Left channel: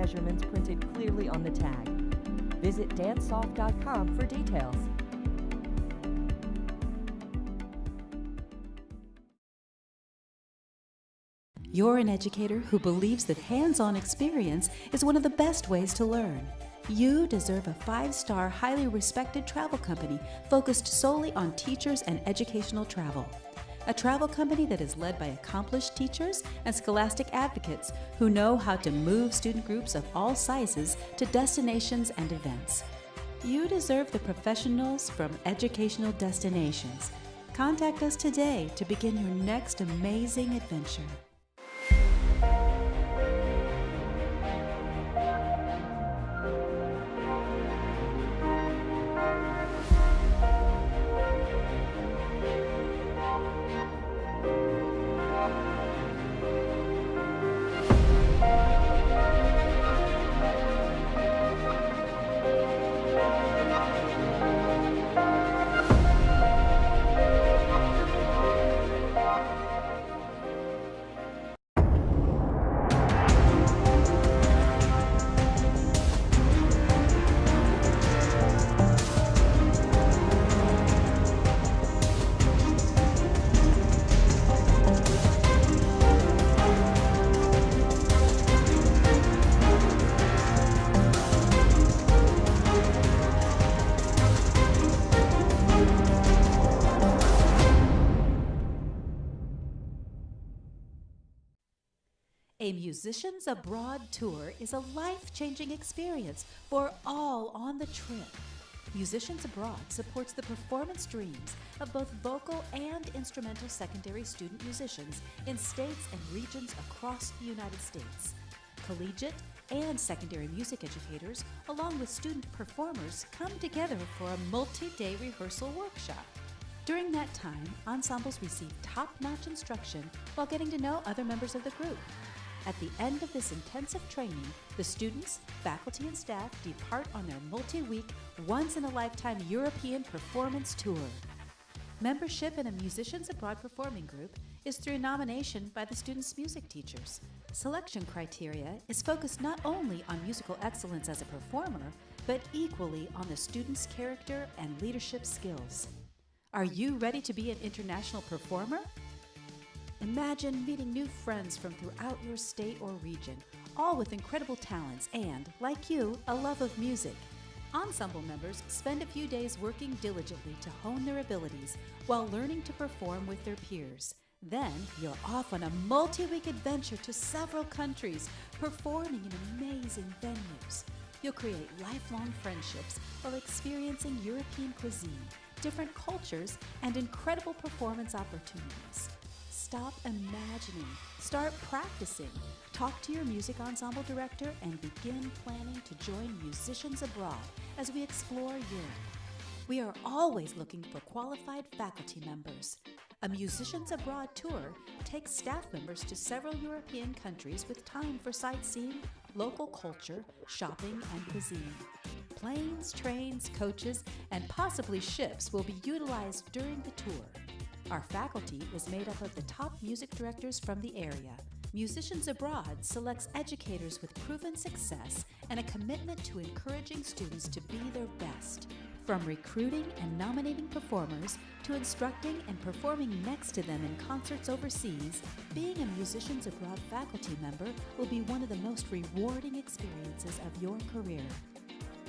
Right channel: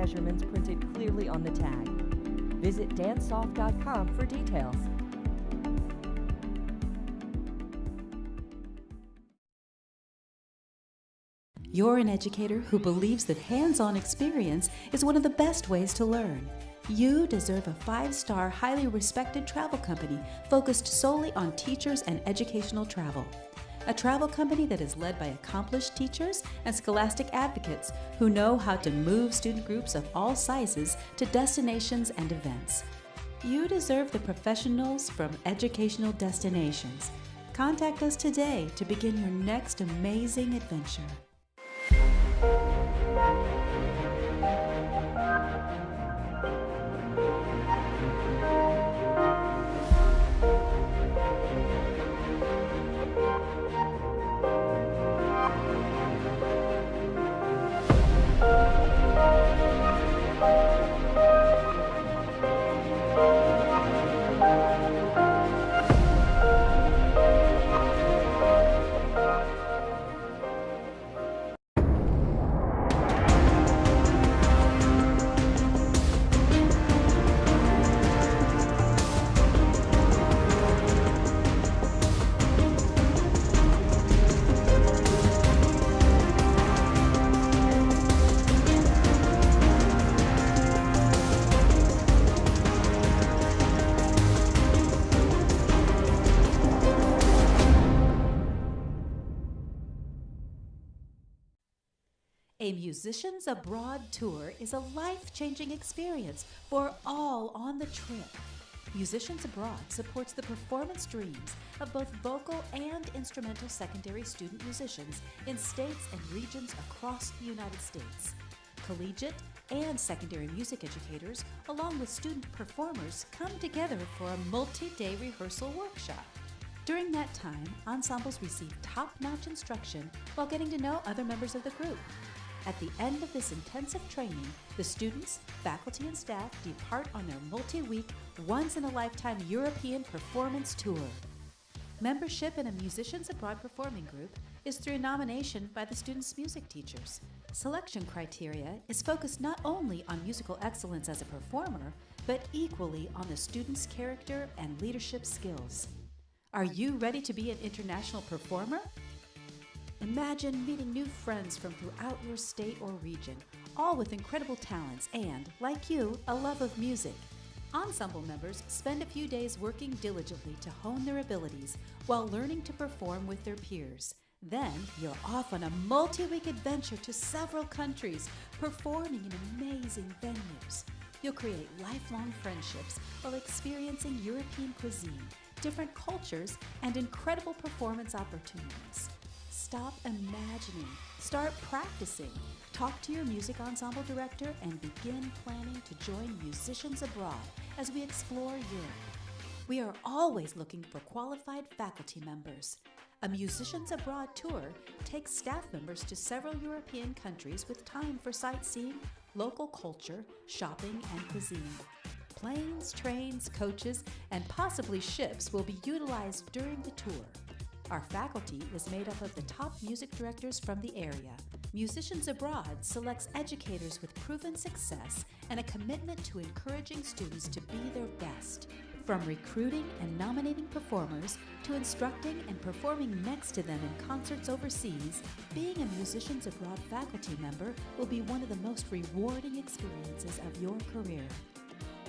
measurements printed clearly on the tag. Visit dancesoft.com for details. You're an educator who believes that hands-on experience is one of the best ways to learn. You deserve a 5-star, highly respected travel company focused solely on teachers and educational travel. A travel company that is led by accomplished teachers and scholastic advocates who know how to move student groups of all sizes to destinations and events. You deserve the professionals from Educational Destinations. Contact us today to begin your next amazing adventure. A Musicians Abroad tour is a life-changing experience for all on the trip. Musicians Abroad supports the performance dreams of both vocal and instrumental secondary student musicians in states and regions across the United States. Collegiate and secondary music educators, along with student performers, come together for a multi-day rehearsal workshop. During that time, ensembles receive top-notch instruction while getting to know other members of the group. At the end of this intensive training, the students, faculty, and staff depart on their multi-week, once-in-a-lifetime European performance tour. Membership in a Musicians Abroad performing group is through nomination by the students' music teachers. Selection criteria is focused not only on musical excellence as a performer, but equally on the students' character and leadership skills. Are you ready to be an international performer? Imagine meeting new friends from throughout your state or region, all with incredible talents and, like you, a love of music. Ensemble members spend a few days working diligently to hone their abilities while learning to perform with their peers. Then you're off on a multi-week adventure to several countries, performing in amazing venues. You'll create lifelong friendships while experiencing European cuisine, different cultures, and incredible performance opportunities. Stop imagining, start practicing, talk to your music ensemble director, and begin planning to join Musicians Abroad as we explore Europe. We are always looking for qualified faculty members. A Musicians Abroad tour takes staff members to several European countries with time for sightseeing, local culture, shopping, and cuisine. Planes, trains, coaches, and possibly ships will be utilized during the tour. Our faculty is made up of the top music directors from the area. Musicians Abroad selects educators with proven success and a commitment to encouraging students to be their best. From recruiting and nominating performers to instructing and performing next to them in concerts overseas, being a Musicians Abroad faculty member will be one of the most rewarding experiences of your career.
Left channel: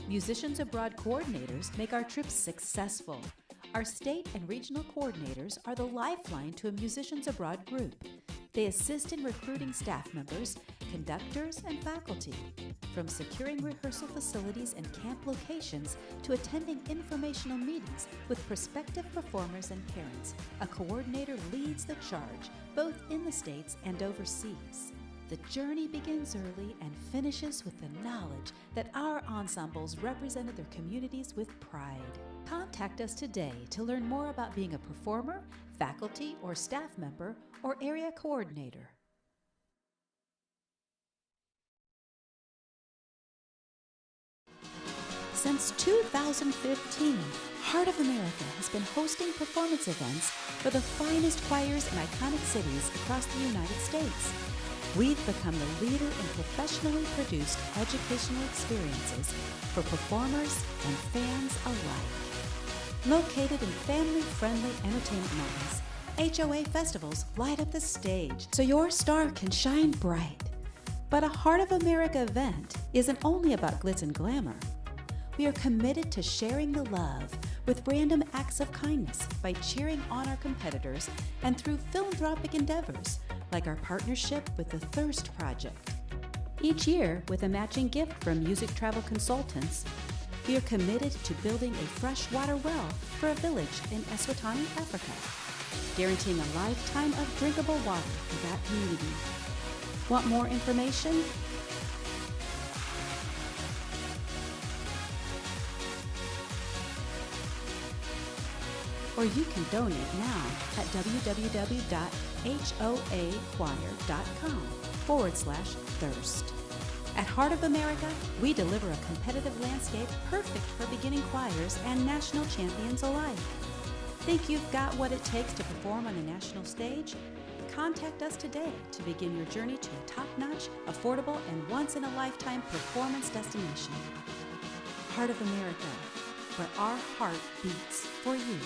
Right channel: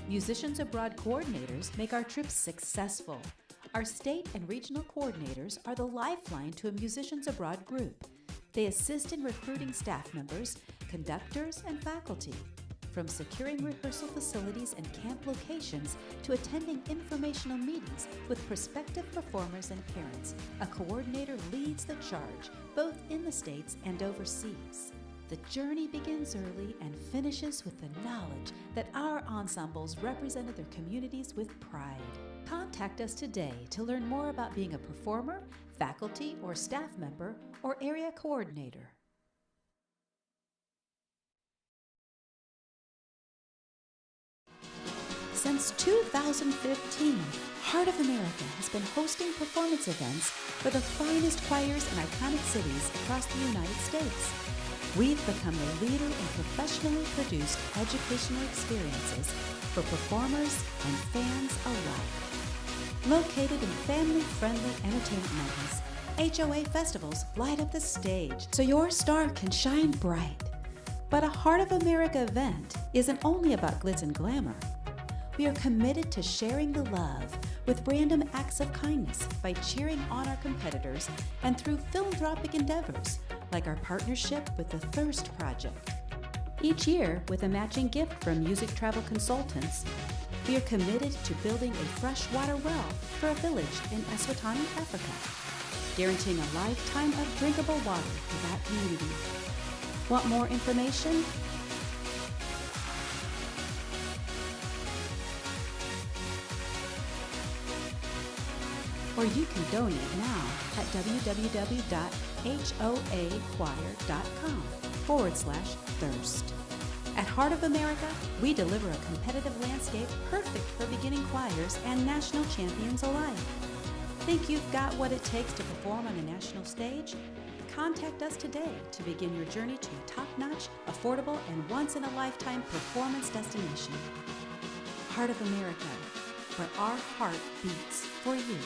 Musicians Abroad coordinators make our trips successful. Our state and regional coordinators are the lifeline to a Musicians Abroad group. They assist in recruiting staff members, conductors, and faculty. From securing rehearsal facilities and camp locations to attending informational meetings with prospective performers and parents, a coordinator leads the charge, both in the States and overseas. The journey begins early and finishes with the knowledge that our ensembles represented their communities with pride. Contact us today to learn more about being a performer, faculty, or staff member, or area coordinator. Since 2015, Heart of America has been hosting performance events for the finest choirs in iconic cities across the United States. we've become the leader in professionally produced educational experiences for performers and fans alike. Located in family-friendly entertainment megas, HOA festivals light up the stage so your star can shine bright. But a Heart of America event isn't only about glitz and glamour. We are committed to sharing the love with random acts of kindness by cheering on our competitors and through philanthropic endeavors like our partnership with the Thirst Project. Each year, with a matching gift from Music Travel Consultants, we are committed to building a freshwater well for a village in Eswatini, Africa, guaranteeing a lifetime of drinkable water for that community. Want more information? Or you can donate now at www.hoachoir.com/thirst. At Heart of America, we deliver a competitive landscape perfect for beginning choirs and national champions alike. Think you've got what it takes to perform on a national stage? Contact us today to begin your journey to a top-notch, affordable, and once-in-a-lifetime performance destination. Heart of America, where our heart beats for you.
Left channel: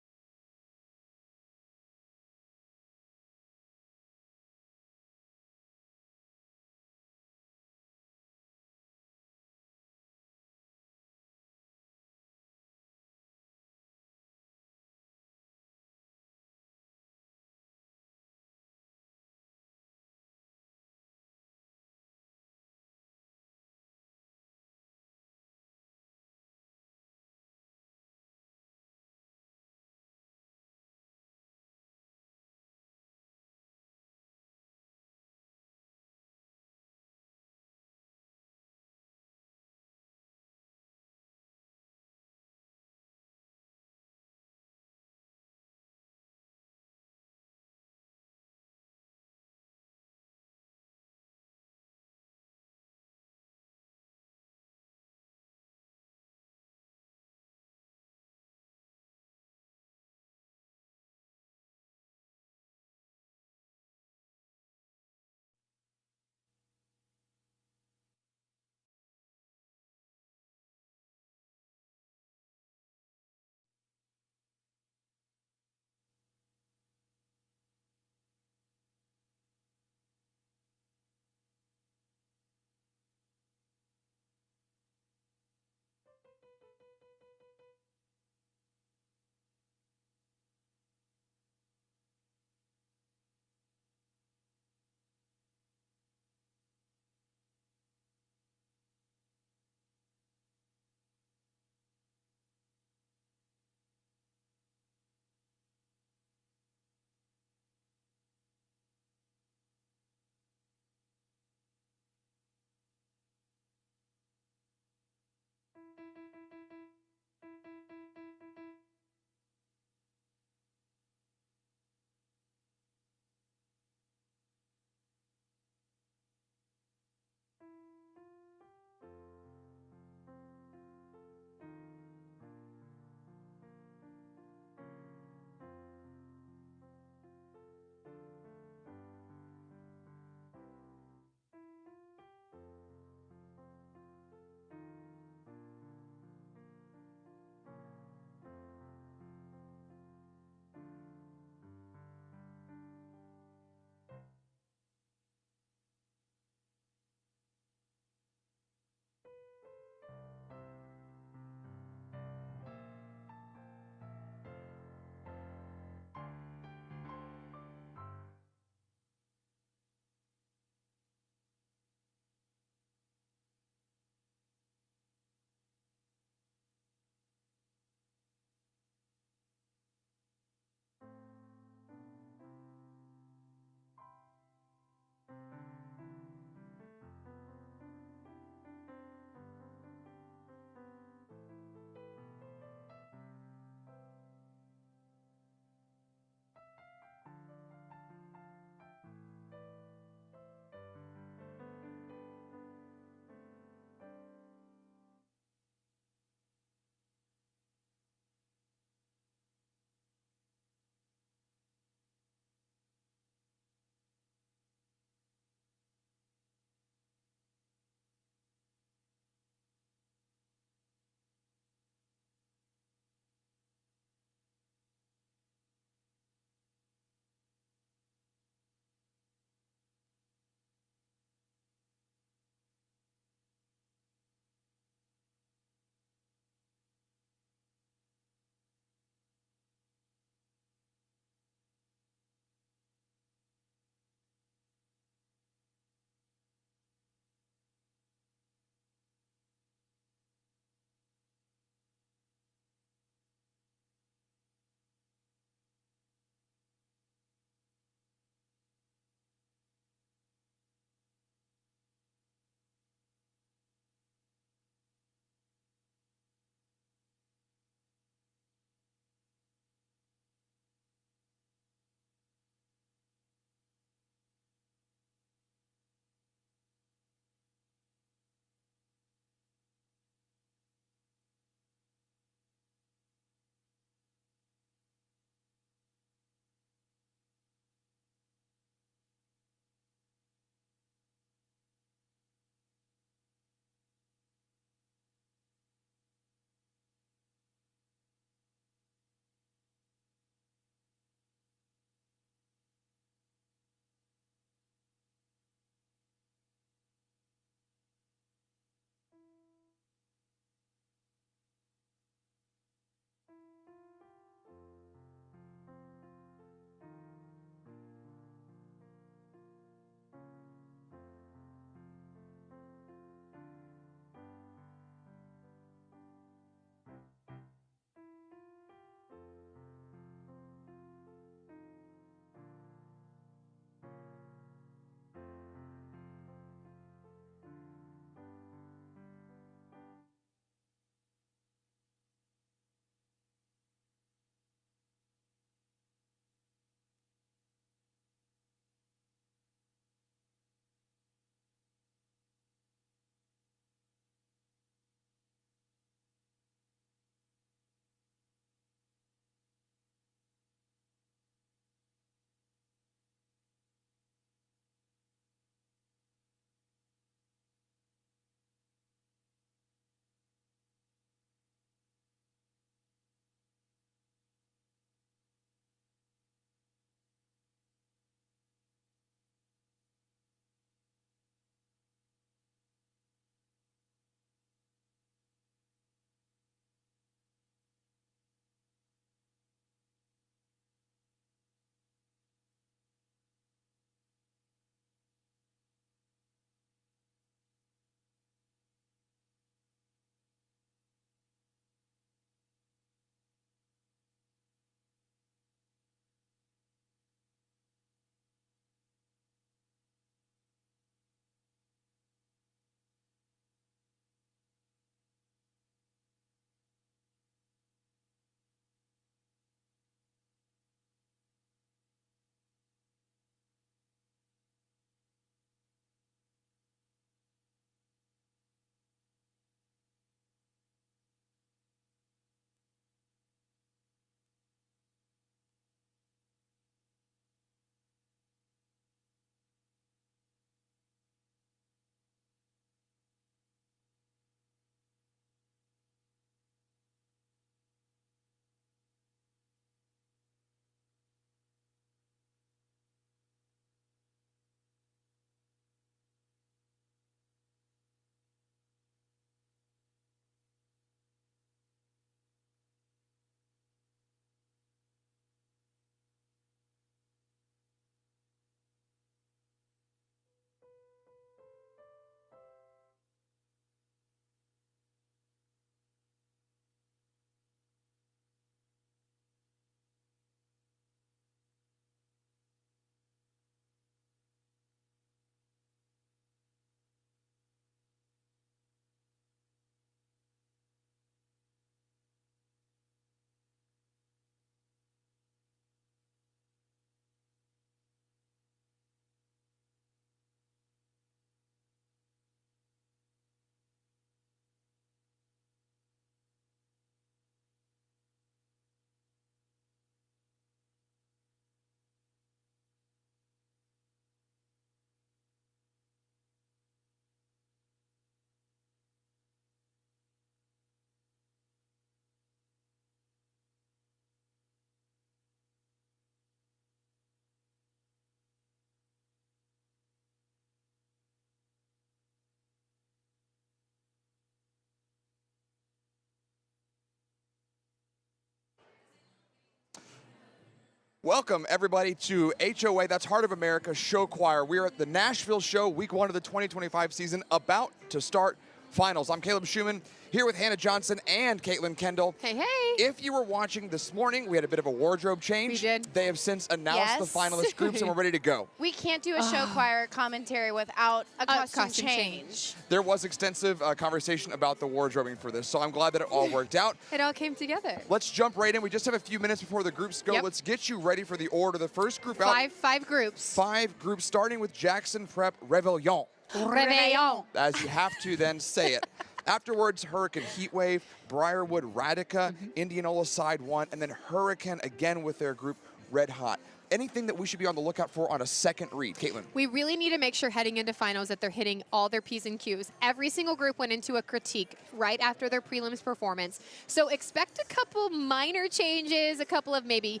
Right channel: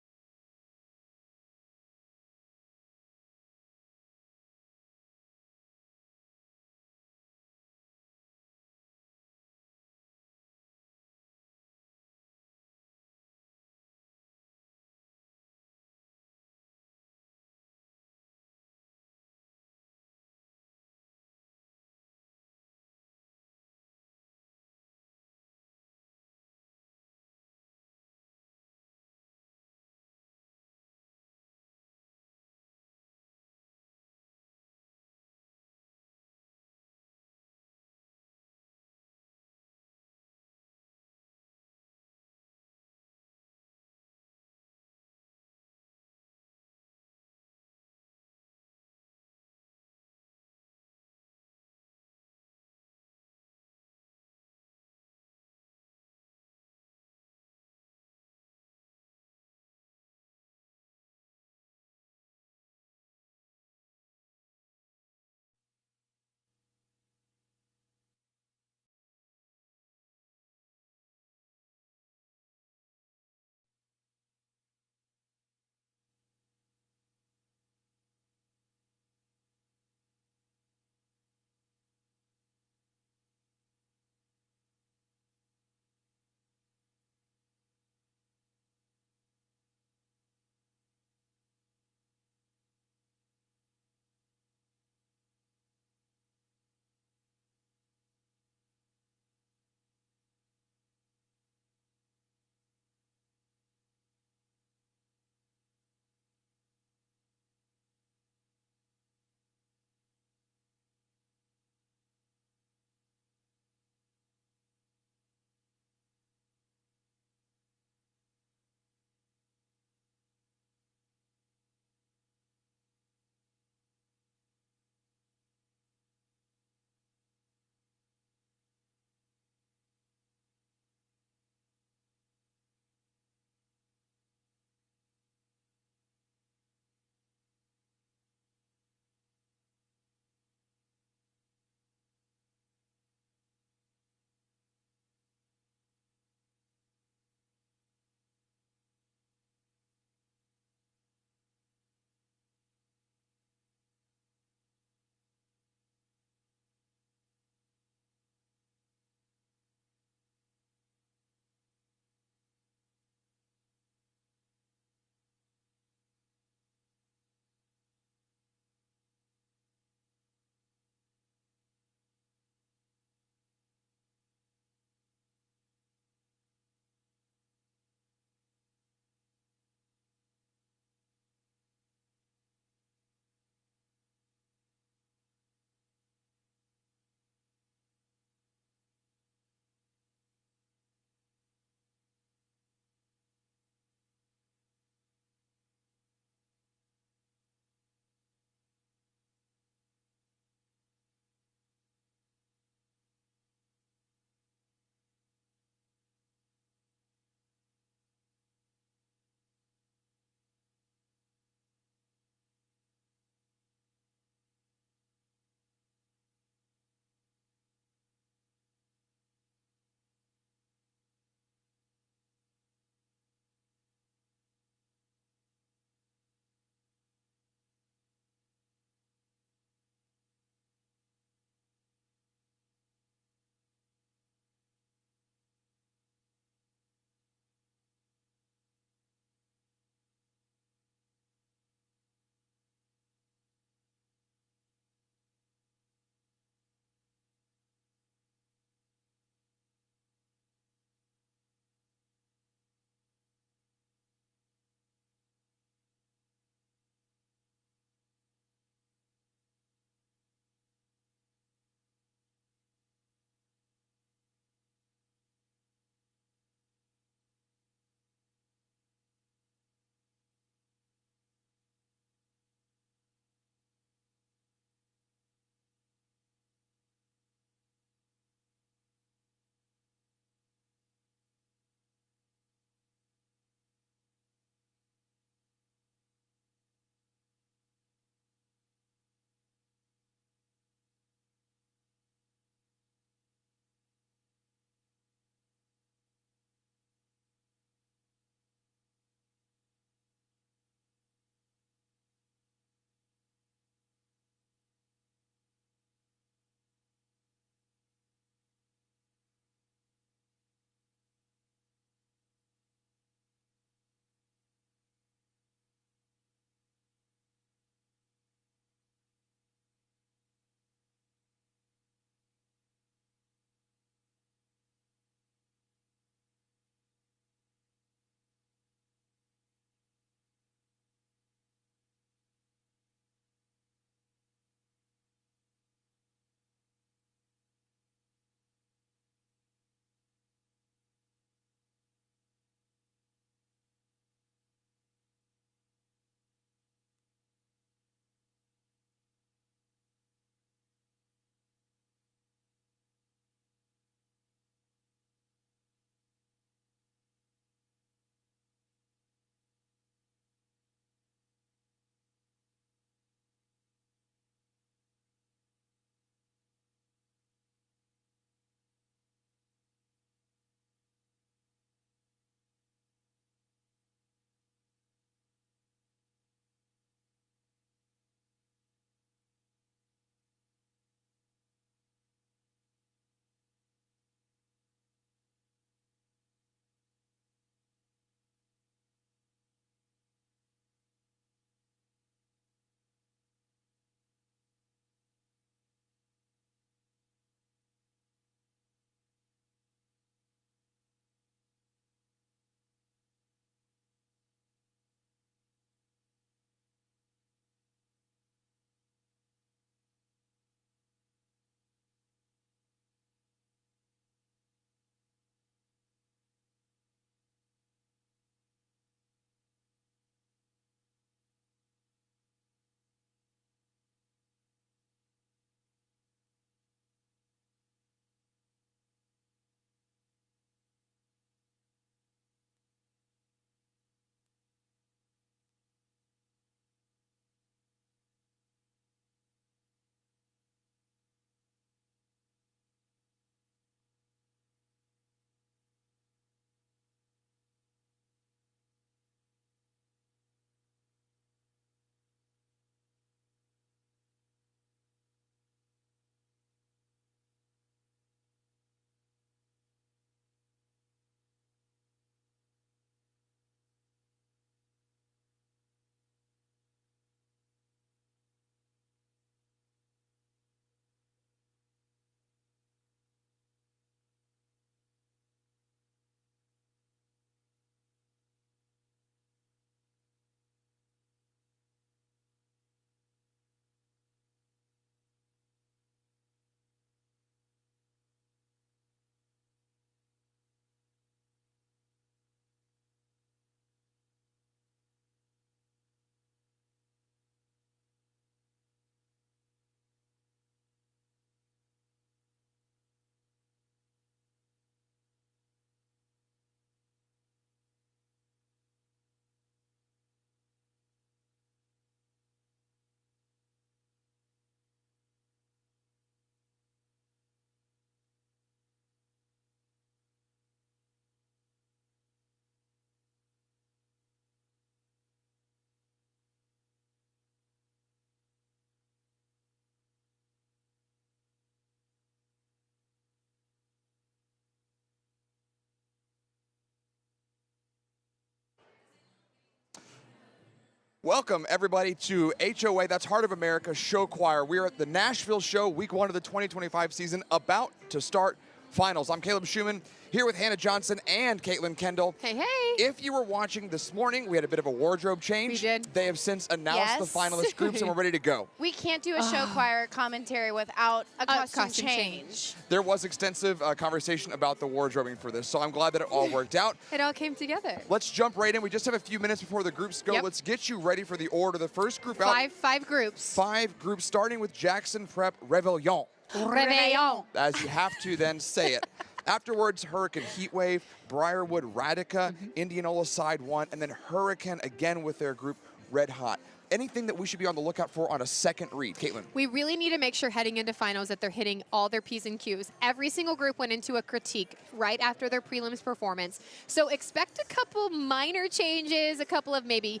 Welcome, everybody, to HOA, that's Heart of America Show Choir. We're at the Nashville show, week 1 of the 2025 season, about to start finals. I'm Caleb Schumann, here with Hannah Johnson and Caitlin Kendall. Hey, hey. If you were watching this morning, we had a bit of a wardrobe change. We did. They have since announced the finalist groups, and we're ready to go. We can't do a show choir commentary without a costume change. There was extensive conversation about the wardrobing for this, so I'm glad that it all worked out. It all came together. Let's jump right in. We just have a few minutes before the groups go. Yep. Let's get you ready for the order. The first group out. Five groups. 5 groups, starting with Jackson Prep Réveillon. Réveillon. As you have to then say it. Afterwards, Hurricane Heatwave, Brierwood Radica, Indianola Side 1, and then Hurricane again with their group Red Hot. Anything that we should be on the lookout for on a second read, Caitlin? We really need to make sure heading into finals that they're hitting all their P's and Q's. Every single group went into a critique right after their prelims performance. So expect a couple minor changes, a couple of maybe,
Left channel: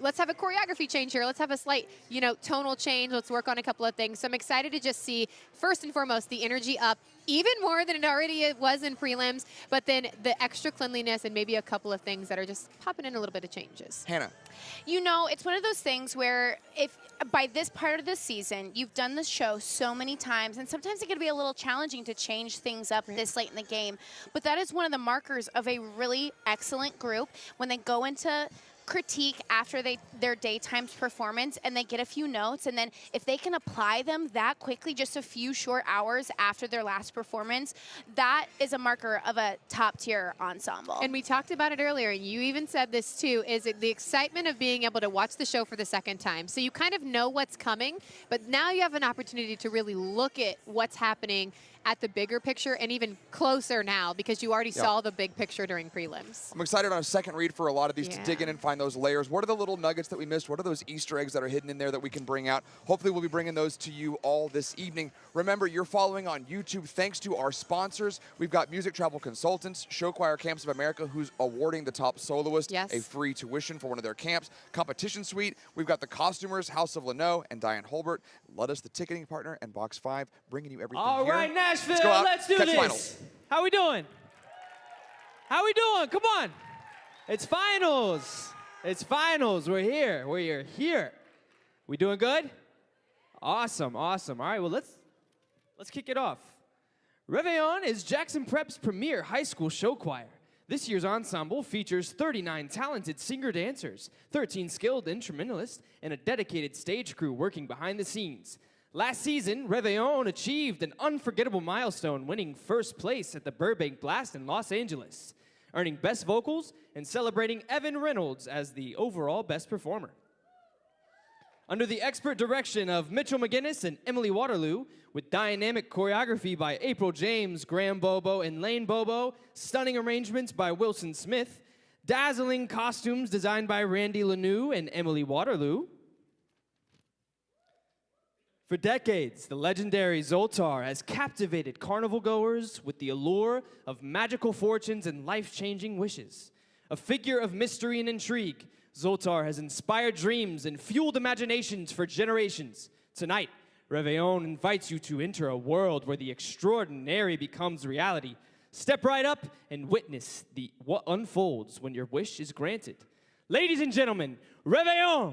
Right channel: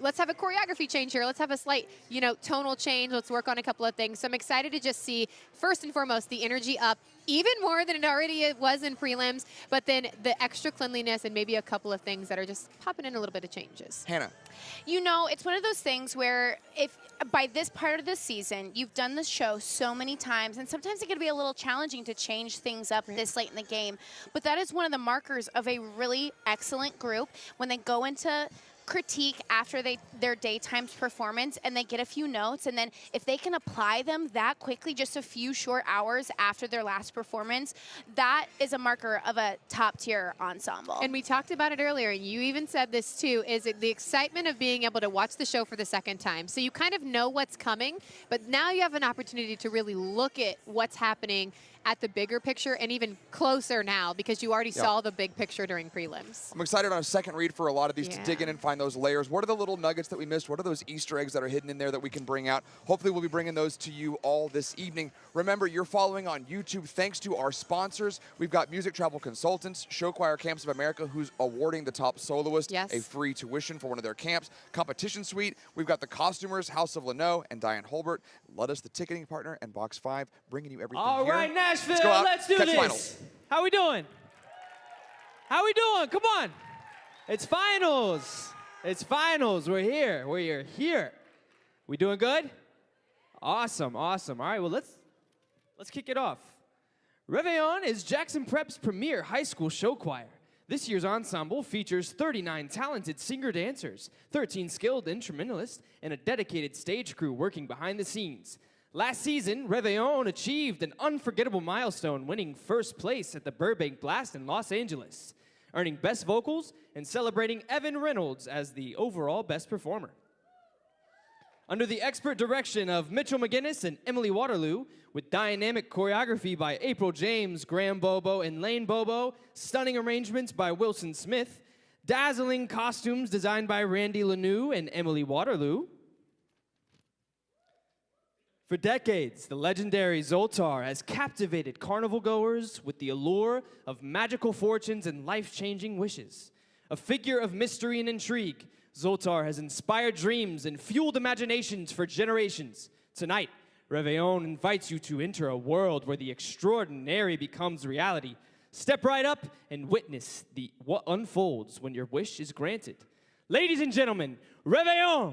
let's have a choreography change here. Let's have a slight, tonal change. Let's work on a couple of things. So I'm excited to just see, first and foremost, the energy up even more than it already was in prelims, but then the extra cleanliness and maybe a couple of things that are just popping in a little bit of changes. Hannah. It's one of those things where if by this part of the season, you've done the show so many times, and sometimes it can be a little challenging to change things up this late in the game. But that is one of the markers of a really excellent group when they go into critique after their daytime's performance and they get a few notes, and then if they can apply them that quickly, just a few short hours after their last performance, that is a marker of a top-tier ensemble. And we talked about it earlier, and you even said this too, is the excitement of being able to watch the show for the second time. So you kind of know what's coming, but now you have an opportunity to really look at what's happening at the bigger picture and even closer now because you already saw the big picture during prelims. I'm excited on a second read for a lot of these to dig in and find those layers. What are the little nuggets that we missed? What are those Easter eggs that are hidden in there that we can bring out? Hopefully we'll be bringing those to you all this evening. Remember, you're following on YouTube thanks to our sponsors. We've got Music Travel Consultants, Show Choir Camps of America, who's awarding the top soloist a free tuition for one of their camps. Competition Suite, we've got the Costumers, House of Leno, and Diane Holbert. Let us, the ticketing partner, and Box 5, bringing you everything all here. right, Nashville, let's go out, let's do catch this. Finals. How we doing? How we doing? Come on. It's finals. It's finals. We're here. We're here. We doing good? Awesome, awesome. All right, well, let's kick it off. Réveillon is Jackson Prep's premier high school show choir. This year's ensemble features 39 talented singer-dancers, 13 skilled instrumentalists, and a dedicated stage crew working behind the scenes. Last season, Réveillon achieved an unforgettable milestone, winning first place at the Burbank Blast in Los Angeles, earning Best Vocals and celebrating Evan Reynolds as the overall Best Performer. Under the expert direction of Mitchell McGinnis and Emily Waterloo, with dynamic choreography by April James, Graham Bobo, and Lane Bobo, stunning arrangements by Wilson Smith, dazzling costumes designed by Randy Lanou and Emily Waterloo. For decades, the legendary Zoltar has captivated carnival goers with the allure of magical fortunes and life-changing wishes. A figure of mystery and intrigue, Zoltar has inspired dreams and fueled imaginations for generations. Tonight, Réveillon invites you to enter a world where the extraordinary becomes reality. Step right up and witness what unfolds when your wish is granted. Ladies and gentlemen, Réveillon!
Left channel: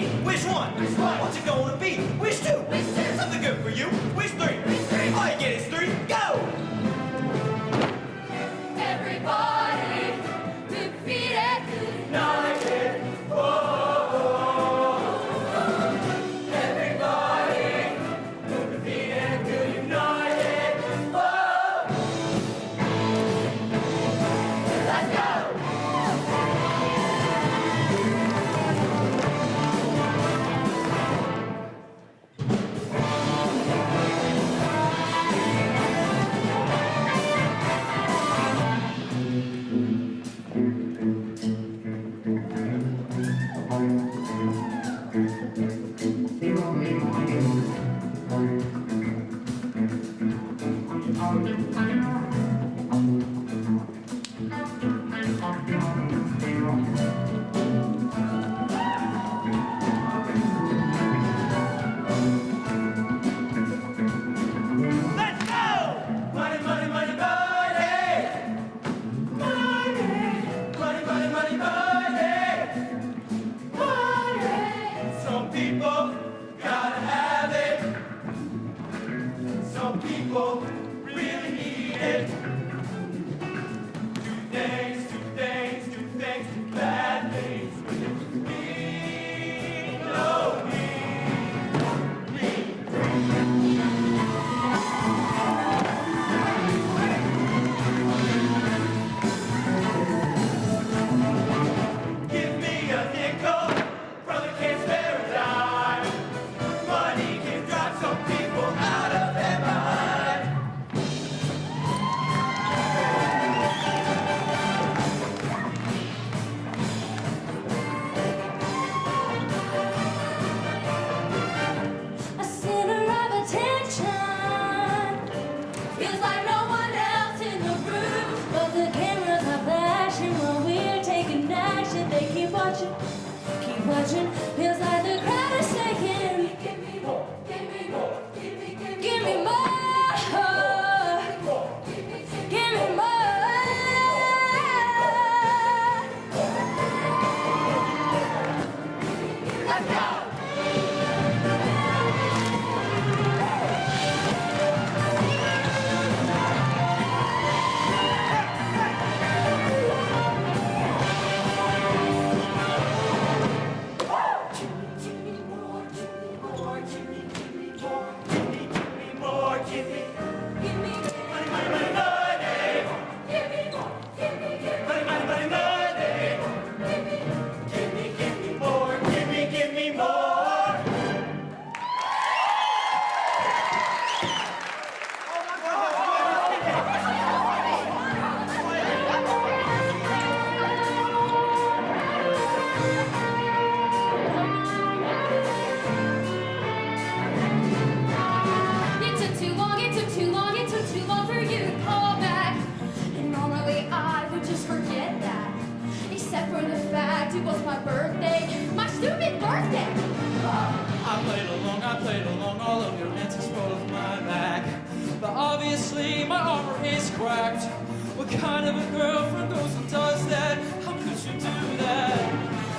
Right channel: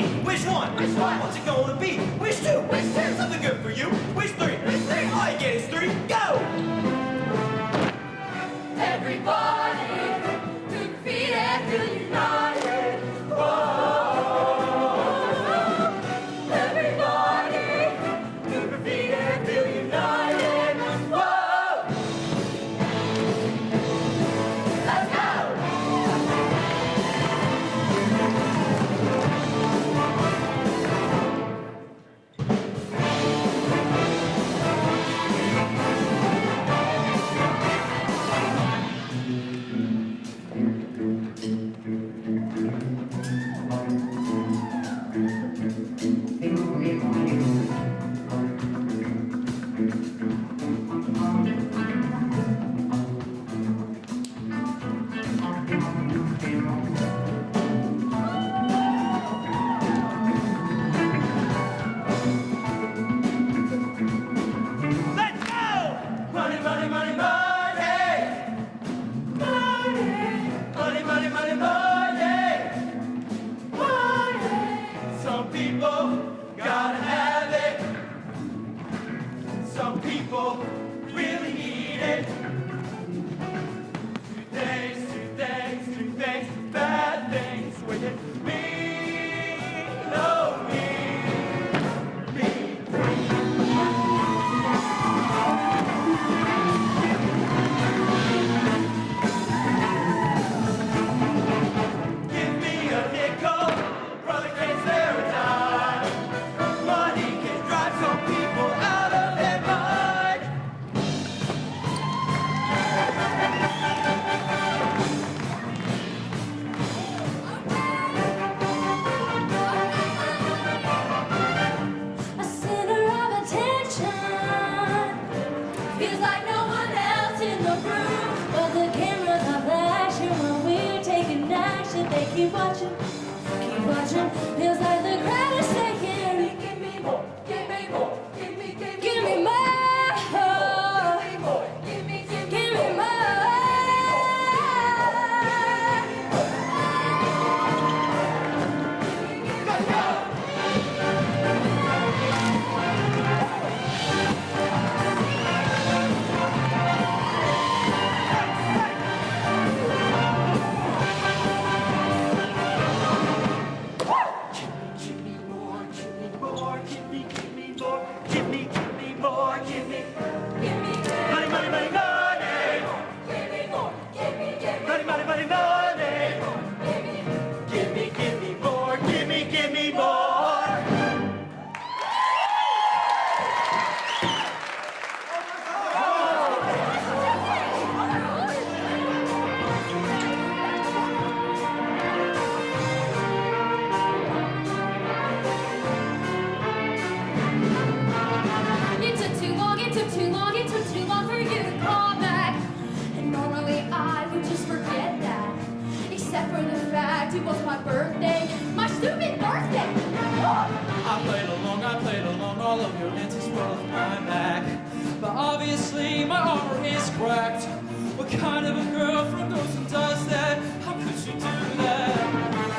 me. Wish one. What's it gonna be? Wish two. Something good for you. Wish three. All you get is three. Go! Everybody, repeat after united. Everybody, repeat after united. Let's go! Let's go! Money, money, money, money! Money, money, money, money! Money! Some people gotta have it. Some people really need it. Do bad things. Me, no, me. Give me a nickel, brother can't spare a dime. Money can drive some people out of their mind. A center of attention. Feels like no one else in the room. But the cameras are flashing while we're taking action. They keep watching, keep watching. Feels like the crowd is saying, give me more, give me more, give me more. Give me more. Let's go! Money, money, money, money. Money, money, money, money. Give me more, give me more. It took too long for you to call back. And normally I would just forget that. Except for the fact it was my birthday. My stupid birthday! I played along, all of your answers were with my back. But obviously my armor is cracked. What kind of a girlfriend goes and does that? How could you do that?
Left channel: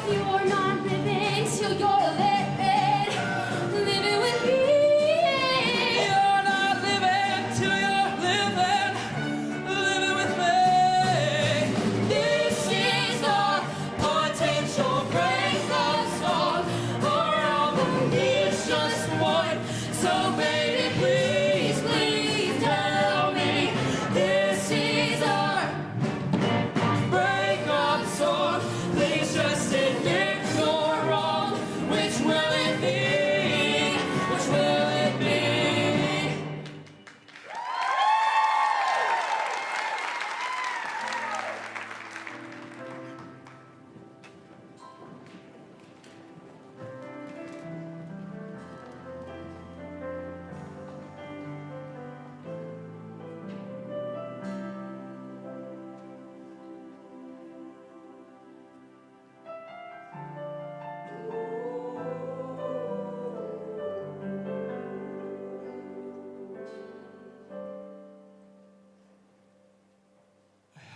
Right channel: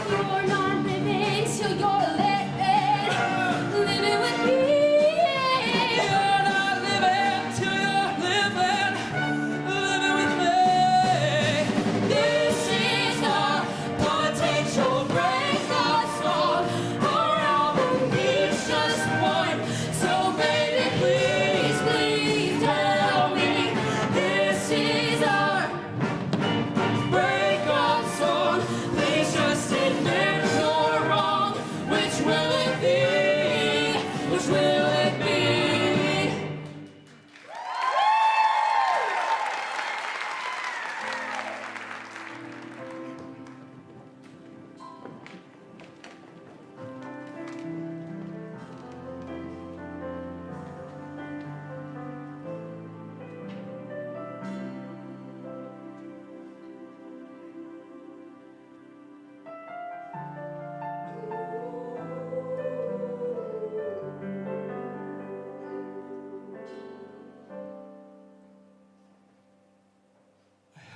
You're not living till you're living with me. You're not living till you're living with me. This is our potential breakup song. Our album needs just one. So baby, please, please tell me this is our Breakup song. Please just admit you're wrong. Which will it be? Which will it be?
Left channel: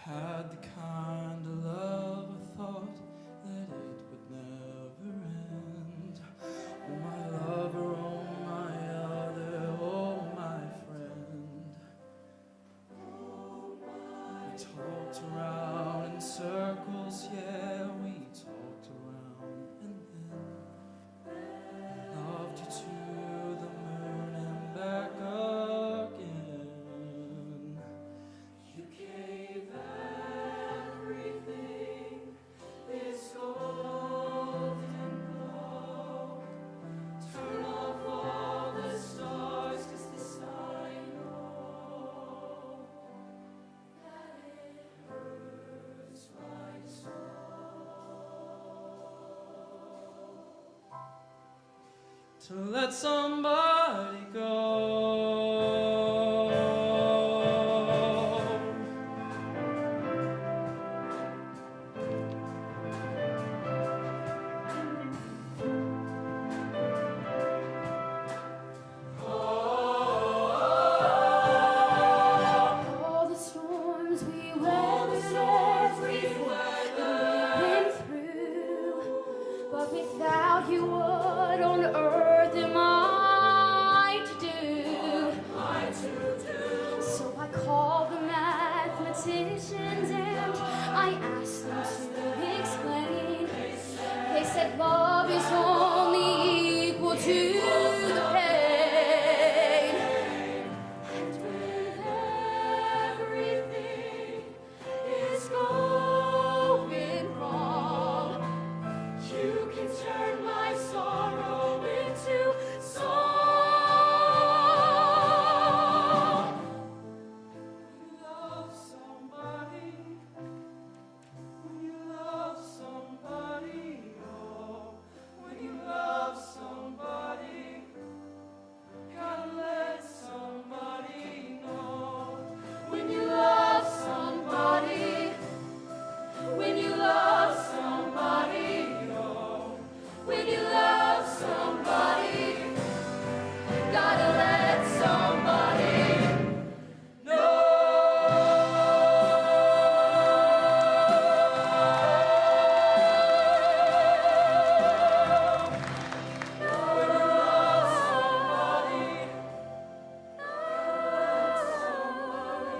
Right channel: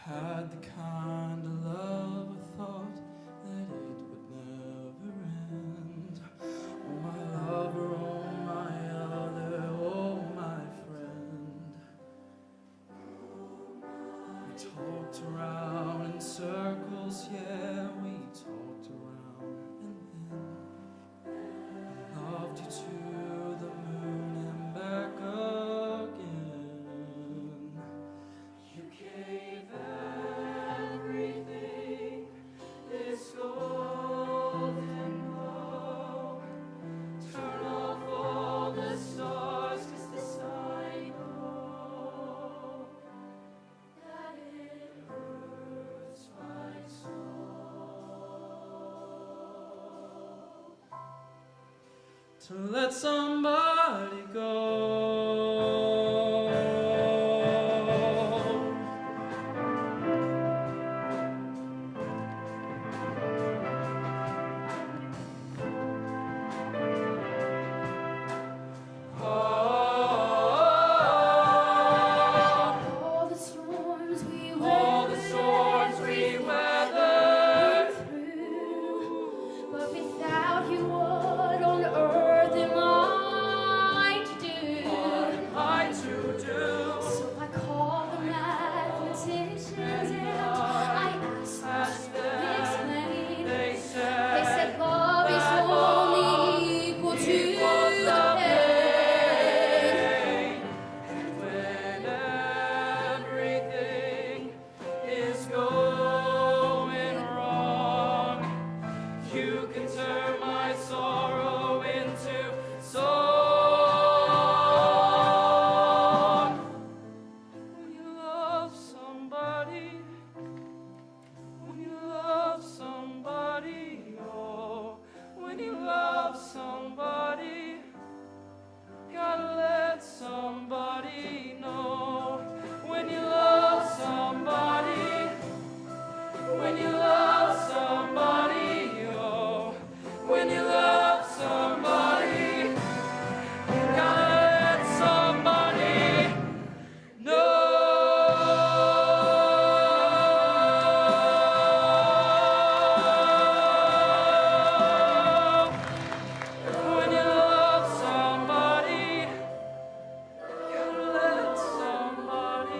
Had the kind of love I thought that it would never end. talked around in circles, yeah, we talked around and then loved you to the moon and back again. You gave everything this golden glow. Turn off all the stars, 'cause this I know that it hurts like so. To let somebody go. All the storms we weathered, went through. But without you, what on earth am I to do? So I called the mathematicians and I asked them to explain. They said love is only equal to the pain. And when everything is going wrong, you can turn my sorrow into song. When you love somebody, oh, when you love somebody, gotta let somebody know. When you love somebody, when you love somebody, oh, when you love somebody, you gotta let somebody know. When you love somebody, let somebody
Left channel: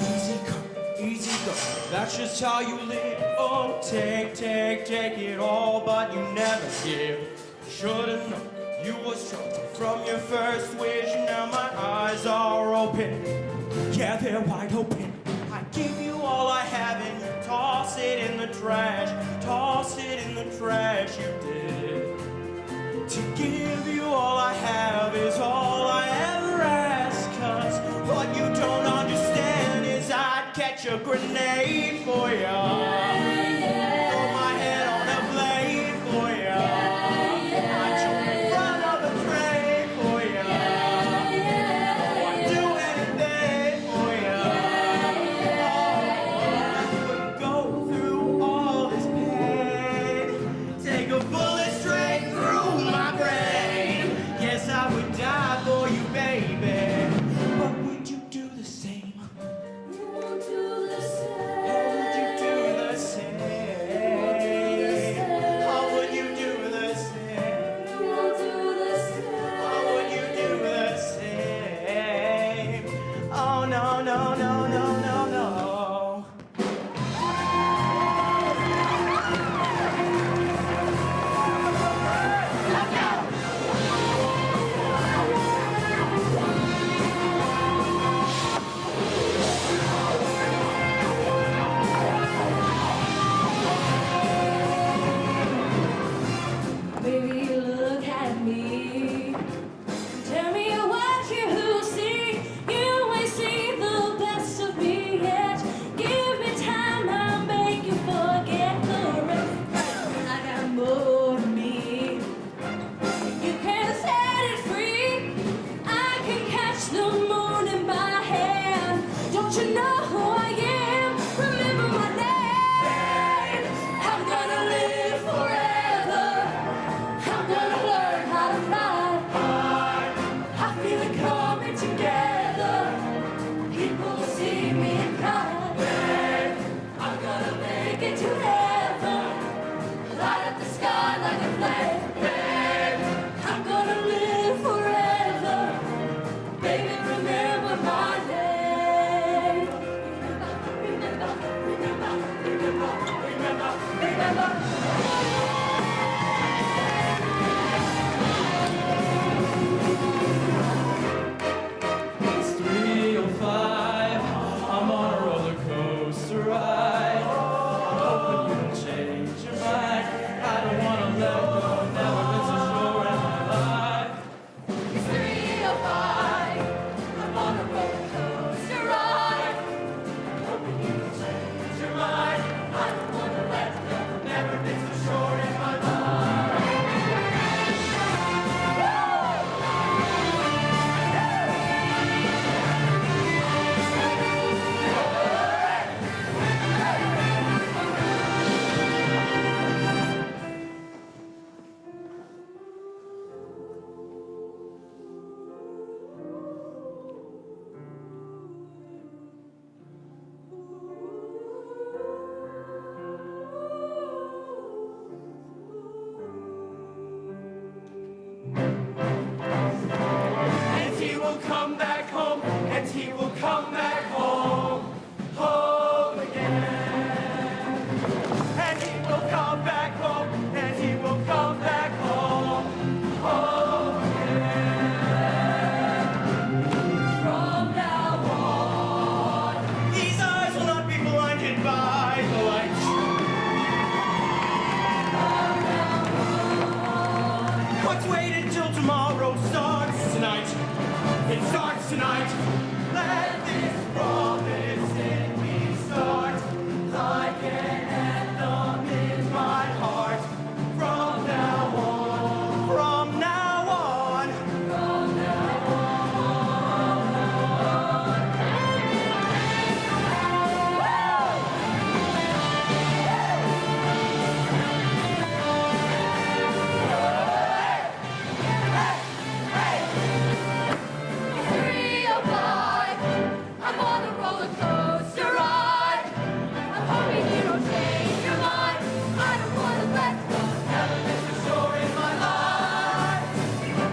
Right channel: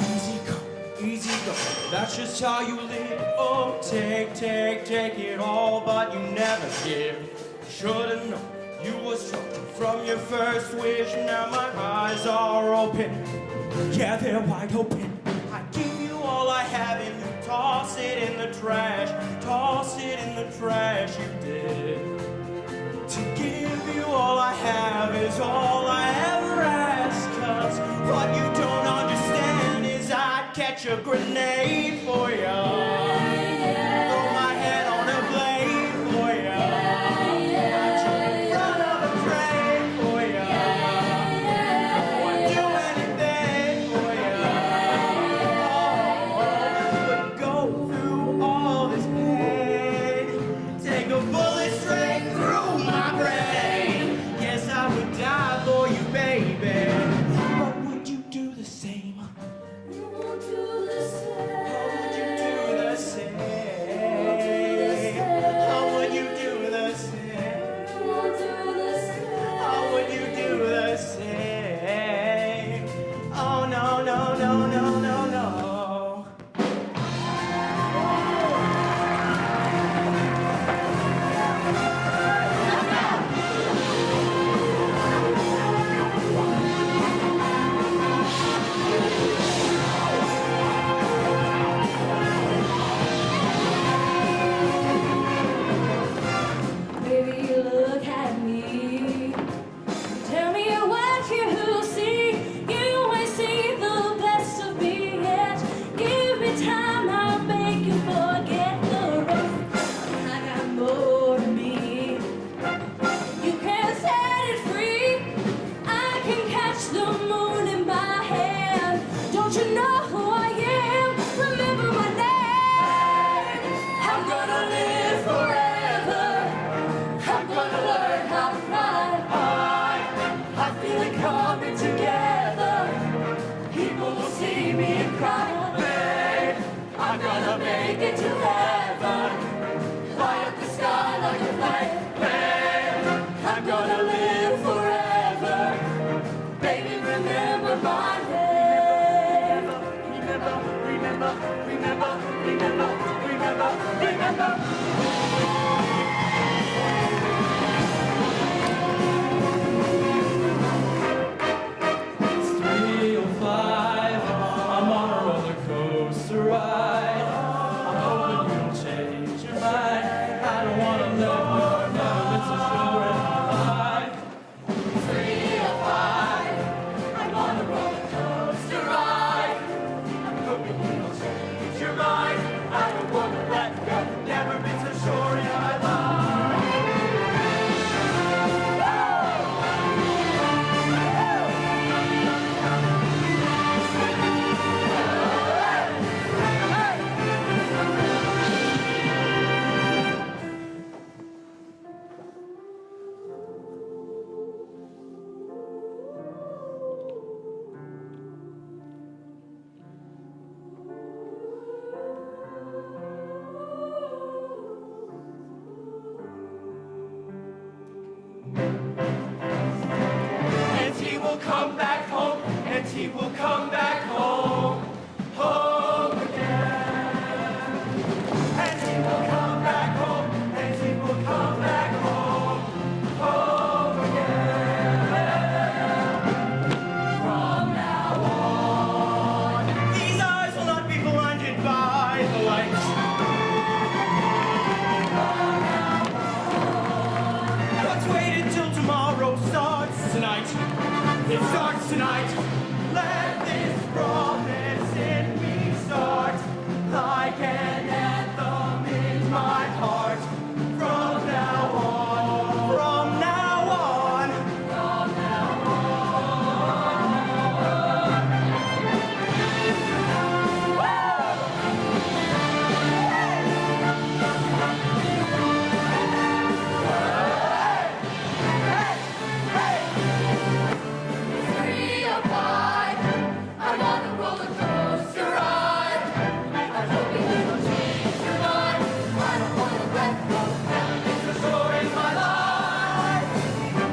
Easy come, easy go. That's just how you live. Oh, take it all, but you never give. Should've known you was trouble from your first wish. Now my eyes are open. Yeah, they're wide open. I give you all I have and you toss it in the trash. Toss it in the trash, you did. To give you all I have is all I ever ask. 'Cause what you don't understand is I'd catch a grenade for ya. Throw my head on a blade for ya. I'd jump in front of a train for ya. Oh, I'd do anything for ya. But go through all this pain. Take a bullet straight through my brain. Yes, I would die for you, baby. But would you do the same? You won't do the Or would you get to heaven. Light up the sky like a flame. I'm gonna live forever. Baby, remember my name. Remember, remember, remember, remember, remember. It's 3:05. I'm on a roller coaster ride. I'm hoping you don't change your mind. I don't wanna let go. Never been so sure in my life. 3:05. I'm on a roller coaster ride. I'm hoping you don't change your mind. I don't wanna let go. Never been so sure in my life. And he will come back home, and he will come back home, home again. And he will come back home, and he will come back home, home again. From now on, these eyes will not be blinded by the light. Let's wait until tomorrow starts tonight. It starts tonight. Let this promise in me start. Like an anthem in my heart. From now on, from now on. It's 3:05. I'm on a roller coaster ride. I'm hoping you don't change your mind. I don't wanna let go. Never been so sure in my life. Let's go.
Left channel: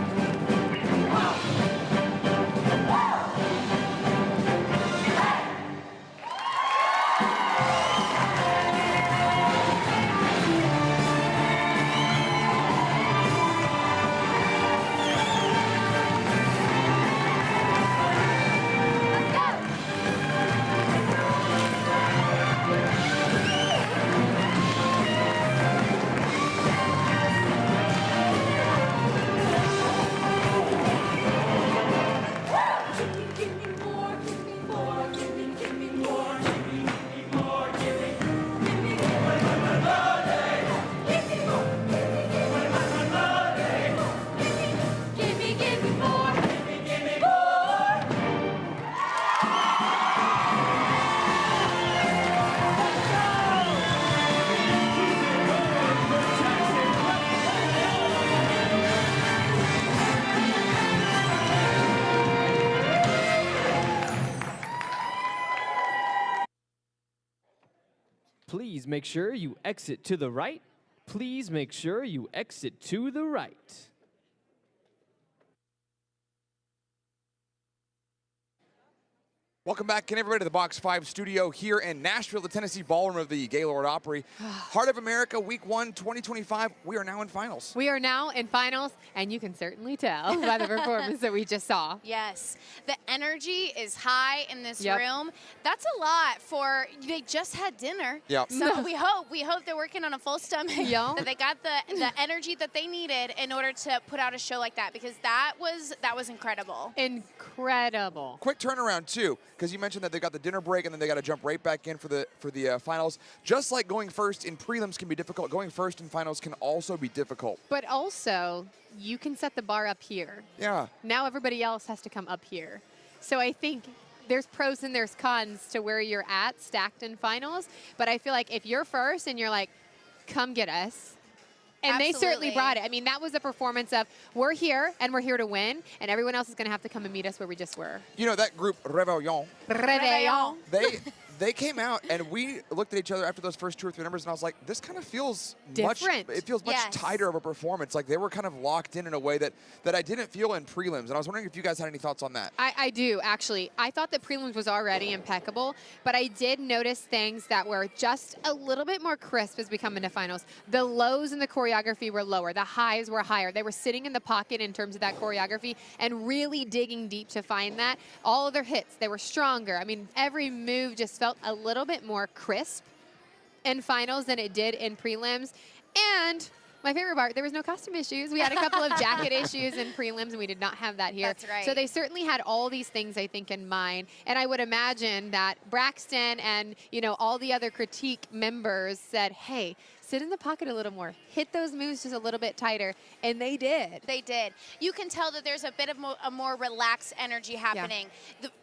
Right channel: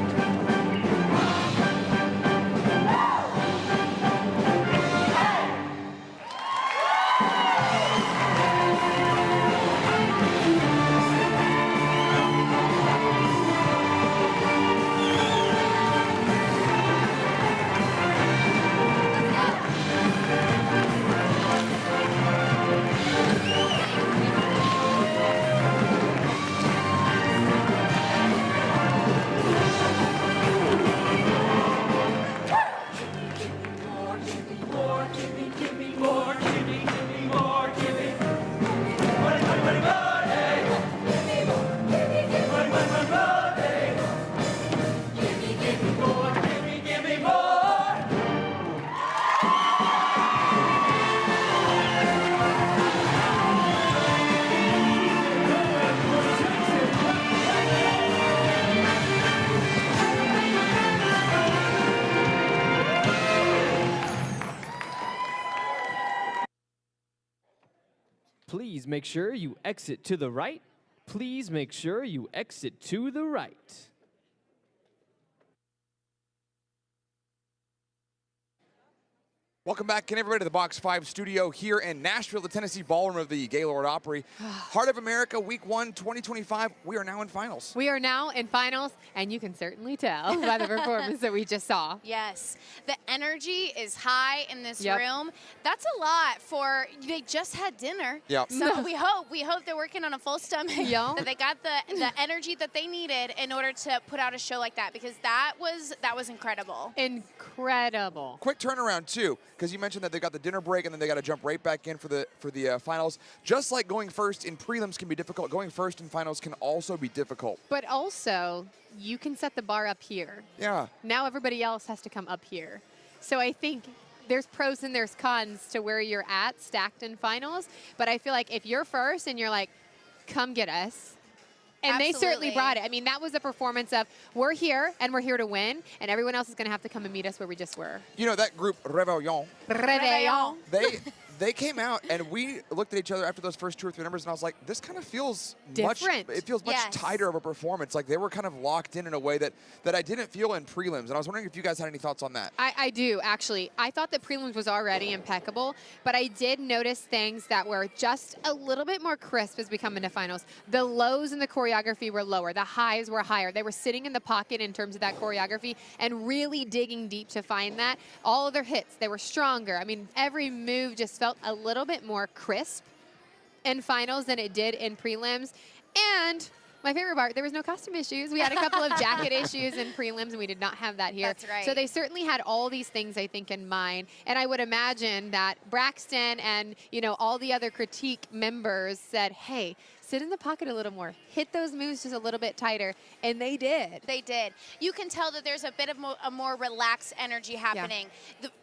Give me more, give me more, give me more, Give me more, give me. Money, money, money, money. give me more, give me Money, money, money, money. give me more. Give me more. Please make sure you exit to the right. Please make sure you exit to the right. Welcome back, again, everybody, to the Box 5 studio here in Nashville, the Tennessee Ballroom of the Gaylord Opry. Heart of America, Week 1, 2025. We are now in finals. We are now in finals, and you can certainly tell by the performance that we just saw. Yes, the energy is high in this Yep. room. That's a lot for, they just had dinner. Yep. So we hope they're working on a full stomach. Yeah. That they got the energy that they needed in order to put out a show like that, because that was incredible. Incredible. Quick turnaround, too, because you mentioned that they got the dinner break and then they got to jump right back in for the finals. Just like going first in prelims can be difficult, going first in finals can also be difficult. But also, you can set the bar up here. Yeah. Now everybody else has to come up here. So I think there's pros and there's cons to where you're at stacked in finals. But I feel like if you're first and you're like, come get us. And they certainly Absolutely. brought it. I mean, that was a performance of, we're here and we're here to win, and everyone else is going to have to come and meet us where we just were. You know, that group, Rebellion, Réveillon. they came out, and we looked at each other after those first 2 or 3 numbers, and I was like, this kind of feels different. It feels much tighter of a performance. Like they were kind of locked in a way that I didn't feel in prelims. And I was wondering if you guys had any thoughts on that. I do, actually. I thought that prelims was already impeccable, but I did notice things that were just a little bit more crisp as we come into finals. The lows in the choreography were lower. The highs were higher. They were sitting in the pocket in terms of that choreography and really digging deep to find that. All of their hits, they were stronger. I mean, every move just felt a little bit more crisp in finals than it did in prelims. And my favorite part, there was no costume issues. We had a couple of jacket issues in prelims, and we did not have that here. That's right. So they certainly had all these things, I think, in mind. And I would imagine that Braxton and, you know, all the other critique members said, hey, sit in the pocket a little more. Hit those moves just a little bit tighter. And they did. They did. You can tell that there's a bit of a more relaxed energy happening.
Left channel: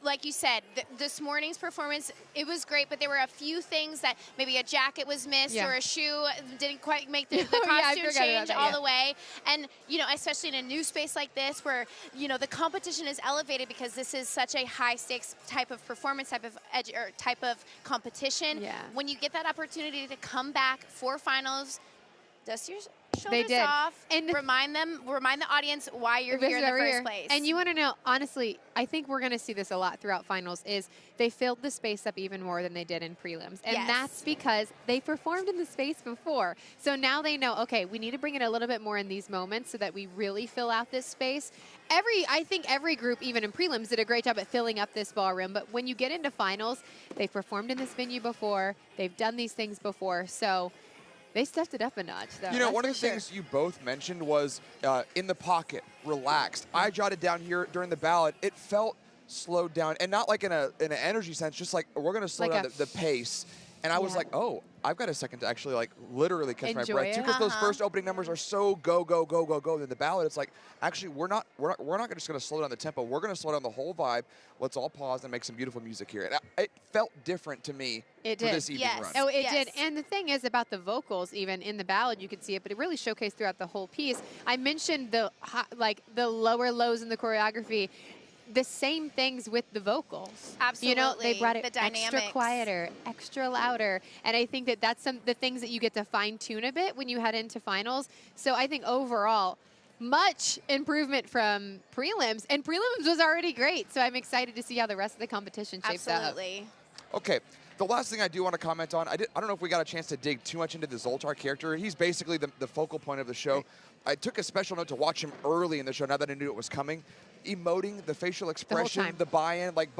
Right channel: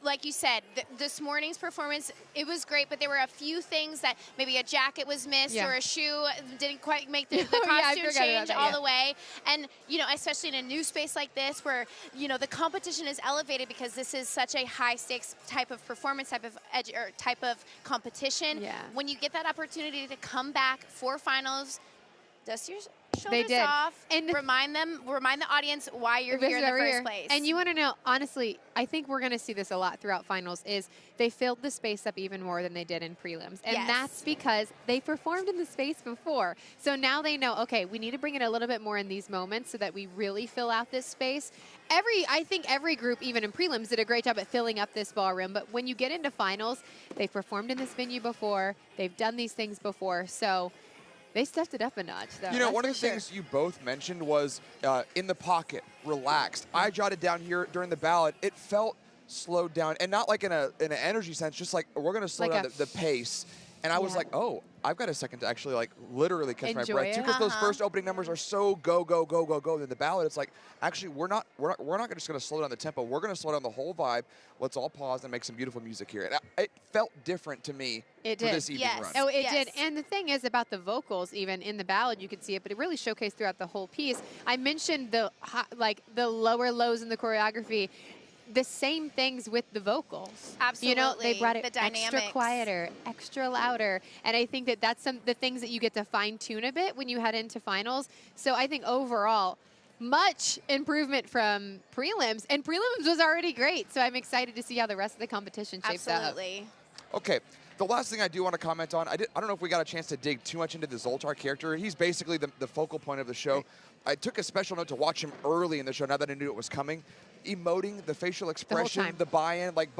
Like you said, this morning's performance, it was great, but there were a few things that maybe a jacket was missed or a shoe didn't quite make the costume change all the way. And, you know, especially in a new space like this where, you know, the competition is elevated because this is such a high-stakes type of performance, type of competition. Yeah. When you get that opportunity to come back for finals, dust your They shoulders did. off, And remind the audience why you're here in the first place. And you want to know, honestly, I think we're going to see this a lot throughout finals, is they filled the space up even more than they did in prelims. And that's because they performed in the space before. So now they know, okay, we need to bring it a little bit more in these moments so that we really fill out this space. I think every group, even in prelims, did a great job at filling up this ballroom. But when you get into finals, they've performed in this venue before. They've done these things before. So they stepped it up a notch, though. You know, one of the things you both mentioned was in the pocket, relaxed. I jotted down here during the ballot, it felt slowed down, and not like in an energy sense, just like we're going to slow down the pace. And I was like, oh, I've got a second to actually like literally catch my breath too, because those first opening numbers are so go, go, go, go, go. Then the ballot, it's like, actually, we're not just going to slow down the tempo. We're going to slow down the whole vibe. Let's all pause and make some beautiful music here. And it felt different to me for this evening run. Oh, it did. And the thing is about the vocals, even in the ballad, you could see it, but it really showcased throughout the whole piece. I mentioned the lower lows in the choreography. The same things with the vocals. Absolutely. You know, they brought it the extra quieter, extra louder. And I think that that's the things that you get to fine tune a bit when you head into finals. So I think overall, much improvement from prelims. And prelims was already great. So I'm excited to see how the rest of the competition shapes up. Absolutely. Okay. The last thing I do want to comment on, I don't know if we got a chance to dig too much into the Zoltar character. He's basically the focal point of the show. Right. I took a special note to watch him early in the show, now that I knew it was coming. Emoting, the facial expression, the buy-in, like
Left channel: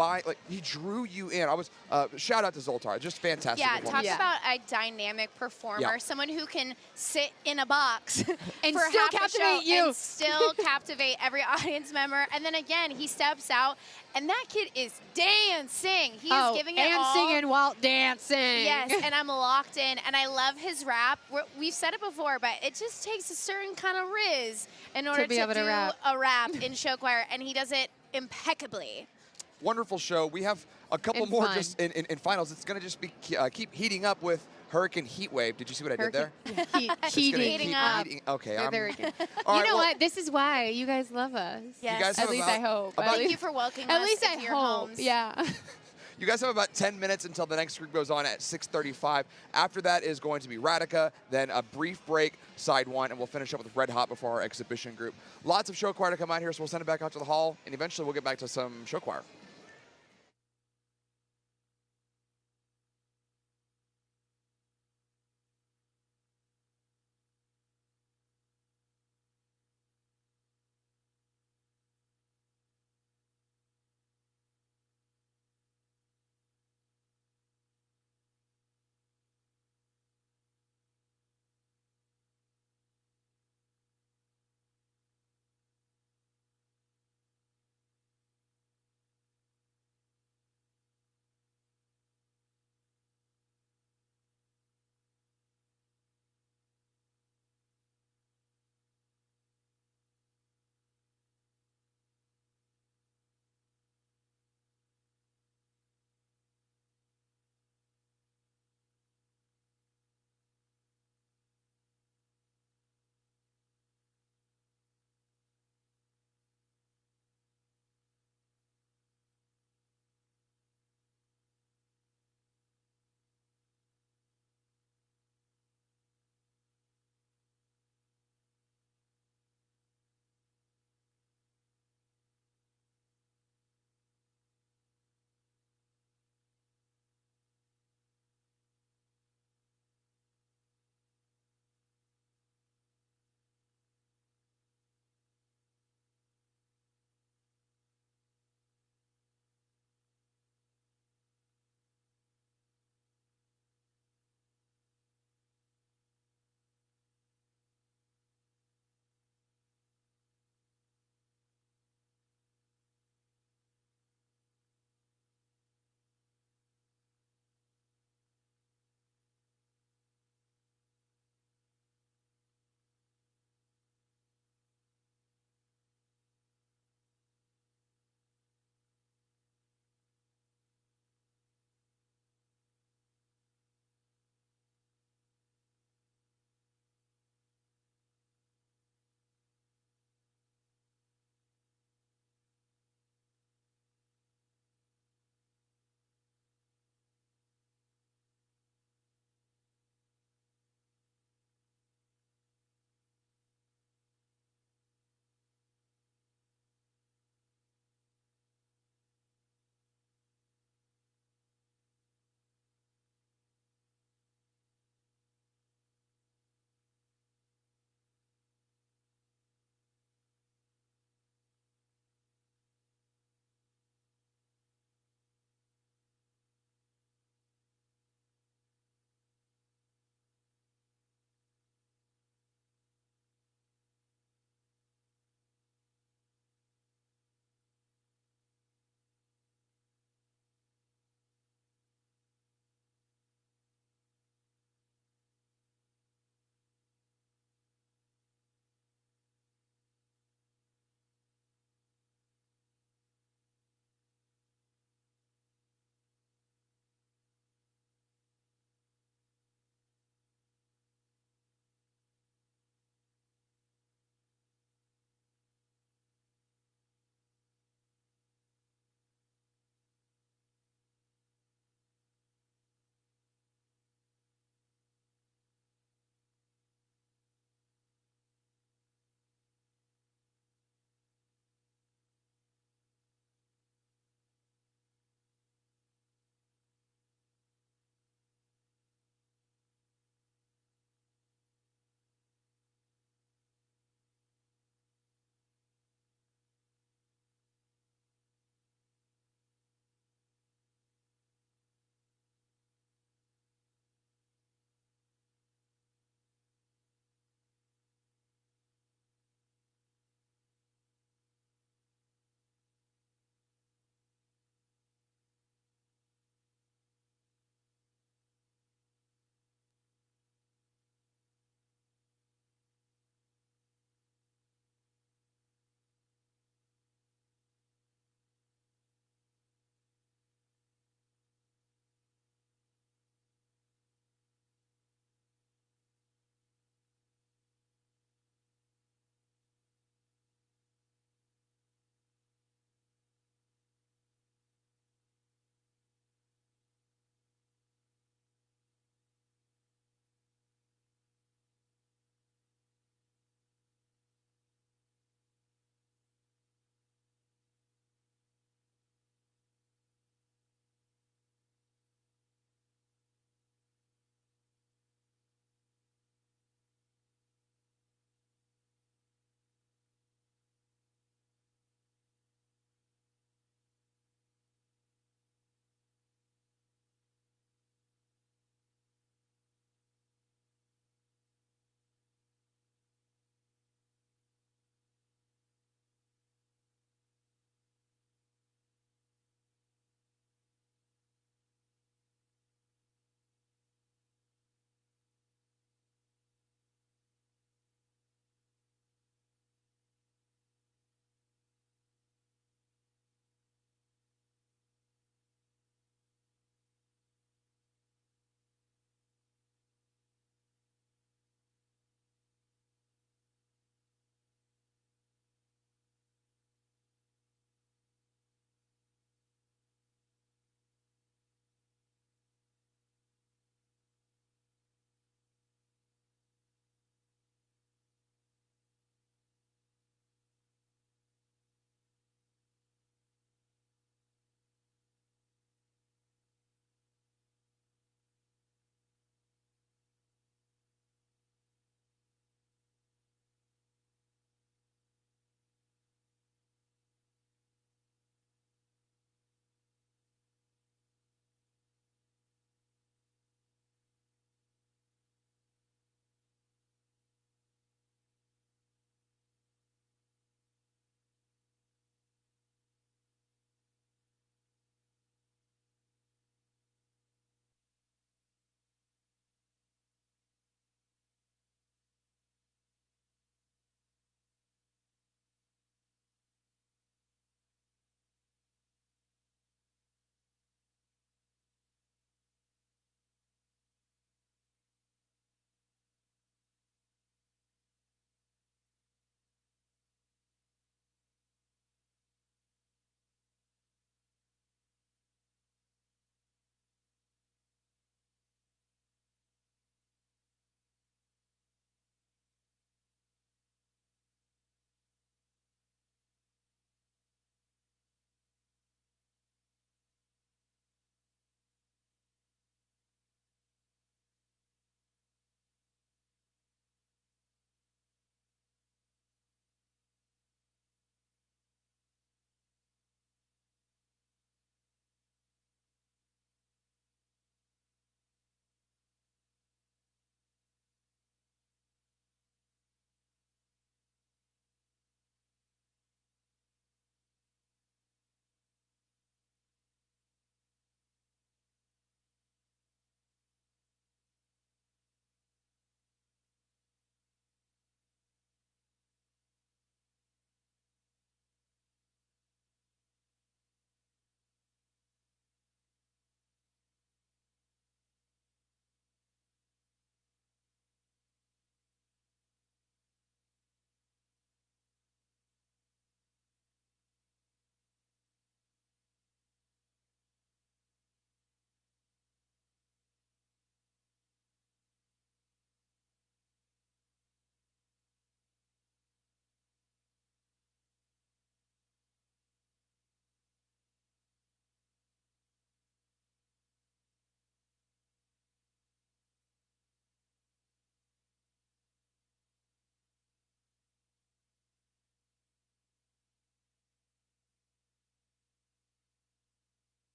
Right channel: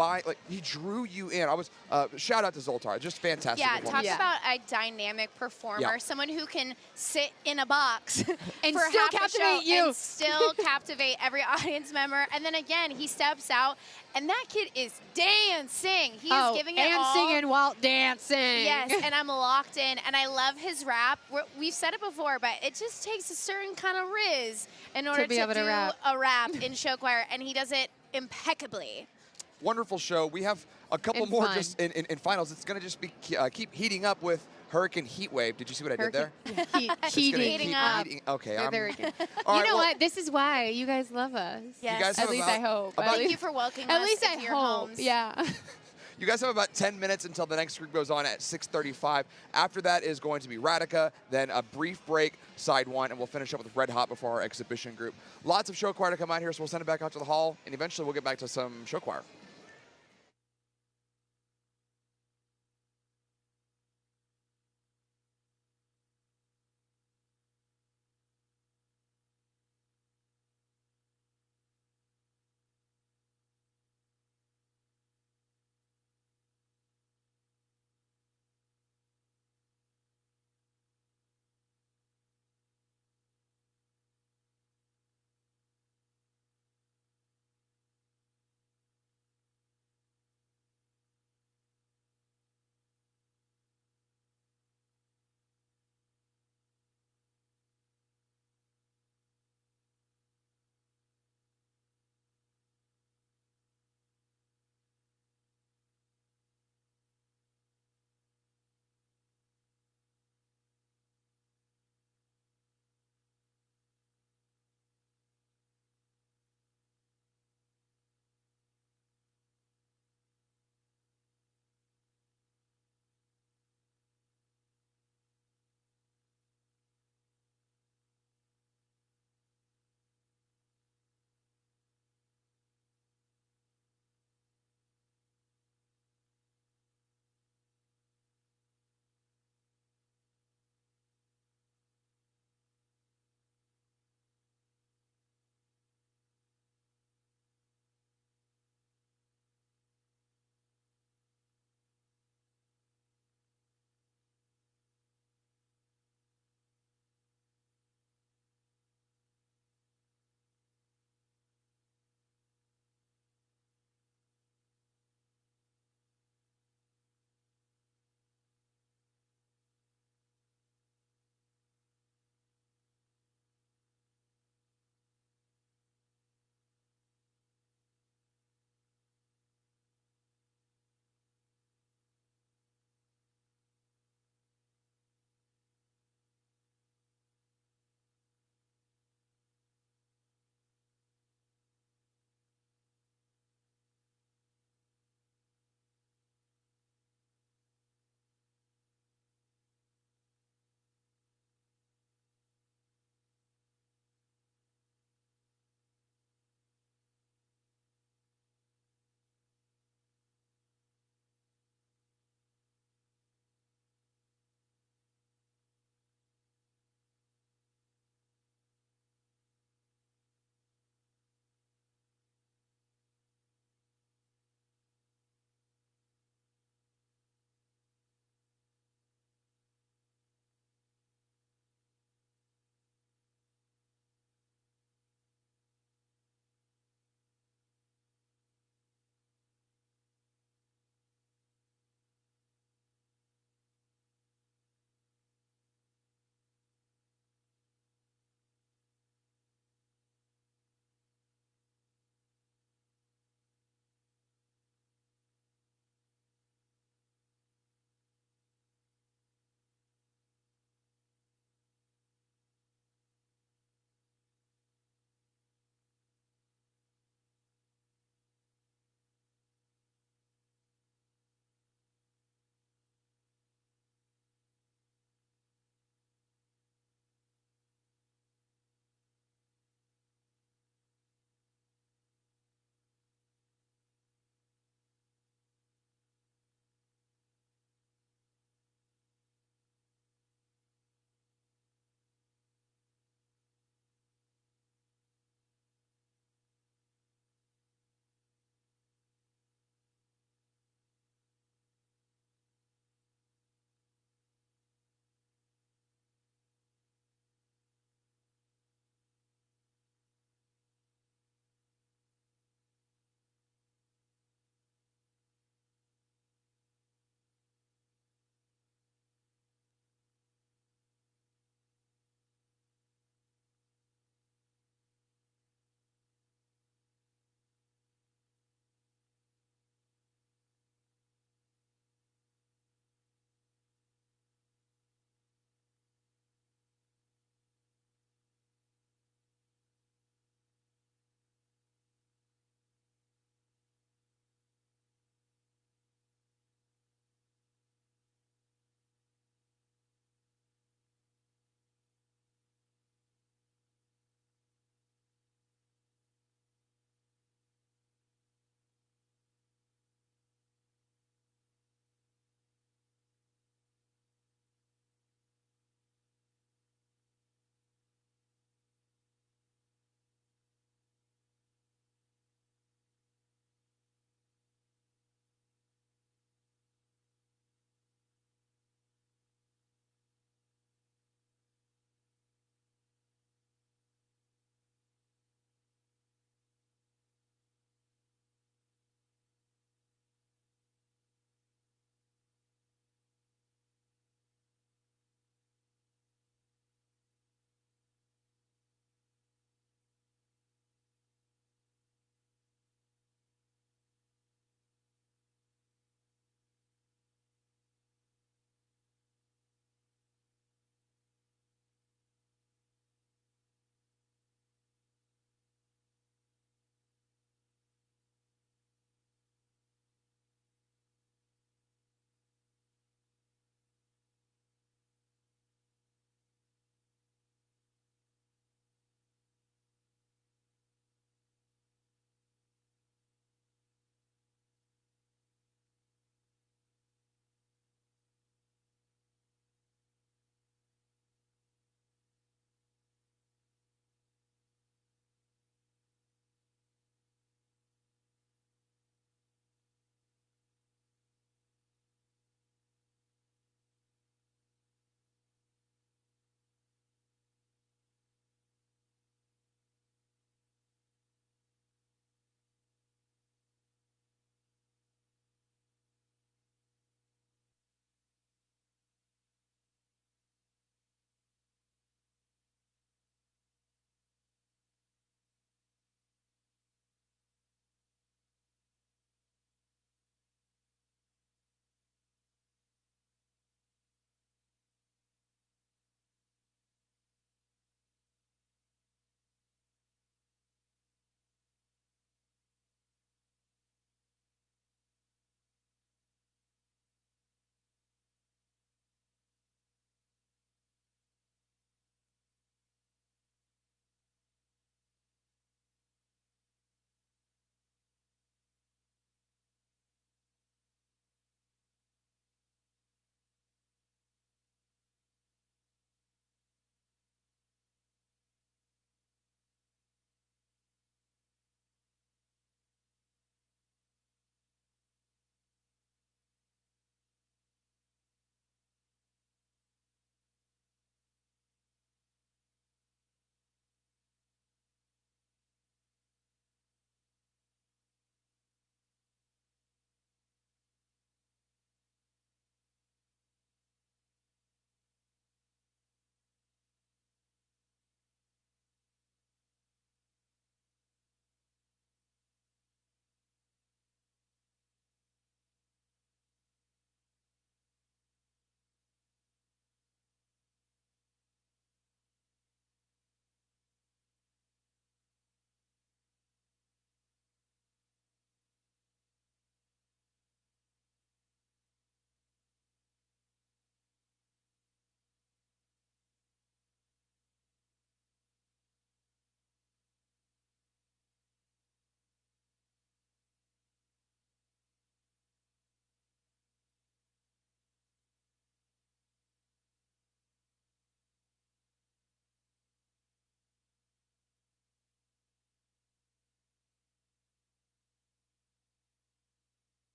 he drew you in. I was shout out to Zoltar, just fantastic. Yeah, talk about a dynamic performer, someone who can sit in a box and for still half captivate the show and still captivate every audience member. And then again, he steps out, and that kid is dancing. He is giving it all. And singing while dancing. Yes, and I'm locked in, and I love his rap. We've said it before, but it just takes a certain kind of riz in order to do a rap in show choir, and he does it impeccably. Wonderful show. We have a couple more just in finals. It's going to just be keep heating up with Hurricane Heatwave. Did you see what I did there? Heating up. Okay. You know what? This is why you guys love us. Yes. You guys at least I hope. Thank you for welcoming us into your homes. Yeah. You guys have about 10 minutes until the next group goes on at 6:35. After that is going to be Radica, then a brief break, side one, and we'll finish up with Red Hot before our exhibition group. Lots of show choir to come out here, so we'll send it back out to the hall, and eventually we'll get back to some show choir.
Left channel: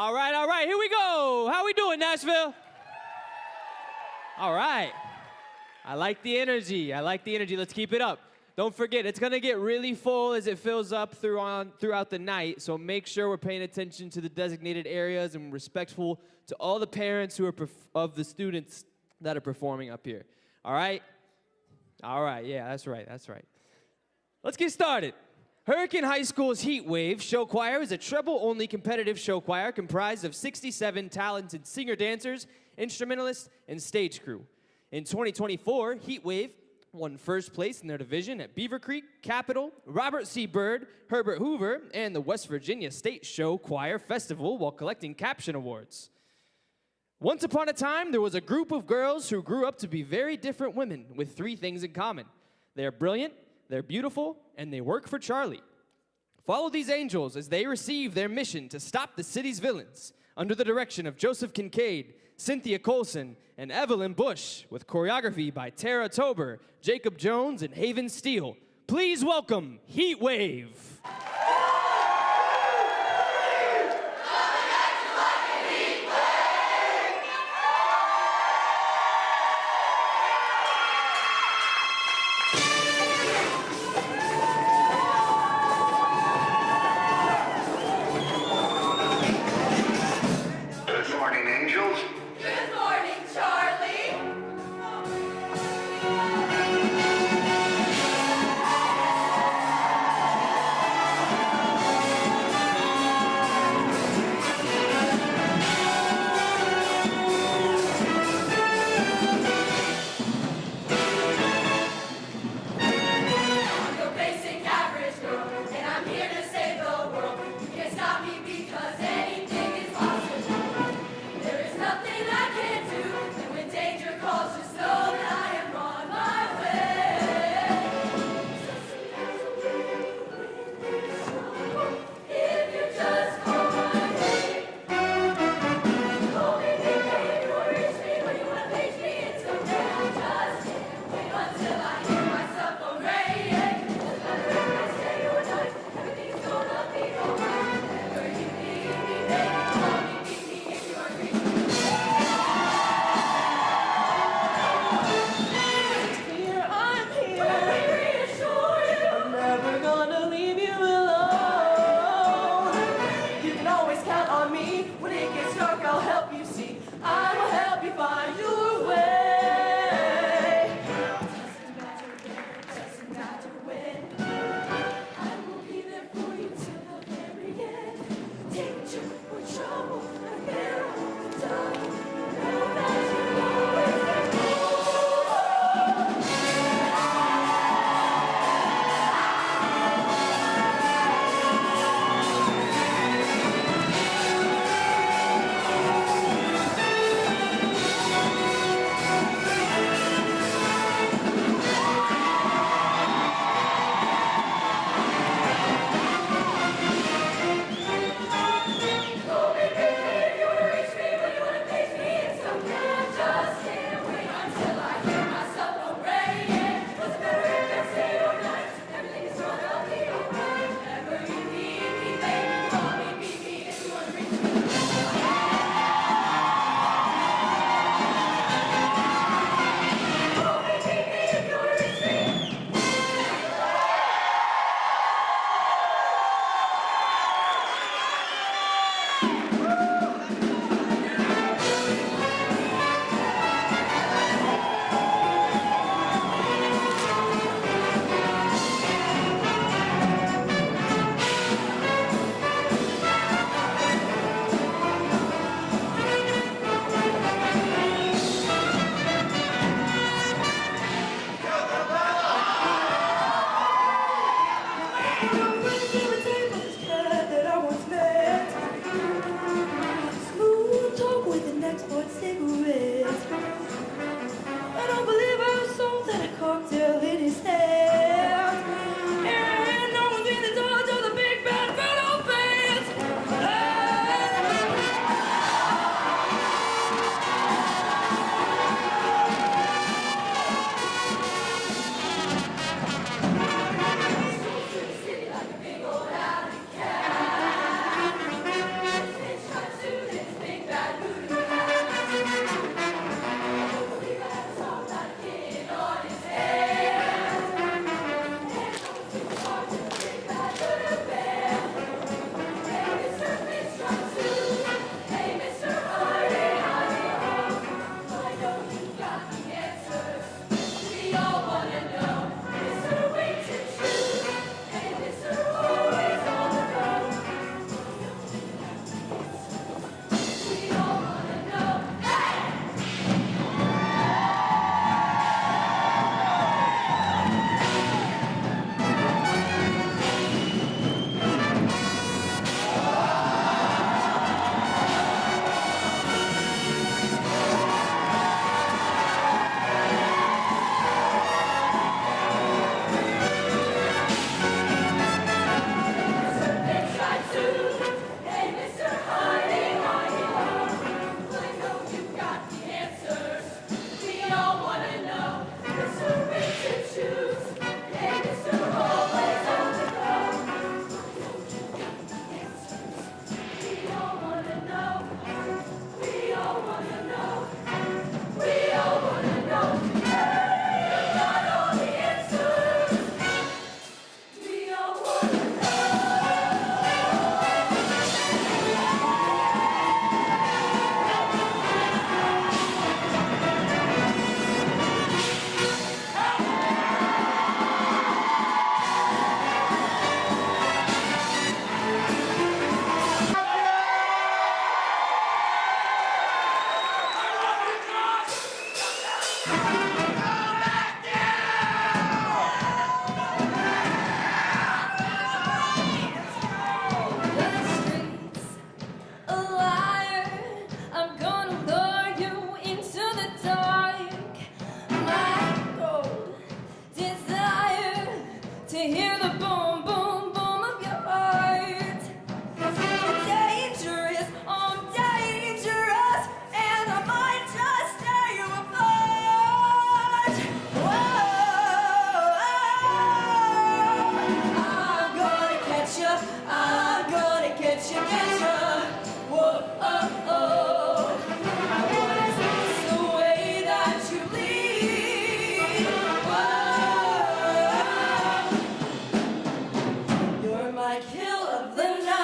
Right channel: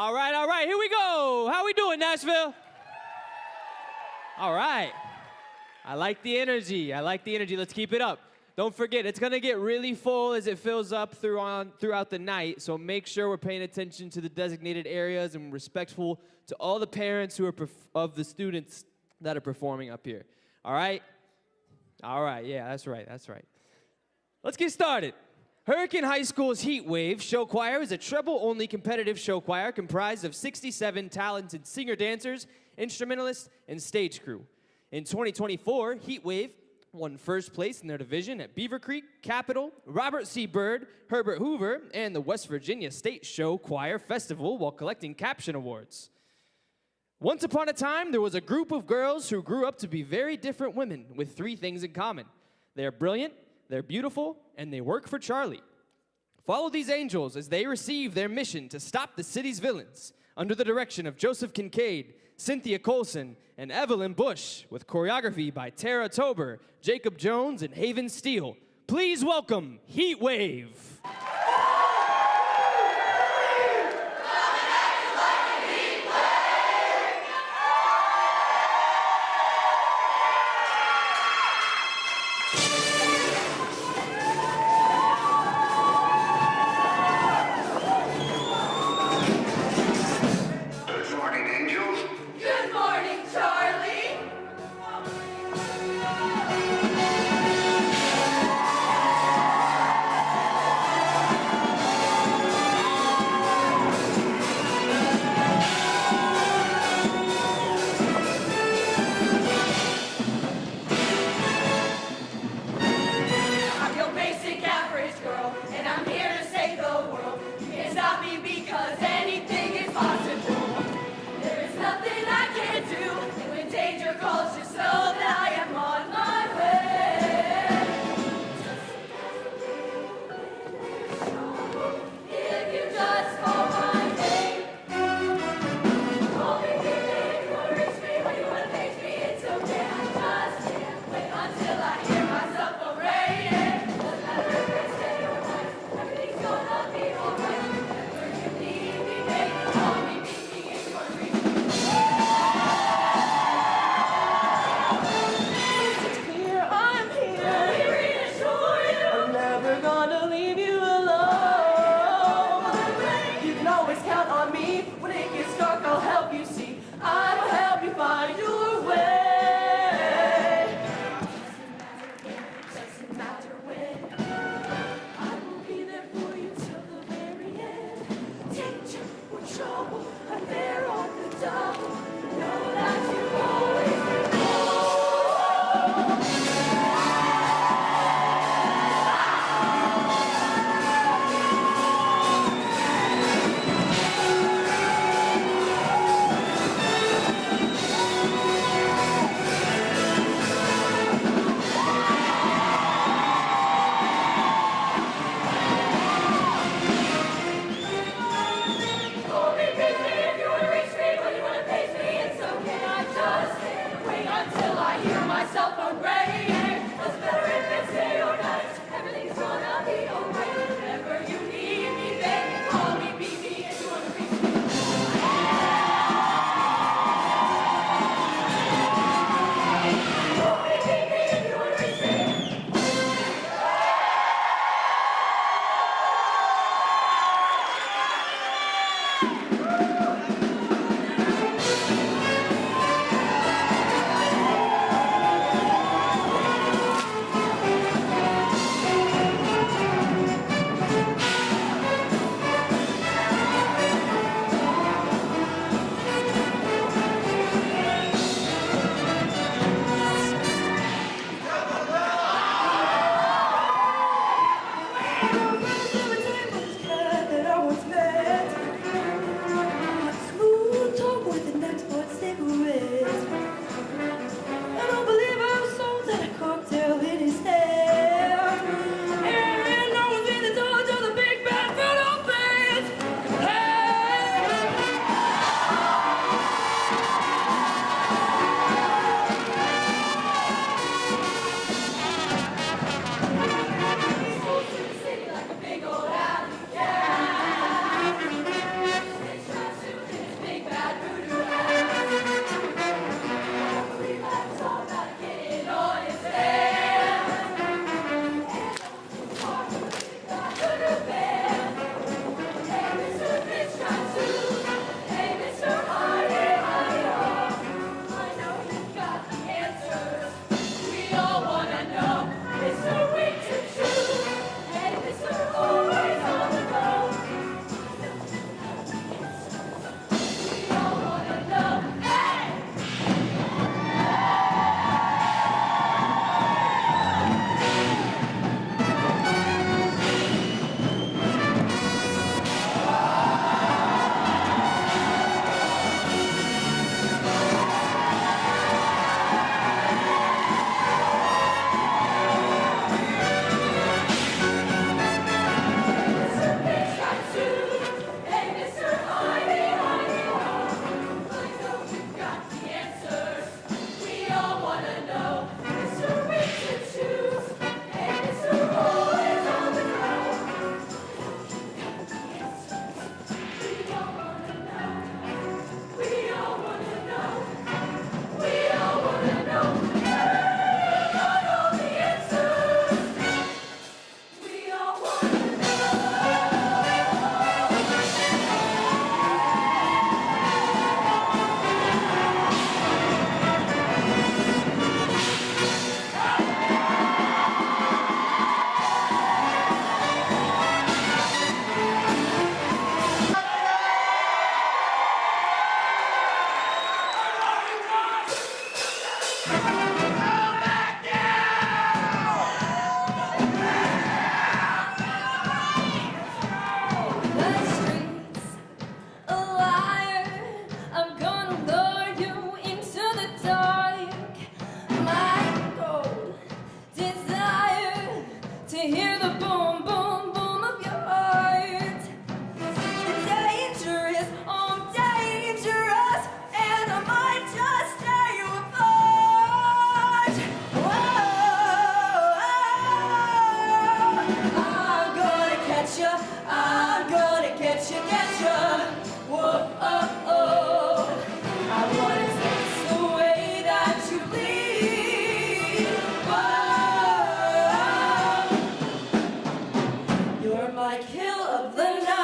All right, here we go. How we doing, Nashville? All right. I like the energy. Let's keep it up. Don't forget, it's going to get really full as it fills up throughout the night, so make sure we're paying attention to the designated areas and respectful to all the parents who are of the students that are performing up here. All right? All right, yeah, that's right. Let's get started. Hurricane High School's Heatwave Show Choir is a treble-only competitive show choir comprised of 67 talented singer-dancers, instrumentalists, and stage crew. In 2024, Heatwave won first place in their division at Beaver Creek, Capitol, Robert C. Byrd, Herbert Hoover, and the West Virginia State Show Choir Festival while collecting caption awards. Once upon a time, there was a group of girls who grew up to be very different women with 3 things in common. They're brilliant, they're beautiful, and they work for Charlie. Follow these angels as they receive their mission to stop the city's villains under the direction of Joseph Kincaid, Cynthia Colson, and Evelyn Bush, with choreography by Tara Tober, Jacob Jones, and Haven Steele. Please welcome Heatwave. Good morning, angels. Good morning, Charlie. Whoa, oh, oh. I wanna taste the way that you bleed. Whoa, you're my kill of the night.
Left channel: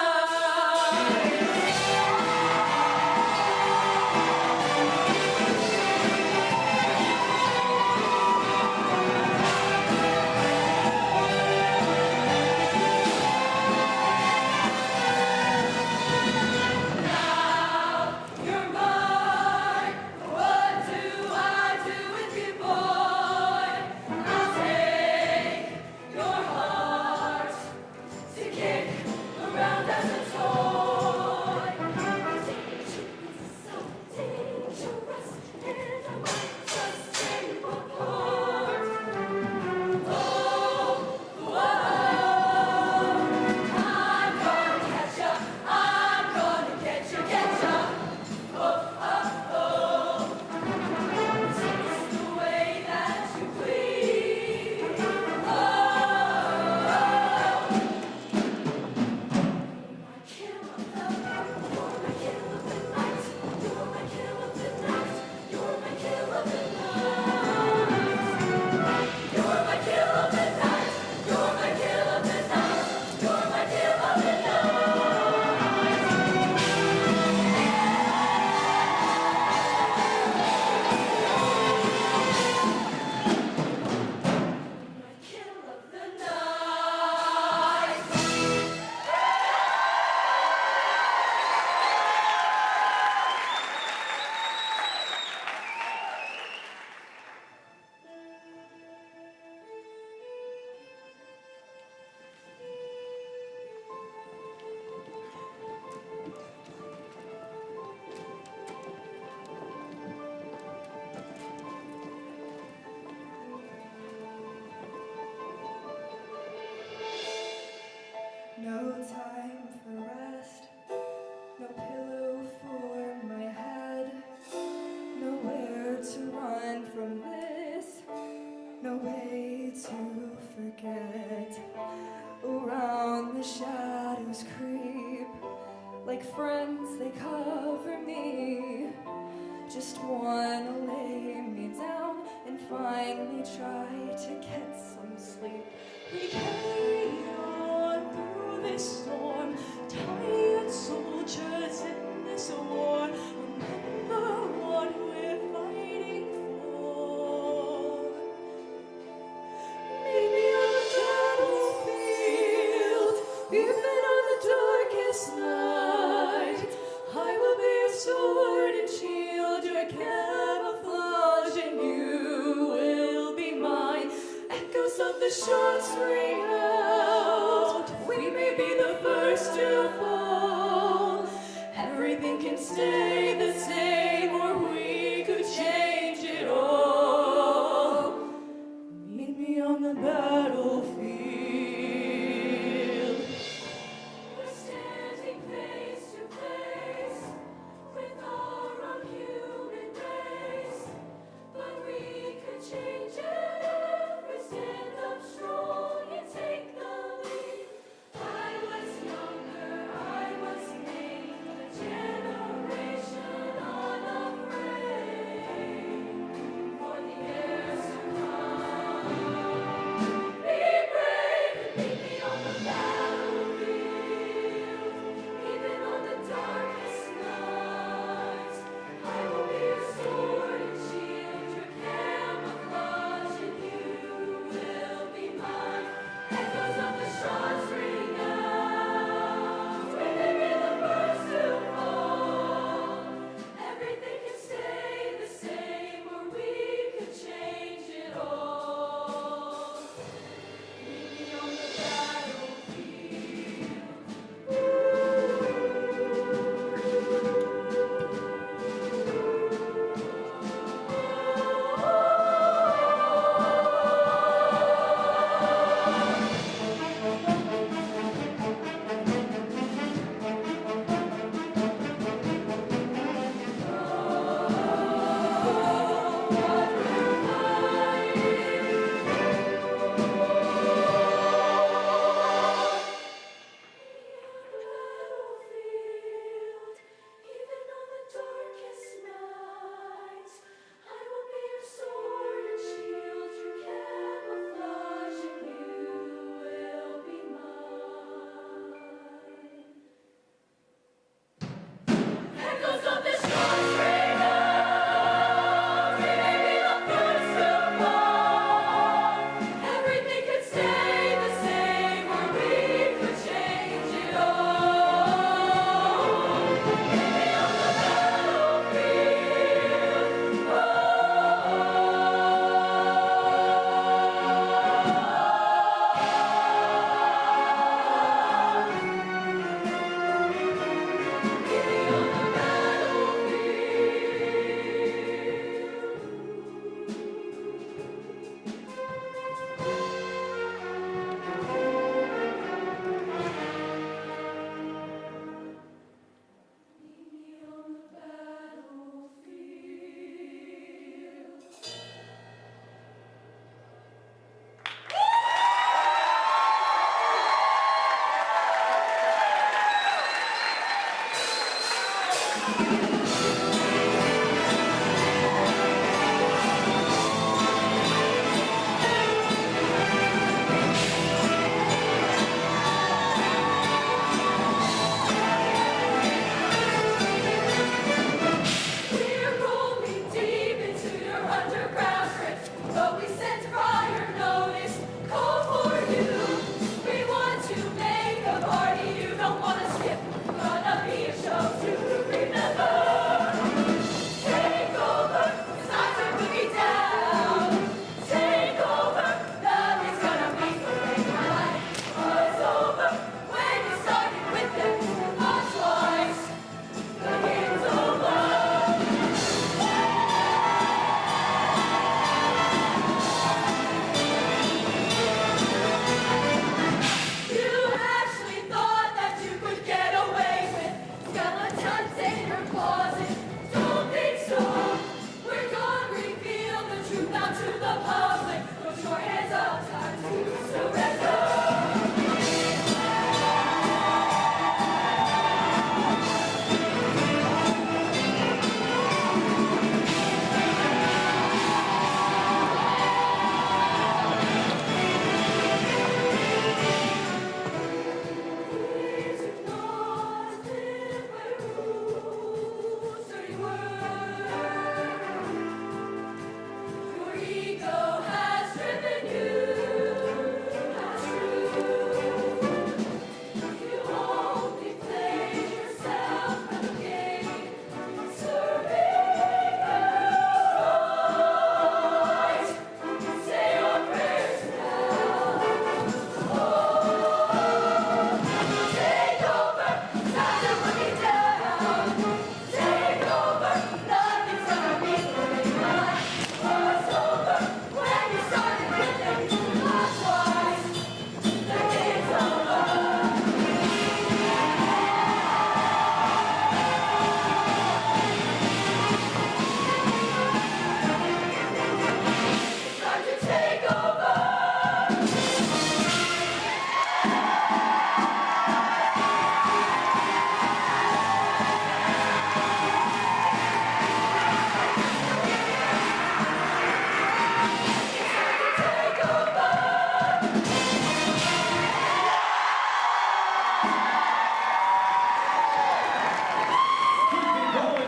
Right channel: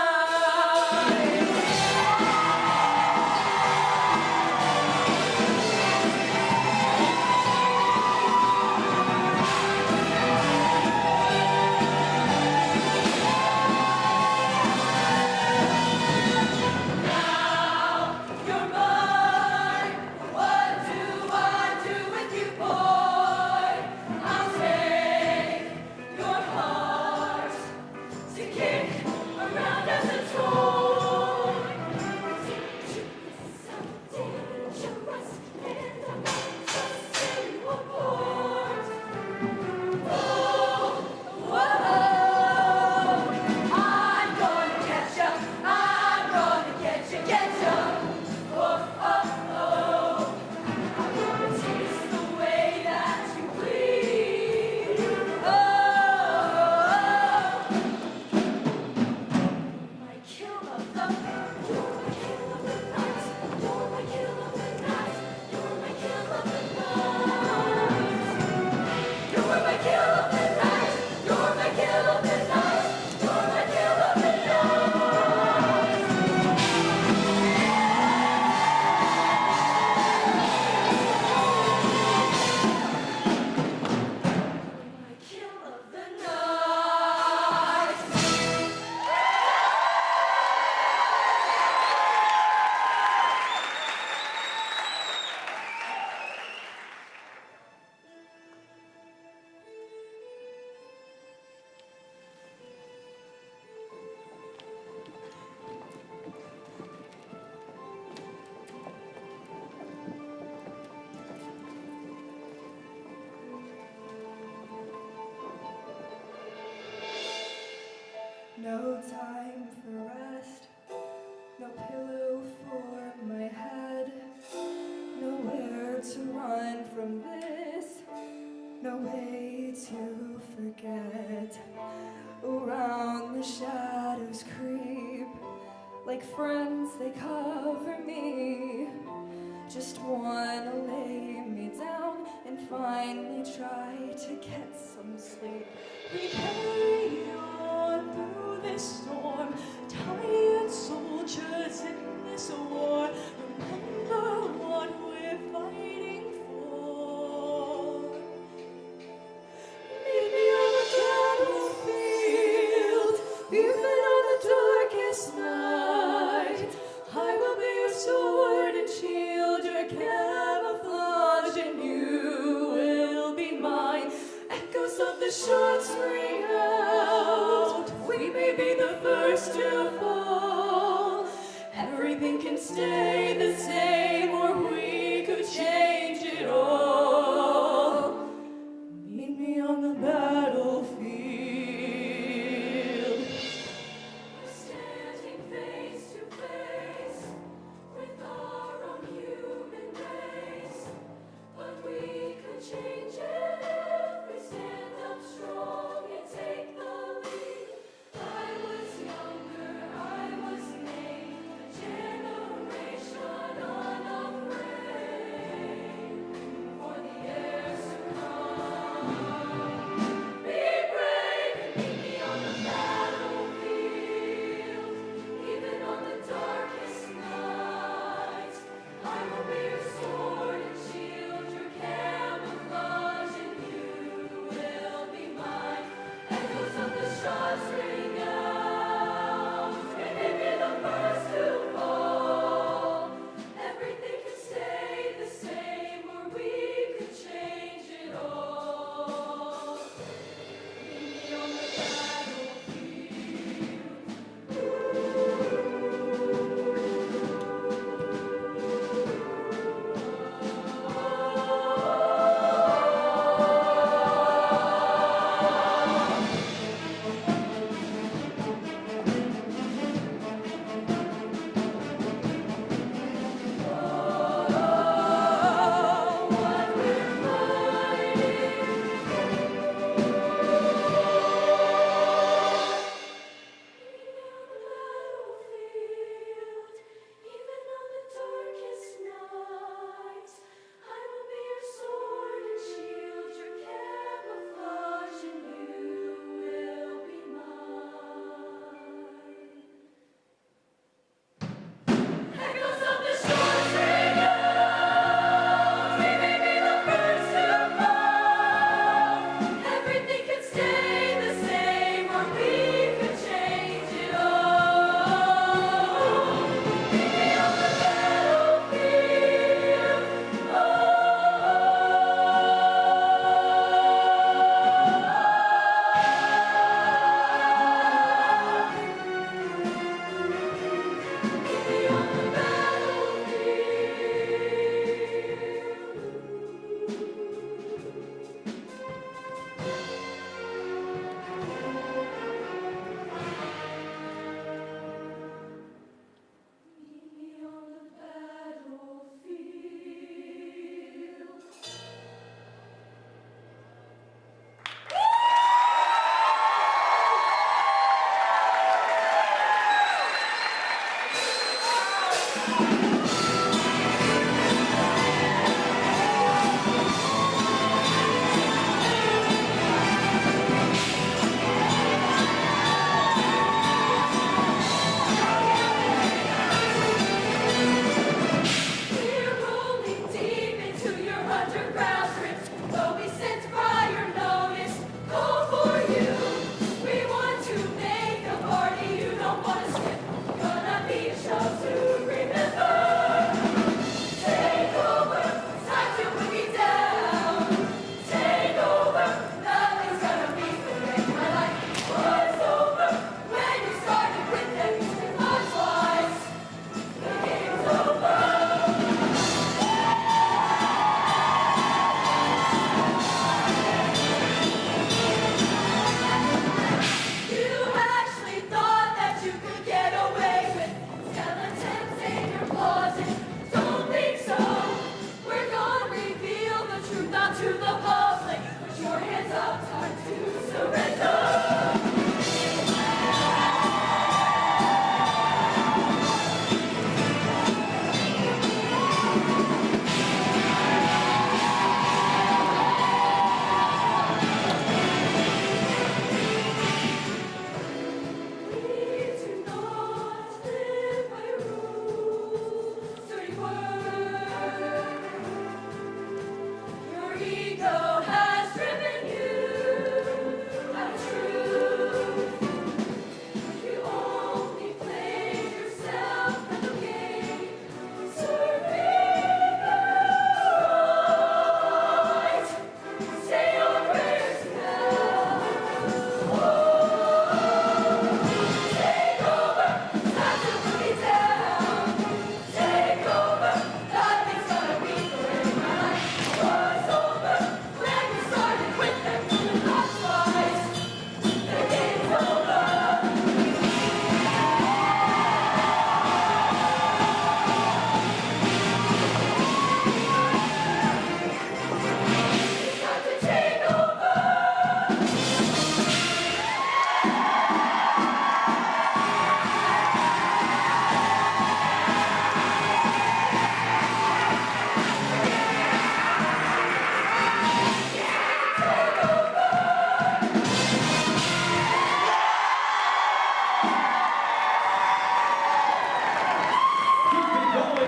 No time for rest, no pillow for my head, nowhere to run from this, no way to forget. Around the shadows creep, like friends they cover me. Just wanna lay me down and finally try to get some sleep. We carry on through this storm, tired soldiers in this war. Remember what we're fighting for. Meet me on the battlefield, even on the darkest night. I will be your sword and shield, your camouflage, and you will be mine. Echoes of the shots ring out. We may be the first to fall. Everything can stay the same, or we could change it all. Meet me on the battlefield. We're standing face to face with our own human race, but we could change it. Stand up strong and take the lead. I was younger, I was named a generation unafraid.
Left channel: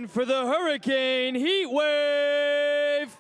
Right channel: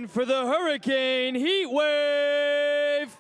on for the Hurricane Heatwave.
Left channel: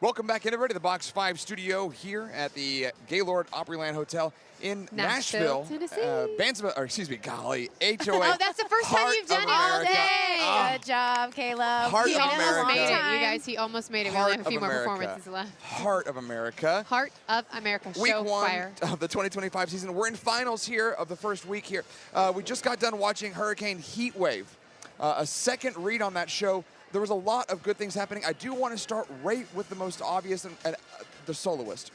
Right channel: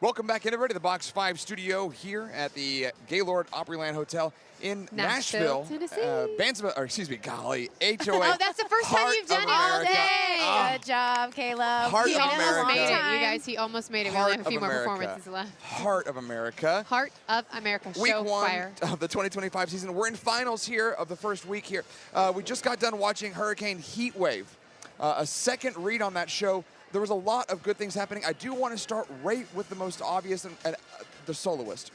Welcome back, everybody, to the Box 5 studio here at the Gaylord Opryland Hotel in Nashville, Nashville. Golly, HOA. Oh, that's the first time Heart you've done of it all America. day. Oh. Good job, Caleb. Heart He of almost America. made it, you Time. guys. He almost made it. We Heart only have a of few more America. performances left. Heart of America. Heart of America. Week Show 1 fire. of the 2025 season. We're in finals here of the first week here. We just got done watching Hurricane Heatwave. A second read on that show. There was a lot of good things happening. I do want to start right with the most obvious, and the soloist.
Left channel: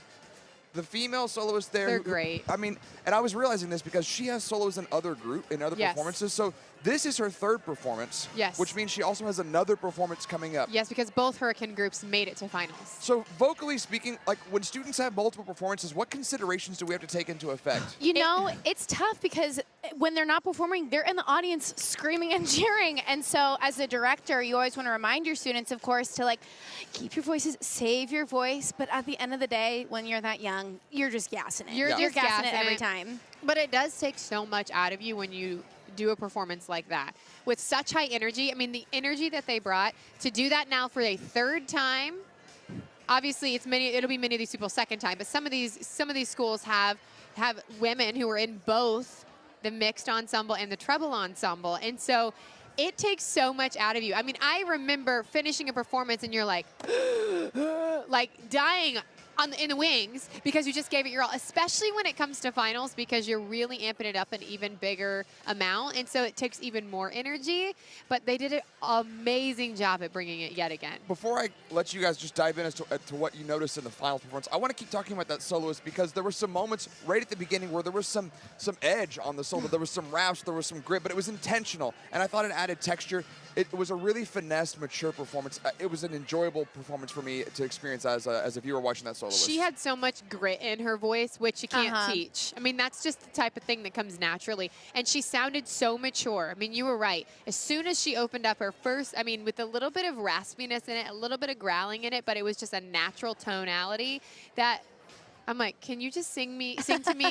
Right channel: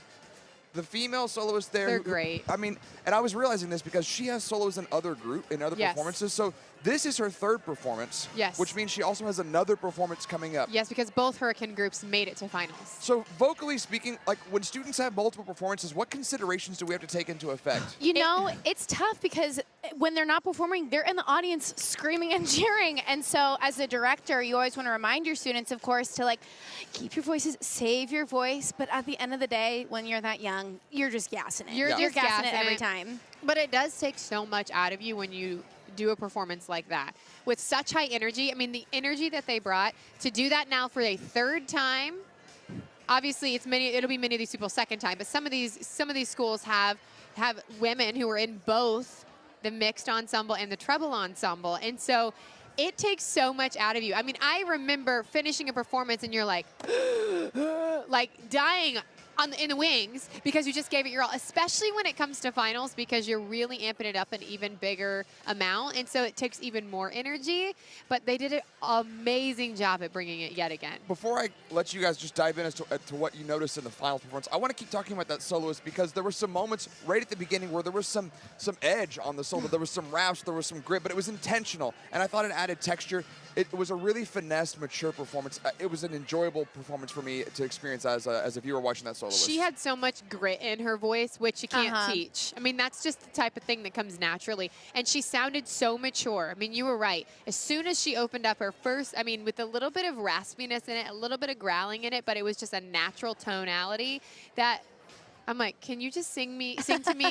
The female soloist there. They're great. I mean, and I was realizing this because she has solos in other Yes. performances. So this is her third performance. Yes. Which means she also has another performance coming up. Yes, because both Hurricane groups made it to finals. So vocally speaking, like when students have multiple performances, what considerations do we have to take into effect? You know, it's tough because when they're not performing, they're in the audience screaming and cheering. And so as a director, you always want to remind your students, of course, to like keep your voices, save your voice. But at the end of the day, when you're that young, you're just gassing it. You're You're just gassing it gassing every it. time. But it does take so much out of you when you do a performance like that. With such high energy, I mean, the energy that they brought, to do that now for a third time, obviously it'll be many of these people's second time, but some of these schools have women who are in both the mixed ensemble and the treble ensemble. And so it takes so much out of you. I mean, I remember finishing a performance and you're like, like dying in the wings because you just gave it your all, especially when it comes to finals because you're really amping it up an even bigger amount. And so it takes even more energy, but they did an amazing job at bringing it yet again. Before I let you guys just dive in as to what you noticed in the final performance, I want to keep talking about that soloist because there were some moments right at the beginning where there was some edge on the solo. There was some raps, there was some grit, but it was intentional. And I thought it added texture. It was a really finessed, mature performance. It was an enjoyable performance for me to experience as a viewer watching that soloist. She had so much grit in her voice, which you can't teach. I mean, that's just the type of thing that comes naturally. And she sounded so mature. I mean, you were right. As soon as she opened up her first, I mean, with a little bit of raspiness in it, a little bit of growling in it, but it was just a natural tonality that I'm like, can you just sing to me,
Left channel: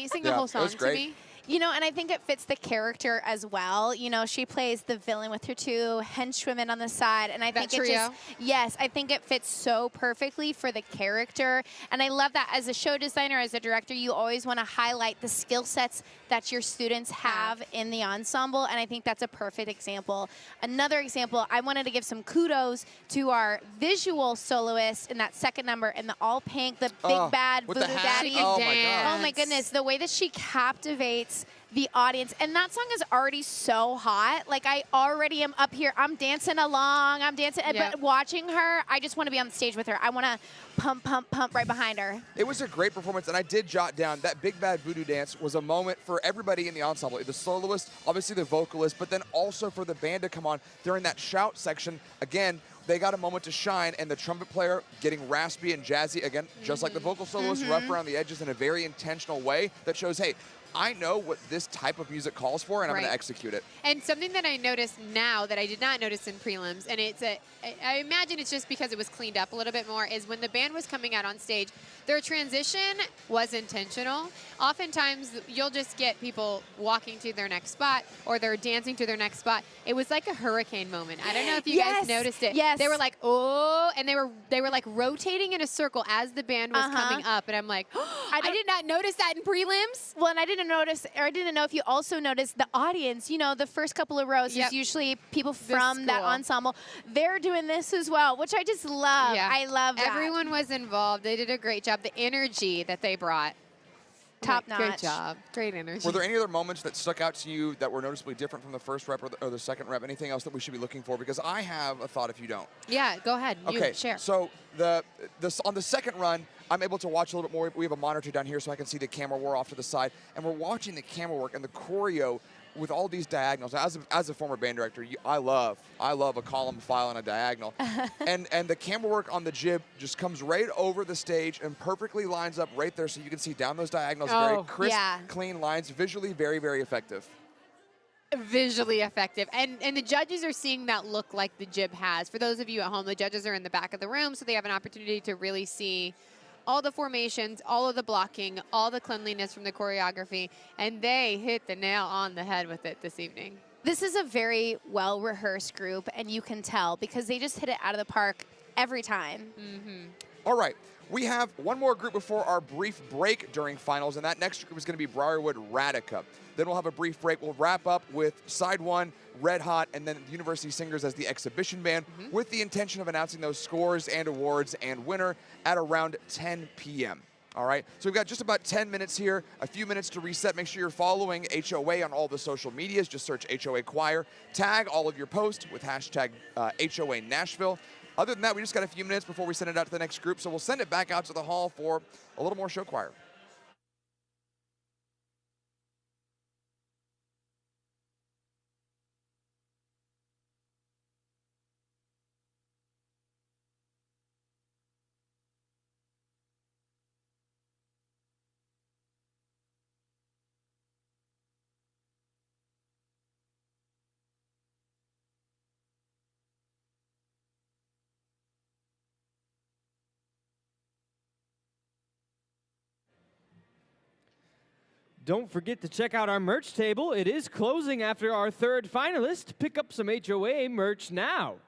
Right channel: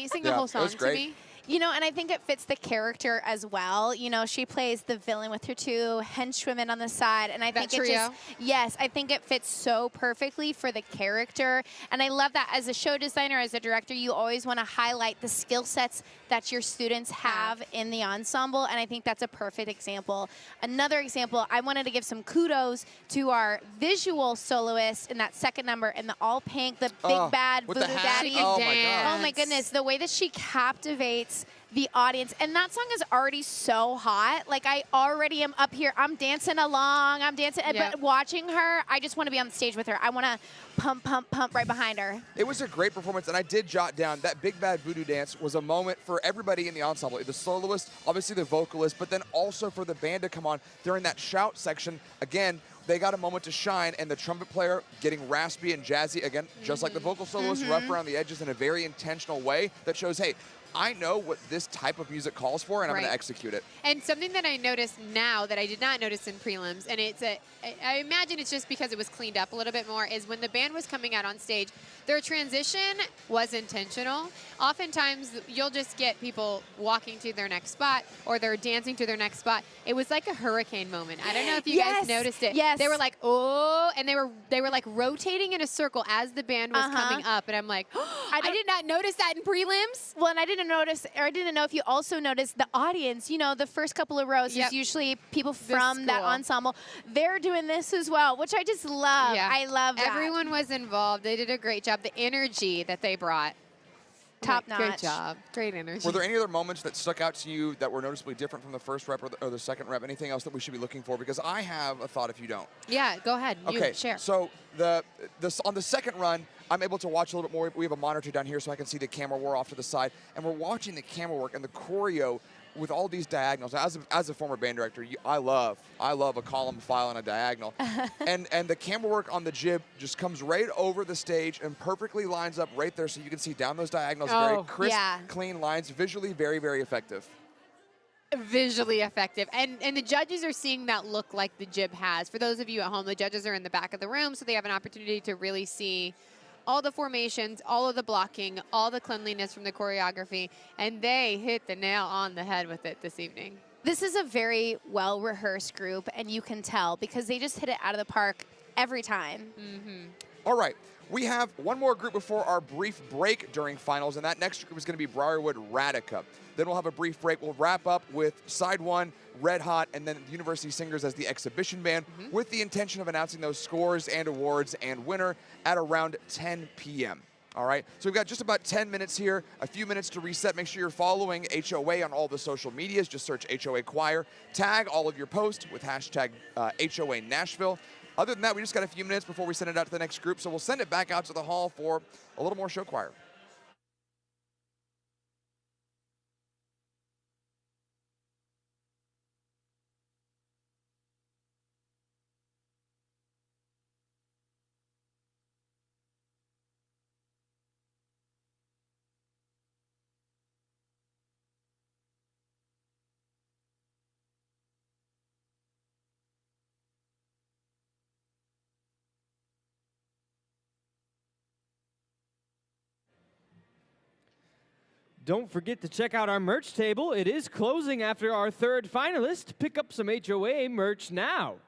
sing the whole song to me? You know, and I think it fits the character as well. You know, she plays the villain with her two henchwomen on the side. And I think it just, yes, I think it fits so perfectly for the character. And I love that as a show designer, as a director, you always want to highlight the skill sets that your students have in the ensemble. And I think that's a perfect example. Another example, I wanted to give some kudos to our visual soloist in that second number in the all pink, the big bad with voodoo the hat? daddy. Oh, my God. Oh my goodness, the way that she captivates the audience. And that song is already so hot. Like, I already am up here. I'm dancing along. But watching her, I just want to be on the stage with her. I want to pump, pump, pump right behind her. It was a great performance, and I did jot down that Big Bad Voodoo Dance was a moment for everybody in the ensemble. The soloist, obviously the vocalist, but then also for the band to come on during that shout section. Again, they got a moment to shine, and the trumpet player getting raspy and jazzy, again, just like the vocal soloist, rough around the edges in a very intentional way that shows, hey, I know what this type of music calls for, and I'm going to execute it. And something that I noticed now that I did not notice in prelims, and I imagine it's just because it was cleaned up a little bit more, is when the band was coming out on stage, their transition was intentional. Oftentimes, you'll just get people walking to their next spot, or they're dancing to their next spot. It was like a hurricane moment. I don't know if you guys noticed it. Yes. They were like, oh, and they were like rotating in a circle as the band was coming up, and I'm like, oh, I did not notice that in prelims. Well, and I didn't notice, or I didn't know if you also noticed the audience. You know, the first couple of rows is usually people from that ensemble. They're doing this as well, which I just love. Yeah. I love that. Everyone was involved. They did a great job. The energy that they brought. Top Great notch. job. Great energy. Were there any other moments that stuck out to you that were noticeably different from the first rep or the second rep? Anything else that we should be looking for? Because I have a thought if you don't. Yeah, go ahead. Okay, You share. so on the second run, I'm able to watch a little bit more. We have a monitor down here so I can see the camera war off to the side. And we're watching the camera work and the choreo with all these diagonals. As a former band director, I love a column file and a diagonal. and the camera work on the jib just comes right over the stage and perfectly lines up right there so you can see down those diagonals. Very crisp, clean lines, visually very, very effective. Visually effective. And the judges are seeing that look like the jib has. For those of you at home, the judges are in the back of the room, so they have an opportunity to really see all the formations, all of the blocking, all the cleanliness from the choreography, and they hit the nail on the head with it this evening. This is a very well-rehearsed group, and you can tell because they just hit it out of the park every time. All right. We have one more group before our brief break during finals, and that next group is going to be Brierwood Radica. Then we'll have a brief break. We'll wrap up with side one, Red Hot, and then the University Singers as the exhibition band with the intention of announcing those scores and awards and winner at around 10 p.m. All right, so we've got just about 10 minutes here, a few minutes to reset. Make sure you're following HOA on all the social medias. Just search HOA Choir. Tag all of your posts with hashtag HOA Nashville. Other than that, we just got a few minutes before we send it out to the next group, so we'll send it back out to the hall for a little more show choir. Don't forget to check out our merch table. It is closing after our third finalist. Pick up some HOA merch now.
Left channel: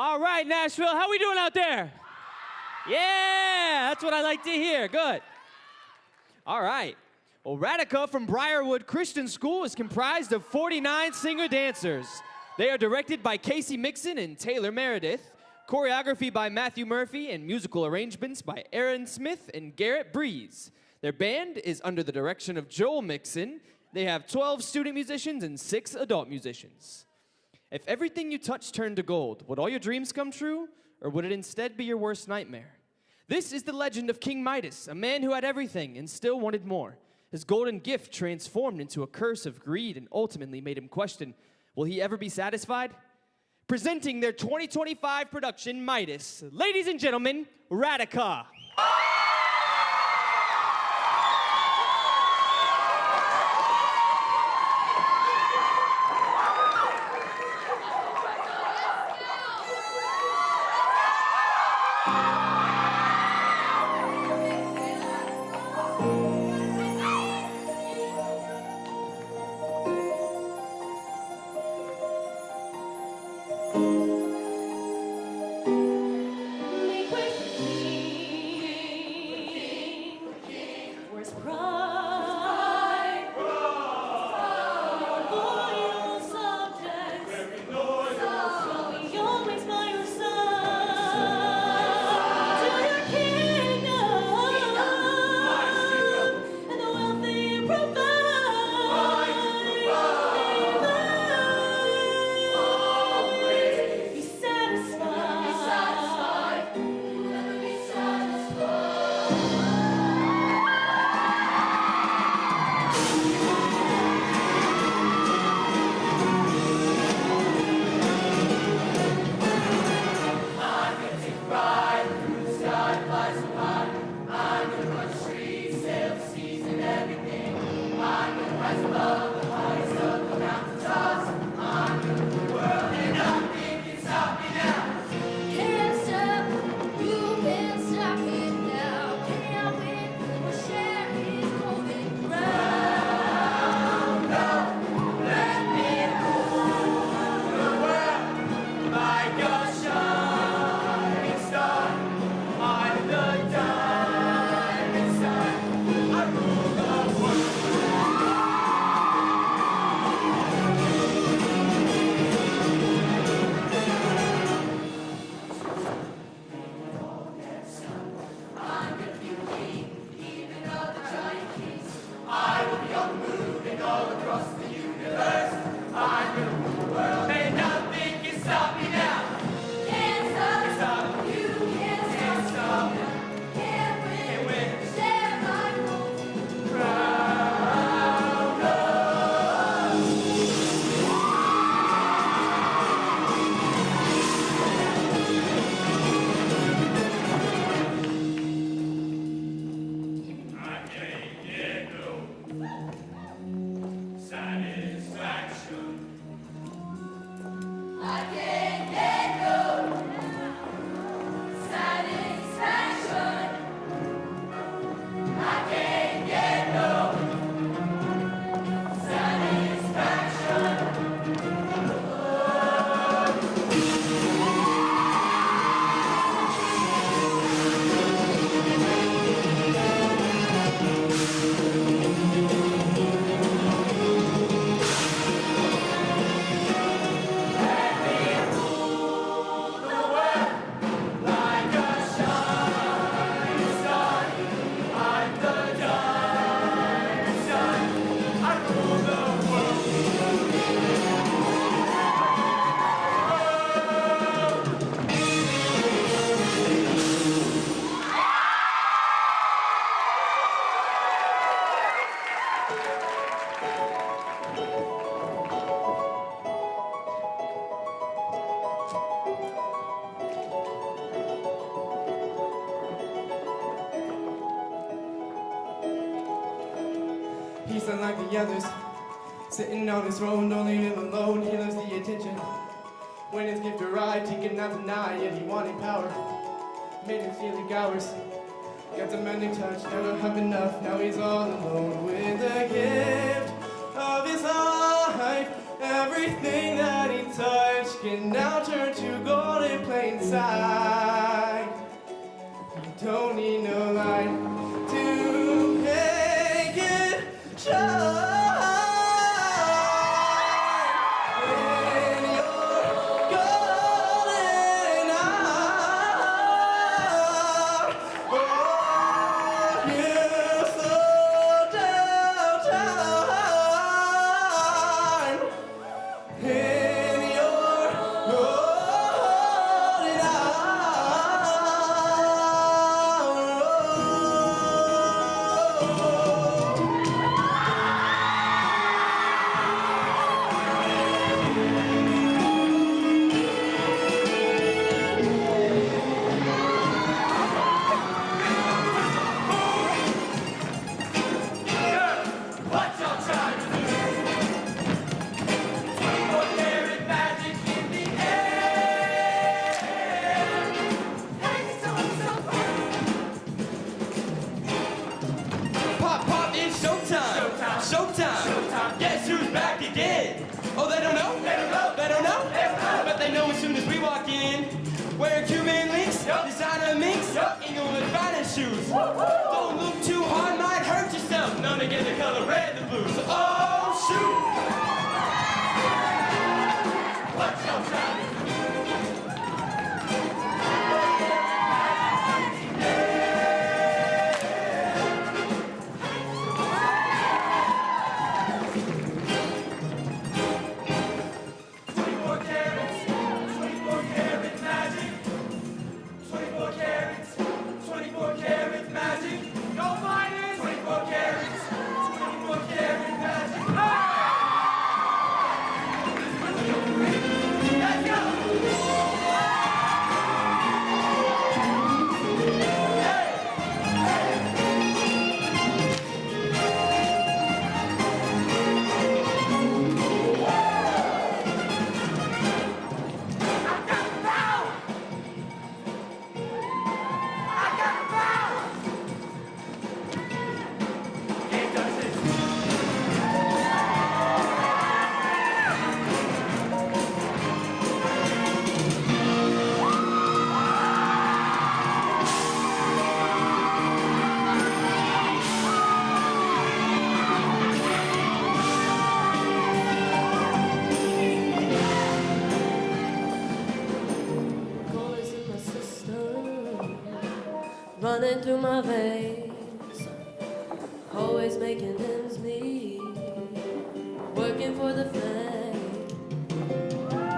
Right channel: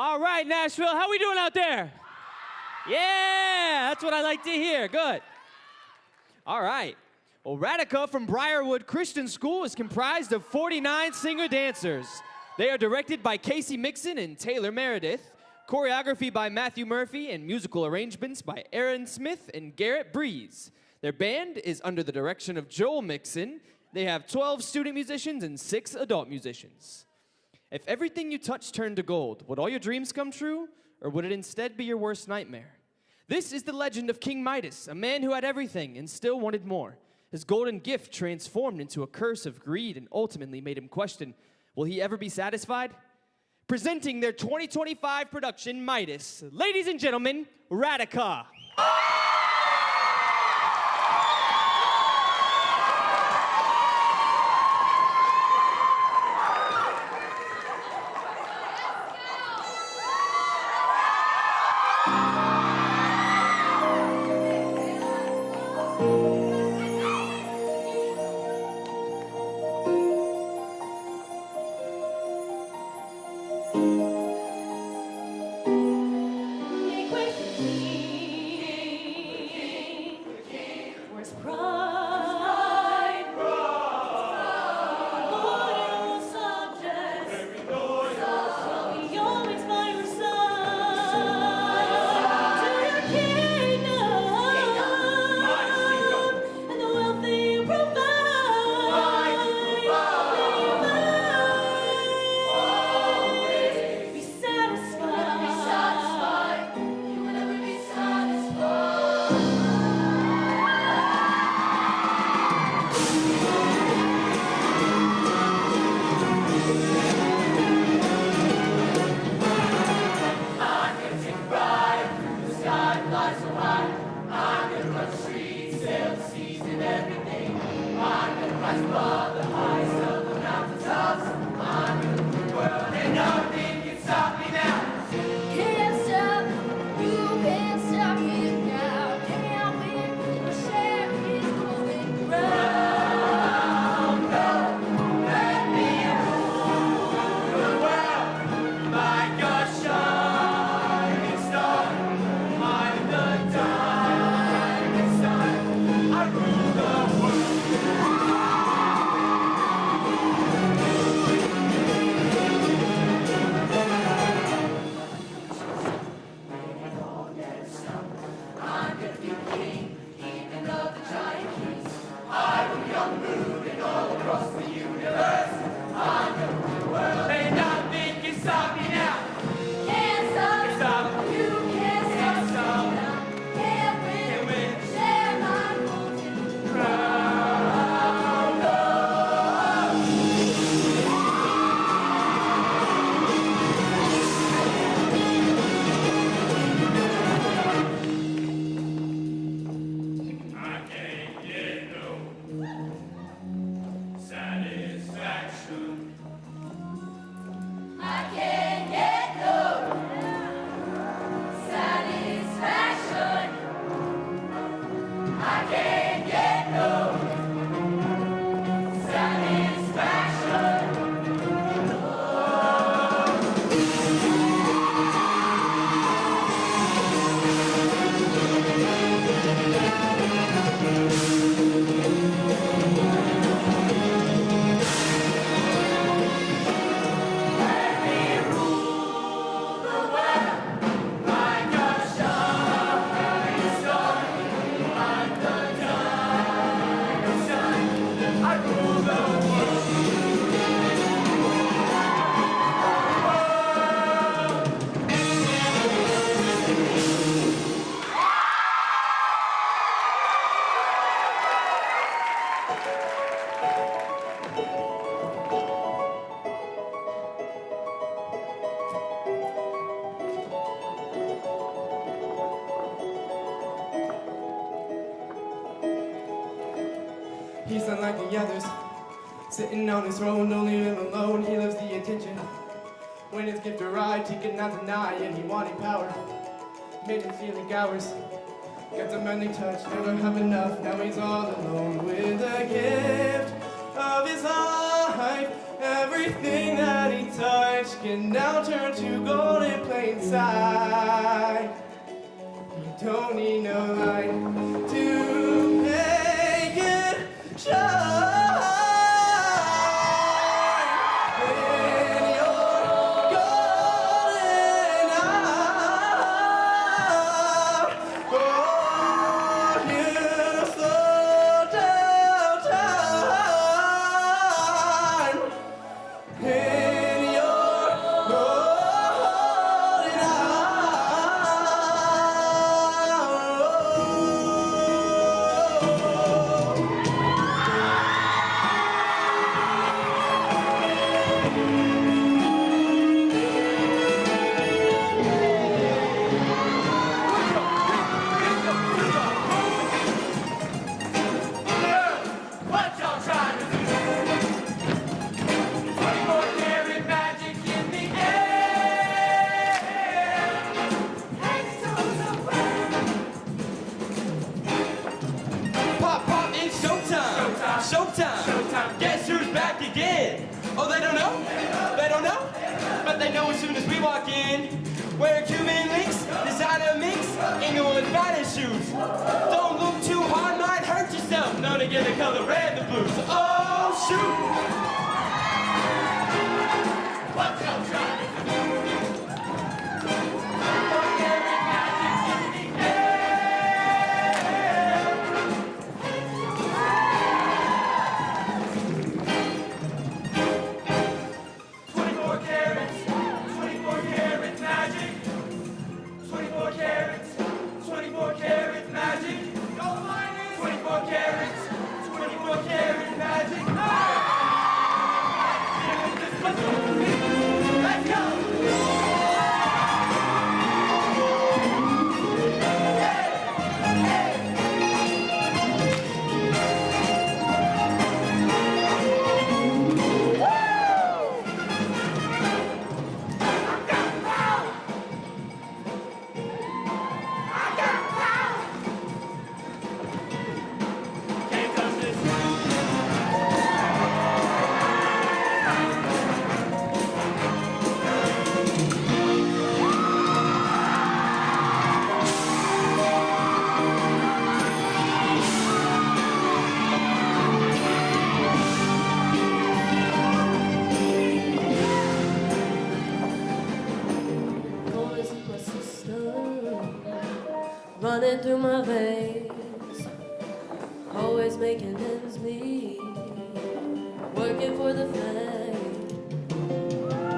All right, Nashville, how we doing out there? Yeah, that's what I like to hear. Good. All right. Well, Radica from Brierwood Christian School is comprised of 49 singer-dancers. They are directed by Casey Mixon and Taylor Meredith, choreography by Matthew Murphy, and musical arrangements by Aaron Smith and Garrett Breeze. Their band is under the direction of Joel Mixon. They have 12 student musicians and 6 adult musicians. If everything you touch turned to gold, would all your dreams come true, or would it instead be your worst nightmare? This is the legend of King Midas, a man who had everything and still wanted more. His golden gift transformed into a curse of greed and ultimately made him question, will he ever be satisfied? Presenting their 2025 production, Midas, ladies and gentlemen, Radica. Make way for king. Where's pride? Loyal subjects. Shall we always by your side? To your kingdom and the wealth that you provide. Be satisfied. You will never be satisfied. Can't stop, you can't stop it now. Can't win or share his golden crown. No, let me rule the world like a shining star. I'm the diamond sun. I rule the world. And nothing can stop me now. Can't stop. You can't stop. Can't win. Share my golden crown. I can't get no satisfaction. I can't get no satisfaction. I can't get no satisfaction. Like a shining star, I'm the diamond sun. I rule the world. He's unlike the others, sitting on his throne, don't leave him alone. He loves the attention. When his gift arrived, he could not deny it. He wanted power, made him feel like ours. Got the magic touch, never have enough. Now he's all alone with the gift of his life. Everything that he touched can now turn to gold in plain sight. You don't need no light to make it shine. In your golden hour, oh, you slow down time. In your golden What y'all trying to do? 24 karat magic in the air. Hey, so Pop, pop, it's showtime. Showtime. Guess who's back again? Oh, they don't know? They don't know? But they know as soon as we walk in. Wear cumin links, designer minks, Inglewood finest shoes. Don't look too hard, might hurt yourself. None to get the color red, the blues. Oh, shoot. what y'all trying to do? 24 karat magic in the air. 24 carats, 24 karat magic. 24 carats, 24 karat magic. Go mine is 24 carats, 24 karat magic. Hey! Let's go! Can't touch this. Gold is in my system, running through my veins, always making ends meet, working for the fame.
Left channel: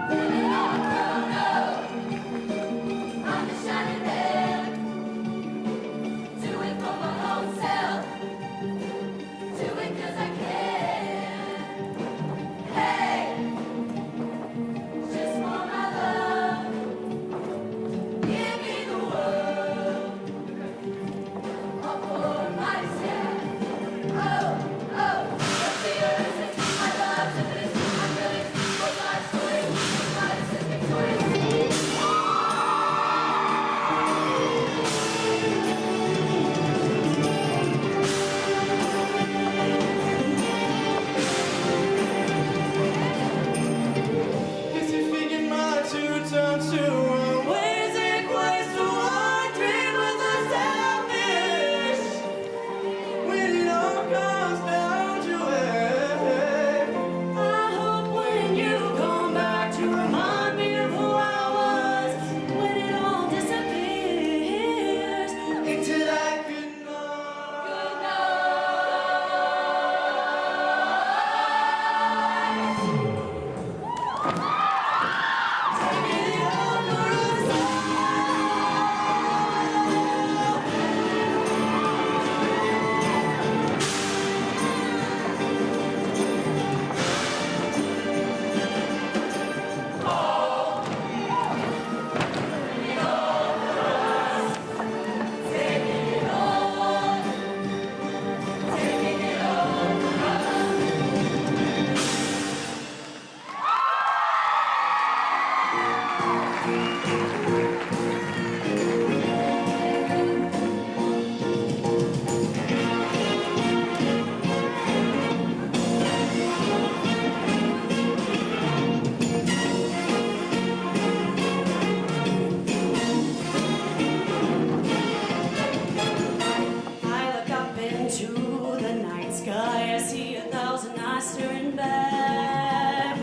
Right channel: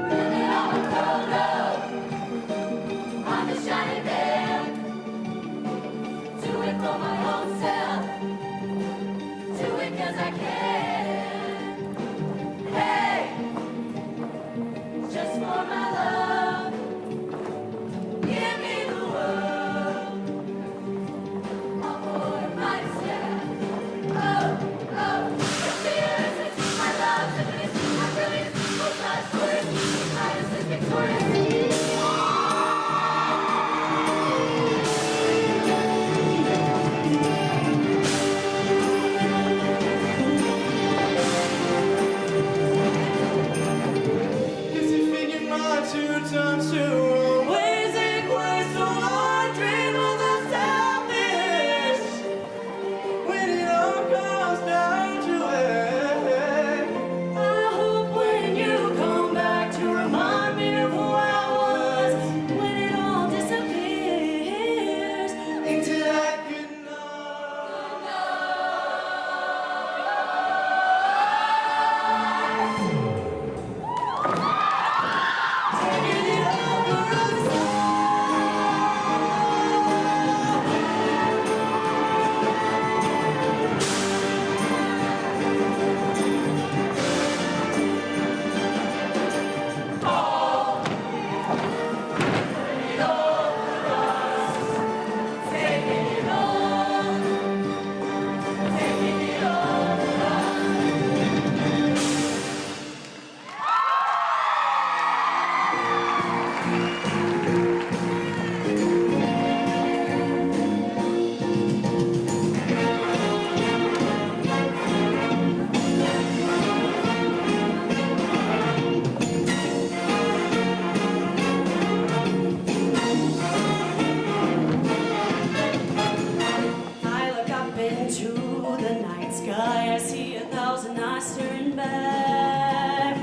Living on with cold love, I'm the shining bell. Do it for my own self, do it 'cause I can. Hey, just for my love. Give me the world, all for myself. Oh, oh, let's see your my love, my brilliance, hold my story, my is victorious. Guess you figured my 2 times 2 always equates to 1. Dream was unselfish when it all comes down to it. I hope when you come back to remind me of who I was, when it all disappears Into that good night. Taking it over and I staring back.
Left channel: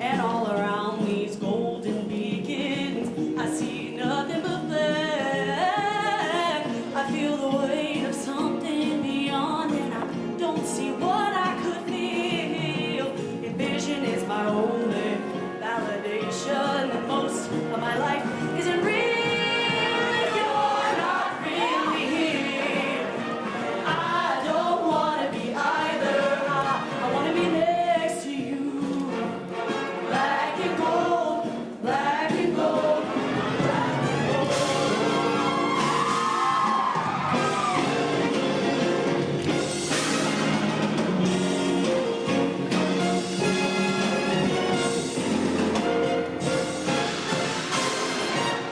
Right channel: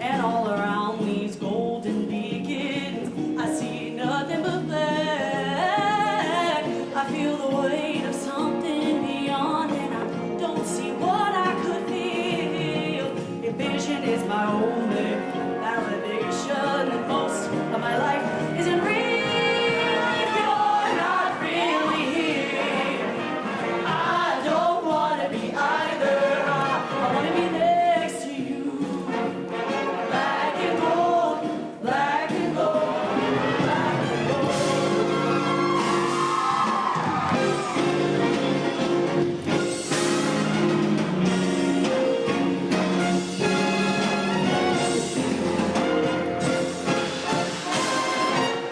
And all around these golden beacons, I see nothing but black. I feel the weight of something beyond, and I don't see what I could feel. If vision is my only validation, and most of my life isn't real. If you're not really here, I don't want to be either. I want to be next to you. Black and gold, black and gold, black and gold.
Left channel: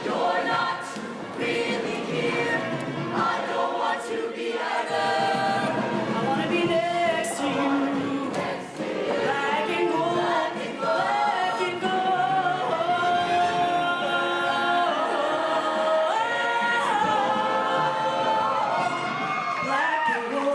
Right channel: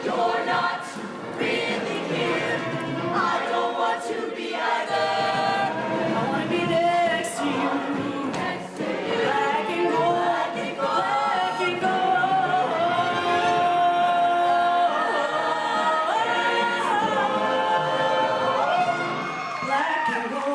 You're not really here. I don't want to be either. I want to be next to you. Black and gold, black and gold. Black and gold.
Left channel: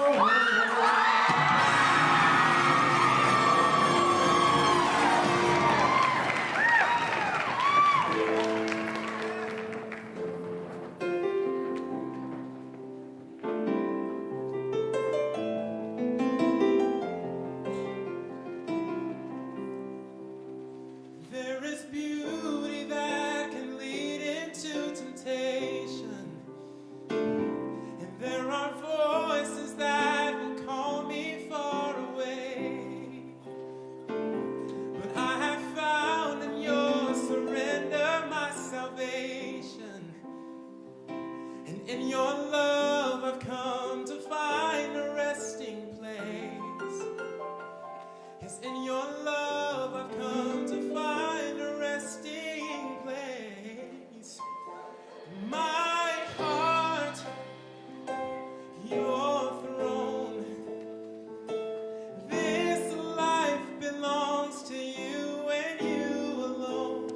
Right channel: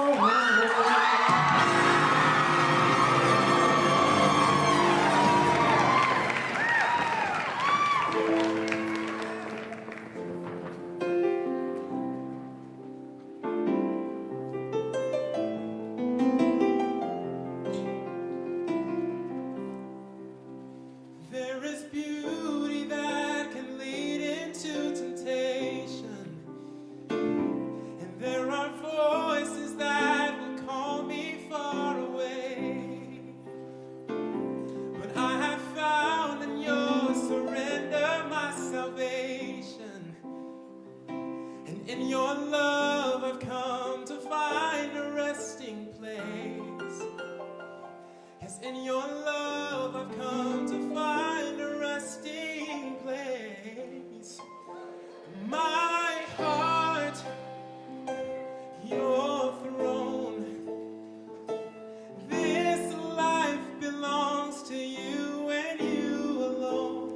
There is beauty that can lead into temptation, and there are voices that will call me far away. But I have found in your surrender my salvation, and in your love I've come to find a resting place. Yes, in your love I've come to find a resting place. My heart, your throne. This life belongs to you and you alone.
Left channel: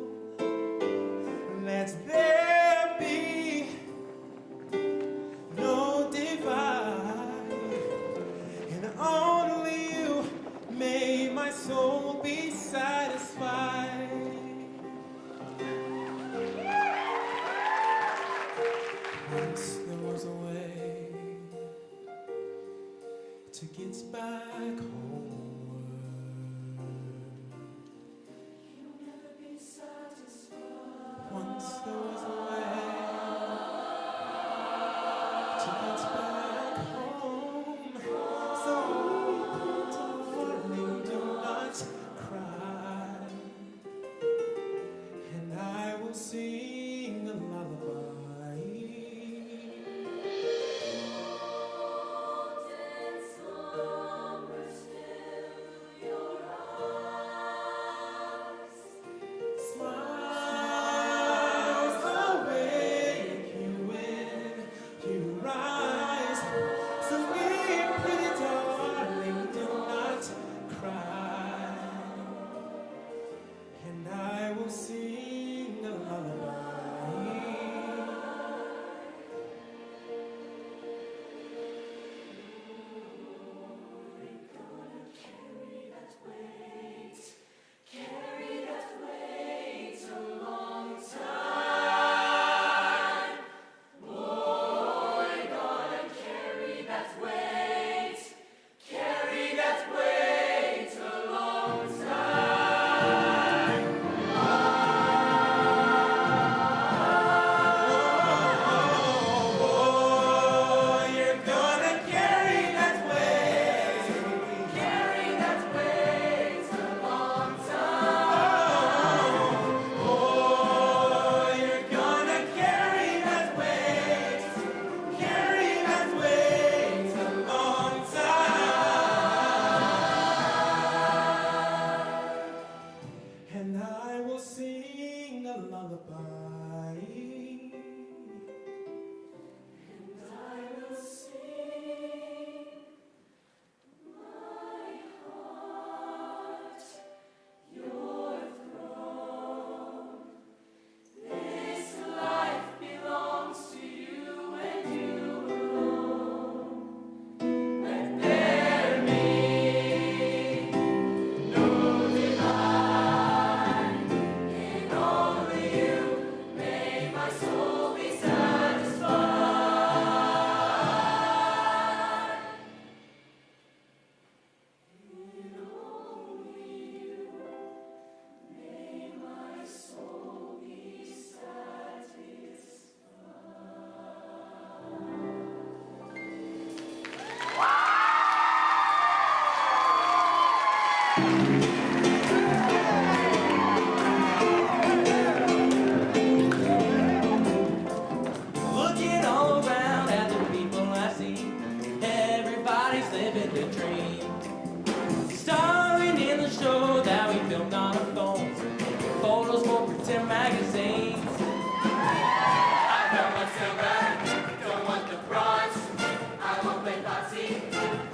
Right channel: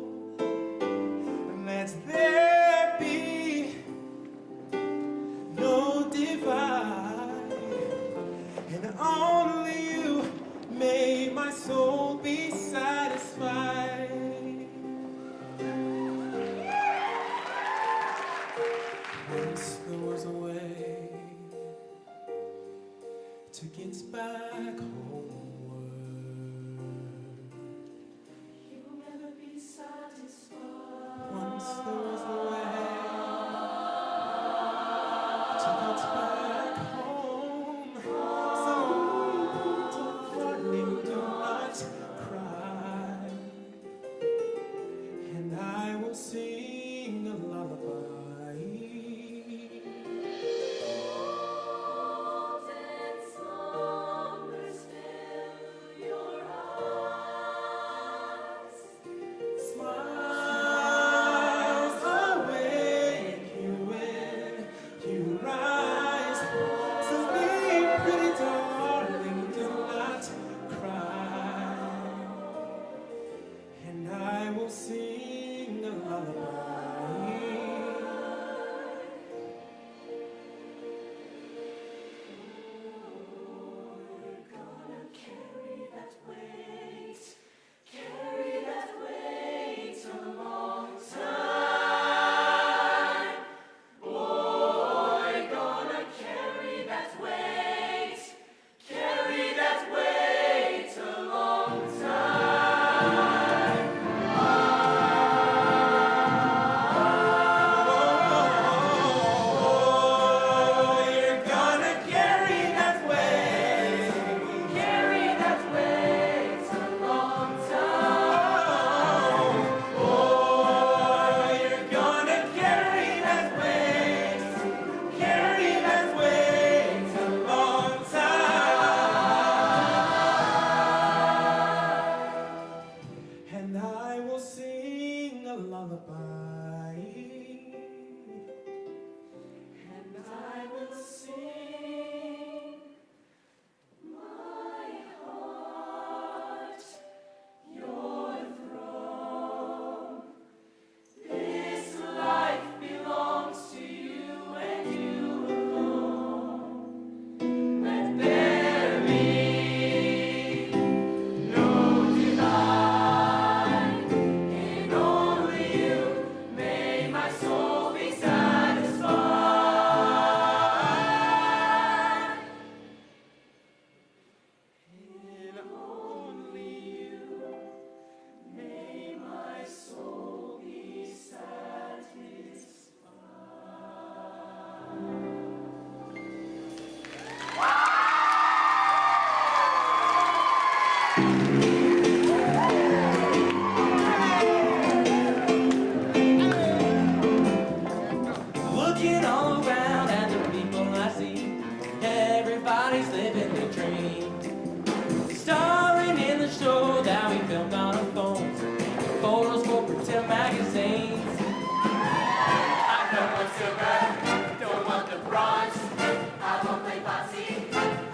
Let there be no divide, and only you may my soul be satisfied. Once there was a way to get back homeward. You'll never be satisfied. Once there was a way to get back home. So, darling, do not cry, and I will sing a lullaby. Looking all around at the people I see, everybody's living their dream. Starring in the show that we filmed on our phones, photos for pretend magazines. I don't want silver, don't want the bronze. I won't play bossy,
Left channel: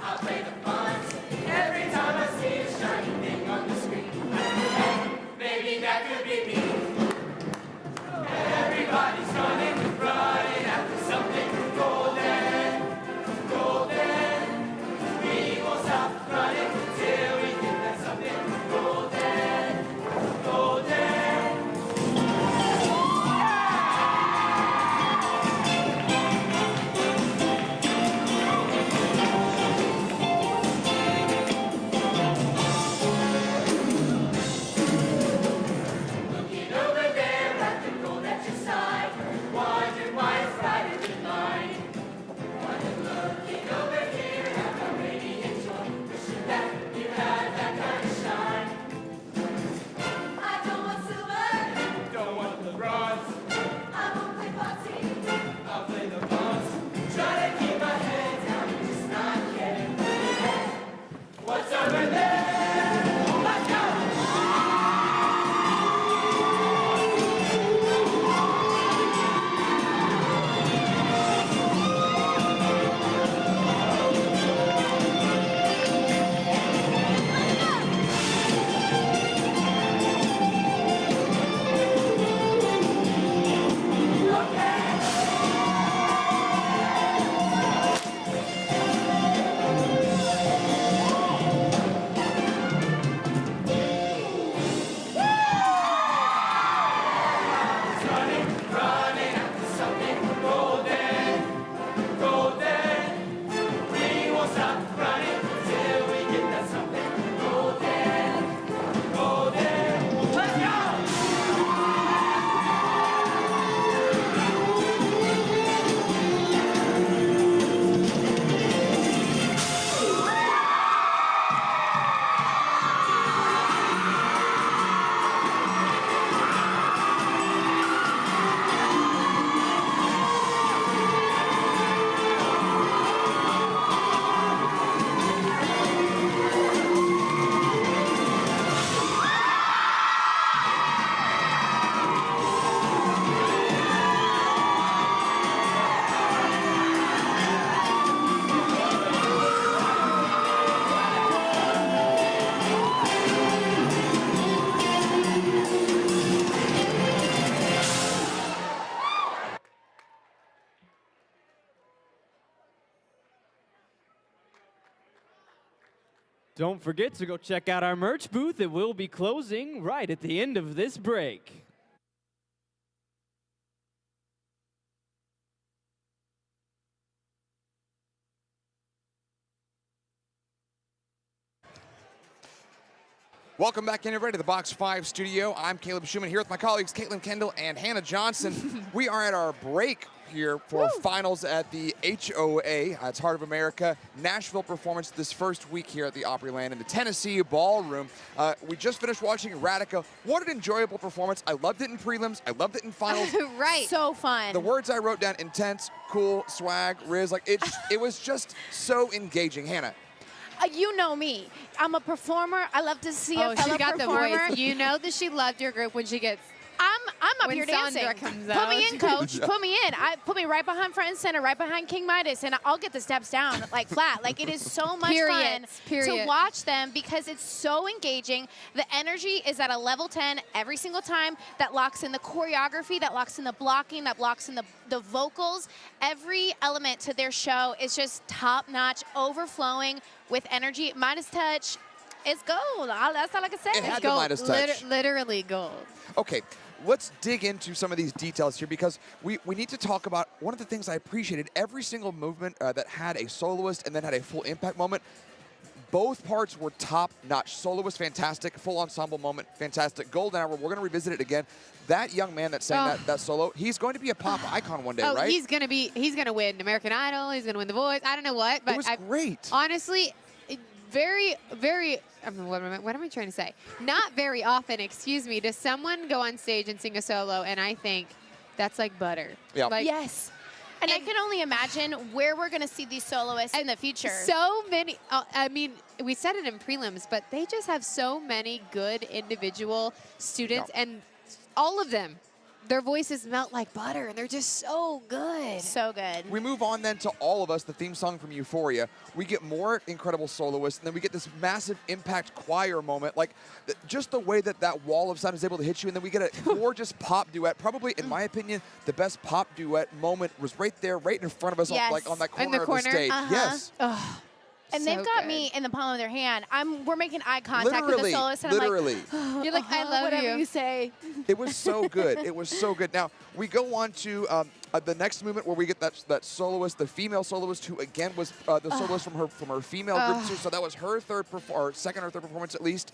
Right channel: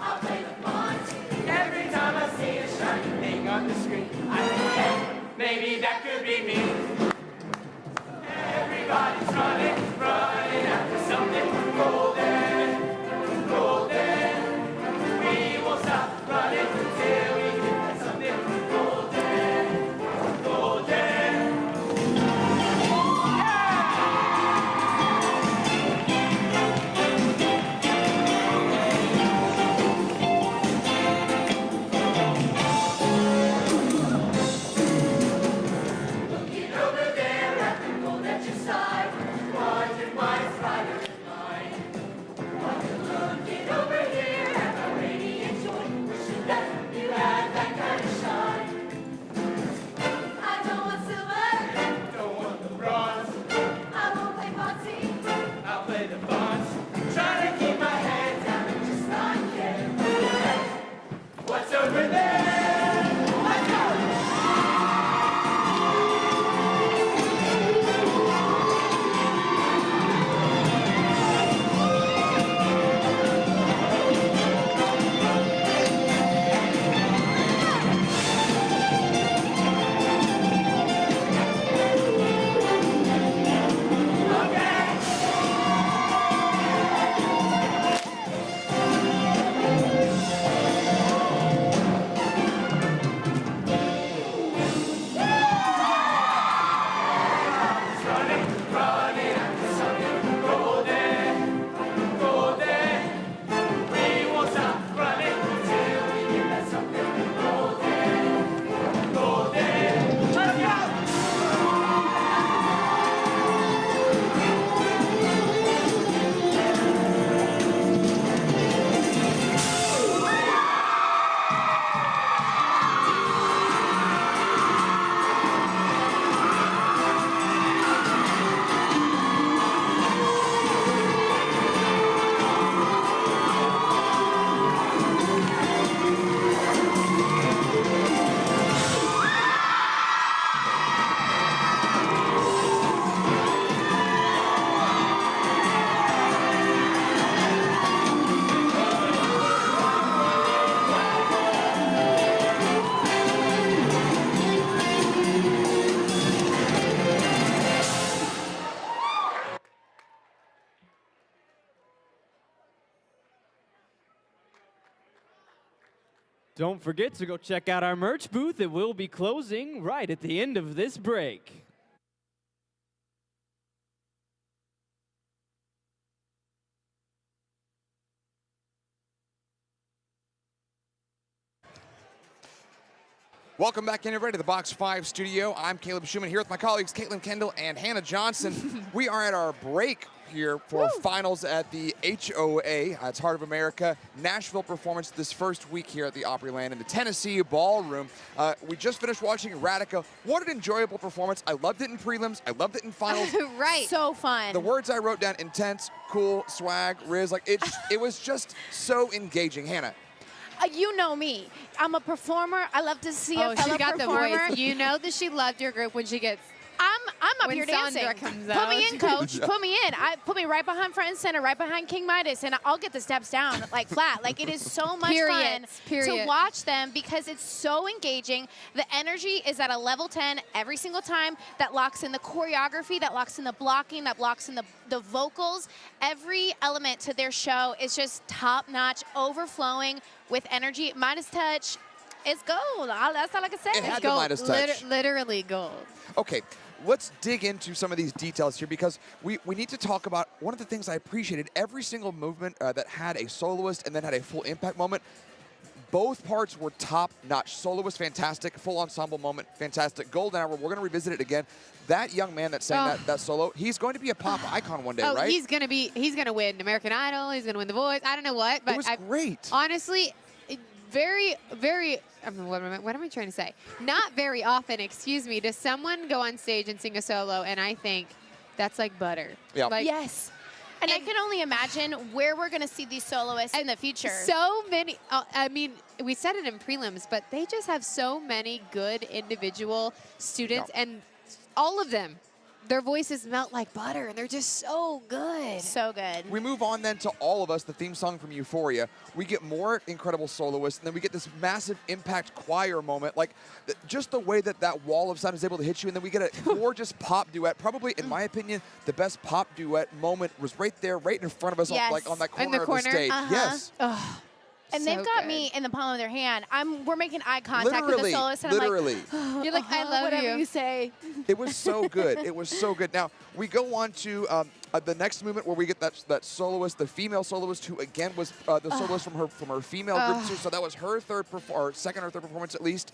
I'll play the bonds. Every time I see a shiny thing on the screen, I think, hey, maybe that could be me. Everybody's running, running after something golden, golden. We won't stop running till we get that something golden, golden. Looking over there at the gold at your side, wondering why it's brighter than mine. Looking over here at our radiant joy, wishing that you had that kind of shine. I don't want silver, don't want the bronze. I won't play boxing, I'll play the bonds. Trying to keep my head down and just not kidding. What's over there? Let's go! Running, running after something golden, golden. We won't stop running till we get that something golden, golden. Let's go! Don't forget to go check out our merch booth. It will be closing right at the end of this break. Welcome back in, everybody, to the Box 5 studio. I'm Caleb Schumann here with my colleagues Caitlin Kendall and Hannah Johnson. We are at our break here for finals at the HOA. It's Heart of America Nashville performance this first week here at the Opryland in the Tennessee Ballroom. We just finished watching Radica. What an enjoyable performance. I loved it in prelims. I loved it in finals. Right. So fun. The words I wrote down: intense, cool, swag, riz. Like it was just so engaging. Hannah. You know me. I'm a performer. I love to see a Oh, fellow she got performer. the voice. You know that she loved your group when she gets. I'm up When here Sandra dancing. comes Put out. me in, coach. Yeah. Put me in. Put me right behind front and center, right behind King Midas, and I'll get the steps down like flat. Like it is so much fun to watch them because it's so engaging. The energy is at a level 10 every single time. That locks in the choreography, that locks in the blocking, that locks in the vocals. Every element to their show is just top notch, overflowing with energy. Midas touch. It's gold. That's all I can say. It had the Midas touch. Literally gold. Okay, let's dig into some of these details here because we need to talk about one of the things I appreciated. Every single movement that had a soloist and then had a full impact moment, both parts were top-notch. Soloist, fantastic. Full ensemble moment, fantastic. Golden hour, we're going to revisit it again. That young man that sang that solo, he's going to be a pop icon one day, right? He's going to win American Idol. He's going to win The Voice. I don't know what, but it was great. Honestly, what am I trying to say? Not very often, excuse me, does someone go on stage and sing a solo, and I think that's like butter. Yeah. Like, Yes. And I can only imagine where we're going to see these soloists in the future. So many, I mean, we said it in prelims, but they just have so many good individual students, and all of them, their voices melt like butter, and they're just so good. So good. We move on then to All of Us, the theme song from Euphoria. We get more incredible soloists, and then we get this massive impact choir moment. Like, just the way that that wall of sound is able to hit you, and then we get a gorgeous pop duet. Probably, in my opinion, the best pop duet moment was right there, right in front of us, Yes. like on that In the corner of the stage. Uh-huh. Yes. Oh, And so they've got good. me in the palm of their hand. We're making eye contact with Literally, the soloist, and literally. I'm like, You're like, I love whatever you. say. It was so good. It was so good. Now, we go on to the next movement where we get that soloist, the female soloist, who again was the soloist from her female group too. So that was her second or third performance at least.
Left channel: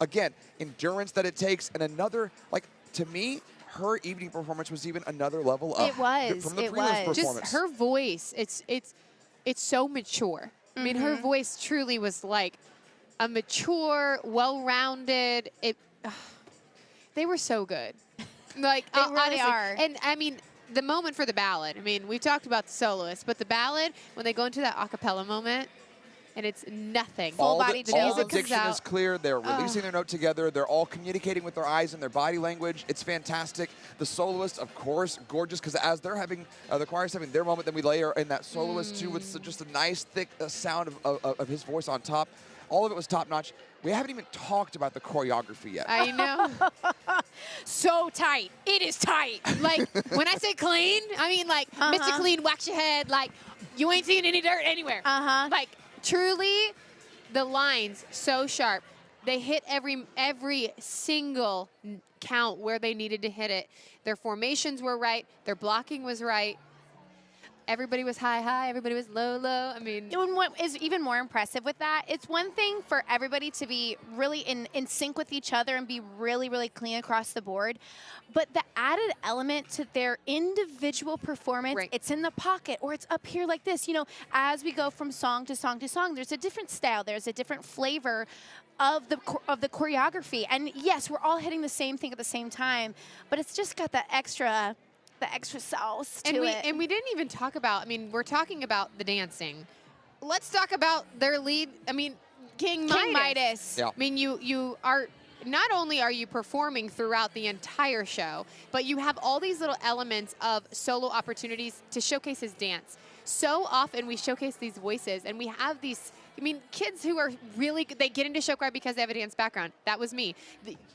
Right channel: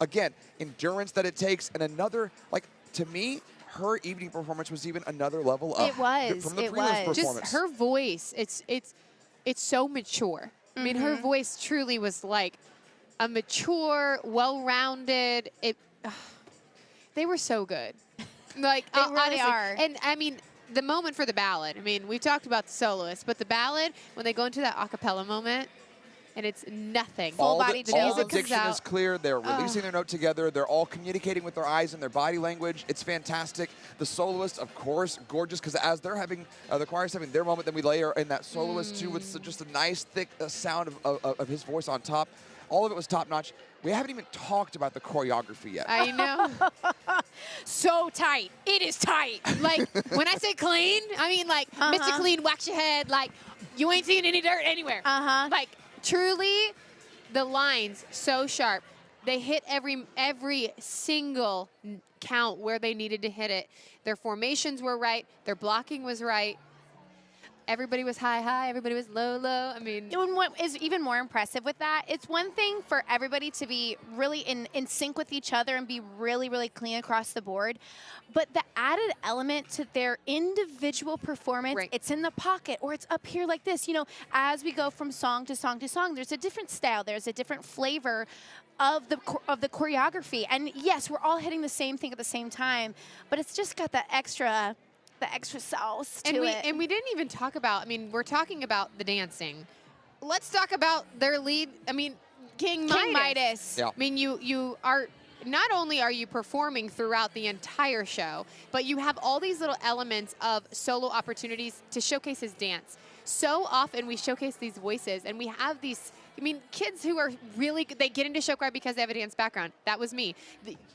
Again, endurance that it takes, and another, like, to me, her evening performance was even another level up It was. from the It prelims was. performance. Just her voice, it's so mature. I mean, her voice truly was like a mature, well-rounded. They were so good. Like, They really honestly. are. And I mean, the moment for the ballad. I mean, we've talked about the soloist, but the ballad, when they go into that a cappella moment, and it's nothing. Full body all music the comes diction out. is clear. They're releasing their note together. They're all communicating with their eyes and their body language. It's fantastic. The soloist, of course, gorgeous, because as they're having, the choir's having their moment, then we layer in that soloist too with just a nice, thick sound of his voice on top. All of it was top-notch. We haven't even talked about the choreography yet. I know. So tight. It is tight. Like, when I say clean, I mean, like, Mr. Clean, wax your head. Like, you ain't seeing any dirt anywhere. Like, truly, the lines so sharp. They hit every single count where they needed to hit it. Their formations were right. Their blocking was right. Everybody was high, everybody was low. I mean, And what is even more impressive with that, it's one thing for everybody to be really in sync with each other and be really, really clean across the board. But the added element to their individual performance, Right. it's in the pocket or it's up here like this. You know, as we go from song to song to song, there's a different style, there's a different flavor of the choreography. And yes, we're all hitting the same thing at the same time, but it's just got that extra sauce to it. And we didn't even talk about, I mean, we're talking about the dancing. Let's talk about their lead, I mean, King Midas. Yeah. I mean, you are, not only are you performing throughout the entire show, but you have all these little elements of solo opportunities to showcase his dance. So often we showcase these voices, and we have these, I mean, kids who are really, they get into show choir because they have a dance background. That was me.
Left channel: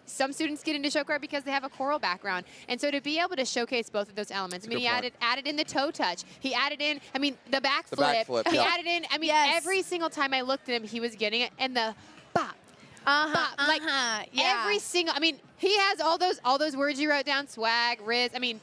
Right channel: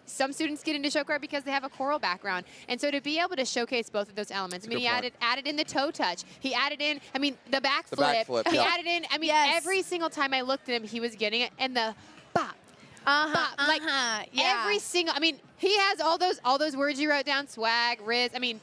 Some students get into show choir because they have a choral background. And so to be able to showcase both of those elements, I mean, he added in the toe touch. He added in, I mean, the backflip. He added in, I mean, every single time I looked at him, he was getting it. And the bop, bop. Like, every single, I mean, he has all those words you wrote down, swag, riz. I mean,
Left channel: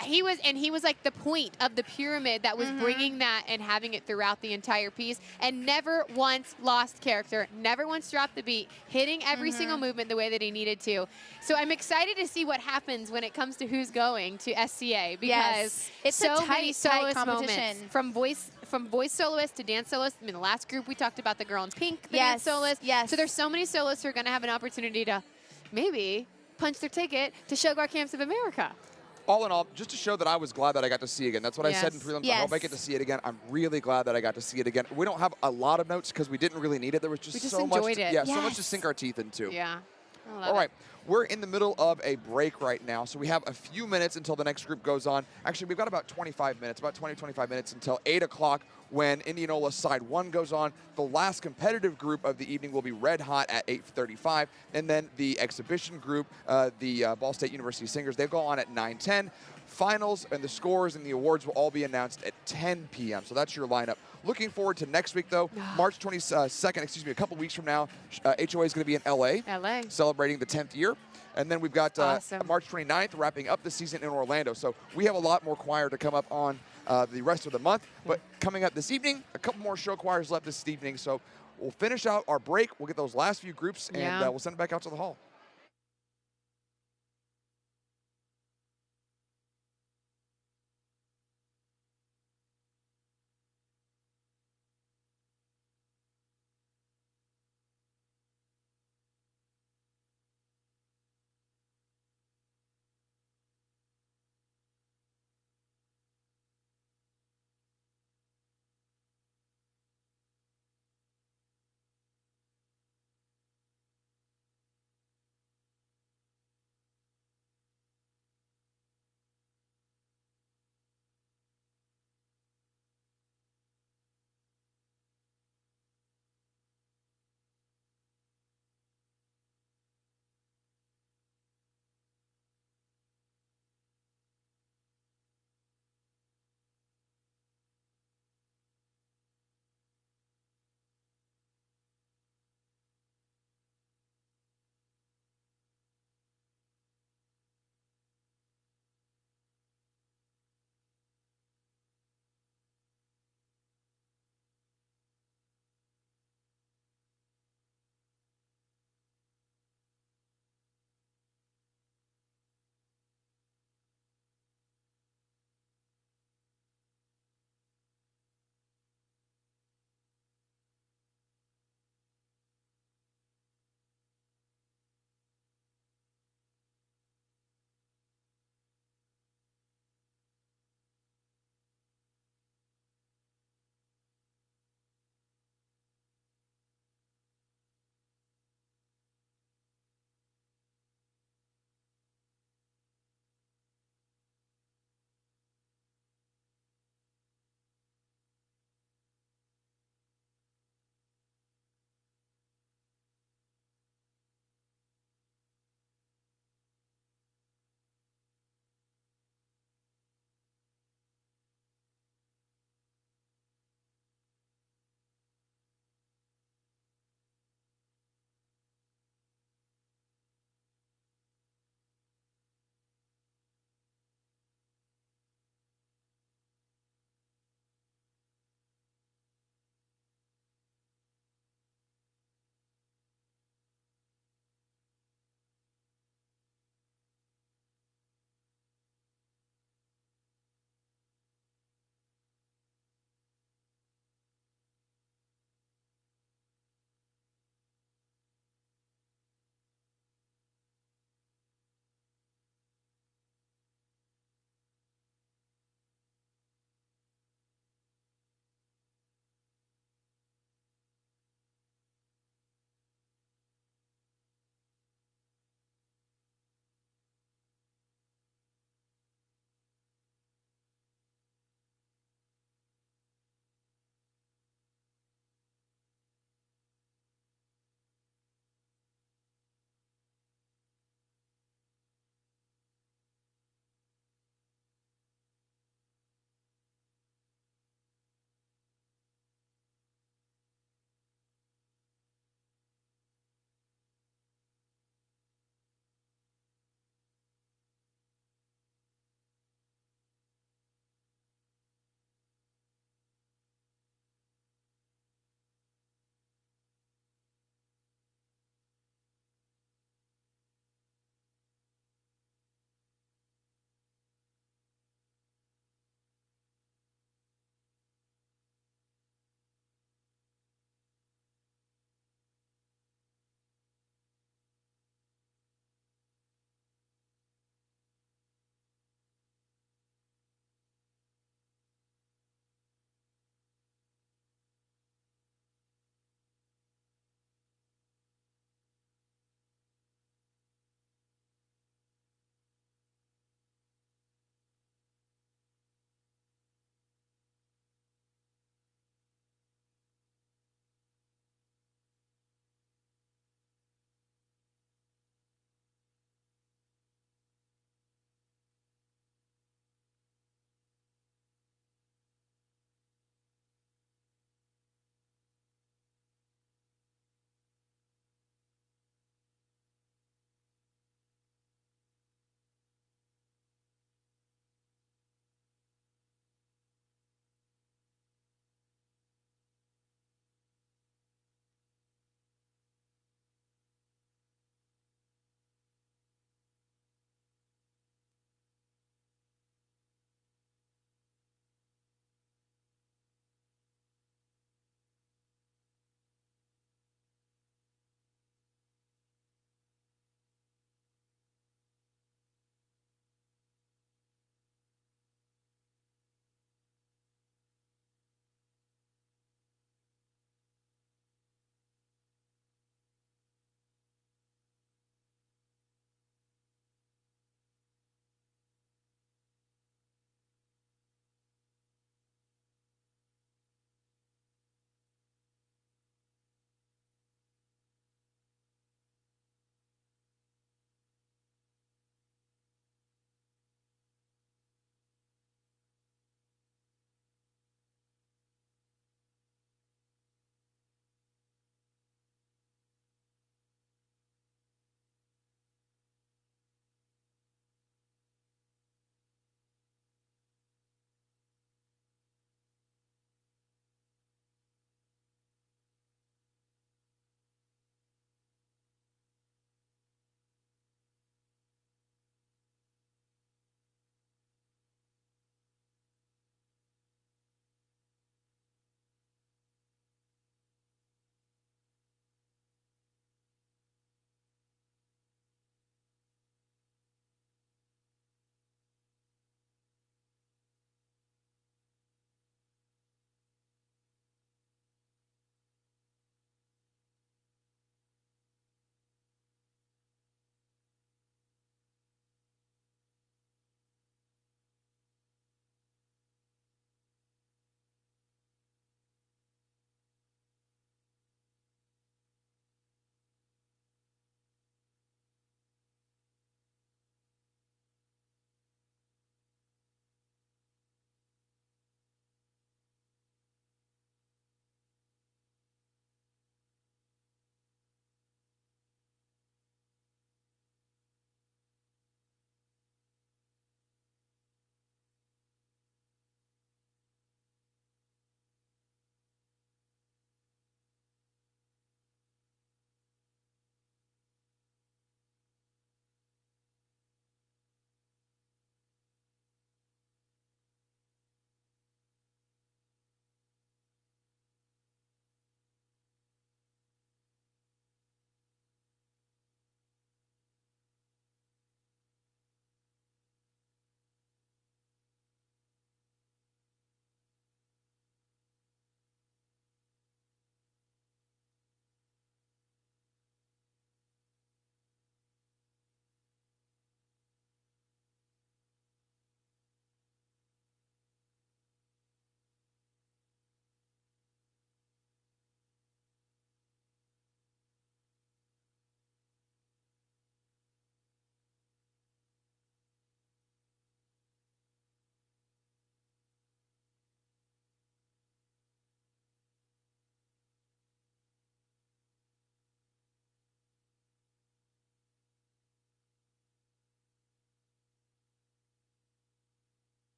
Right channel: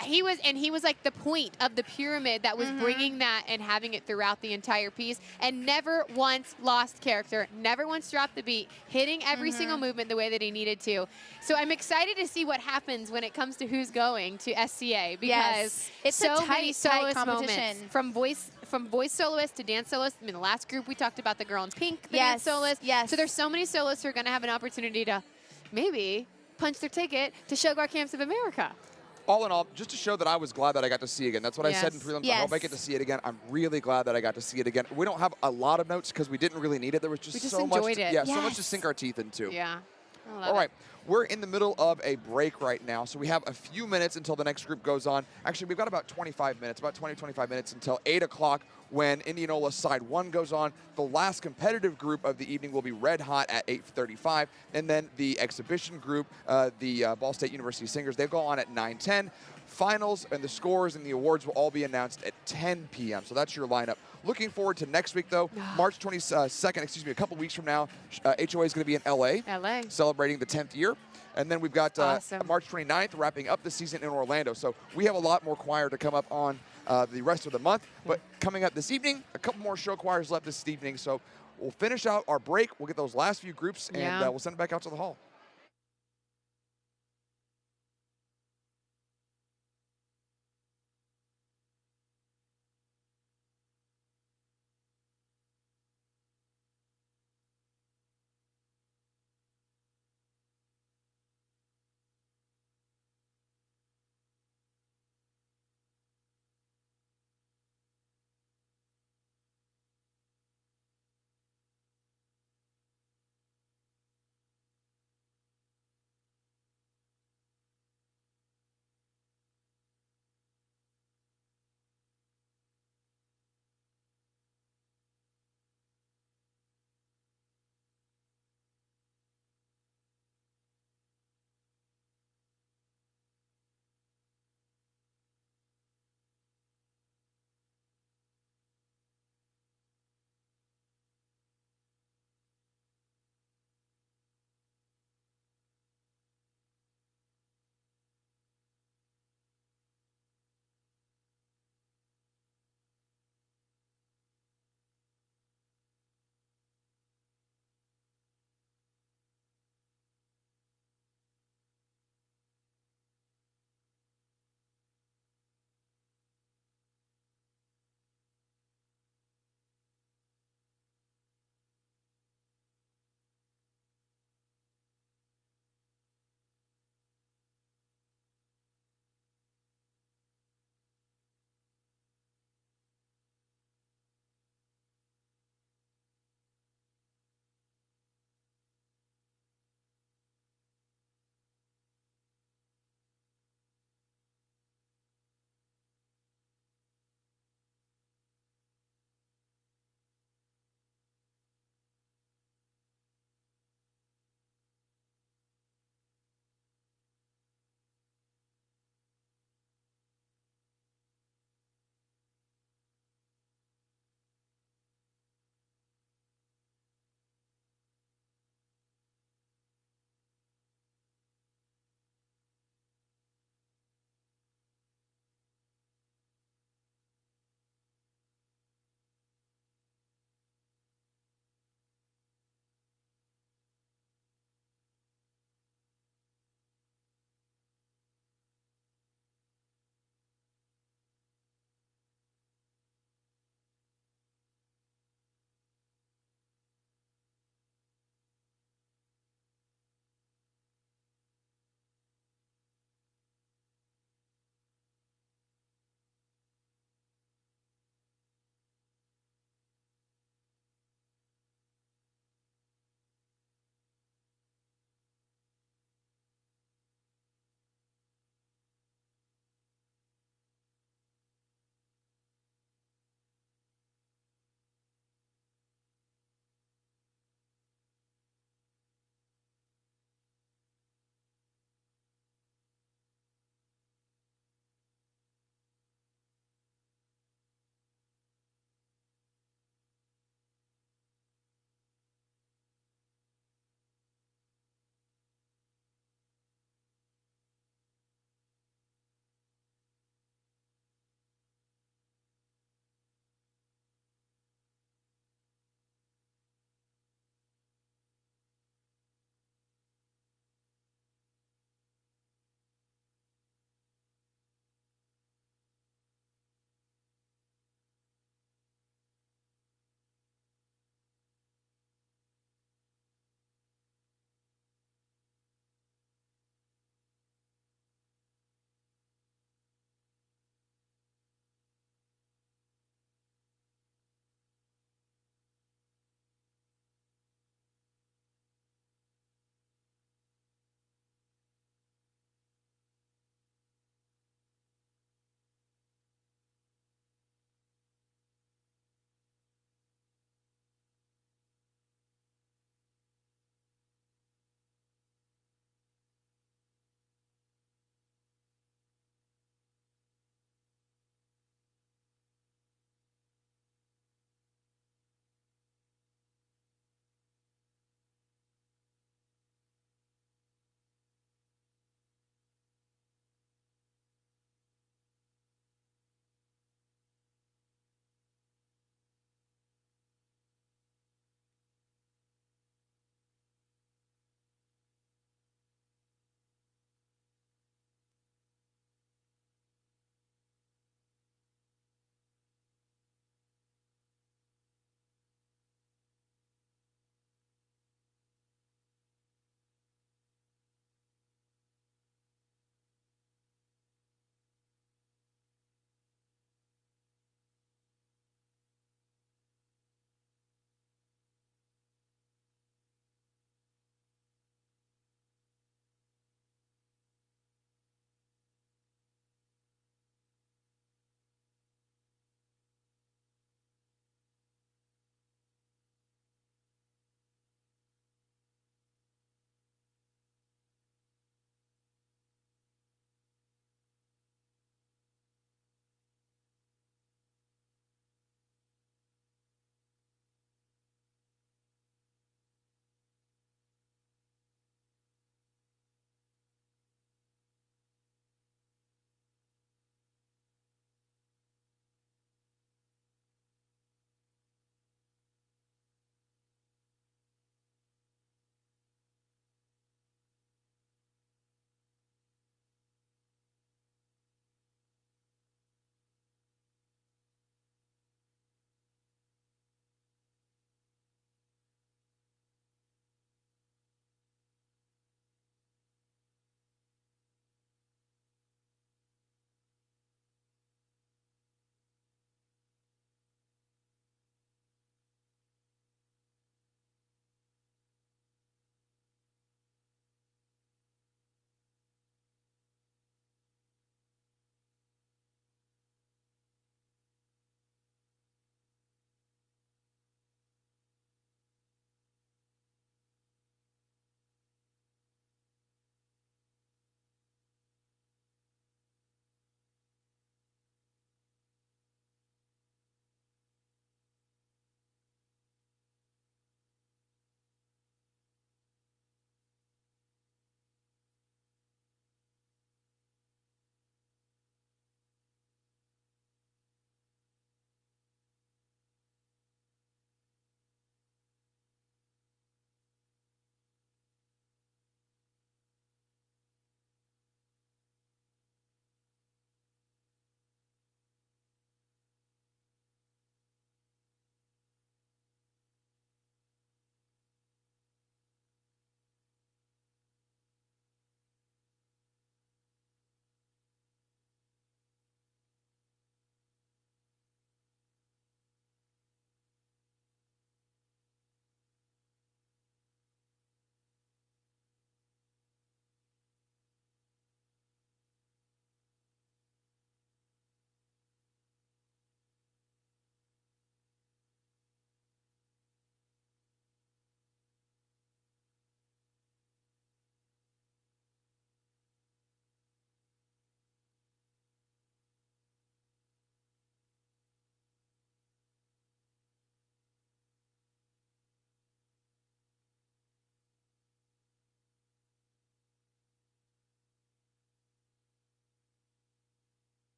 he was like the point of the pyramid that was bringing that and having it throughout the entire piece, and never once lost character, never once dropped the beat, hitting every single movement the way that he needed to. So I'm excited to see what happens when it comes to who's going to SCA, because it's so a many tight soloist competition. moments from voice soloist to dance soloist. I mean, the last group we talked about the girl in pink, the dance soloist. Yes. So there's so many soloists who are going to have an opportunity to maybe punch their ticket to Showgar Camps of America. All in all, just to show that I was glad that I got to see it again. That's what I said in Yes. prelims. I hope I get to see it again. I'm really glad that I got to see it again. We don't have a lot of notes because we didn't really need it. There was just, We just so much. enjoyed it. Yeah, so much to sink our teeth into. Yeah. I love All right. it. We're in the middle of a break right now, so we have a few minutes until the next group goes on. Actually, we've got about 25 minutes, about 20, 25 minutes until 8 o'clock when Indianola Side 1 goes on. The last competitive group of the evening will be Red Hot at 8:35, and then the exhibition group, the Ball State University Singers, they go on at 9:10. Finals and the scores and the awards will all be announced at 10 p.m. So that's your lineup. Looking forward to next week, though. March 22nd, a couple weeks from now, HOA is going to be in L.A. celebrating the 10th year. And then we've got March 29th, wrapping up the season in Orlando. So we have a lot more choir to come up on the rest of the month. But coming up this evening, a couple more show choirs left this evening. So we'll finish out our break. We'll get those last few groups, and we'll send it back out to the hall.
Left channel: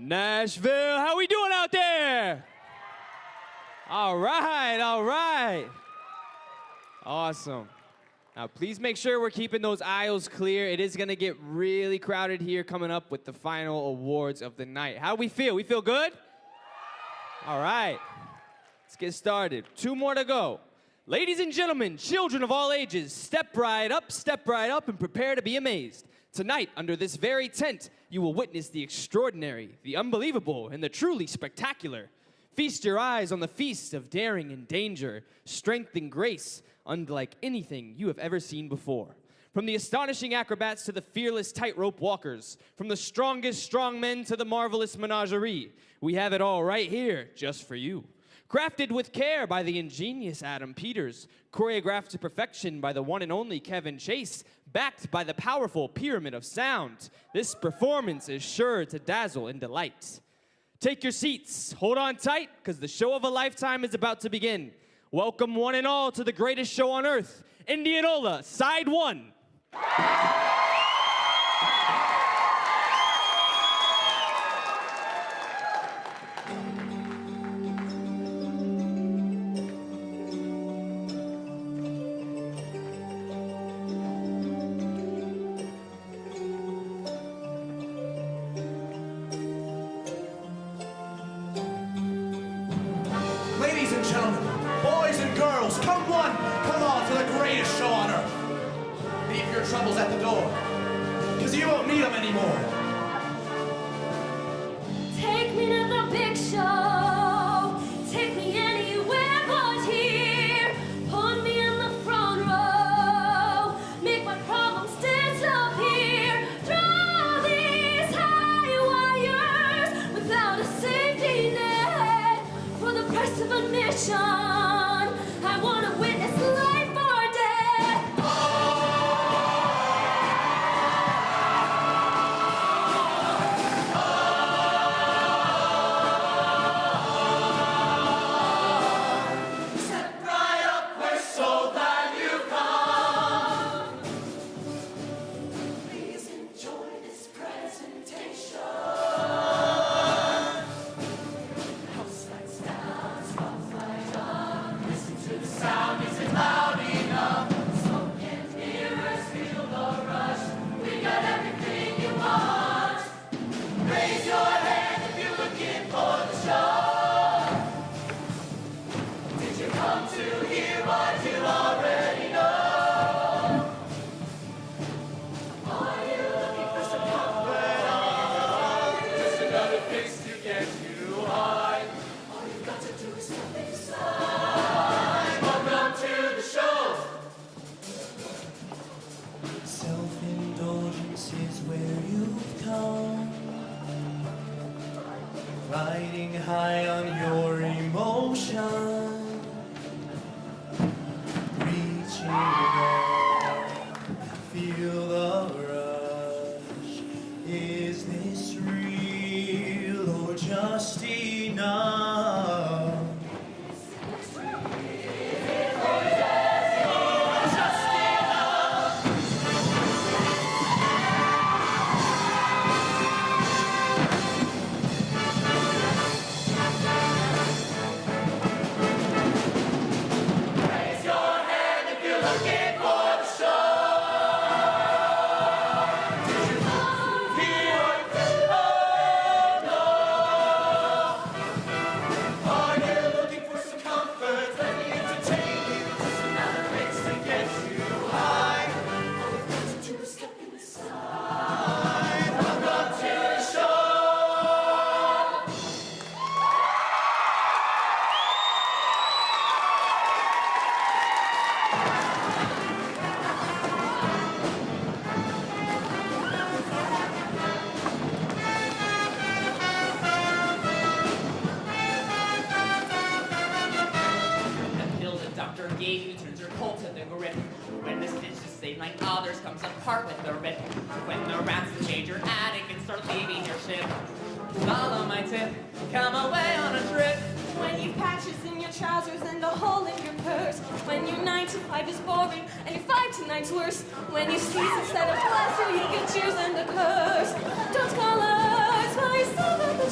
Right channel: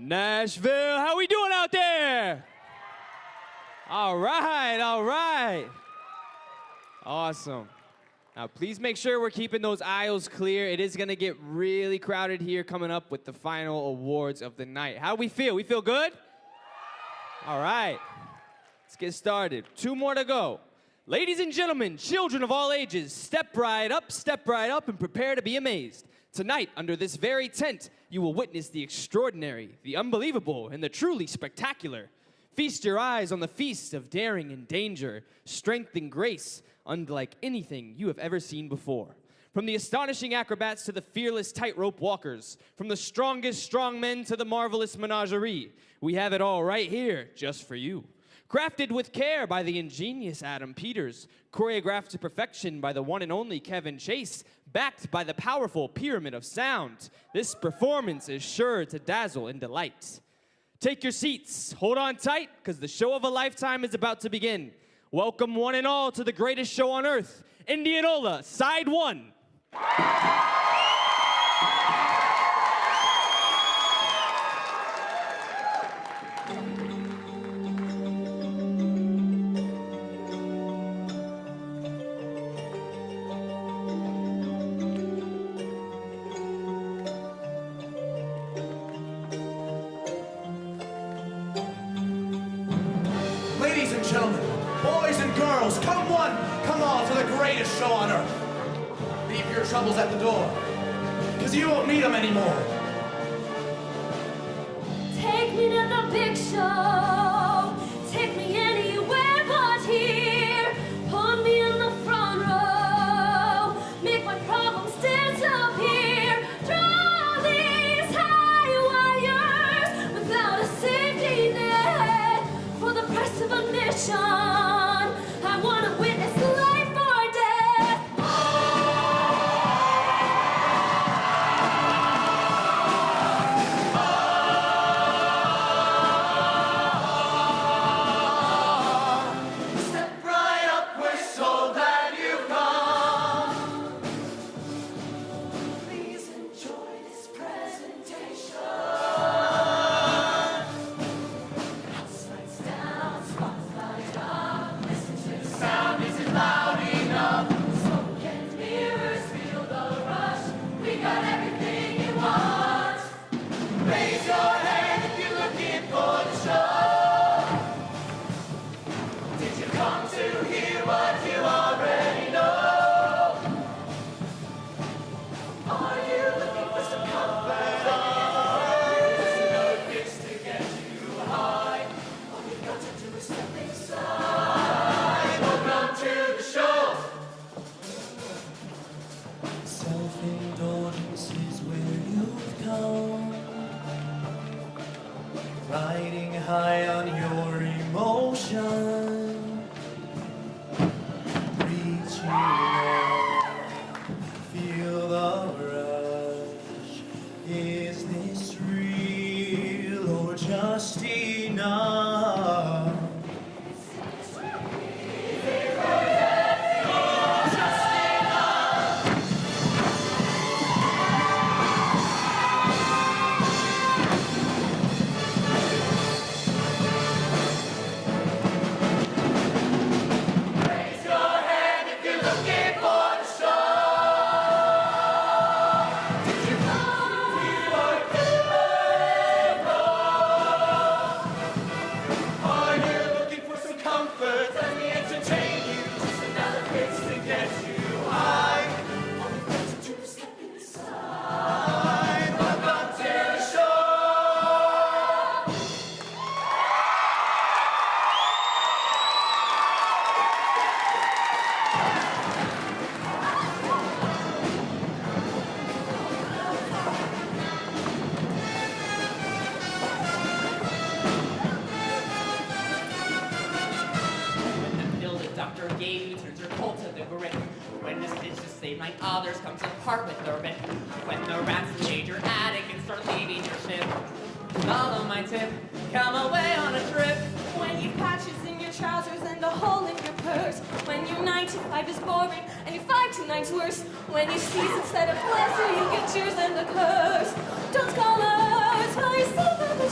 Nashville, how we doing out there? All right, all right. Awesome. Now, please make sure we're keeping those aisles clear. It is going to get really crowded here coming up with the final awards of the night. How do we feel? We feel good? All right. Let's get started. 2 more to go. Ladies and gentlemen, children of all ages, step right up, and prepare to be amazed. Tonight, under this very tent, you will witness the extraordinary, the unbelievable, and the truly spectacular. Feast your eyes on the feast of daring and danger, strength and grace, unlike anything you have ever seen before. From the astonishing acrobats to the fearless tightrope walkers, from the strongest strongmen to the marvelous menagerie, we have it all right here just for you. Crafted with care by the ingenious Adam Peters, choreographed to perfection by the one and only Kevin Chase, backed by the powerful Pyramid of Sound, this performance is sure to dazzle and delight. Take your seats, hold on tight, because the show of a lifetime is about to begin. Welcome one and all to the greatest show on earth, Indianola, Side 1. Ladies and gentlemen, boys and girls, come all to the greatest show on earth. Leave your troubles at the door, because you won't need them anymore. Take me to the big show. Take me anywhere but here. Put me in the front row. Make my problems disappear. Draw these high wires without a safety net. For the price of admission, I want to witness life or death. Step right up, we're so glad you've come. Please enjoy this presentation. House lights down, spotlight up. Listen to the sound, is it loud enough? Smoke and mirrors, feel the rush. We got everything you want. Raise your hand if you're looking for the show. Did you come to hear what you already know? Are you looking for some comfort? There's another fix to get you high. All you've got to do is step inside. Welcome to the show. Self-indulgence is where you've come. Riding high on your emotion. Reaching up, feel the rush. Is this real or just enough? Just enough. Raise your hand if you're looking for the show. Did you hear what you know? Are you looking for some comfort? Let me entertain you. Just another fix to get you high. All you've got to do is step inside. Welcome to the show. That pill the doctor gave you turns your cold to the grip. When the stitch to save like others comes apart with the rip. When the rats invade your attic and start leaving your ship. Follow my tip, come away on a trip. When you've patches in your trousers and a hole in your purse. When your 9 to 5 is boring and your 5 to 9's worse. When you sneeze instead of pleasure, you get cheers and a curse. Don't call us while you still got the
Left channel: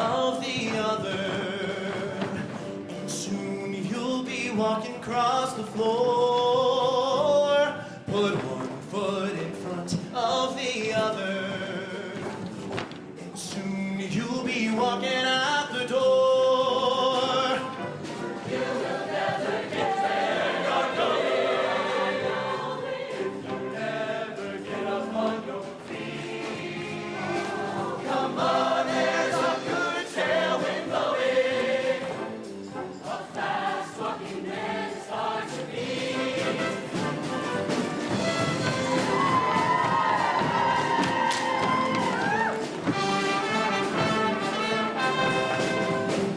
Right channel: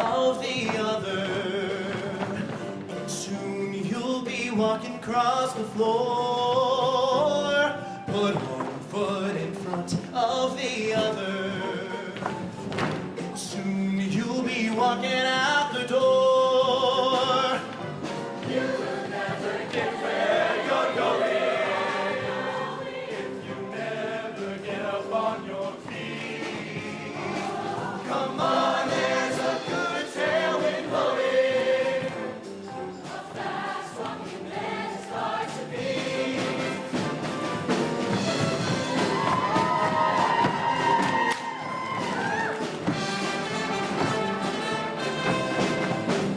of the other. And soon you'll be walking across the floor. Put one foot in front of the other. And soon you'll be walking out the door. You will never get there, you're going. If you never get up on your feet. Come on, there's a good tailwind blowing. A fast walking man is hard to beat.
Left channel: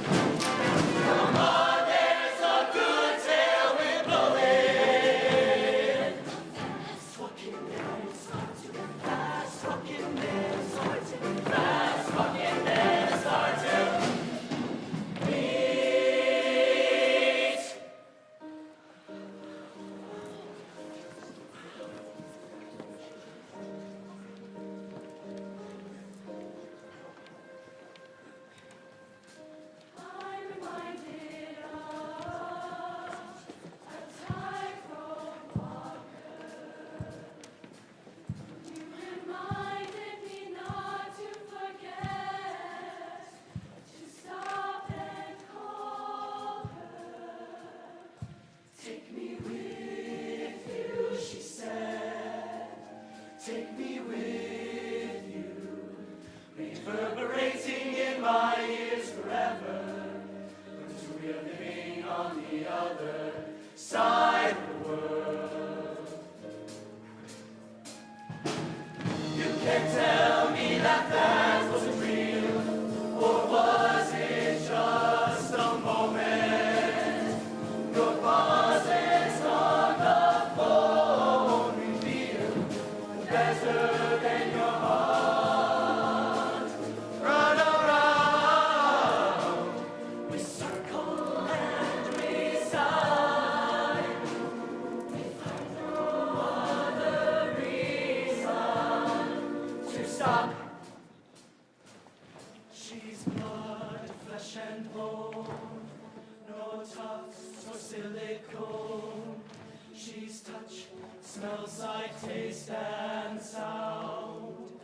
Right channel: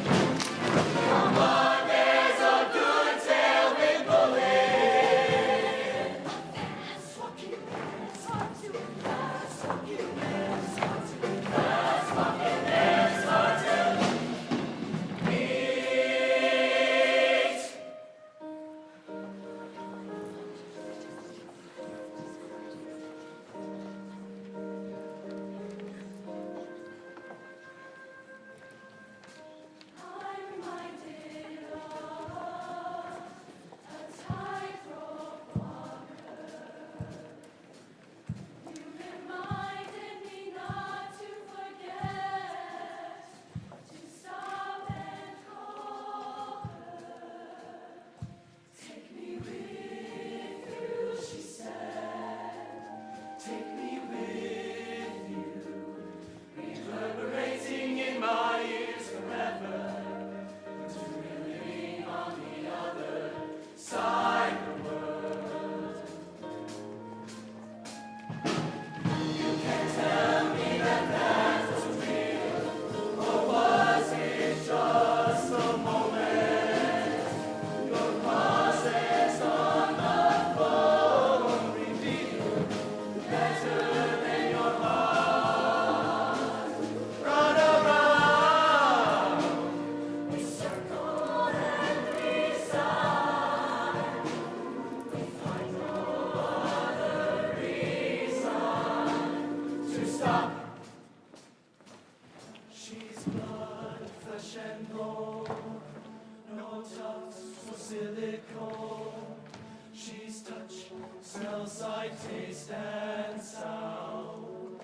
Come on, there's a good tailwind blowing. Fast walking man is hard to beat. Fast walking man is hard to beat. Fast walking man is hard to beat. I'm reminded of a tightrope walker. You reminded me not to forget to stop and call her. Take me with you, she said. Take me with you, reverberating in my ears forever. Until we're living on the other side of the world. You can tell me that that wasn't real, or was it just a moment? Your pauses on the phone reveal better than your heart. Run around, we circle and we sigh. We find no other reason to stop. She's blood, flesh and bone, no tufts or silicone. She's touch, smell, sight, taste, and sound.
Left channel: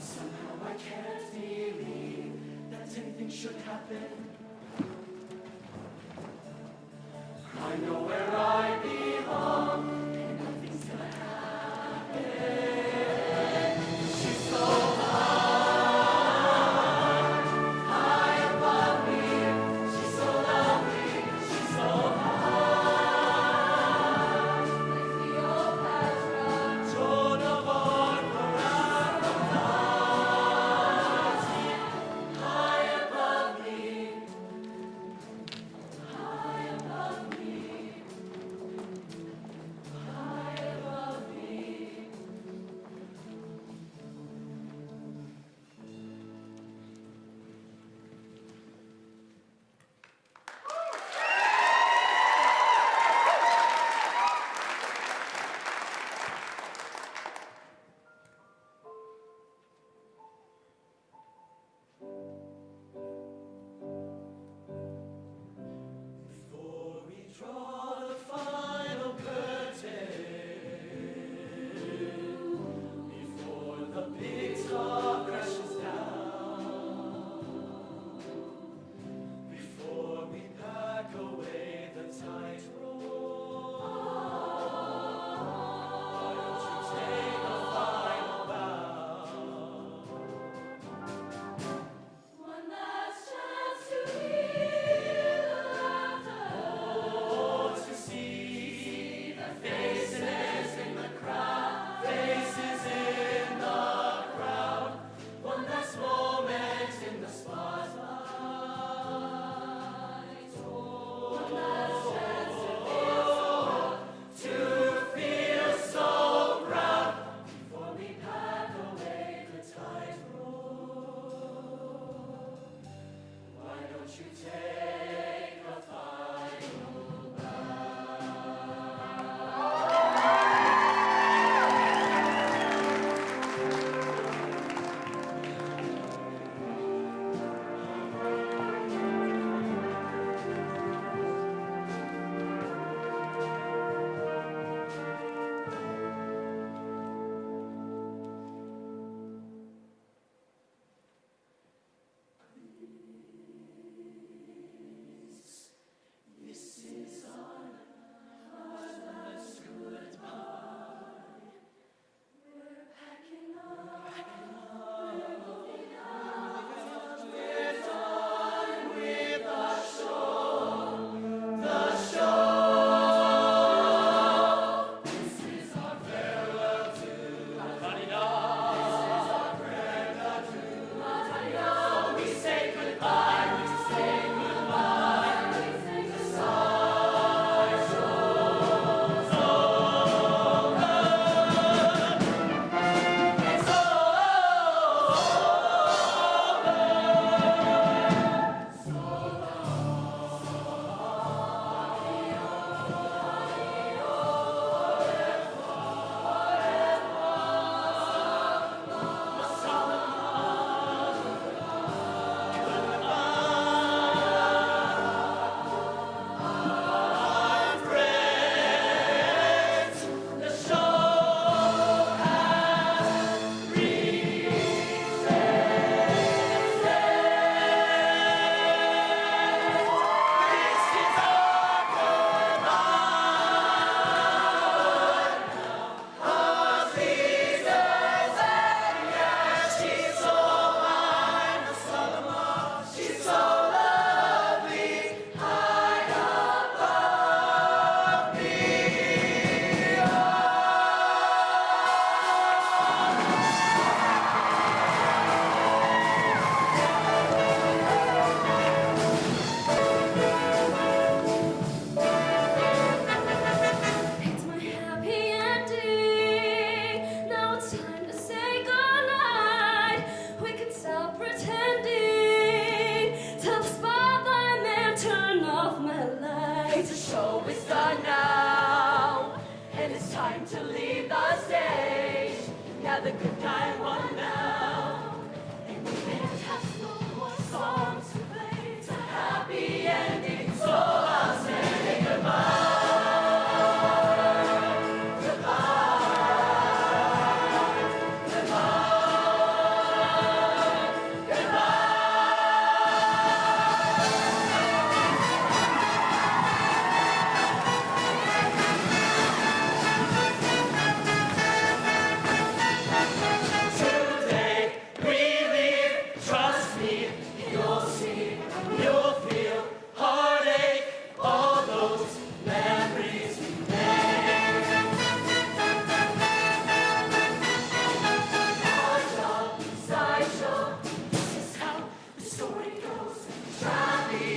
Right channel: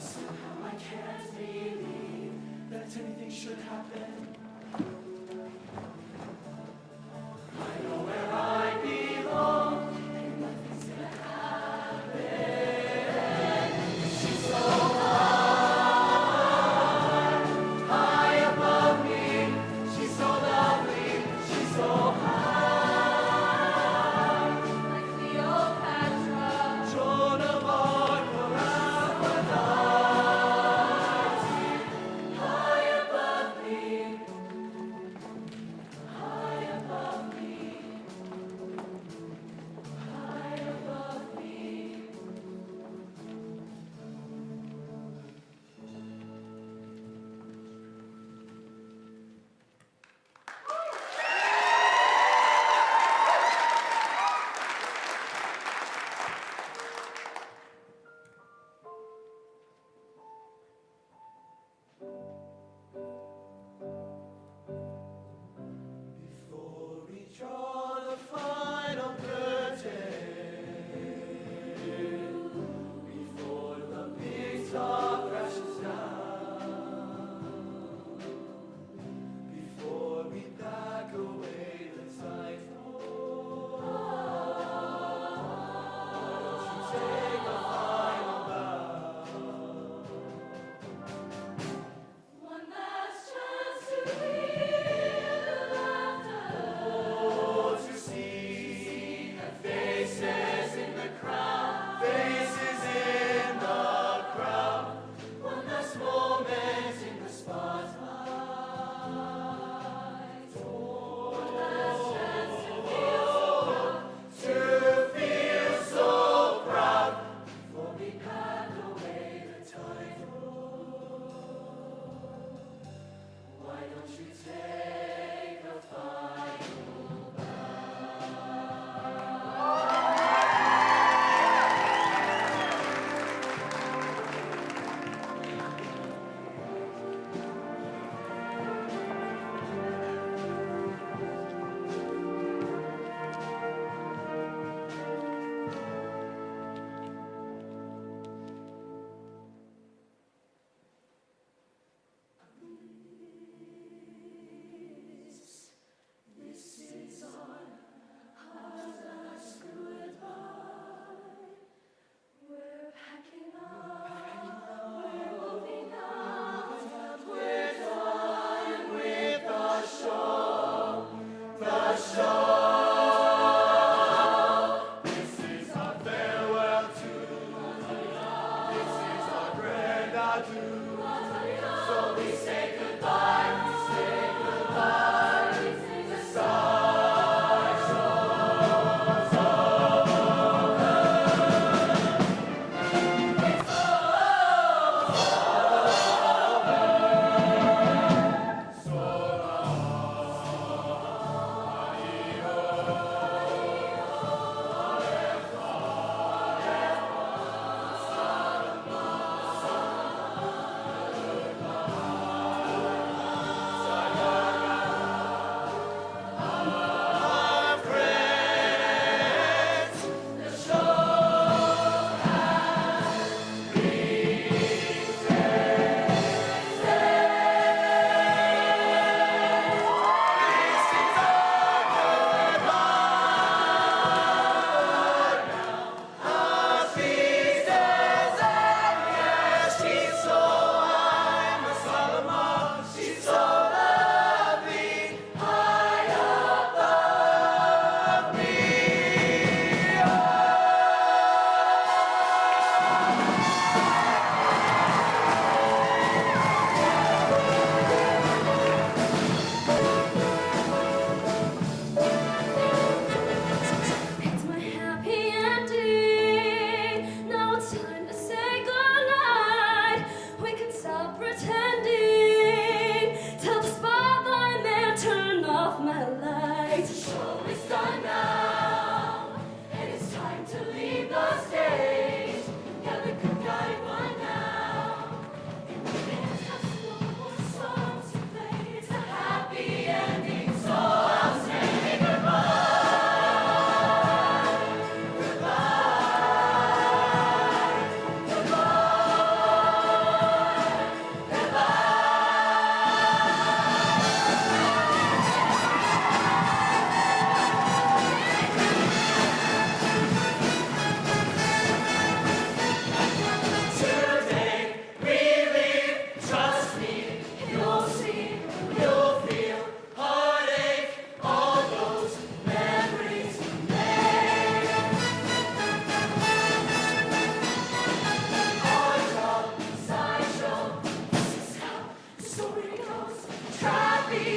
Somehow I can't believe that anything should happen. I know where I belong, and nothing's gonna happen. She's so high above me. She's so lovely, she's so high. Like Cleopatra, Joan of Arc, or Aphrodite.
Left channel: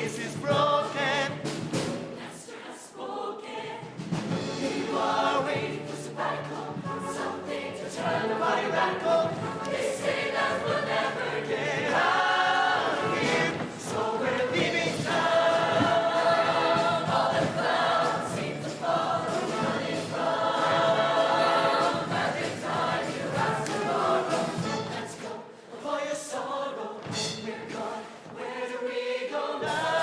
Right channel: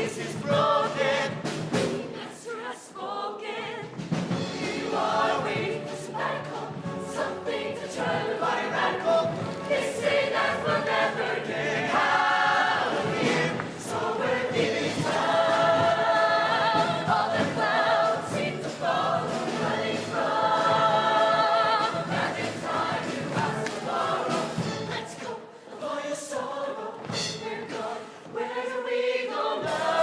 voice is broken. Master has spoken. You are waiting for sabbatical, something to turn the body radical. They say that we'll never get out of here, so we're leaving town. All the clouds seem to follow, running from a magic time you ask tomorrow. Let's go, avoid your sorrow. We're gone. Where do we go now?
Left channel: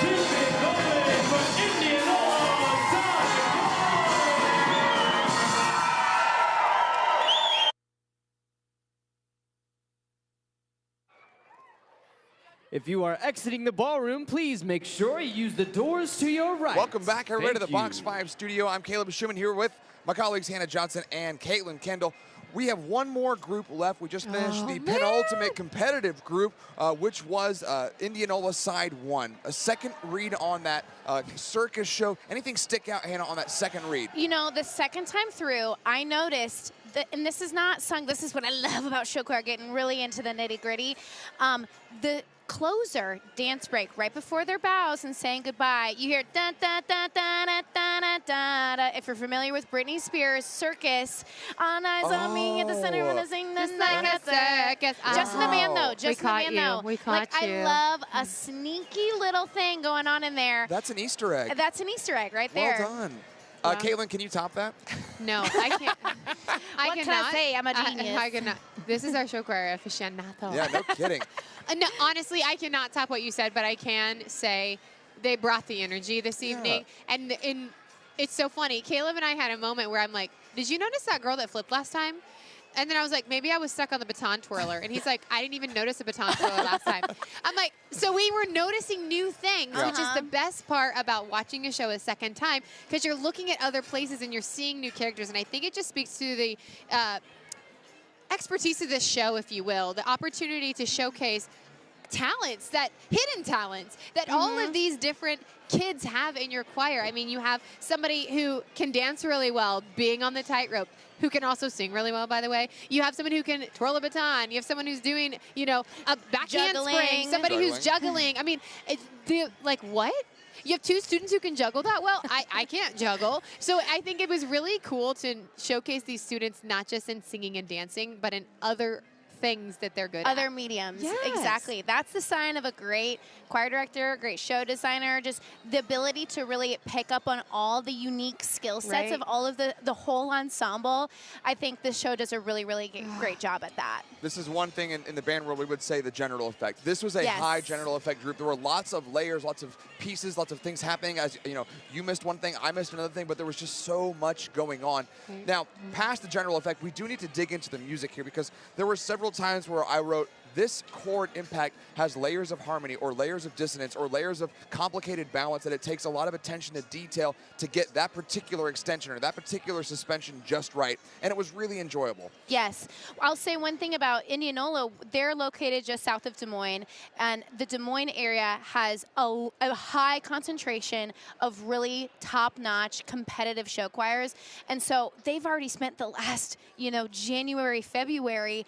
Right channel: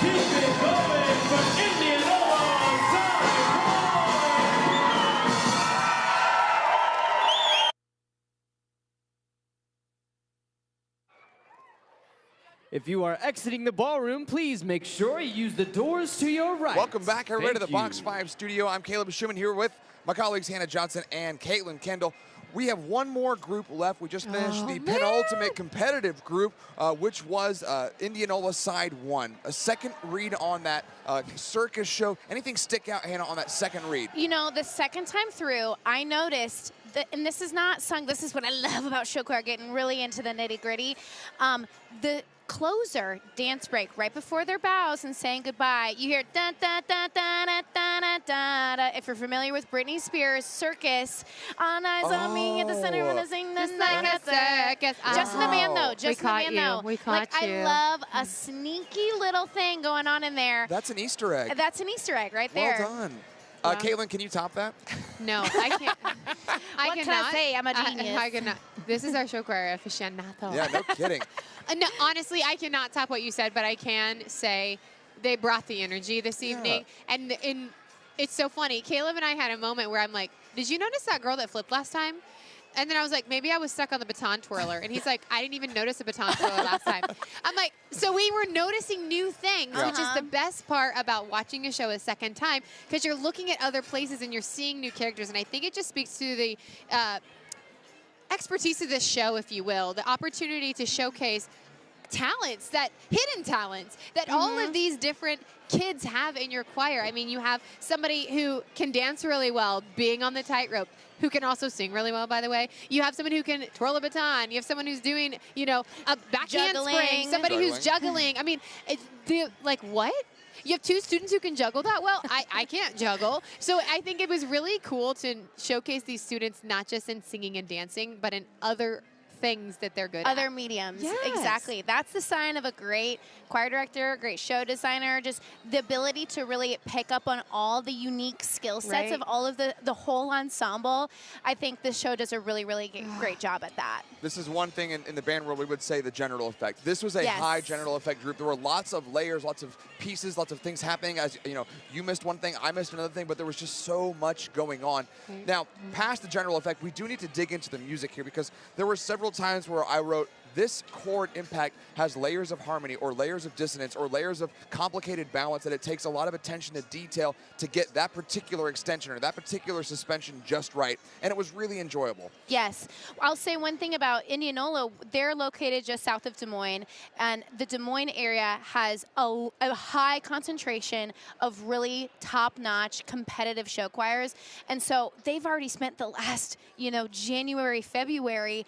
Keep it going for Indianola side If you are exiting the ballroom, please make sure you use the doors to your right. Welcome back, everybody, to the Thank Box you. 5 studio. I'm Caleb Schumann here with my colleagues Hannah Johnson and Caitlin Kendall. We have one more group left. We just finished the penultimate competitive group, which was Indianola Side 1. A second read on that circus show. Anything stick out, Hannah, on that second read? You know, the second time through, I noticed that, and this is not sung, this is what I love about show choir, getting really into the nitty gritty. The closer dance break right before their bows and saying goodbye, you hear da da da da da da da da da. If you're familiar with Britney Spears' Circus, all eyes on me at the center when I sing the like a circus. Just in the band though, We just in the caught band you. though. We caught like you. I love a sneaky little thing going on in there. That's an Easter egg. That's an Easter egg right there. Well done. Caitlin, can you top that? No, I can't. What can I say? I'm a genius. I cannot. This is our show choir aficionado. Yeah, no kidding. No, honestly, I cannot top what you said, but I can say they brought the energy this evening. And it's so funny. Caleb and I had a moment where I'm like, did you notice that girl that flipped last time? And then I was like, maybe I was stuck on the baton twirler. And he's like, I didn't even notice a baton twirler last time. I'm like, so we were noticing new things, which is the best part about watching a show a second time, because you're looking at other places and you're seeing new characters. And I think it just speaks to the expertise of this show, if you will, the opportunity to showcase talents, that hidden talents that all of these different kids have in your choir. I mean, you have somebody who can dance really well, being on the tightrope, who can also sing really well, by the way. You have someone who can twirl a baton. You have someone who's doing, you know, a back handspring, somebody who's juggling. I mean, like what? You have two students who can juggle that well? I can't juggle. So I think it was really cool to showcase these students not just in singing and dancing, but in other things that they're good at. Other mediums. Yes. Exactly. That's the sign of a great choir director, great show designer, just the ability to really pick up on all the unique skill sets of all of the whole ensemble. I think this show does a really, really great job at that. This is one thing in the band world we would say the general effect. This was a high general effect group. There were lots of layers, lots of pieces, lots of things happening. As you know, you missed one thing, I missed another thing, but there was just so much going on. Now, past the general effect, we do need to dig into the music here, because there were several times where I wrote, this chord impact has layers of harmony or layers of dissonance or layers of complicated balance that it takes a lot of attention to detail to get that particular extension or that particular suspension just right. And it was really enjoyable. Yes. I'll say one thing about Indianola. They're located just south of Des Moines, and the Des Moines area has a high concentration of really top-notch competitive show choirs. And so they've already spent the last, January, February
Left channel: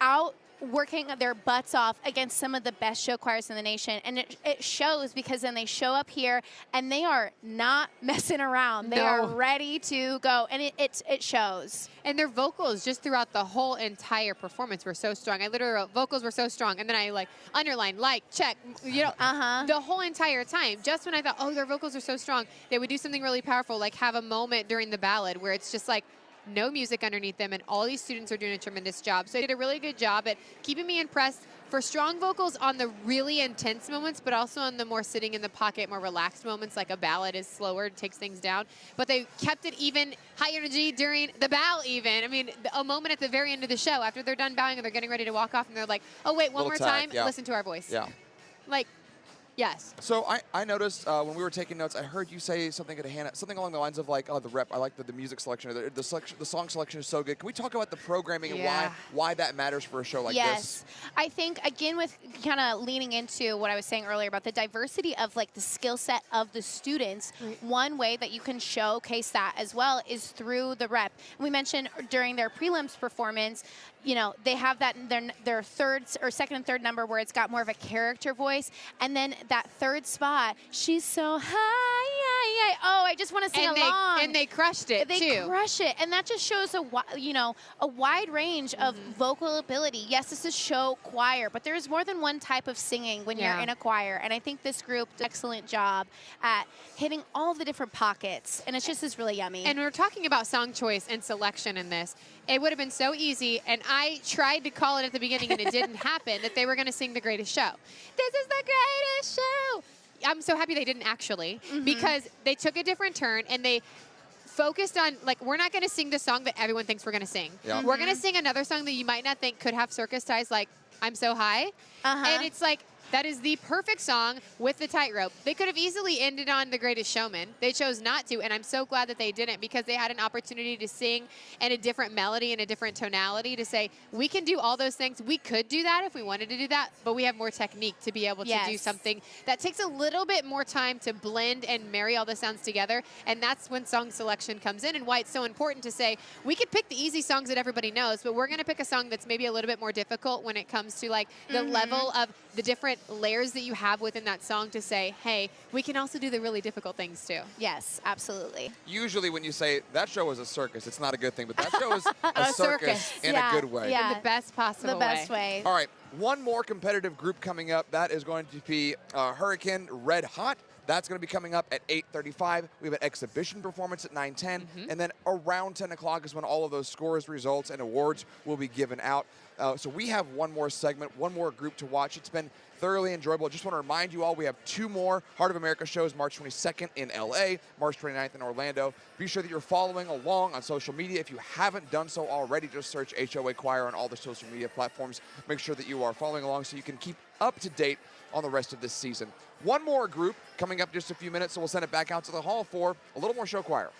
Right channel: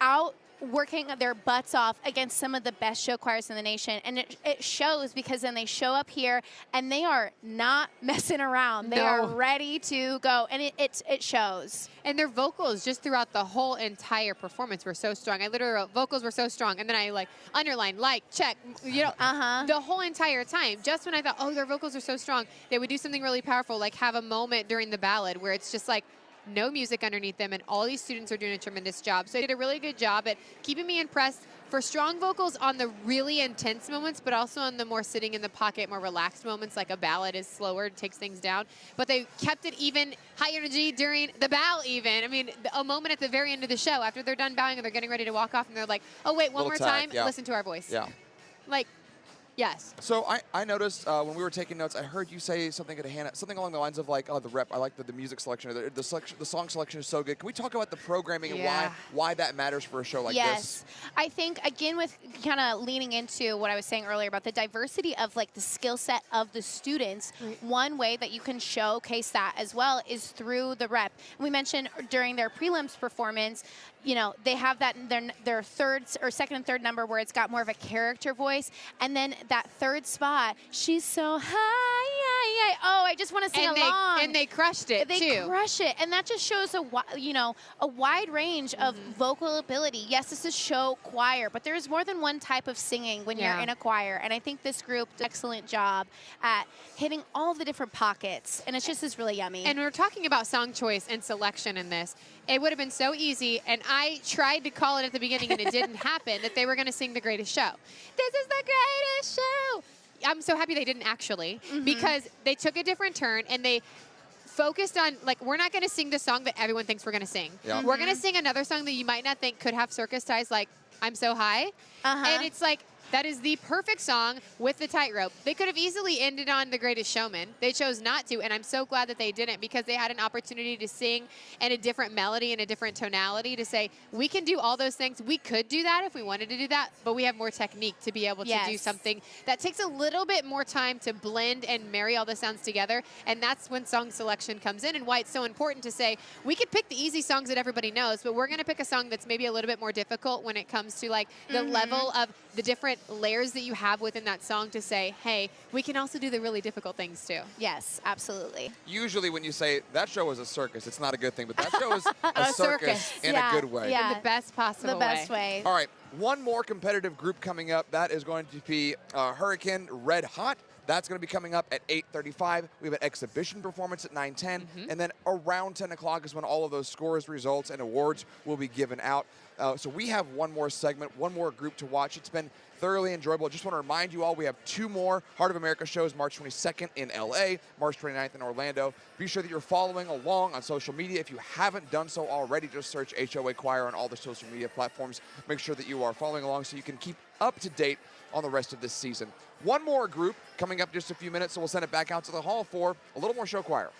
out working their butts off against some of the best show choirs in the nation. And it shows, because then they show up here and they are not messing around. They are ready to go, and it shows. And their vocals just throughout the whole entire performance were so strong. I literally wrote, vocals were so strong, and then I underline, check, the whole entire time. Just when I thought, oh, their vocals are so strong, they would do something really powerful, like have a moment during the ballad where it's just like no music underneath them, and all these students are doing a tremendous job. So they did a really good job at keeping me impressed for strong vocals on the really intense moments, but also on the more sitting in the pocket, more relaxed moments, like a ballad is slower, takes things down. But they kept it even, high energy during the bow even. I mean, a moment at the very end of the show, after they're done bowing and they're getting ready to walk off, and they're like, oh, wait, one more time, listen to our voice. Yeah. Like, yes. So I noticed when we were taking notes, I heard you say something to Hannah, something along the lines of like, oh, the rep. I like the music selection, the song selection is so good. Can we talk about the programming and why that matters for a show like this? Yes, I think again with kind of leaning into what I was saying earlier about the diversity of like the skill set of the students. One way that you can showcase that as well is through the rep. And we mentioned during their prelims performance, you know, they have that in their third or second and third number where it's got more of a character voice. And then that third spot, she's so high. Oh, I just want to sing along. And they crushed it, too. They crush it. And that just shows a wide range of vocal ability. Yes, this is show choir, but there's more than one type of singing when you're in a choir. And I think this group did an excellent job at hitting all the different pockets. And it's just is really yummy. And we're talking about song choice and selection in this. It would have been so easy, and I tried to call it at the beginning, and it didn't happen, that they were going to sing The Greatest Show. This is the greatest show. I'm so happy they didn't actually, because they took a different turn, and they focused on, like, we're not going to sing the song that everyone thinks we're going to sing. We're going to sing another song that you might not think could have circus ties, like I'm So High. And it's like, that is the perfect song with the tightrope. They could have easily ended on The Greatest Showman. They chose not to, and I'm so glad that they didn't, because they had an opportunity to sing in a different melody and a different tonality to say, we can do all those things. We could do that if we wanted to do that, but we have more technique to be able to do something that takes a little bit more time to blend and marry all the sounds together, and that's when song selection comes in, and why it's so important to say, we could pick the easy songs that everybody knows, but we're going to pick a song that's maybe a little bit more difficult when it comes to like the level of the different layers that you have within that song to say, hey, we can also do the really difficult things too. Yes, absolutely. Usually when you say that show is a circus, it's not a good thing, but that show is a circus in a good way. In the best possible way. The best way. All right, one more competitive group coming up. That is going to be Hurricane Red Hot. That's going to be coming up at 8:35. We have an exhibition performance at 9:10. And then around 10 o'clock is when all of those scores, results, and awards will be given out. So we have one more segment, one more group to watch. It's been thoroughly enjoyable. Just want to remind you all, we have 2 more Heart of America shows, March 22nd in LA, March 29th in Orlando. Be sure that you're following along on social media. If you haven't done so already, just search HOA Choir on all the social media platforms. Make sure that you are following along so you can keep up to date on the rest of this season. One more group coming up in just a few minutes, so we'll send it back out to the hall for a little more show choir.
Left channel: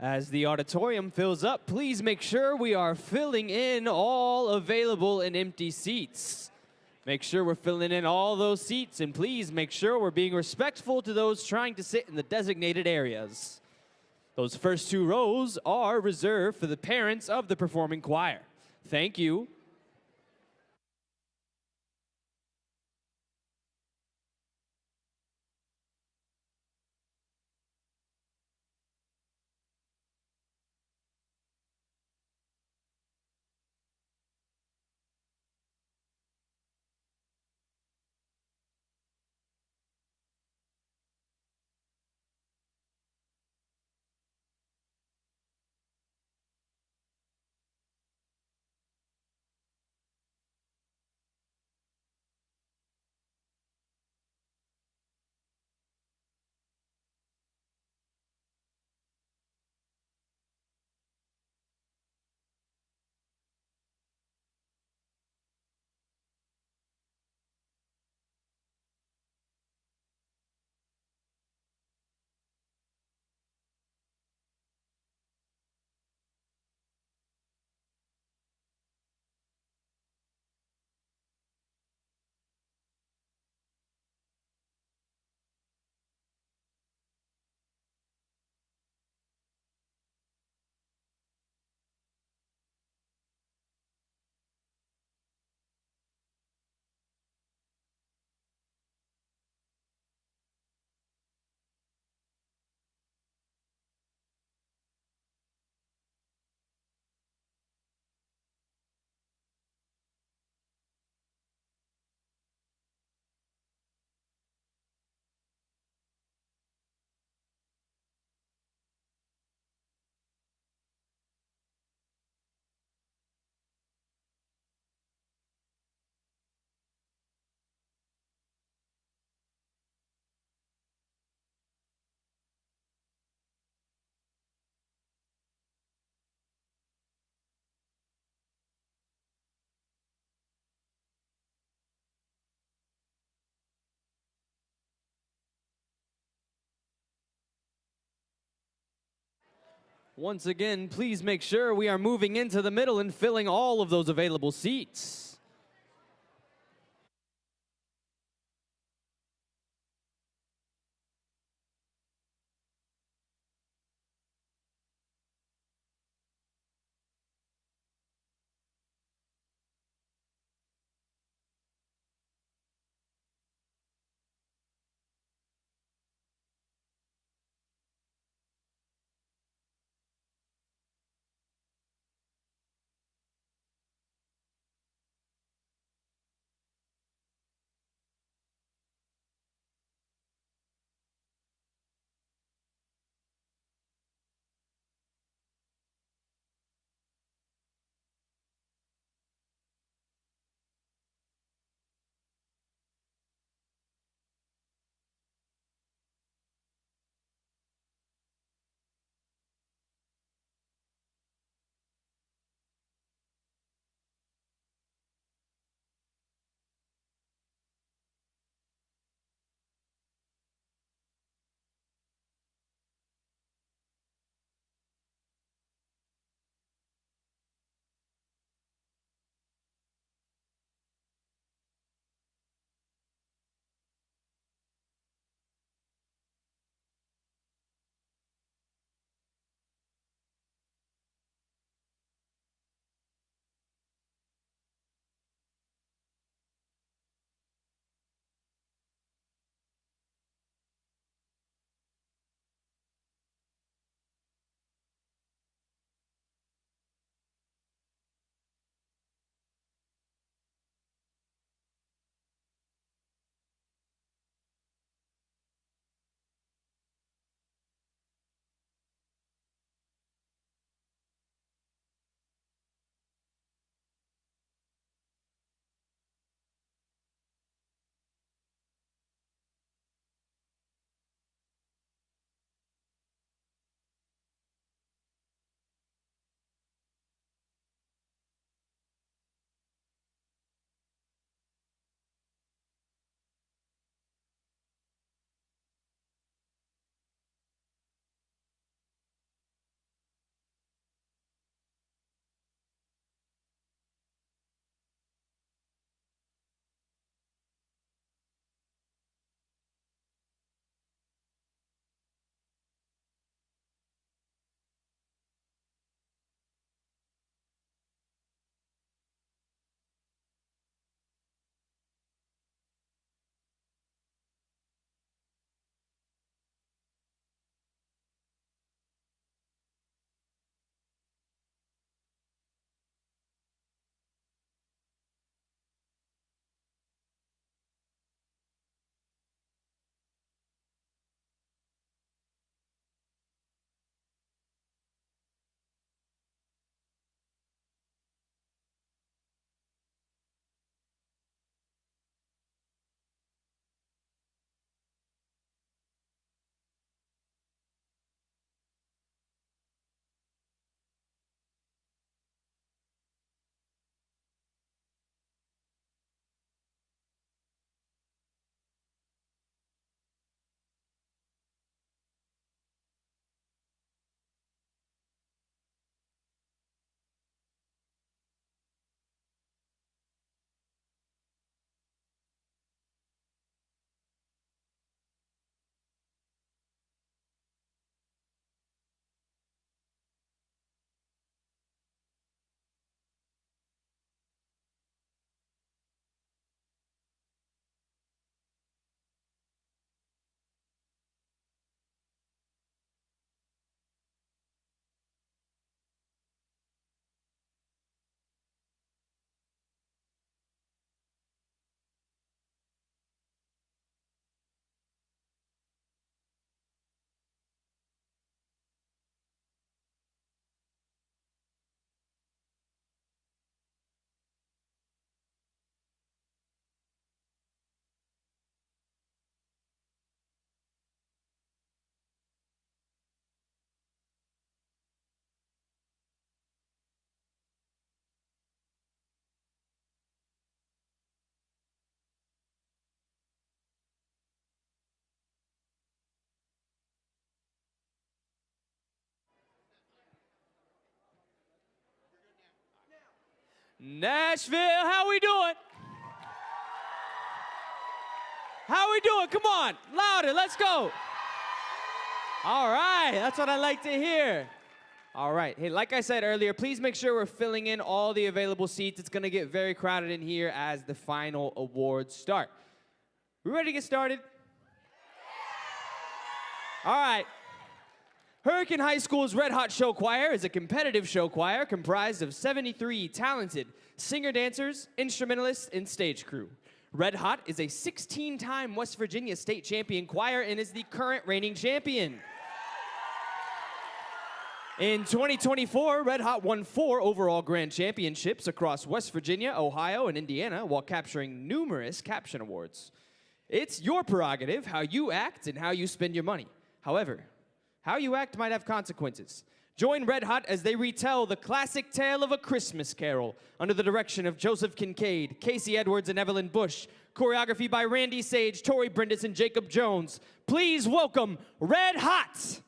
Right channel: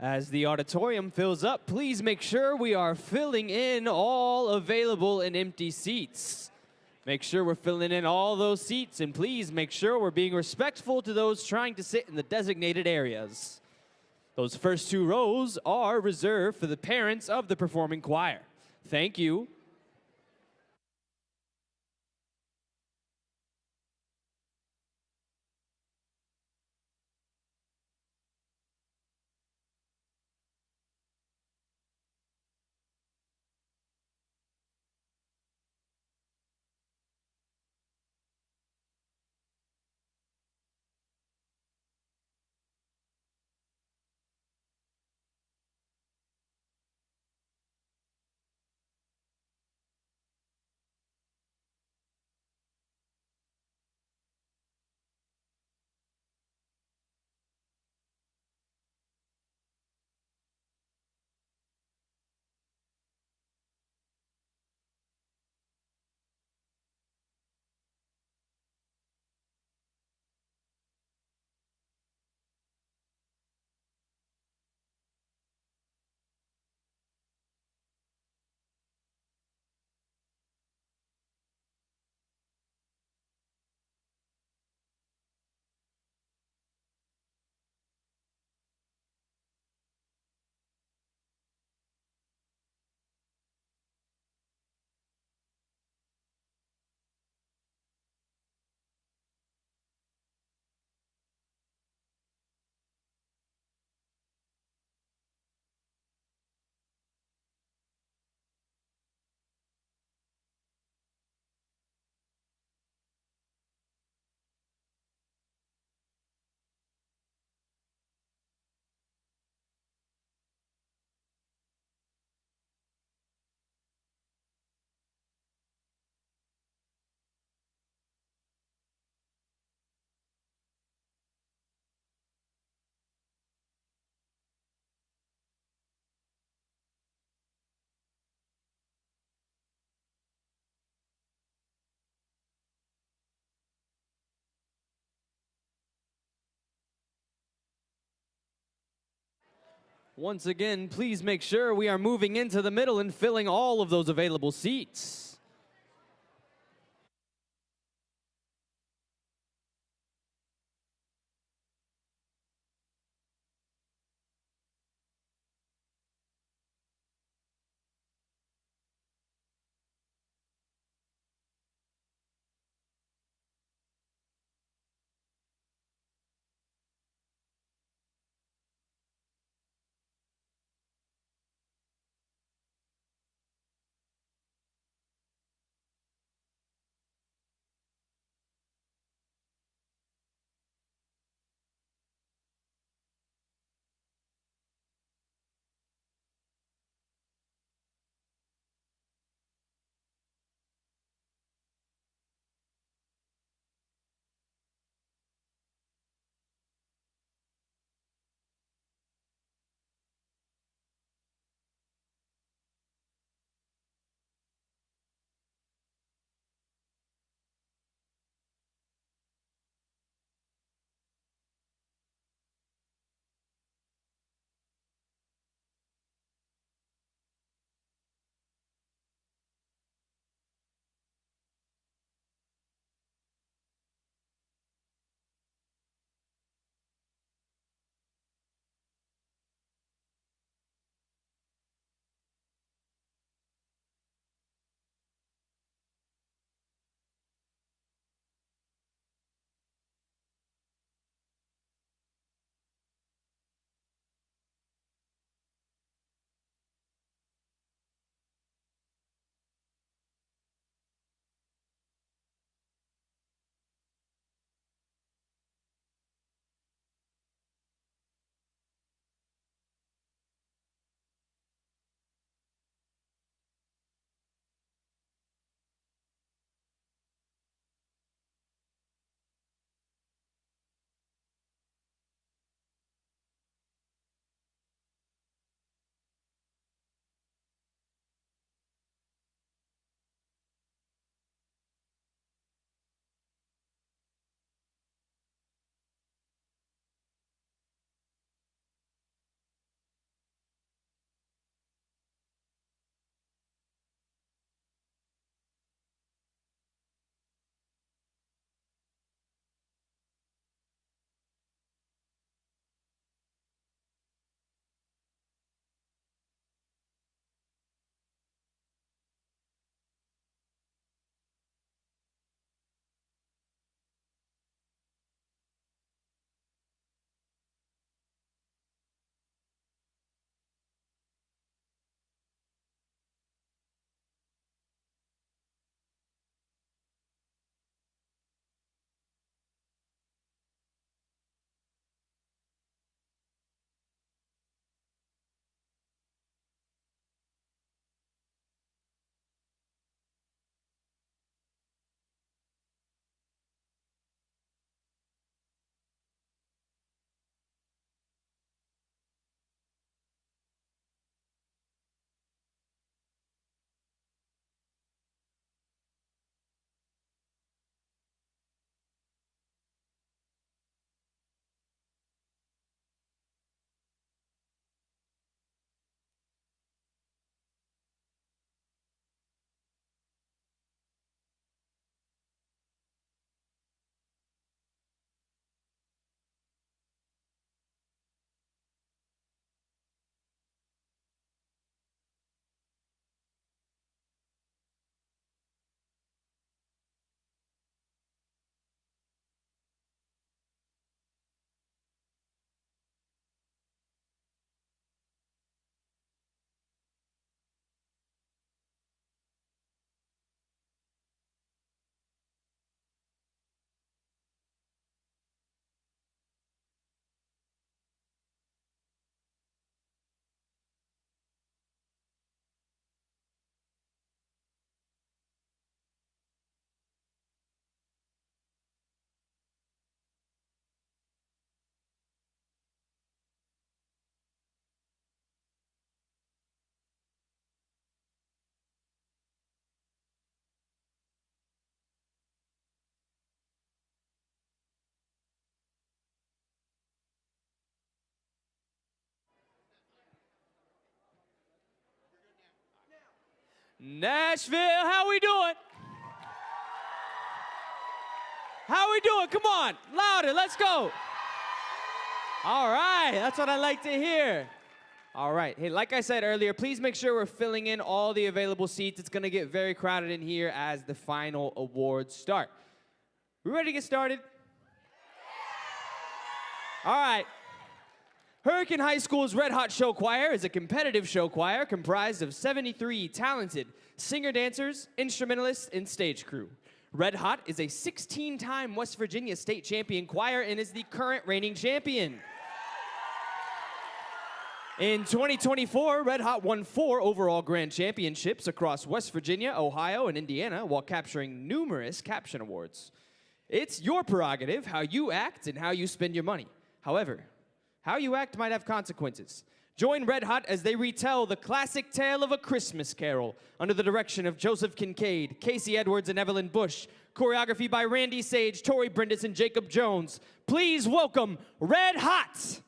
As the auditorium fills up, please make sure we are filling in all available and empty seats. Make sure we're filling in all those seats, and please make sure we're being respectful to those trying to sit in the designated areas. Those first 2 rows are reserved for the parents of the performing choir. Thank you. Once again, please make sure we are moving into the middle and filling all of those available seats. Nashville, how we doing? How we doing? Come on, louder, let's go. All right, that's what I like to hear. All right, hey, like I said earlier, please make sure we're filling in all the available seats. It's gonna get very crowded in here as the final awards start. We ready to get started? All right. Hurricane High School's Red Hot Show Choir is a competitive show choir comprised of 73 talented singer-dancers, instrumentalists, and stage crew. Red Hot is a 16-time West Virginia state champion choir and is the current reigning champion. In 2024, Red Hot won 4 overall grand championships across West Virginia, Ohio, and Indiana while capturing numerous caption awards. It's your prerogative how you act and how you spend your money. However, how you act might have consequences. Join Red Hot as they retell the classic tale of A Christmas Carol under the direction of Joseph Kincaid, Casey Edwards, and Evelyn Bush. Choreography by Randy Sage, Tori Brindis, and Jacob Jones. Please welcome Red Hot.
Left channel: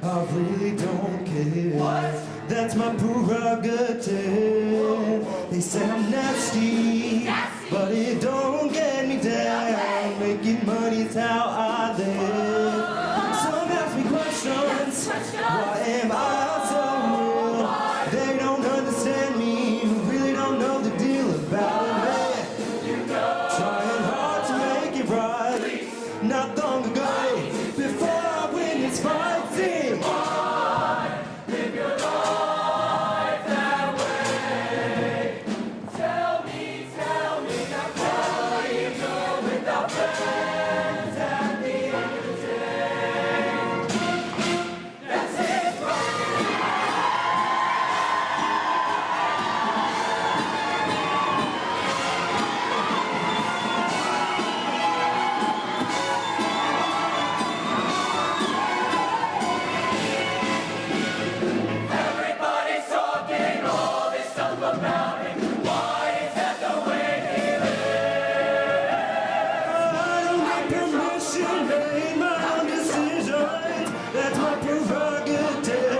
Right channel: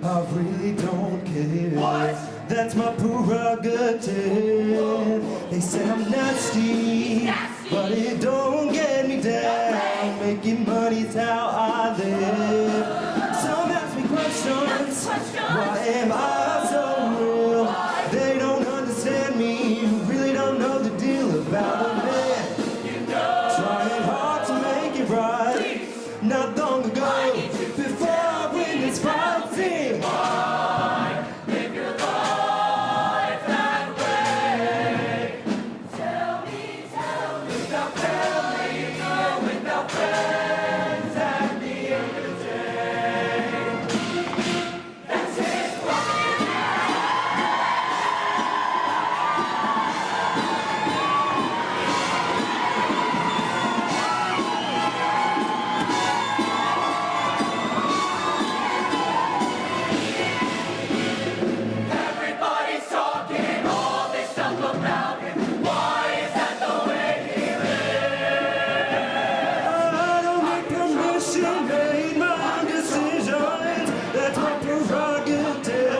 I really don't care. That's my prerogative. They say I'm nasty, but it don't get me down. Making money's how I live. Some ask me questions. Why am I so real? They don't understand me. Really don't know the deal about it, man. Trying hard to make it right. Not long ago, before I win this fight, sing. Live your life that way. Tell me, without telling, no, without friends at the end of the day. That's it. Everybody's talking all this stuff about him. Why is that the way he lives? I don't need permission, made my own decisions. That's my prerogative.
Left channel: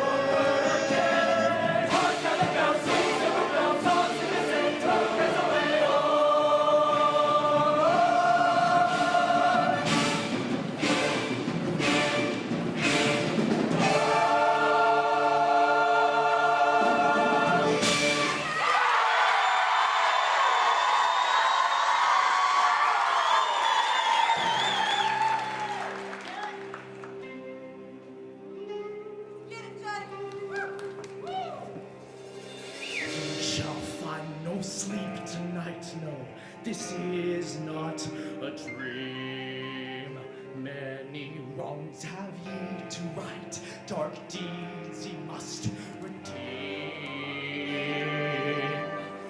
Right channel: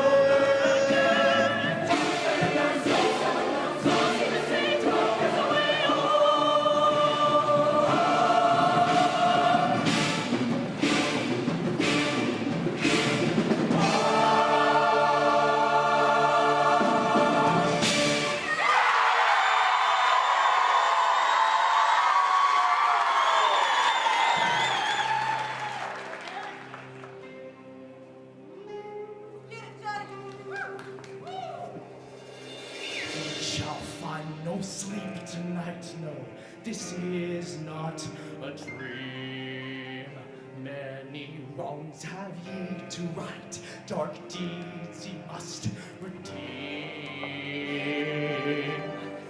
Shall find no sleep tonight, no. This is not a dream. Many wrongs have ye to right, dark deeds ye must redeem.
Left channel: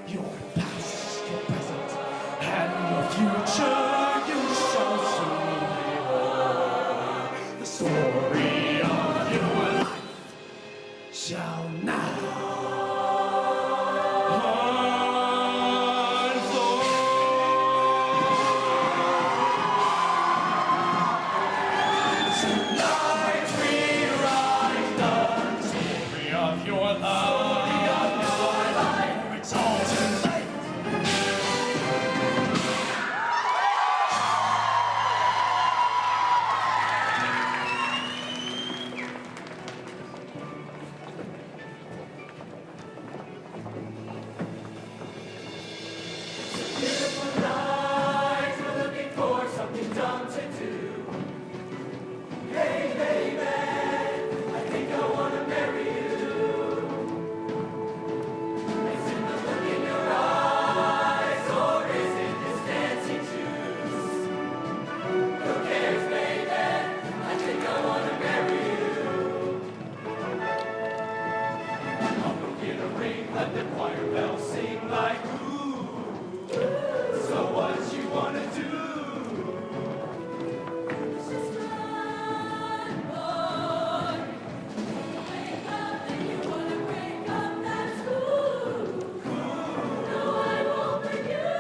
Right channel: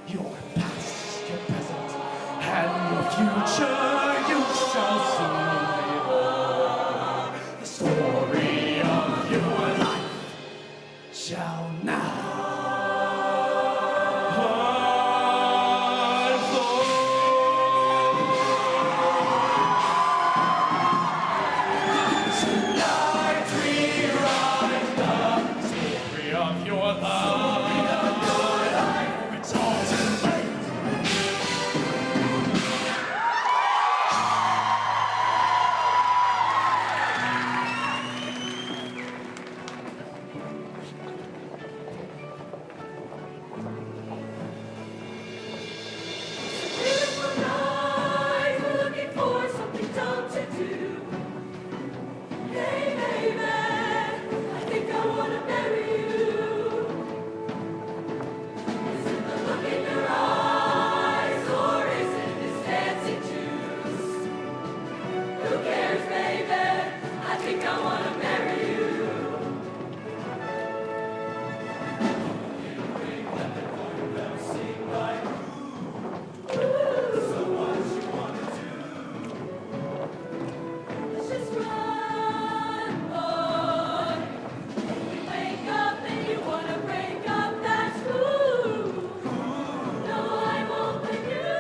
Your past, your present, and your future you shall soon behold. The story of your life shall now Tonight we write the story of your life, for it's all too late. Beautiful night, we're looking for something dumb to do. Hey, baby, I think I wanna marry you. Is it the look in your eyes, or is it this fancy juice? Who cares, baby? I think I wanna marry you. I'm gonna get a ring, let the choir bells sing like ooh. So what you wanna do? Let's just run, boy. When you wake up and you wanna break up, that's cool. No, I won't let you.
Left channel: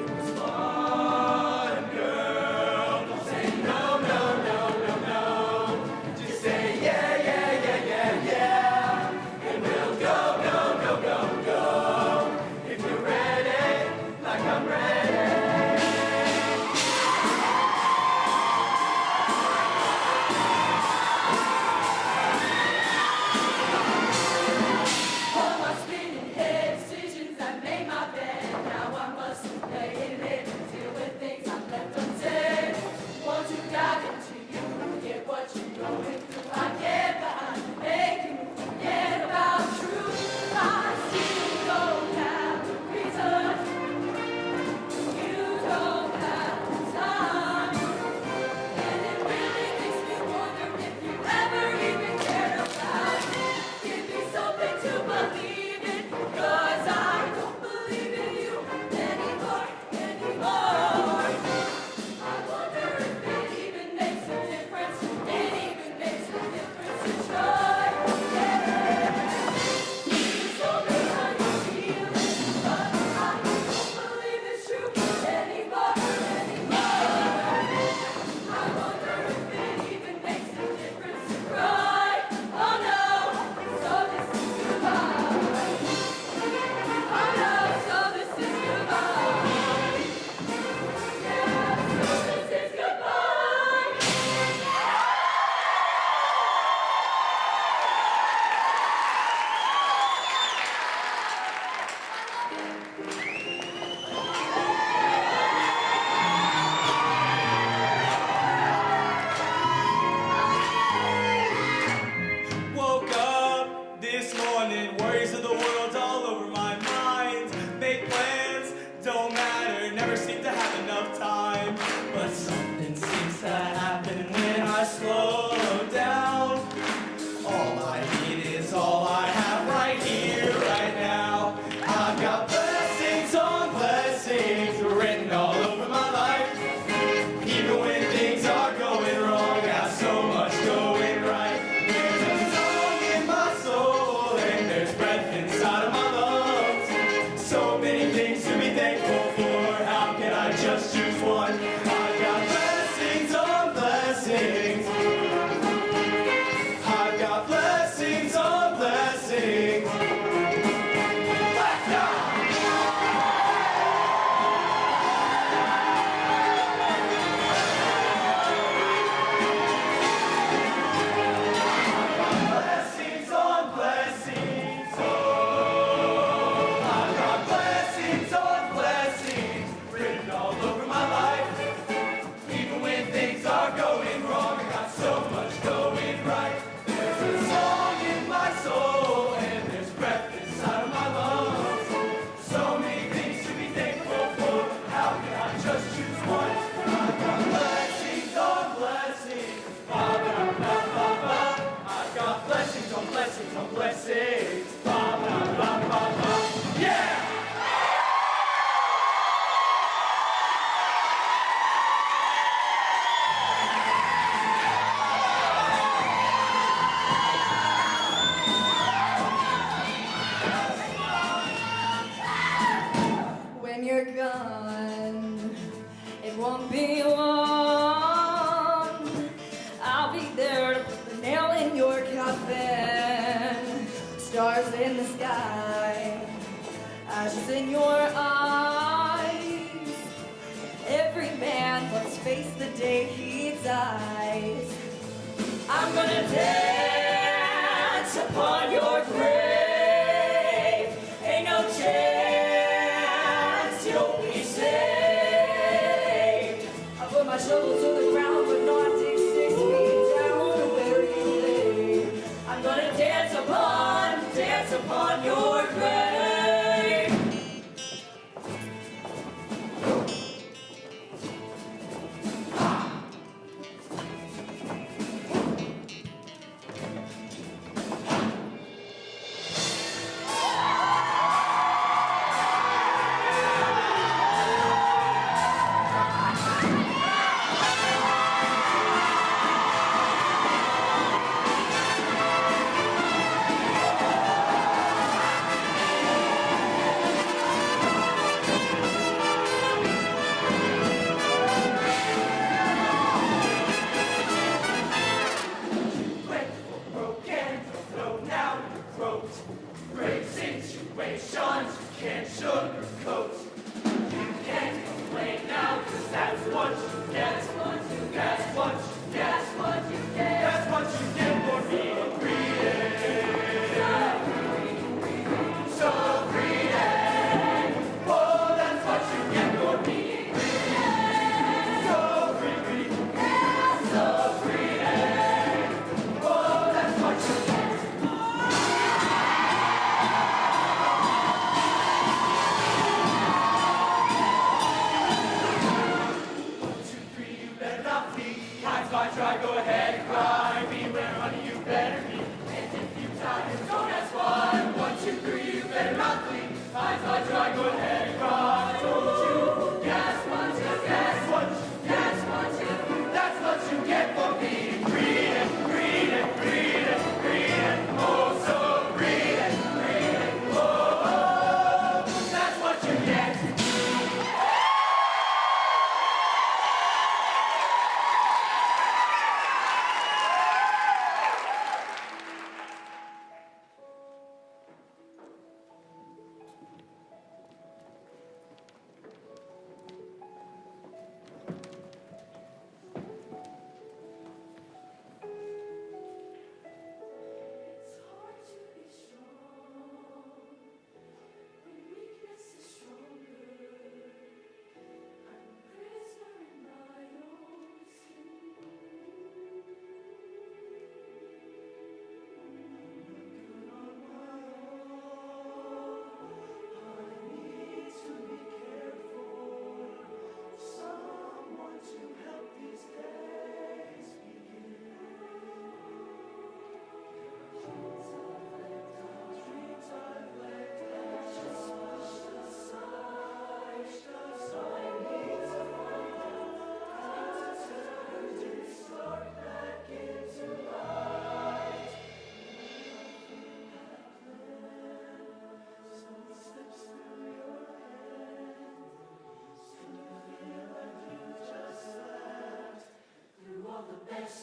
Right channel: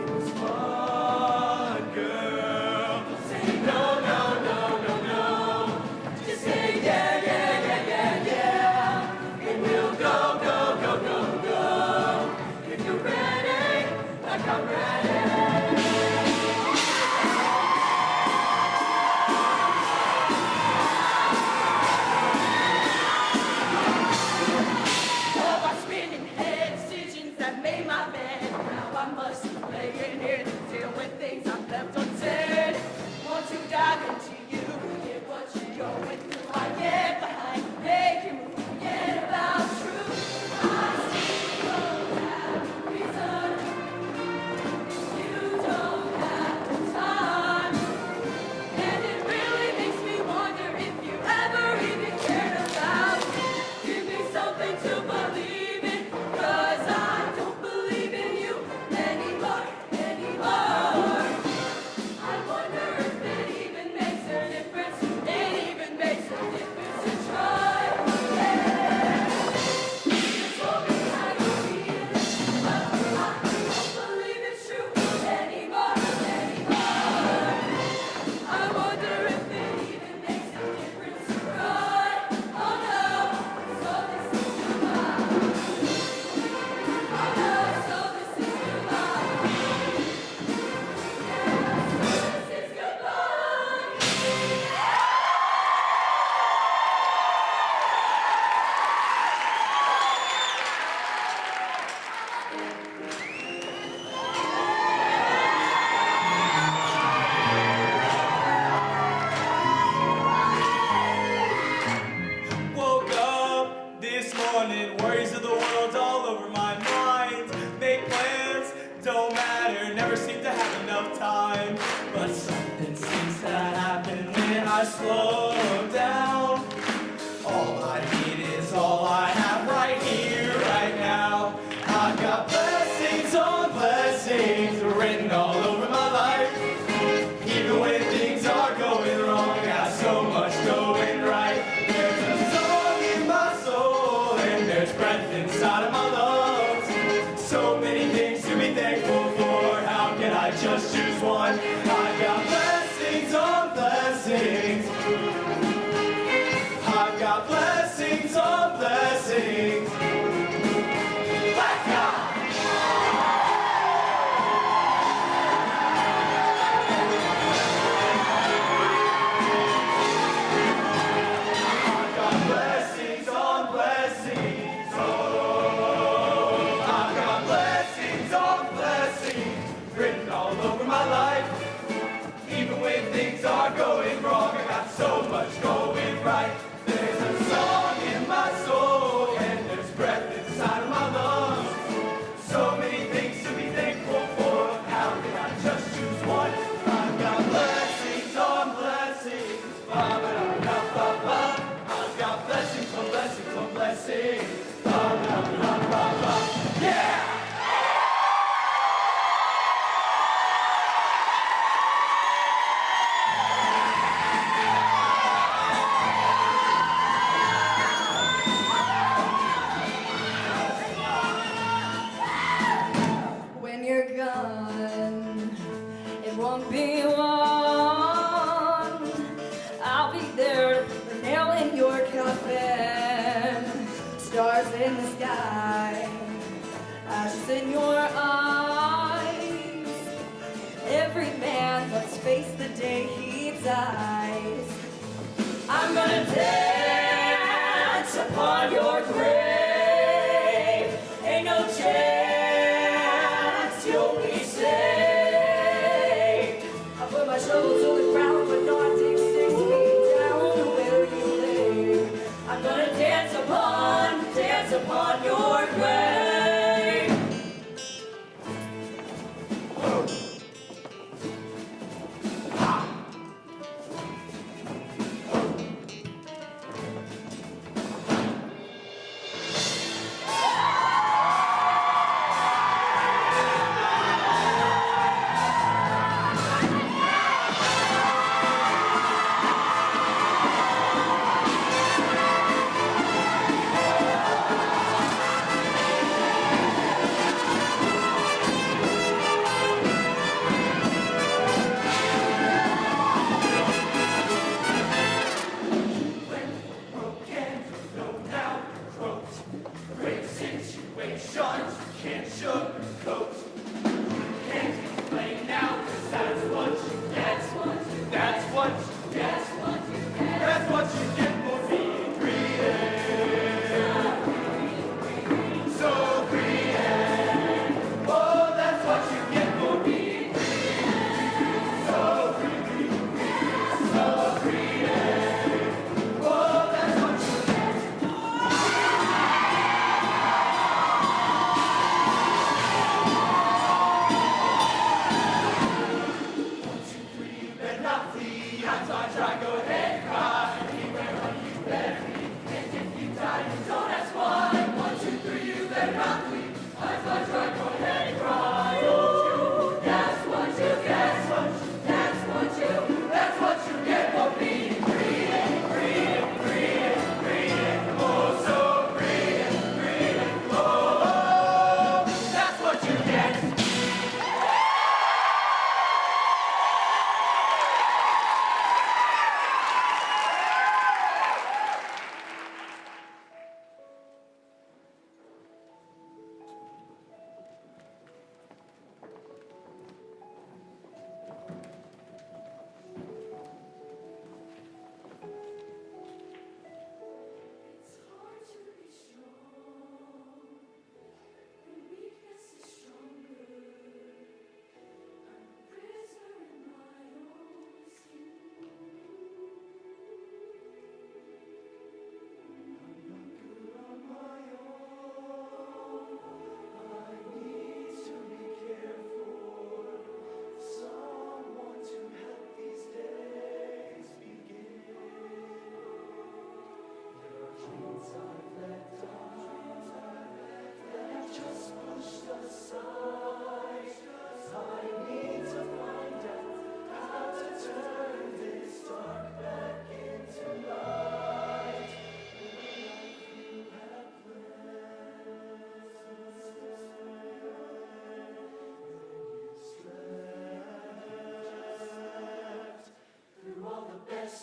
It was fun, girl. Say no, no, no, no, no. Just say yeah, yeah, yeah, yeah, yeah. And we'll go, go, go, go, go. If you're ready, like I'm ready. All my spinning head decisions that made my bed. Now I must lay in it, deal with things I've left unsaid. Want to dive into you, get what you're going through. I get behind, make you forget about truth. I still don't have reason. You don't have time. And it really makes me wonder if you ever even cared about me. Give me something to believe in, 'cause I don't believe in you anymore, anymore. I wonder if it even makes a difference. It even makes a difference to try. You told me how you feel, but I don't believe it's true anymore, anymore. I wonder if it even makes a difference to cry. Oh no, so this is goodbye. Oh no, so this is goodbye. Yeah, so this is goodbye. Woke up this morning, worries of the world all over my mind. Make plans, don't matter, never seem to have enough time. But something seems to happen when I slow down. All I need is all I have right here, right now. I've got blessings on blessings written all over my life. Even when things are going wrong, got so much going right. There's a song in my soul and there's breath inside of my lungs. So many things to be thankful for. How can I just choose one? I've got blessings on blessings. stars in the sky, ashes in your eyes. Every man must face the day he dies. I'm gonna dance upon your grave. Ain't no chance you'll be saved. I put my shovel to the ground, but not dig 6 feet down to where you lay. I'm gonna dance upon your grave.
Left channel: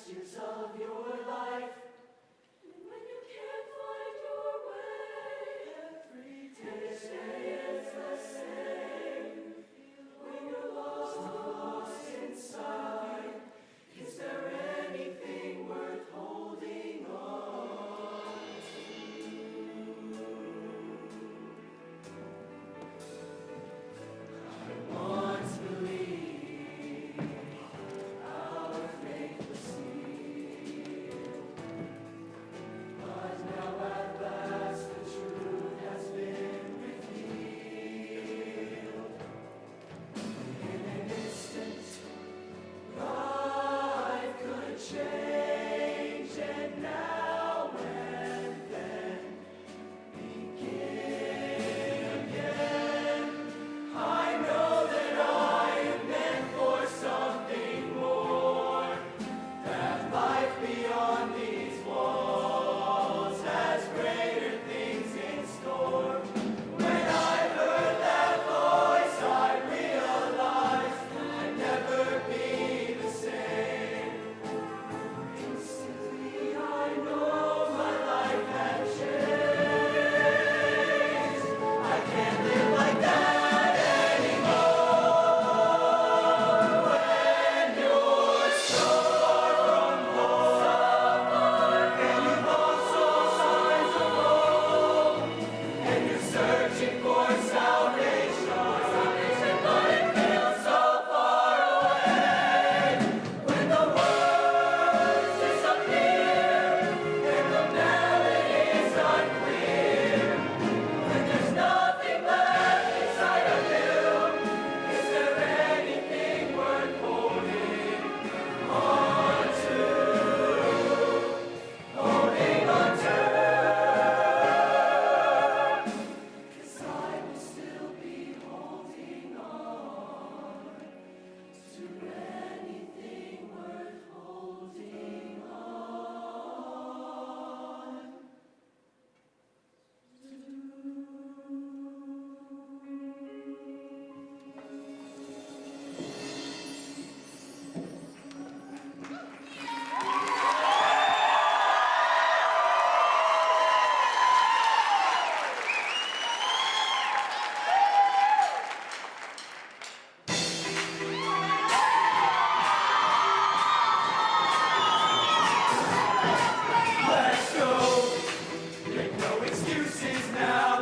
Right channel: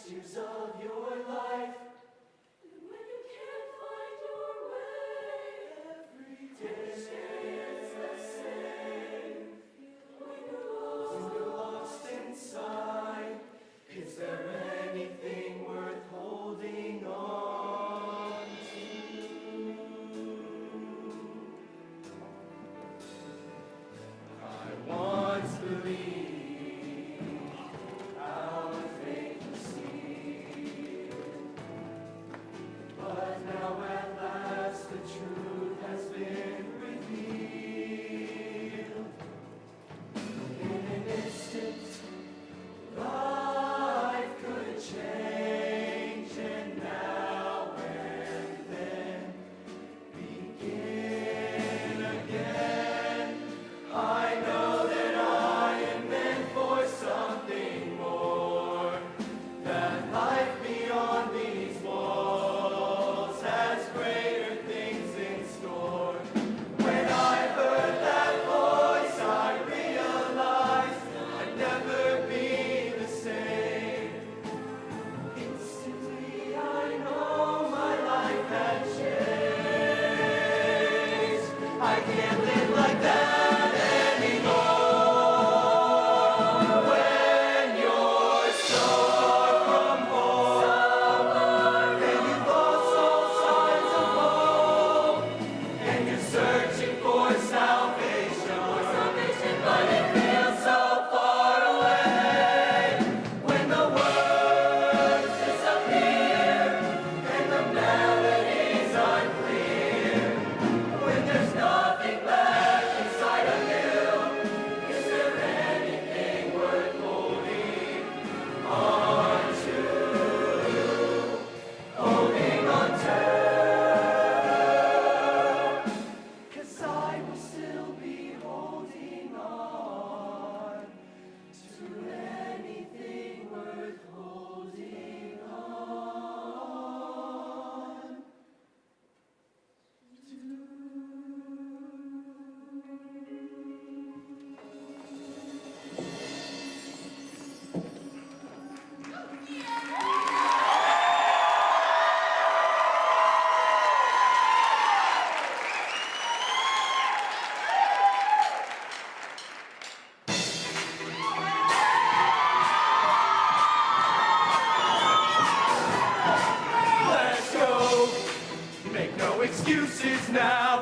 Years of your life, and when you can't find your way, every day is the same. When you're lost inside, is there anything worth holding on to? I once believed our faith was seen.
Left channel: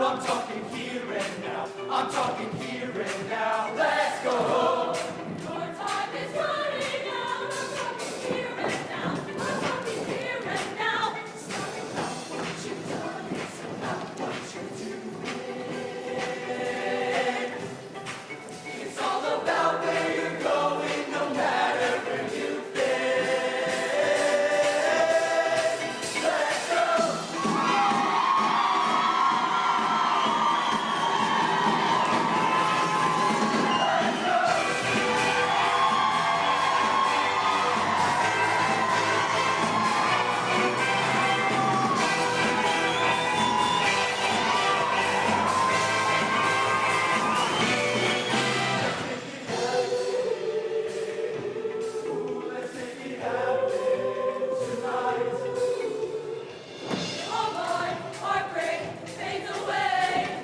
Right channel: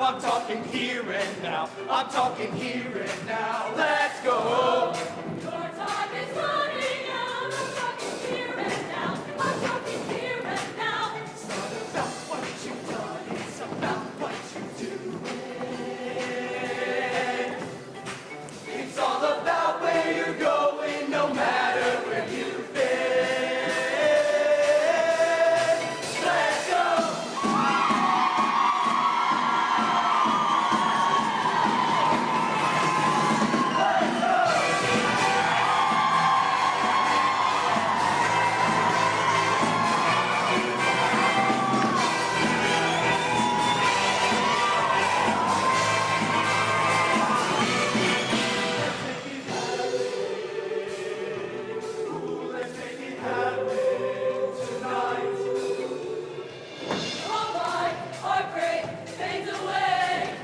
I'm talking here and now. I'm talking here and now. Let's go home. Your time is running out. I'm talking here and now. I'm talking here and now. It's not about what you've done. It's about what you're doing. It's all about where you're going, no matter where you've been. Let's go. All my heartbreak fades away.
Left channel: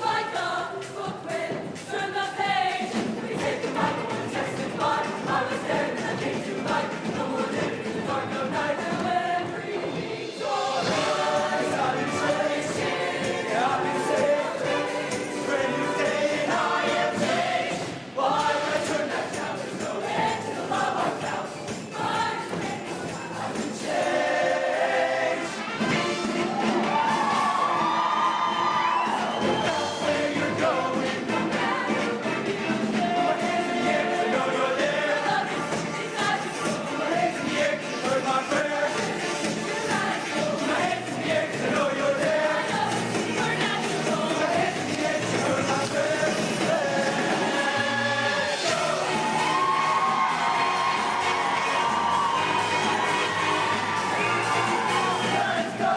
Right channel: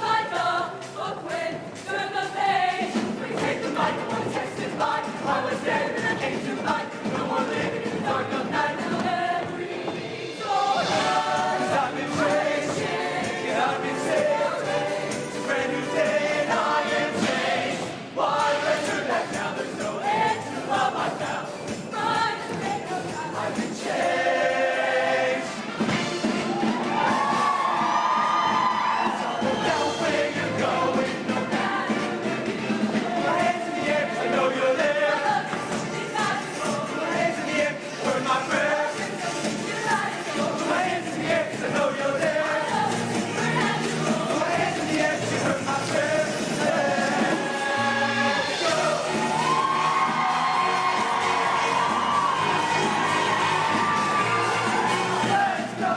Like a book when turn the page. We take the mic, one text goodbye. I was there and I came to life. No more living in the dark of night. Till everything's alright. 'Cause I've been chasing, I've been sailing. It's a brand new day and I am changed. Why turn that down? There's no end to the love I found. I've been changed. About where you're going, no matter where you've been. Put my hands in the air 'cause I know you're there. Put my hands in the air 'cause you heard my prayer. Put my hands in the air 'cause I know you're there. Put my hands in the air 'cause you heard my prayer. Let's go. Let's go.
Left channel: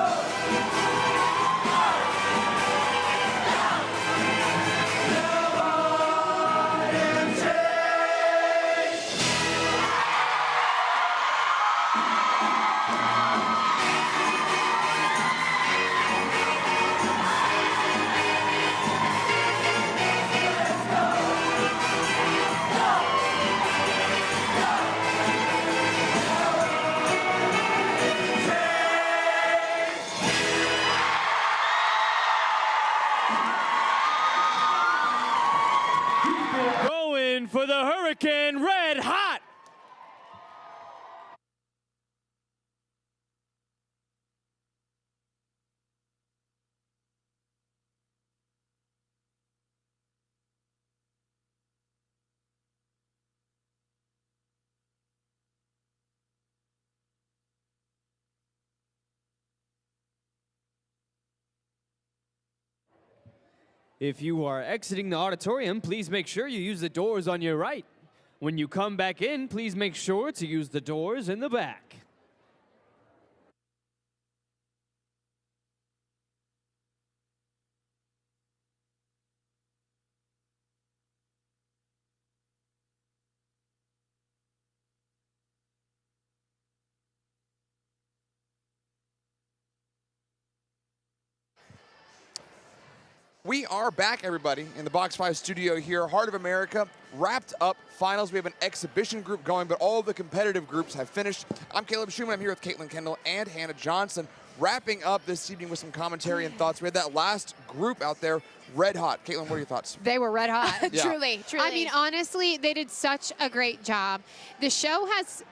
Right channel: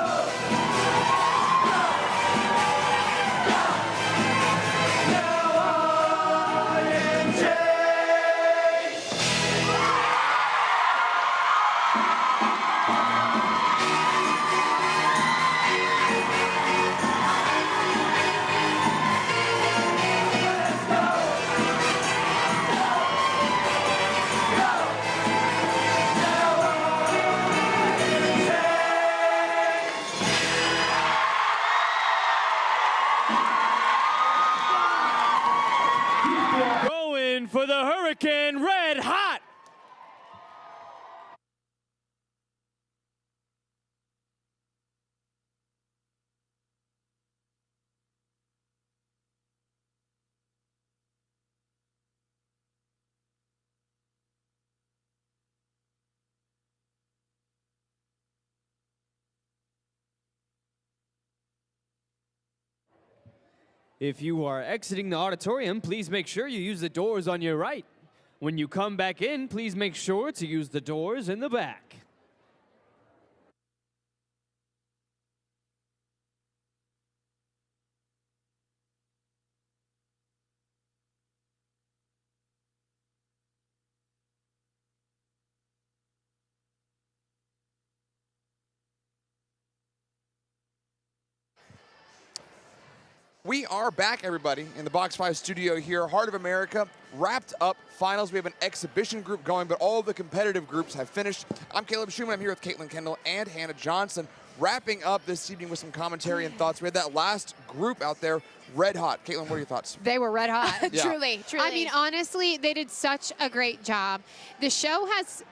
Now I am changed. Going for the Hurricane Red Hot. If you are exiting the auditorium, please make sure you use the doors on your right. When you come back in, please make sure to use the doors in the back. We are back, everybody, in the Box 5 studio here. Heart of America wrapped up finals. We have an exhibition group going, but all the competitive groups have finished. I'm Caleb Schumann. I'm here with Caitlin Kendall and Hannah Johnson, wrapping up this evening with some commentary and thoughts. We had that last group out there, red hot. Caitlin, what are your thoughts? They were red hot. Yeah. Truly, truly. I mean, honestly, they did such a great job. The show has,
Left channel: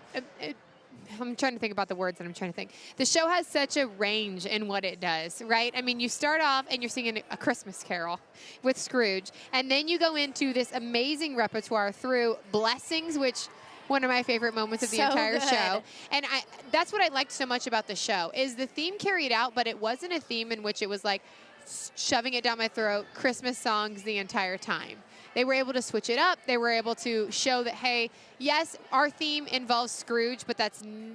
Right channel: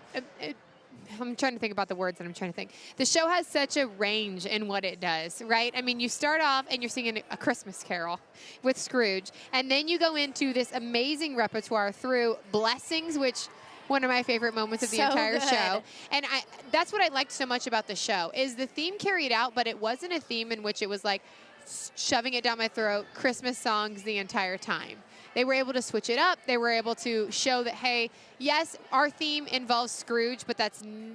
I'm trying to think about the words that I'm trying to think. The show has such a range in what it does, right? I mean, you start off and you're singing A Christmas Carol with Scrooge, and then you go into this amazing repertoire through Blessings, which one of my favorite moments of the So entire good. show. And that's what I liked so much about the show, is the theme carried out, but it wasn't a theme in which it was like shoving it down my throat, Christmas songs the entire time. They were able to switch it up. They were able to show that, hey, yes, our theme involves Scrooge, but that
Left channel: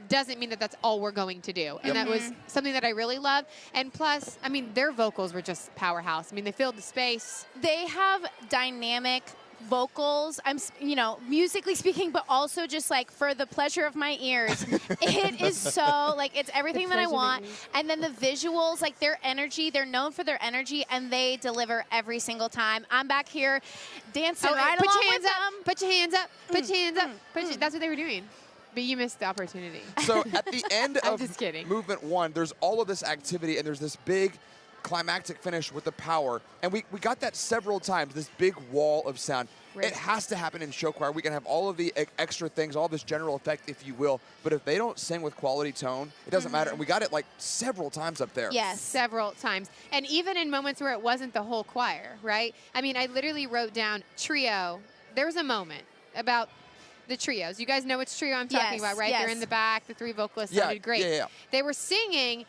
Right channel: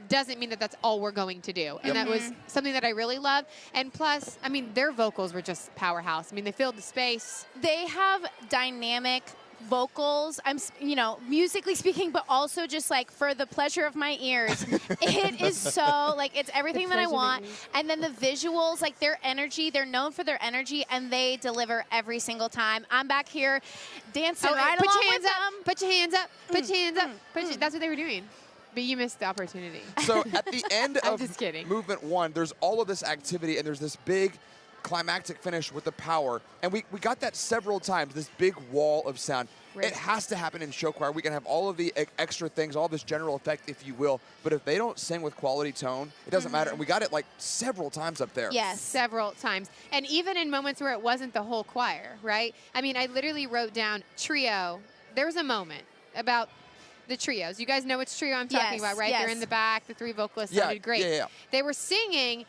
doesn't mean that that's all we're going to do. And that was something that I really loved. And plus, I mean, their vocals were just powerhouse. I mean, they filled the space. They have dynamic vocals, musically speaking, but also just like for the pleasure of my ears. It is so, like, it's everything that I want. And then the visuals, like their energy, they're known for their energy, and they deliver every single time. I'm back here dancing right along with them. Put your hands up. Put your hands up. That's what they were doing. But you missed the opportunity. So at the end I'm of just kidding. movement one, there's all of this activity, and there's this big climactic finish with the power. And we got that several times, this big wall of sound. It has to happen in show choir. We can have all of the extra things, all this general effect, if you will. But if they don't sing with quality tone, it doesn't matter. And we got it like several times up there. Yes, several times. And even in moments where it wasn't the whole choir, right? I mean, I literally wrote down trio. There was a moment about the trios. You guys know which trio I'm talking about, right? They're in the back. The 3 vocalists sounded great. Yeah. They were singing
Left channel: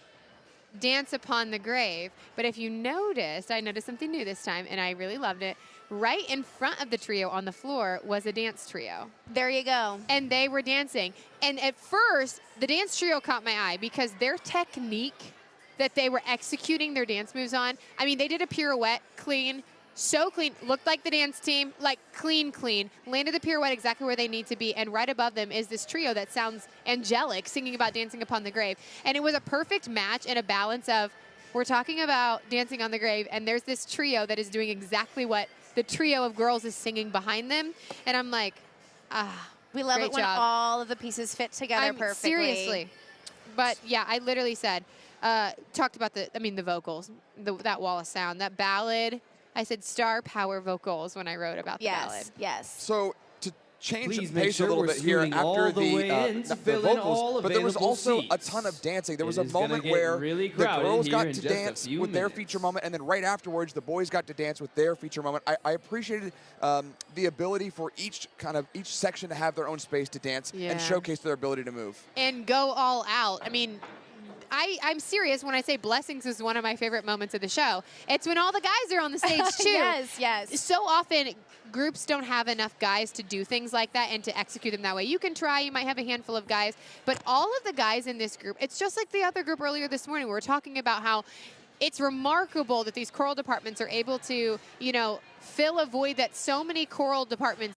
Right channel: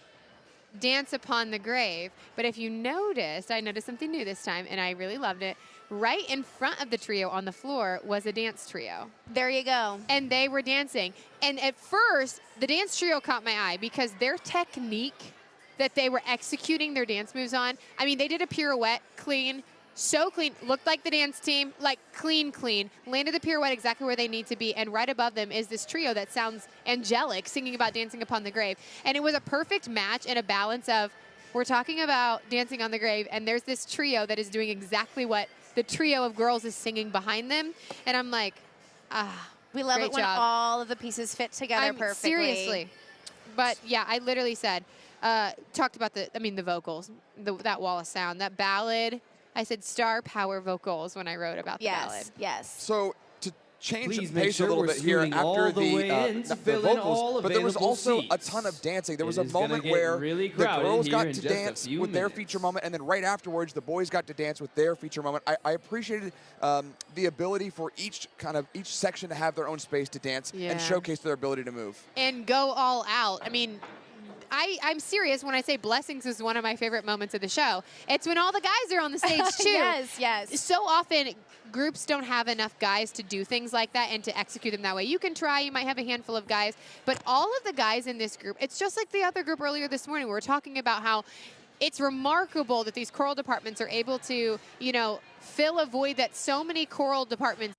Dance Upon the Grave. But if you noticed, I noticed something new this time, and I really loved it. Right in front of the trio on the floor was a dance trio. There you go. And they were dancing. And at first, the dance trio caught my eye because their technique that they were executing their dance moves on, I mean, they did a pirouette clean, so clean, looked like the dance team, like clean, landed the pirouette exactly where they need to be, and right above them is this trio that sounds angelic, singing about Dancing Upon the Grave. And it was a perfect match and a balance of, we're talking about Dancing on the Grave, and there's this trio that is doing exactly what the trio of girls is singing behind them. And I'm like, we love it when all of the pieces fit together perfectly. Seriously. But yeah, I literally said, talked about the vocals, that wall of sound, that ballad. I said star power vocals when I wrote about the ballad. Yes. So to change Please the make pace sure a little we're bit here scooting all after the way in to the fill in all vocals, but there was available also a seats. ton of dancing. There was It a is gonna moment get where really the crowded girls here got in to just a dance few with their minutes. feature moment, and then right afterwards, the boys got to dance with their feature moment. I appreciated the ability for each section to have their own space to dance and showcase their ability to move. And go all out. I mean, I'm serious when I say Blessings is one of my favorite moments of the show. It's when all the guys are on the stage, too. Yes. So often, groups don't have enough guys to do things like that and to execute them that way. You can try. You might have a handful of guys. But all of the guys in this group, it's just like the other group earlier this morning. We were talking about how it's remarkable that these choral departments are able to, fill a void that so many choral departments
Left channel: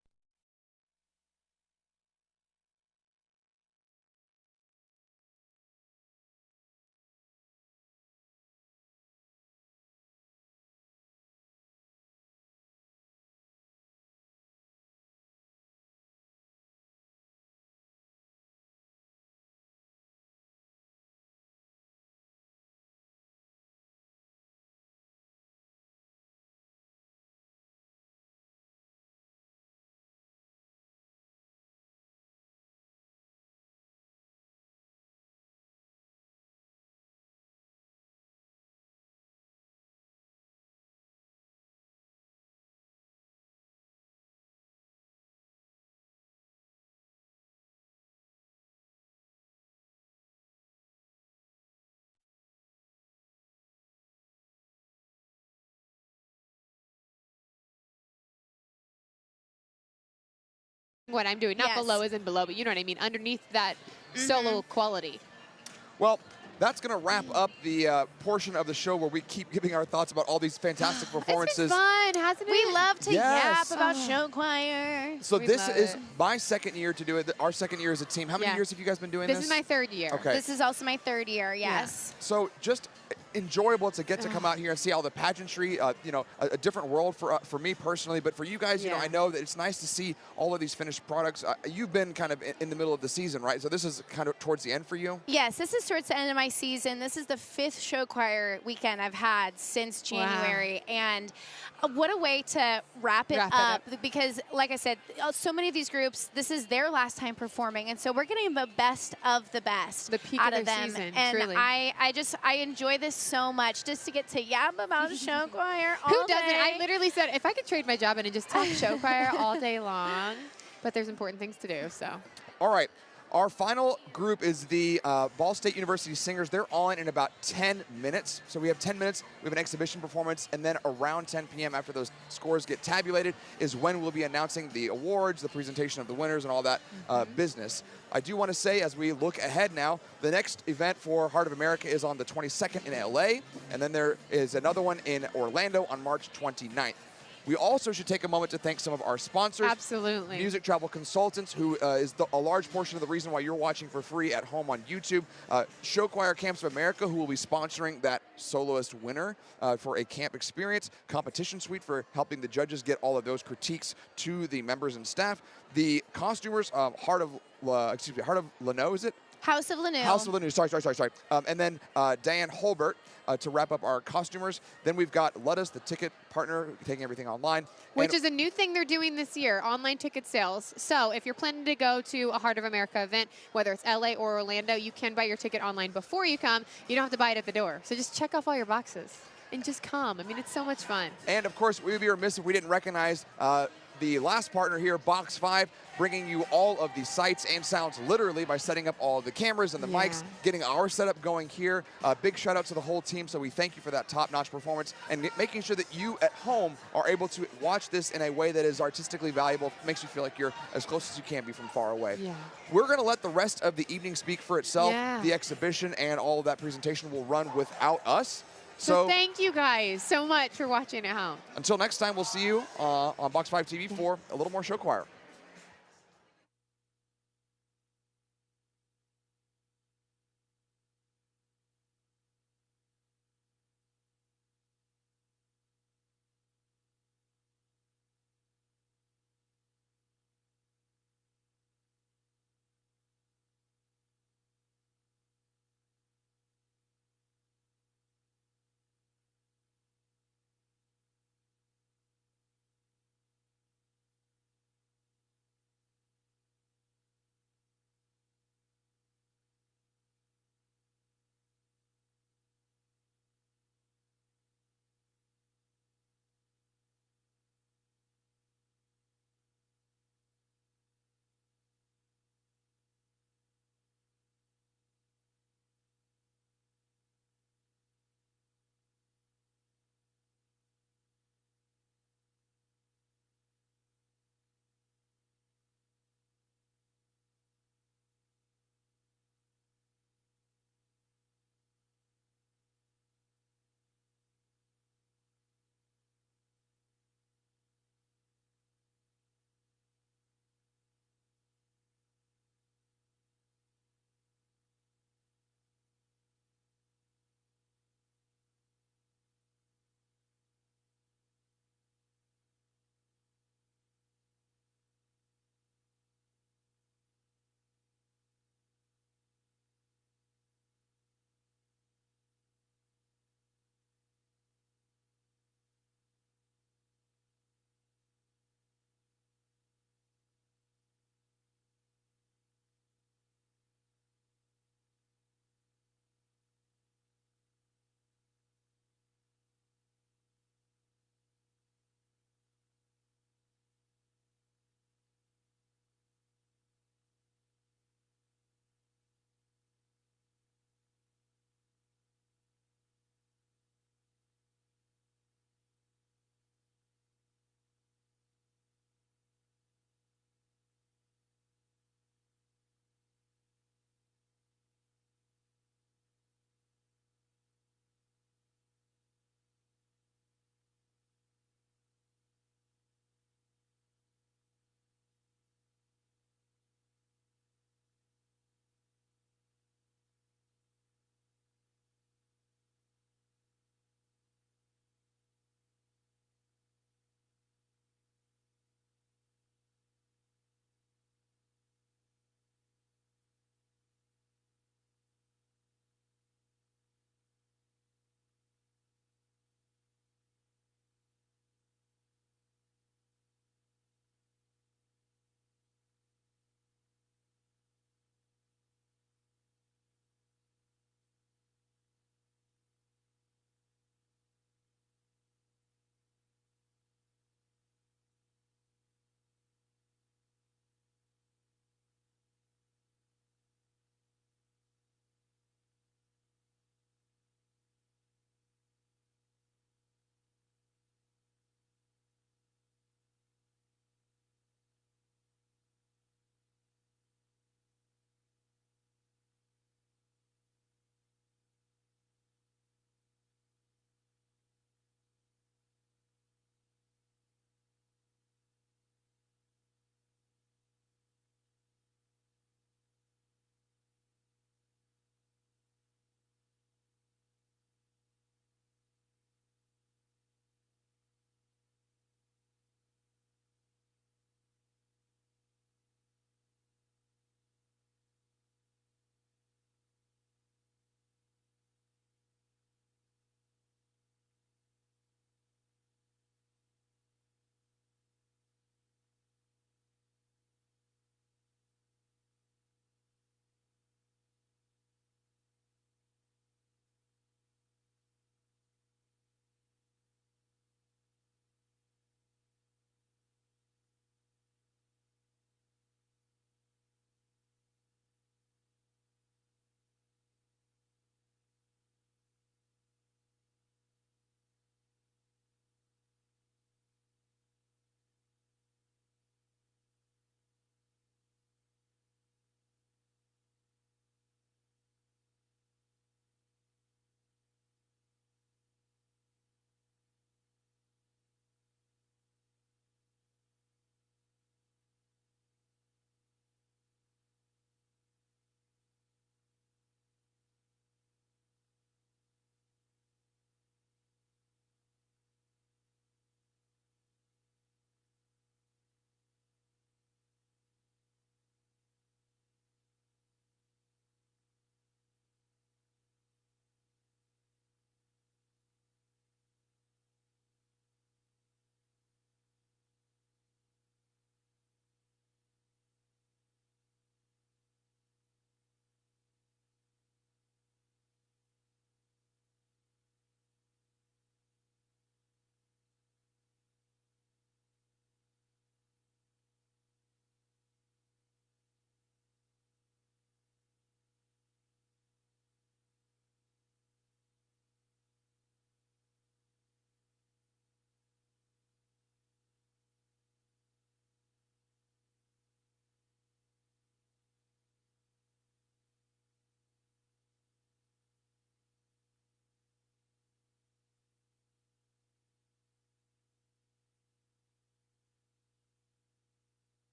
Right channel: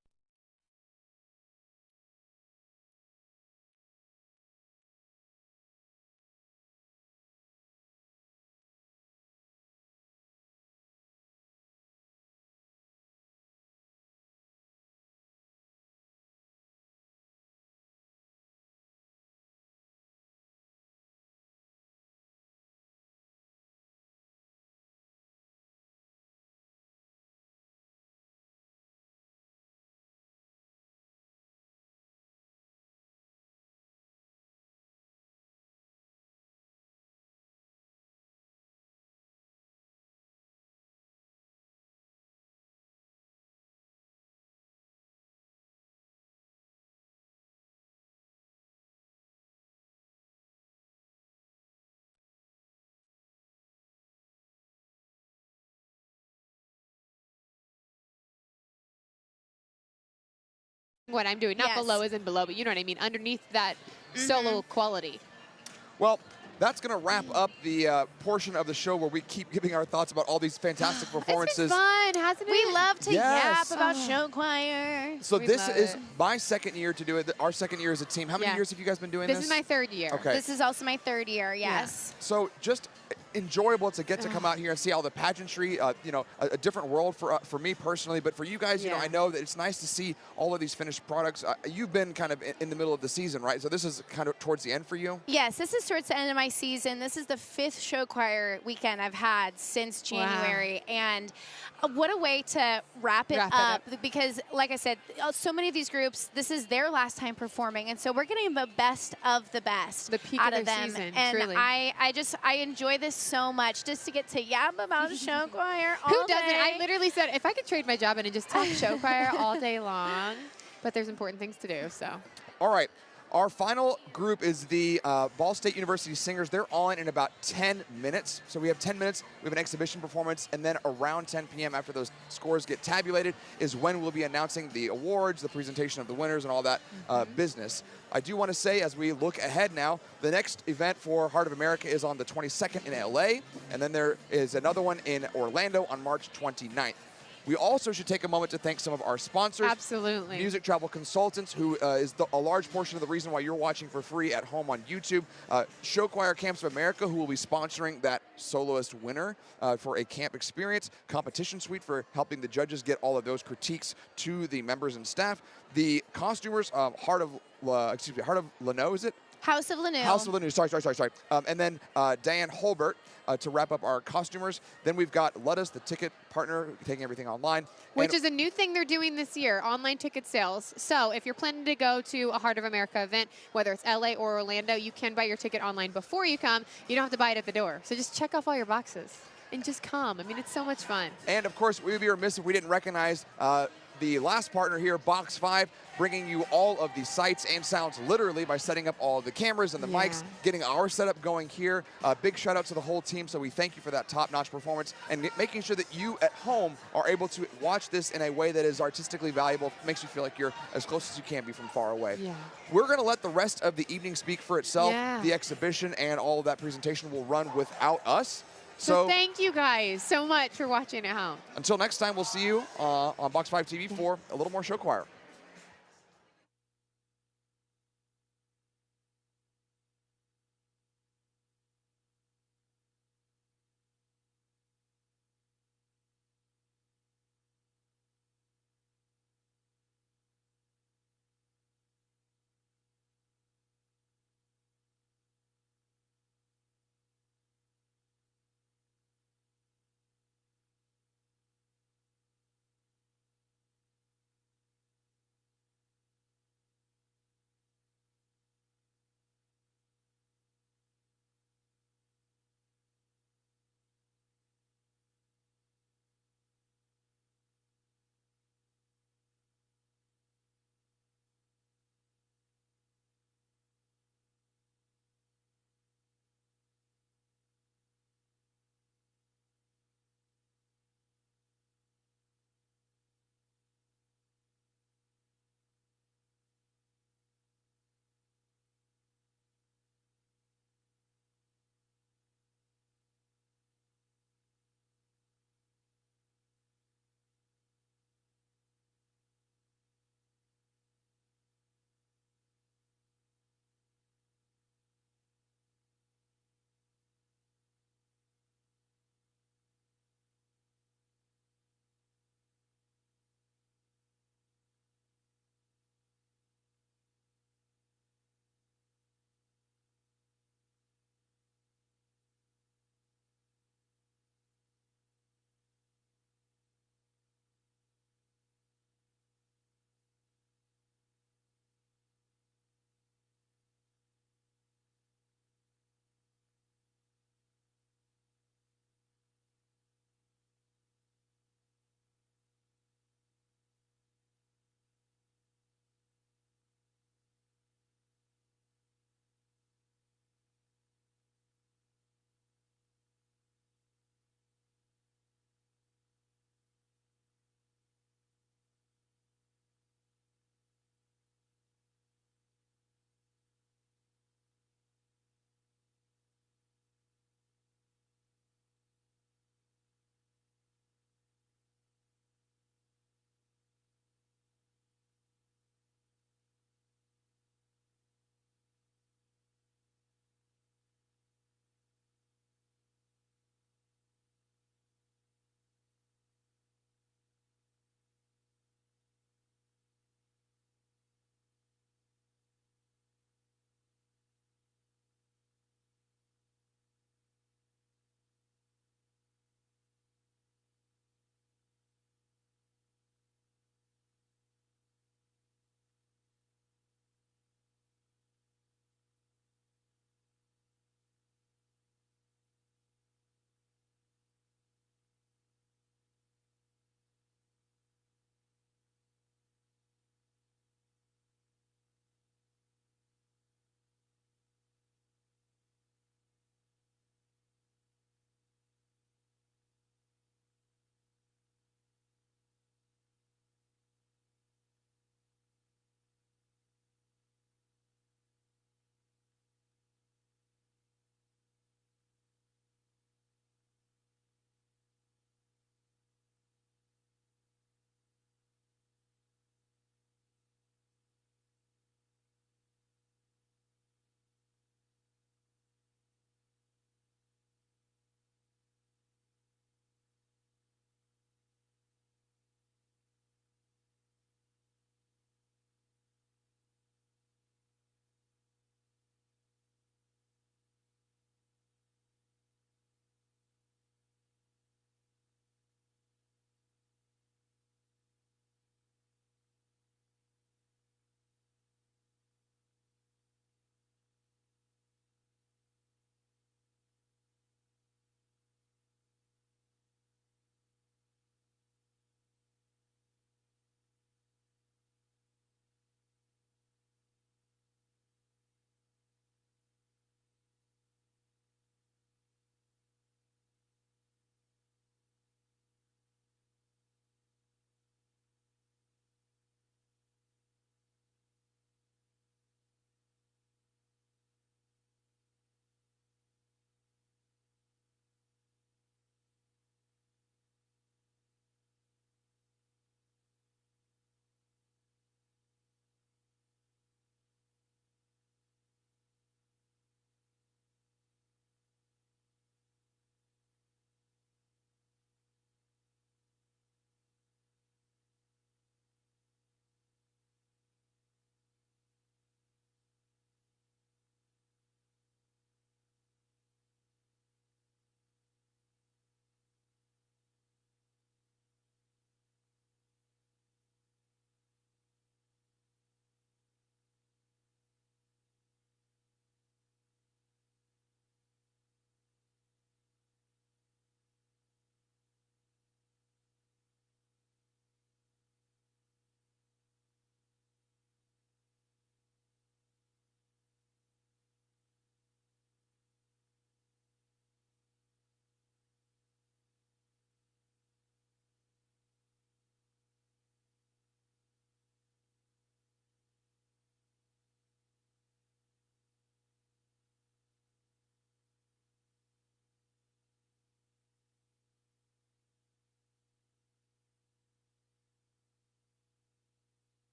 what I'm doing. Not below isn't below, but you know what I mean. Underneath that solo quality. Well, that's going to wrap up the portion of the show where we keep giving our thoughts about all these fantastic performances. It's been fun, hasn't it? We love to yap about show choir. So this is my second year to do it. Our second year as a team. How many years have you guys been doing this? This is my 3rd year. Okay. This is also my 3rd year, yes. So just enjoyable to get to come out here and see all the pageantry, a different world for me personally, but for you guys, I know that it's nice to see all of these finished products. You've been kind of in the middle of the season, right? So this is kind of towards the end for you? Yes, this is towards the end of my season. This is the 5th show choir weekend I've had since January, and what a way to wrap it up because, like I said, so many of these groups, this is their last time performing, and so we're getting the best of the best out of them. Season, and truly. I enjoy this so much, just to get to yap about a show choir all Who doesn't? day. I literally said, if I could trade my job in and just talk show choir all day long, but there's important things to do, so. All right. Our final group is the Ball State University Singers. They're on in about 10 minutes. So we have 10 minutes, we have an exhibition performance, and then around 10 p.m. after those scores get tabulated is when we'll be announcing the awards, the presentation of the winners, and all that business. I do want to say, as we look ahead now, the next event for Heart of America is on the 22nd in LA, and then there is another one in Orlando on March 29th. We also should take a moment to thank some of our sponsors. Absolutely. Music Travel Consultants, who is a large portion of the reason why you're watching for free at home on YouTube. Show Choir Camps of America, who will be sponsoring that soloist winner for a camp experience. Competition Suite for helping the judges get all of those critiques to the members and staff. The costumers, Heart of Lano, is it? House of Lanu. House of Lanu, sorry. And then Diane Holbert to wrap up our costumers. Then we've got Lettuce, the ticket partner, taking everything online. Which is a new thing they're doing this year, online ticket sales. So if you're planning to go to a Heart of America event, whether it's LA or Orlando, you can buy your ticket online before you come. You don't have to buy it at the door. So just check off all your boxes and just come. I mean, it's so much fun. And of course, we would be remiss if we didn't recognize the last partner here, Box 5, bringing you all of the sights and sounds literally by setting up all the cameras and the mics, getting our setup going here. Big shout out to the whole team. So we thank you for that top-notch performance and making sure that you at home are able to watch this in a way that is artistically valuable, makes you feel like you're as close as you can be from far away. Yeah. We're going to let the rest of the evening speak for itself. Yeah. The exhibition and all of that presentation will run without us. So thank you guys so much for watching at home. Until next time, we'll see you on Box 5 TV for a little more show choir.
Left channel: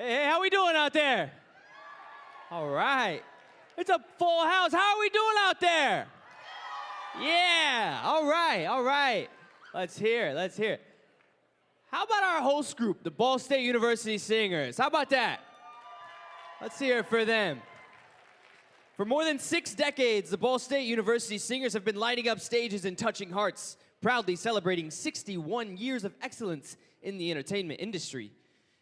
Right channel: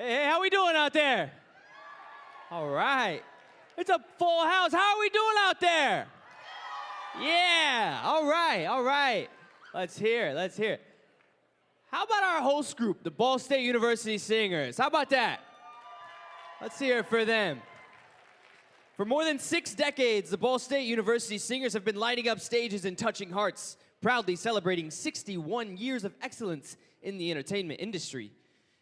Hey, how we doing out there? All right. It's a full house. How are we doing out there? Yeah, all right. Let's hear it. How about our host group, the Ball State University Singers? How about that? Let's hear it for them. For more than 6 decades, the Ball State University Singers have been lighting up stages and touching hearts, proudly celebrating 61 years of excellence in the entertainment industry.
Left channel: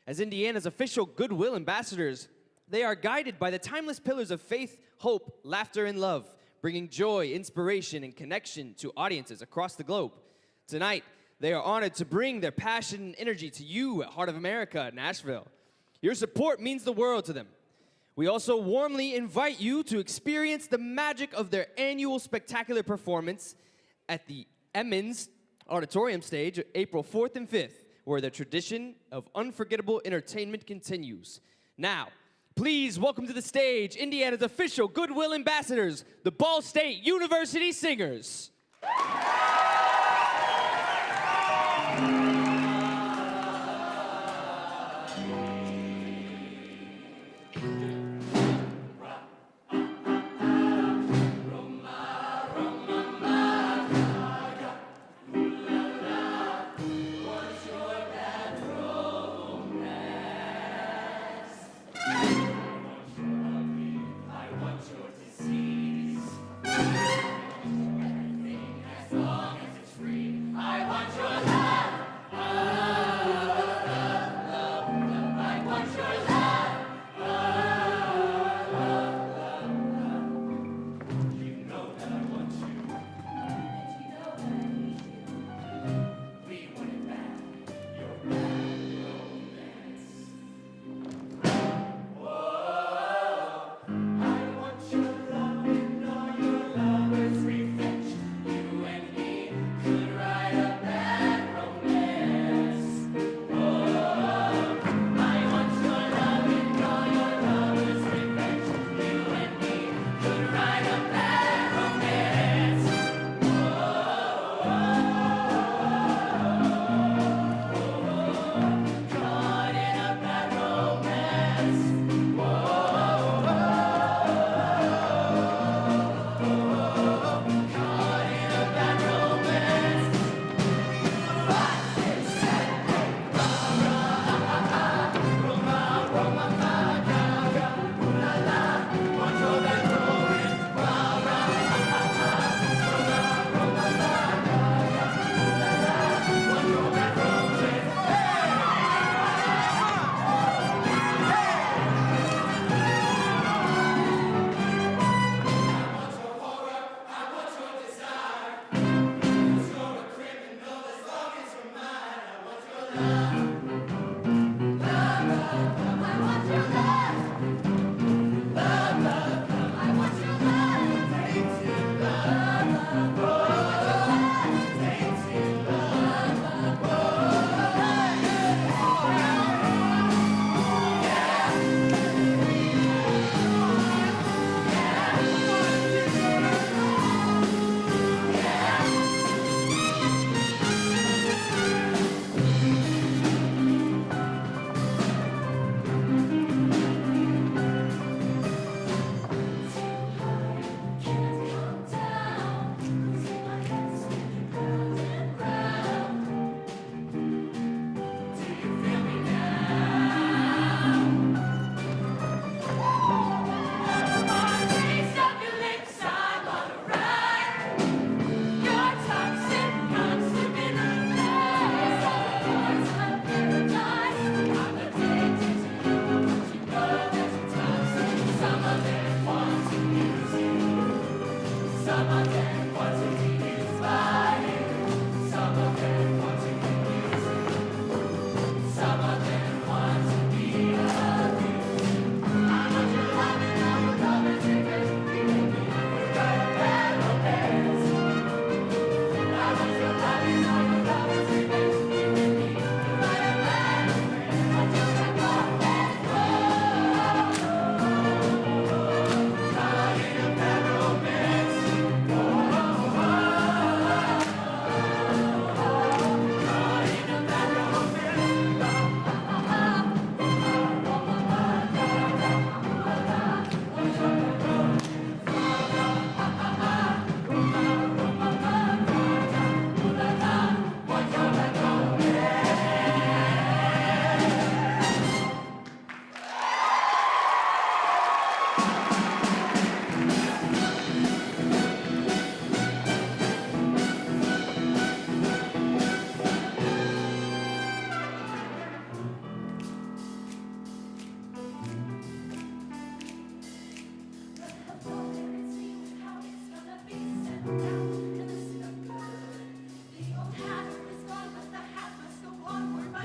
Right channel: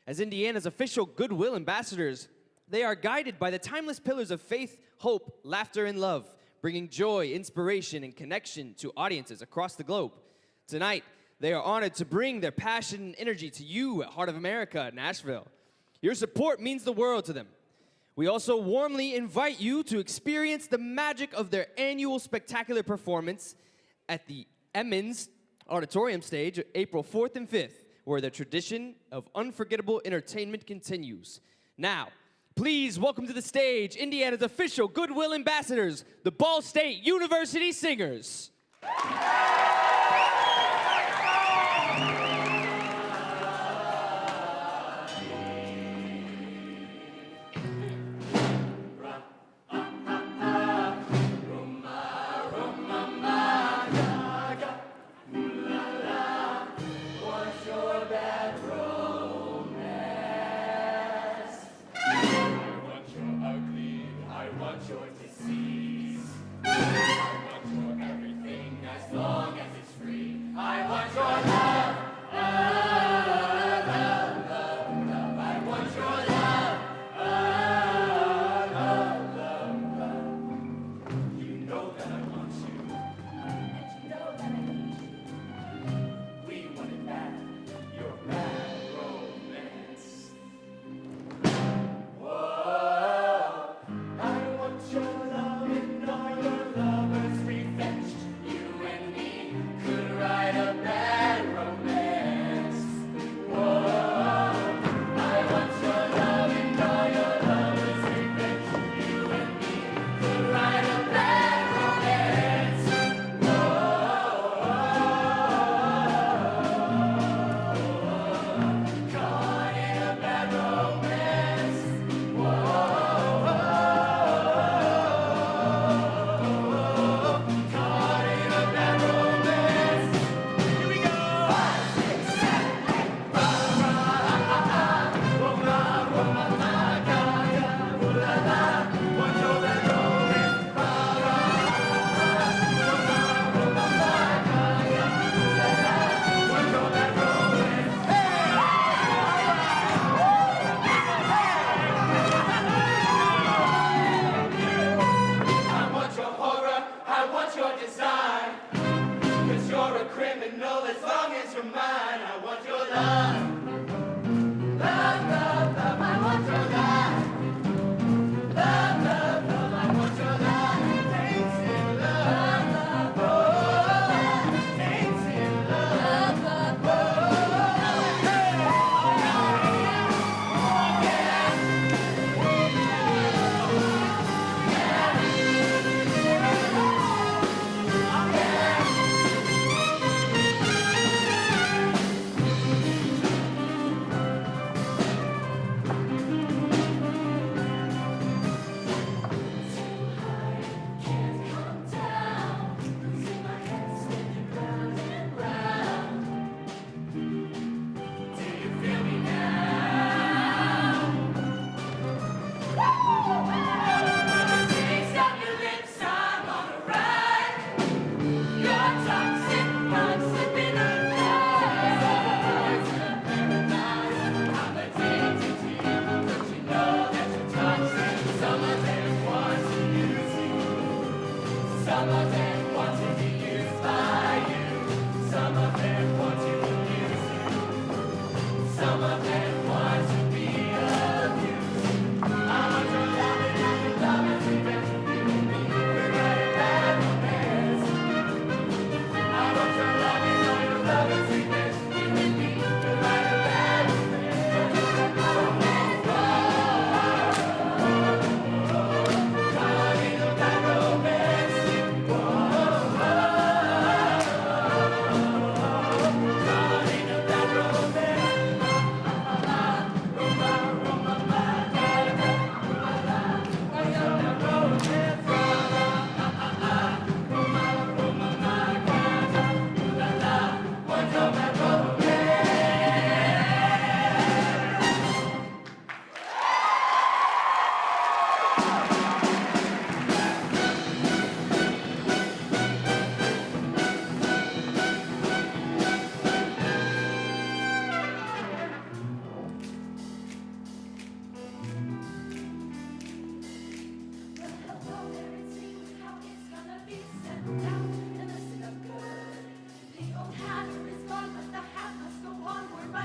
As Indiana's official goodwill ambassadors, they are guided by the timeless pillars of faith, hope, laughter, and love, bringing joy, inspiration, and connection to audiences across the globe. Tonight, they are honored to bring their passion and energy to you at Heart of America, Nashville. Your support means the world to them. We also warmly invite you to experience the magic of their annual spectacular performance at the Emmons Auditorium stage, April 4th and 5th, where the tradition of unforgettable entertainment continues. Now, please welcome to the stage Indiana's official goodwill ambassadors, the Ball State University Singers. Everything as long as it's free. I want your love.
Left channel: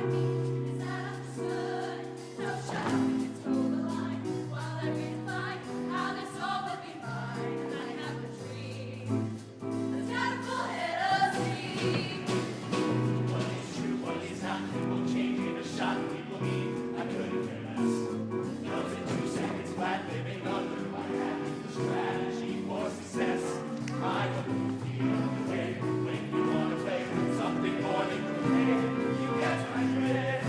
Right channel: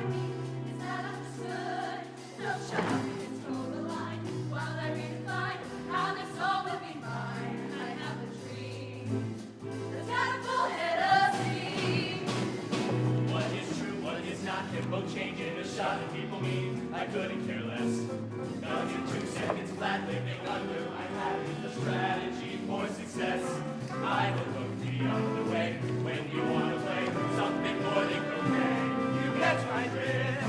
I mean? Is that understood? No, shut up, you can toe the line while I redefine how this all will be mine. And I have a dream that's got a full head of steam. What is true, what is not, it will change in a shot. People mean I couldn't care less. Goes in 2 seconds flat, living under my hat. The strategy for success. I will move the other way when you want to play something more than you catch my drift.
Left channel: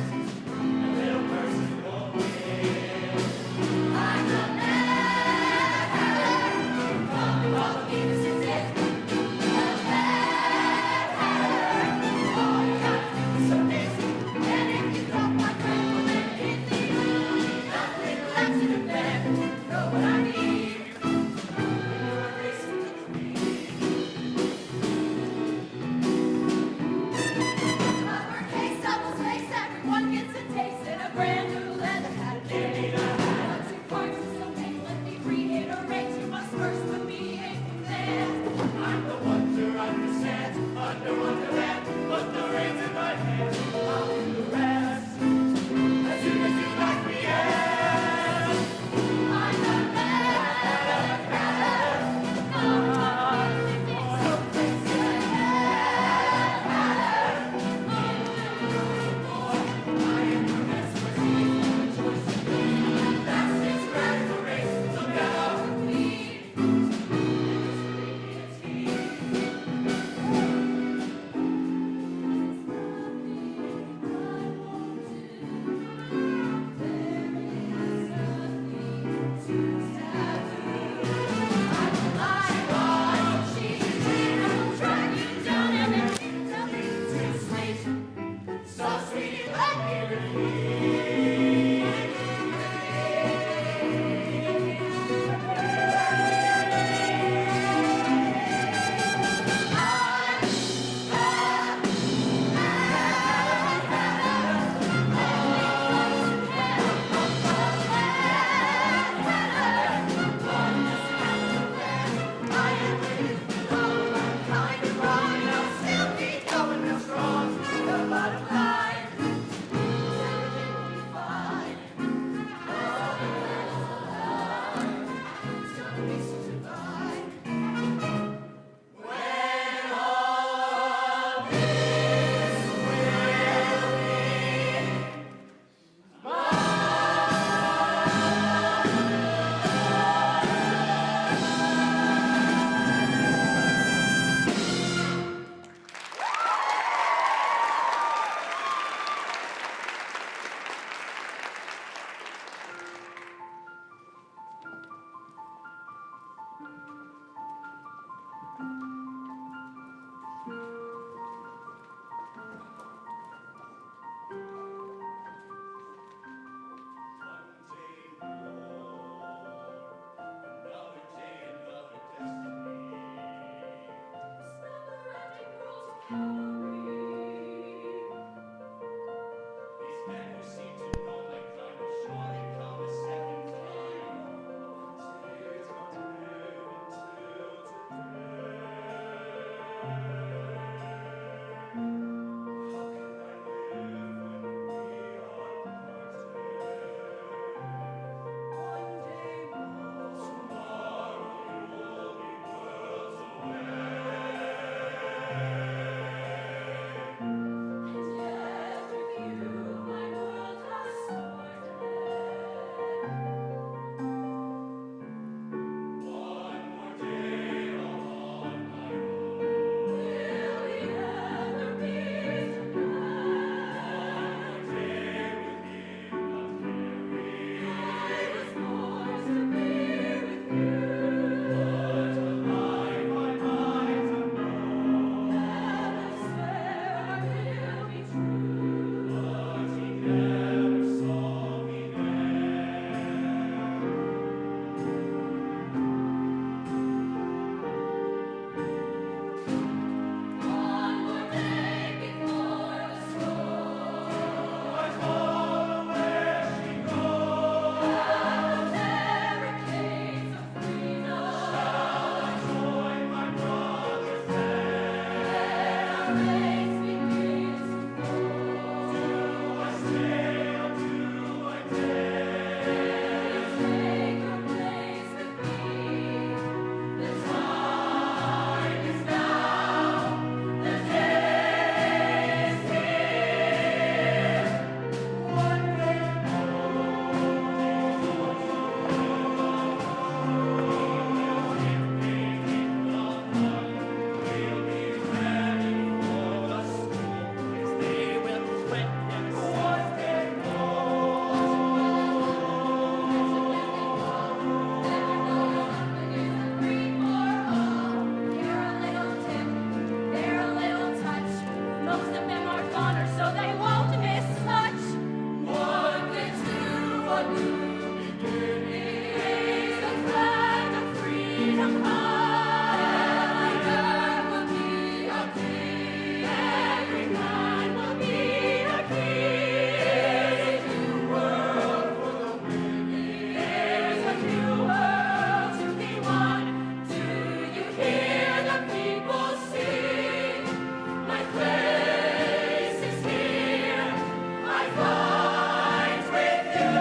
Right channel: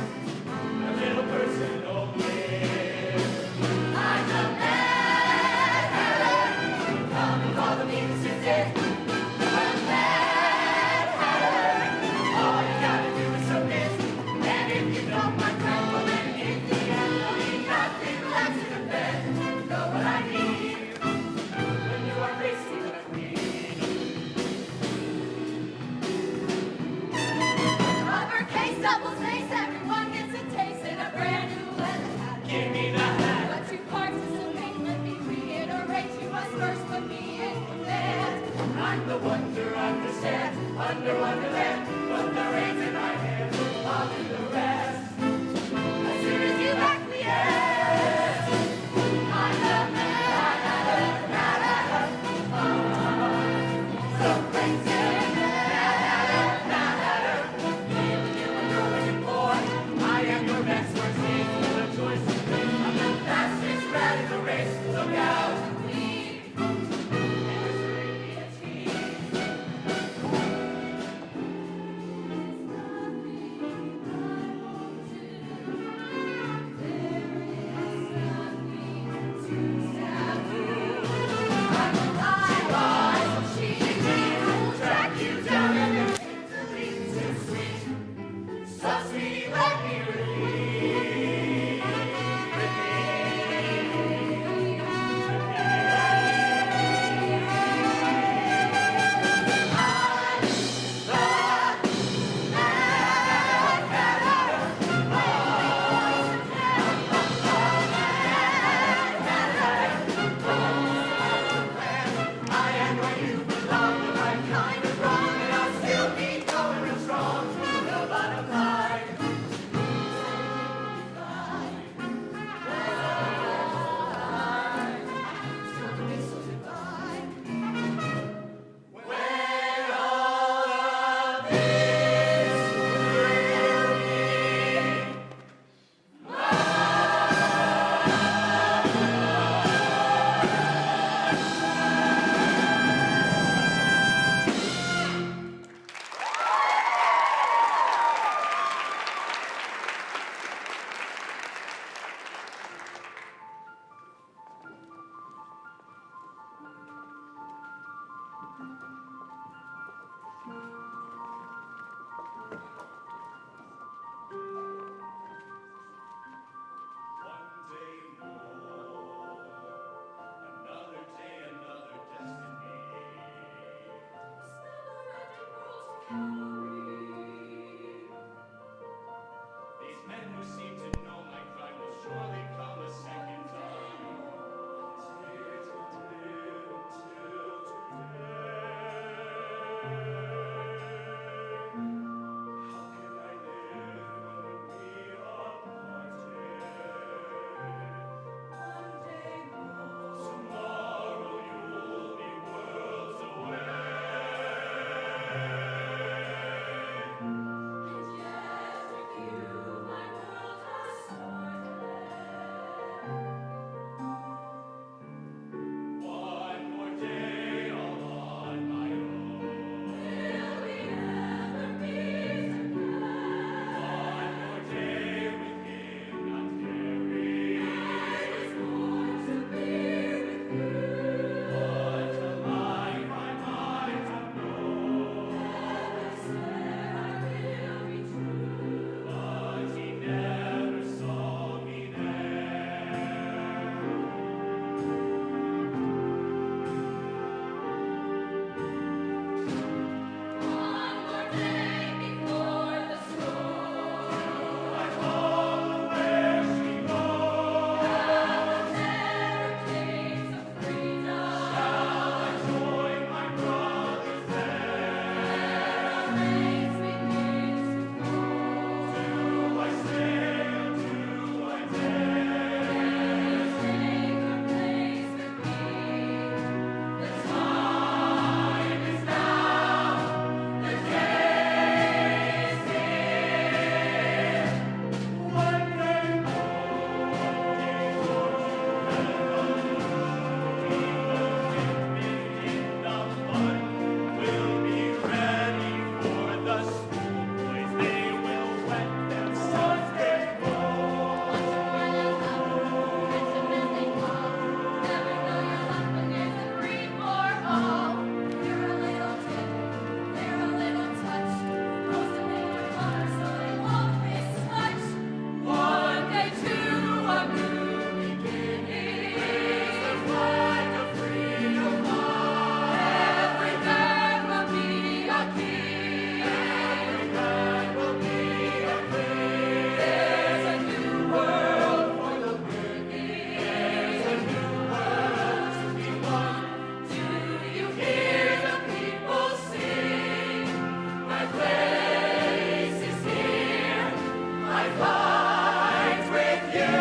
fight with you.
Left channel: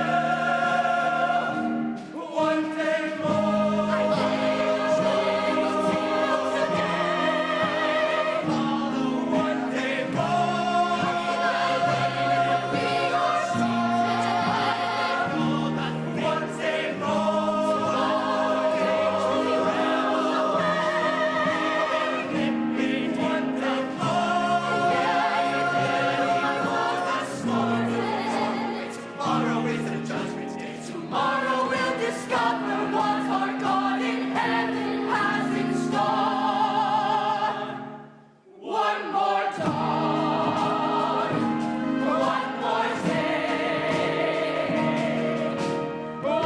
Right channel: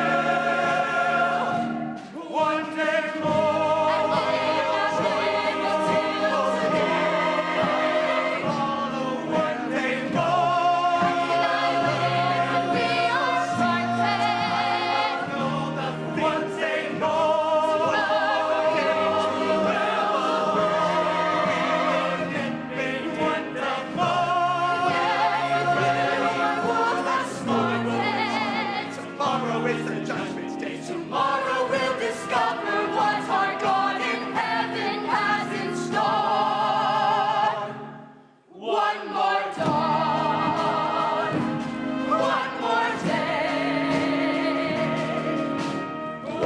One day more, one day more, we are strong. One day more, one day tomorrow is the judgment day. Tomorrow we'll discover what our God in heaven has in store. One more dawn, one more day, one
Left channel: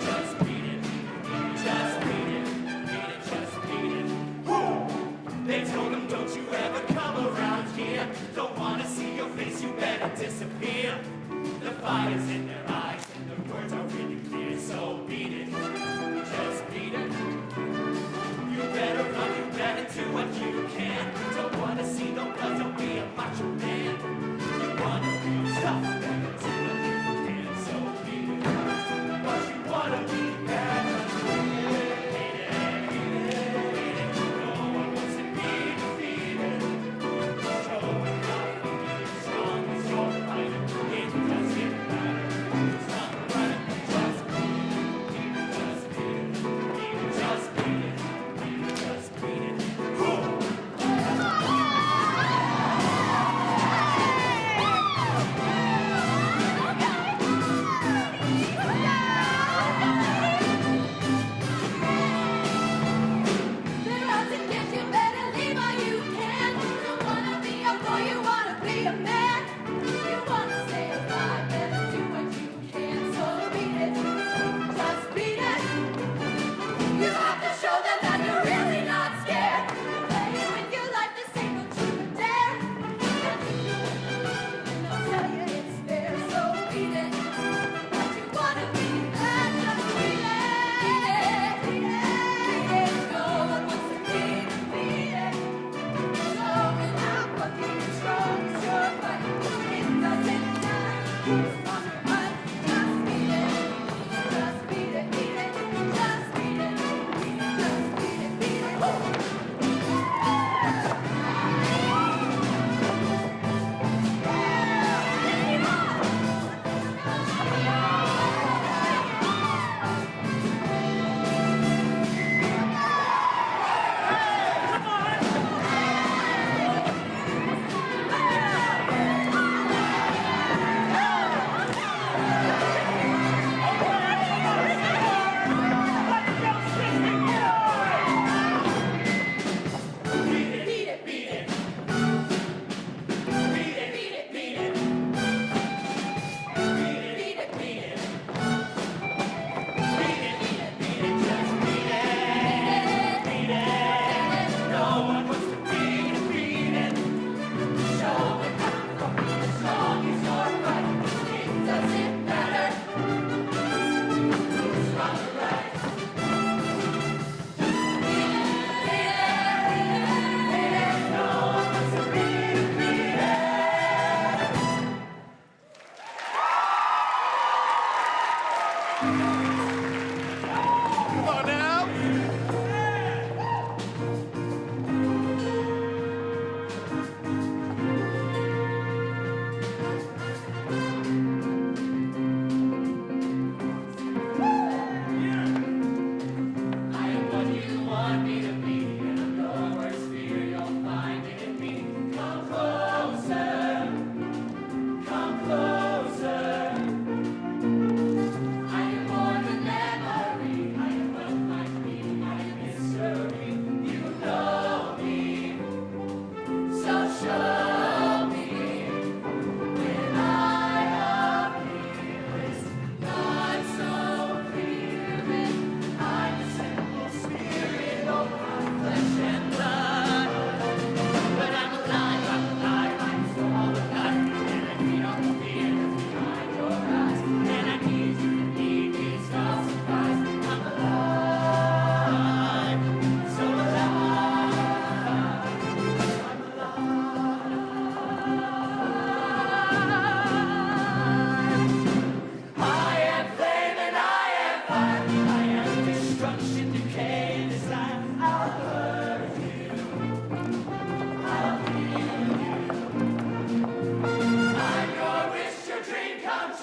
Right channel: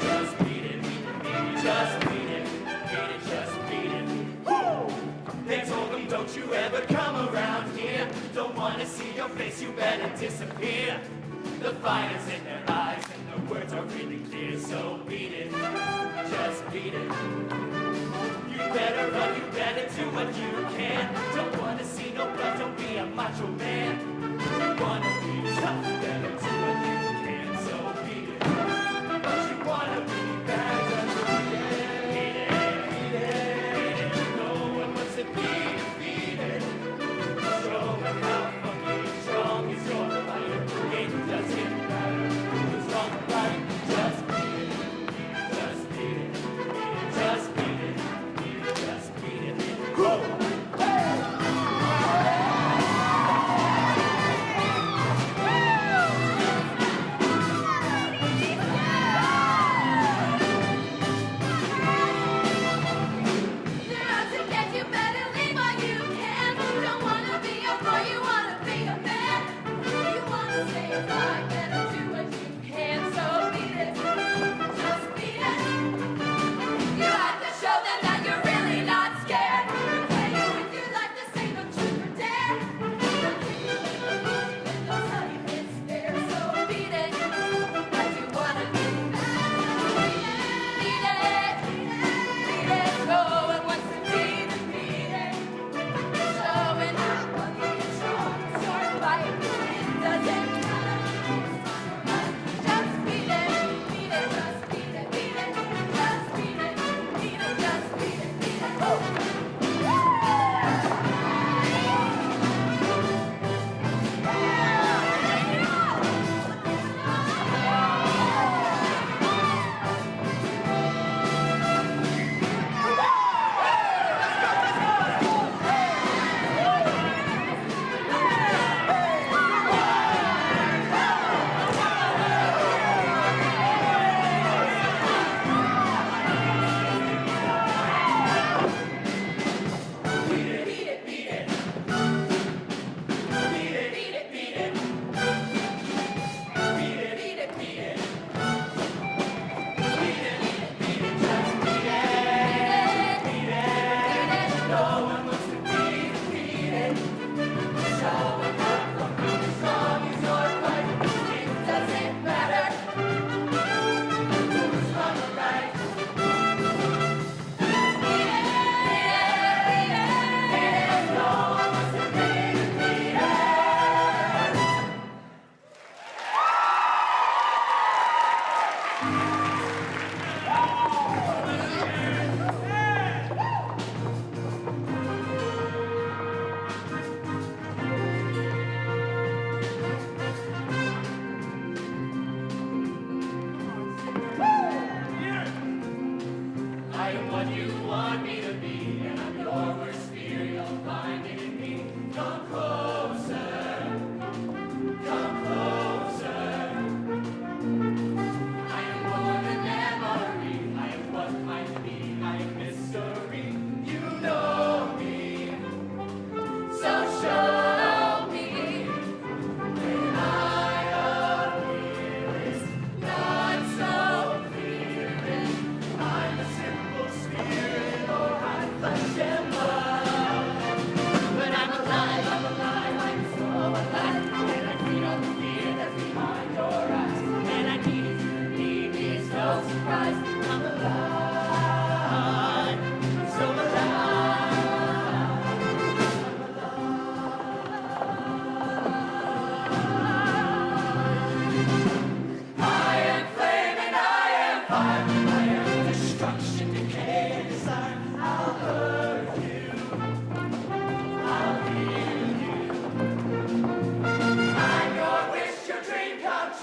Just beat it, just beat it, beat it, just beat it. Woo! They told them, don't you ever come around here. Don't wanna see your face, you better disappear. The fire's in their eyes and their words are really clear. So beat it, just beat it. You better run, you better do what you can. Don't wanna see no blood, don't be a macho man. You wanna be tough, better do what you can. So beat it. Don't you wanna be bad? Beat it, beat it, beat it. No one wants to be defeated. Show them how fucking strong is your fight. It does get better. It's not right. Just beat it. Just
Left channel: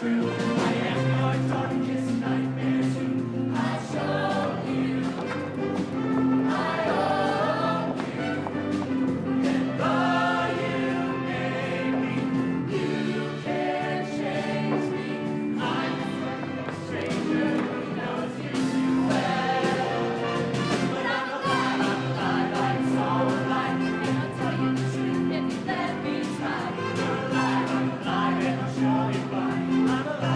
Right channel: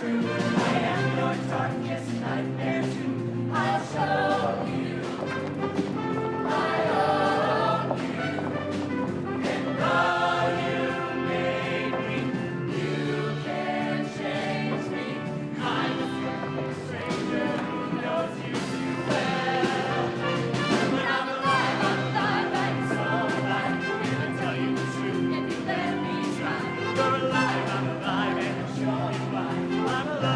true. I am your darkest nightmare too. I'll show you I own you. And though you made me, you can't change me. I'm a perfect stranger who knows you too well. But I'm alive, I'm so alive. And I'll tell you the truth if you let me try. You're alive, I'm alive, and I'll show you why. I'm alive.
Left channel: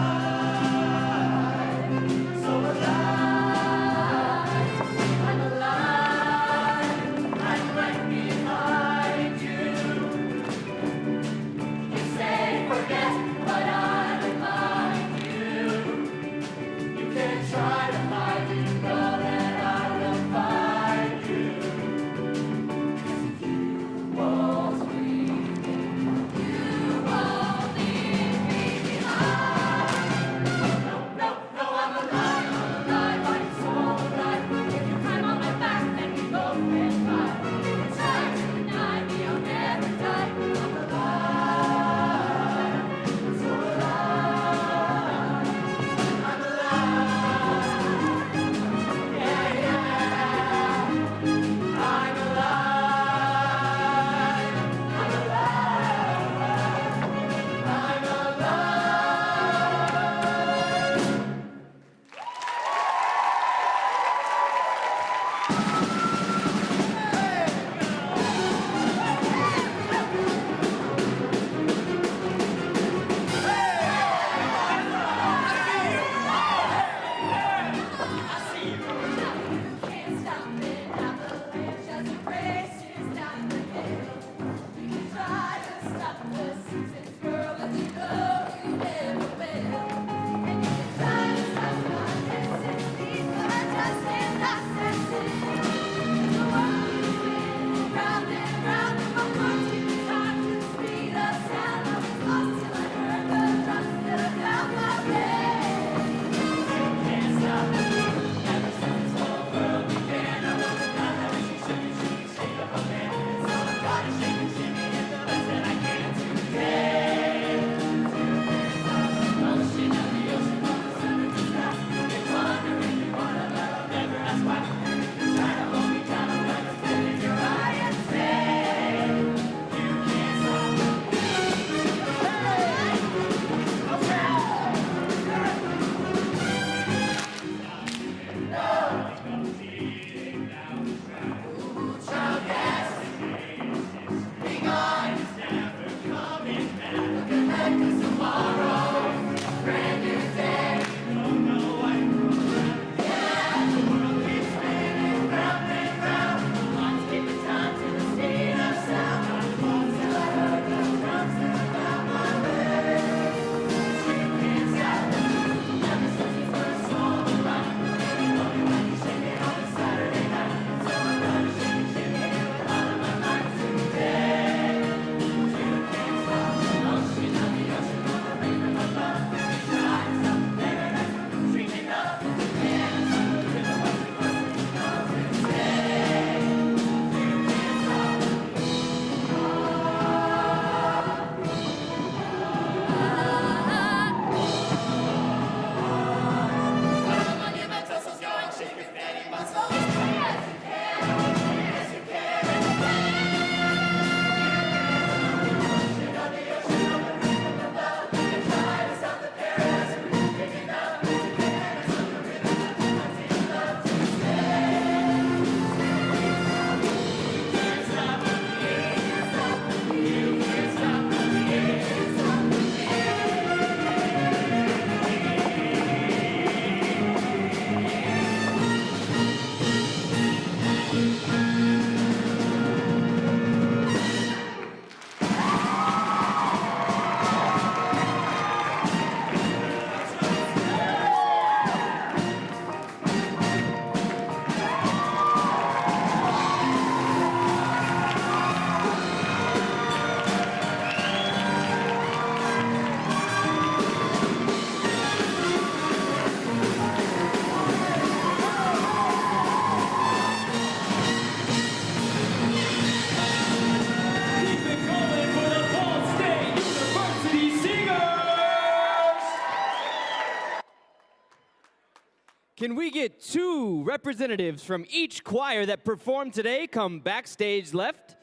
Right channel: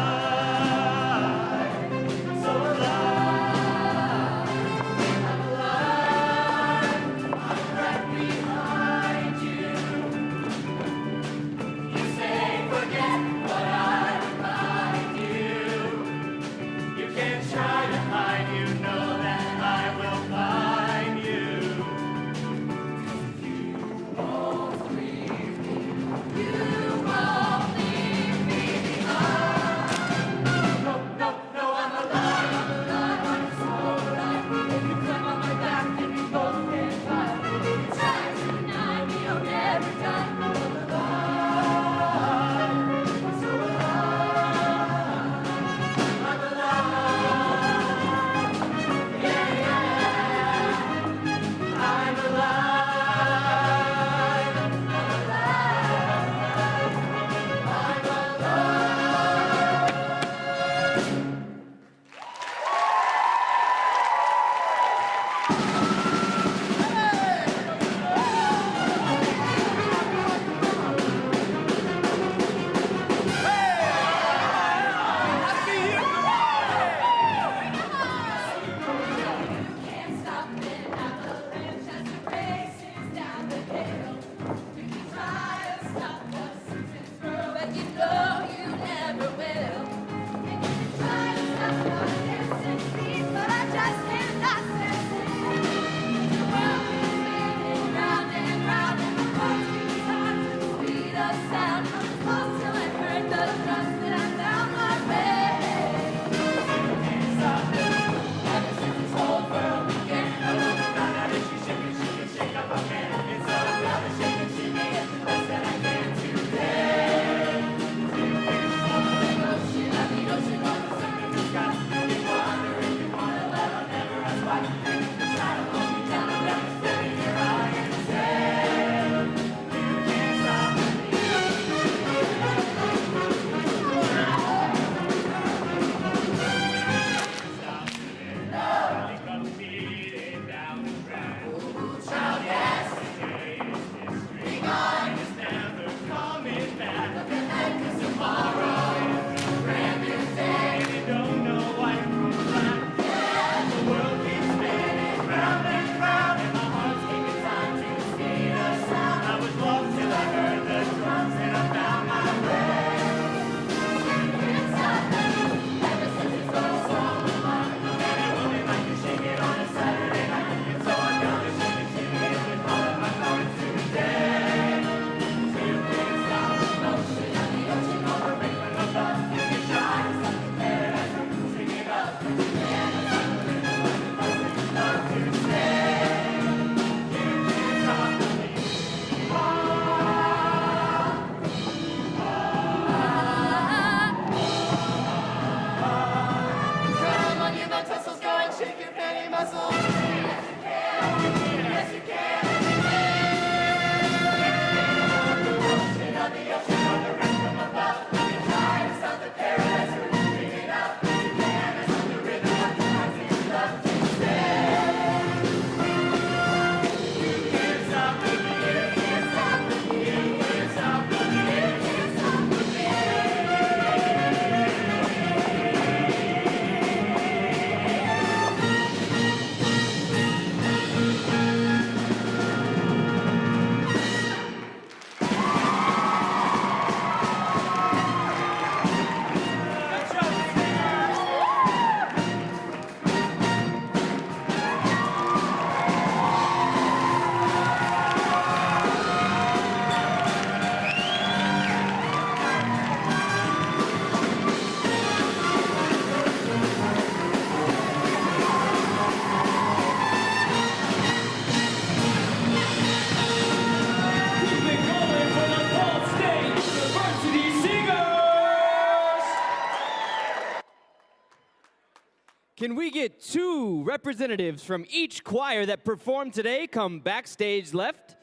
Can we get 2 representatives from each choir that performed today come backstage left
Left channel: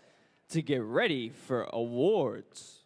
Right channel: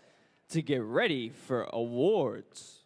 to get ready for awards?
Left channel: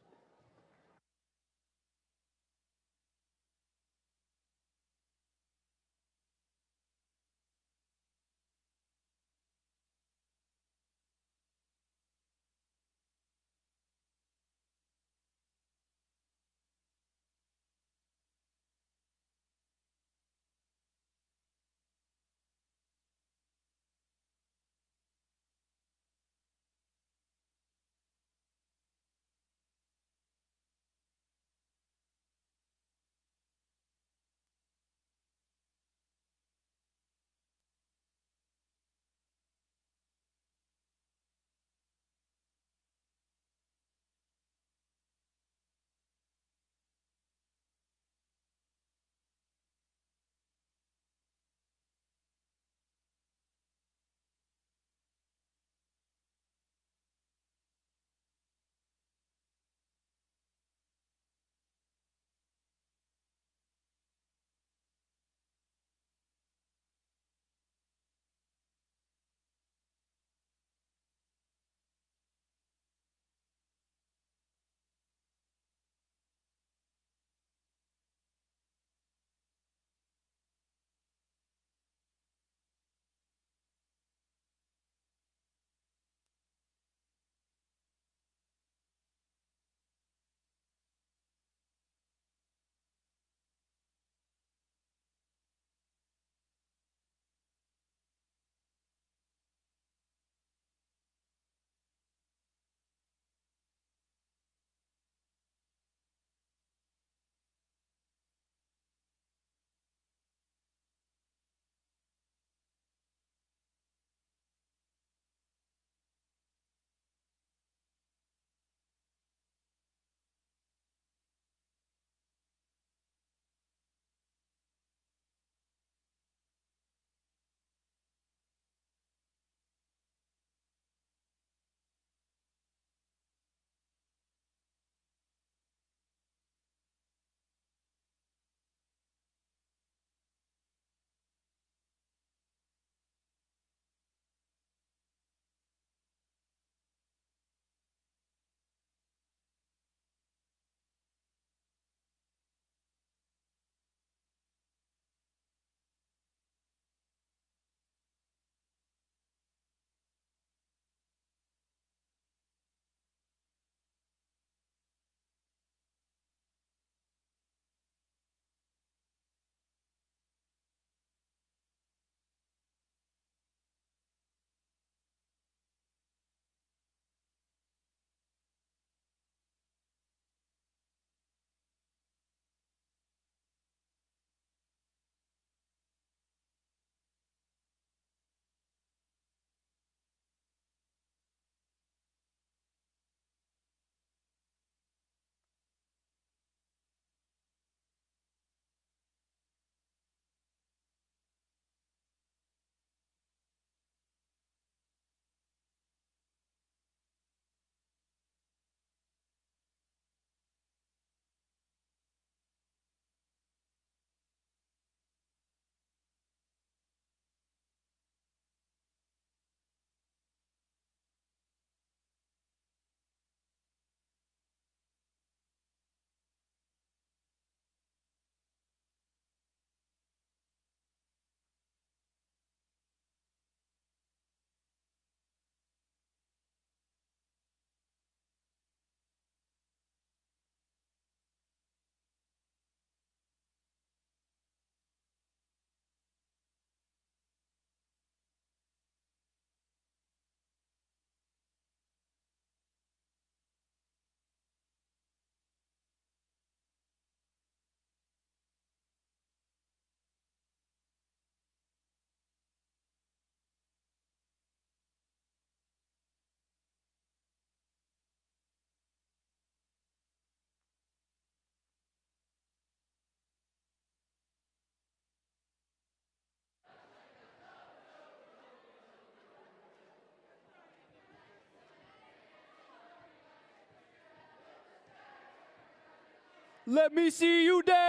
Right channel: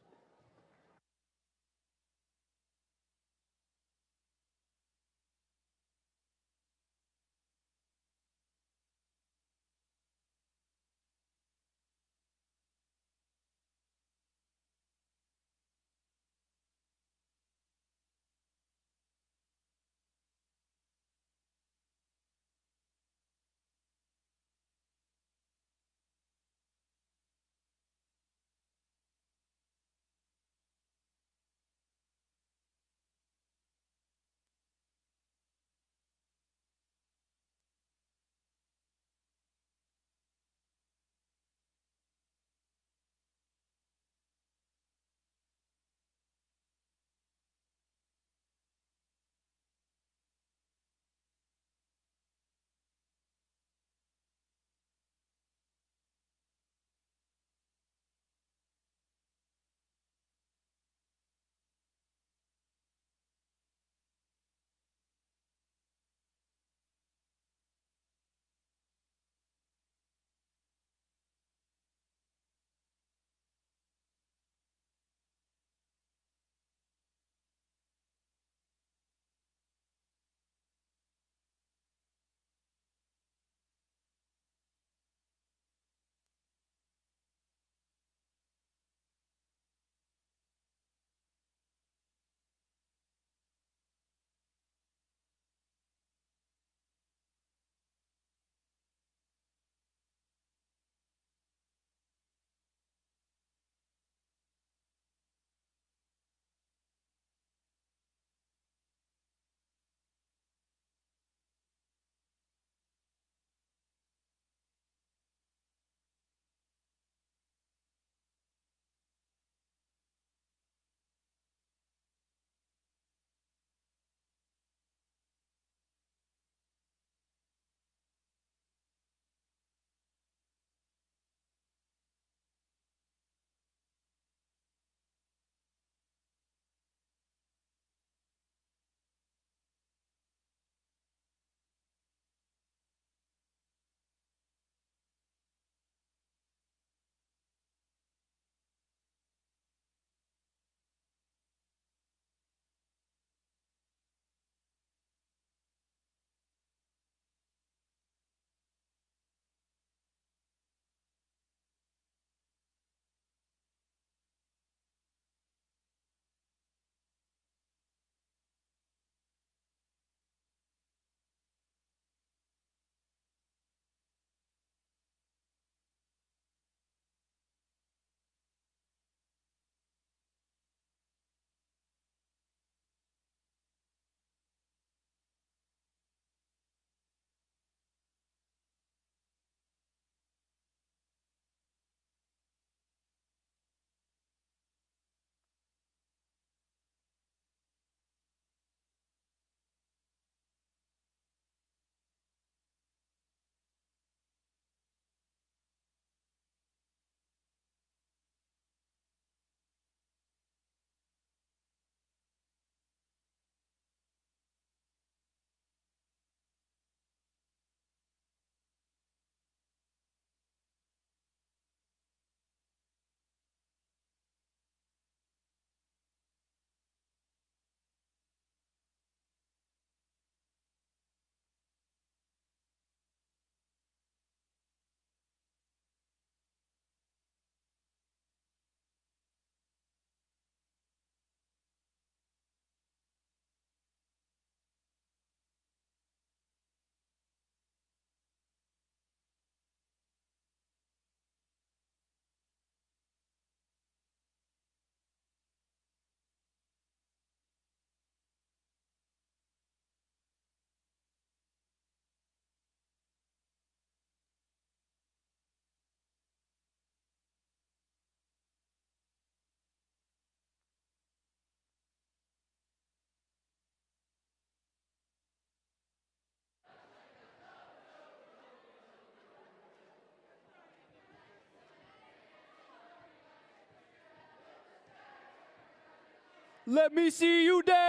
Let me see you dance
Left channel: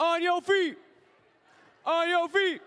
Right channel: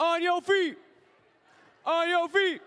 on your feet. On your feet.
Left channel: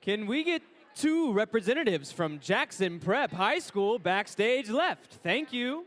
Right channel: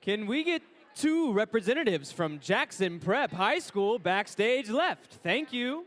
Can we get 2 representatives from Jackson Prep High School backstage left? Thank you.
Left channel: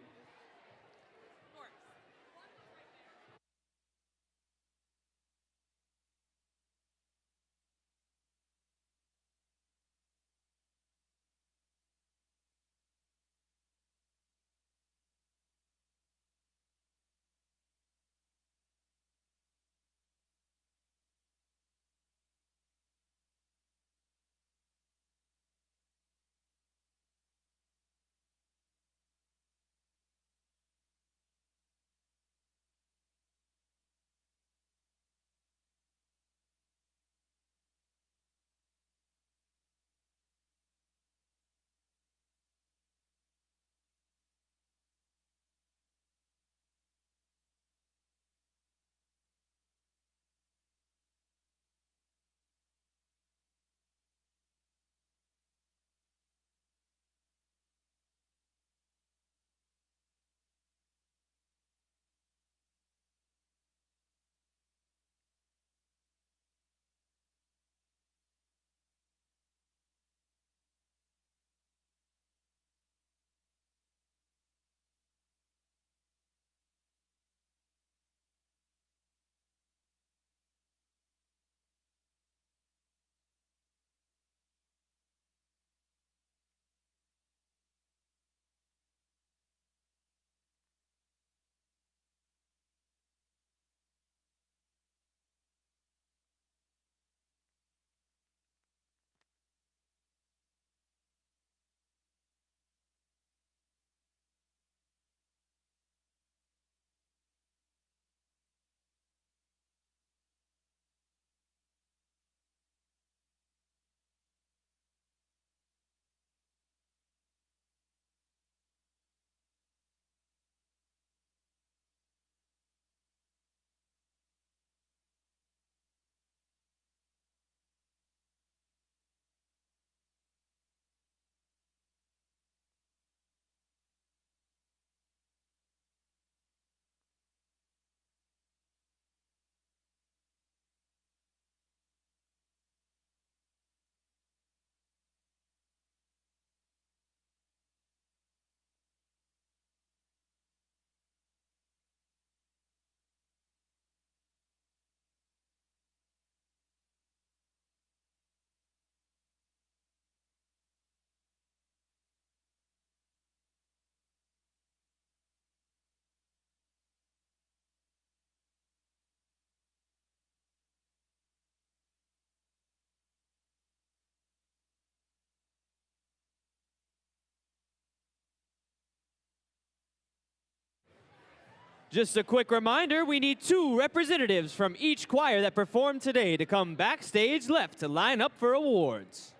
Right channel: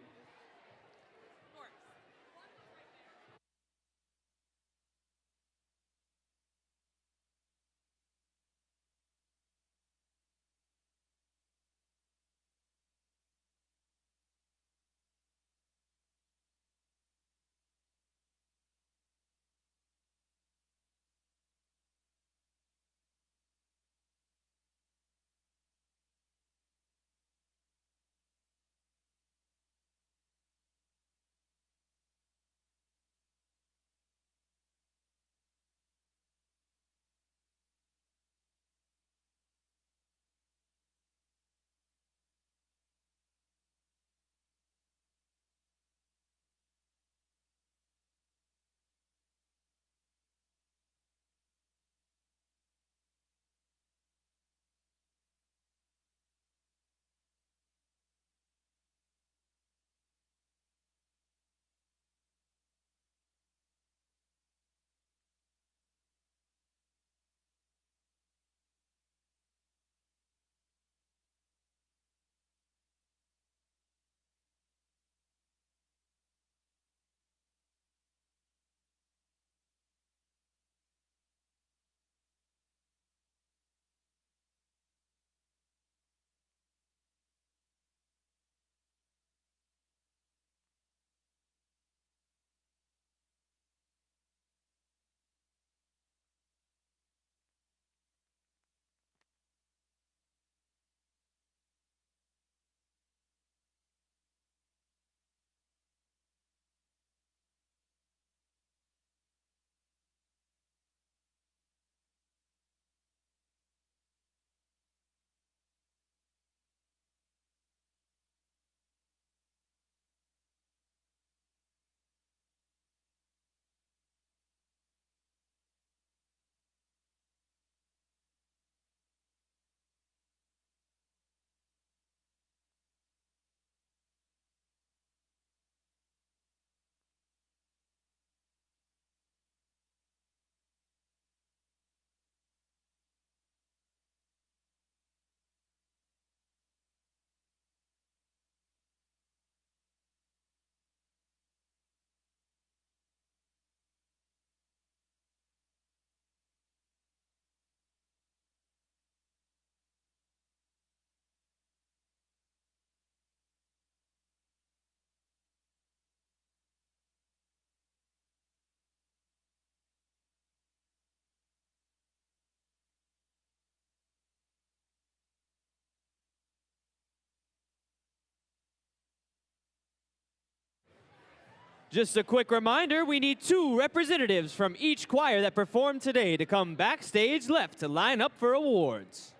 Just a quick reminder, we need 2 representatives from each choir that performed today to come backstage left to line up for awards.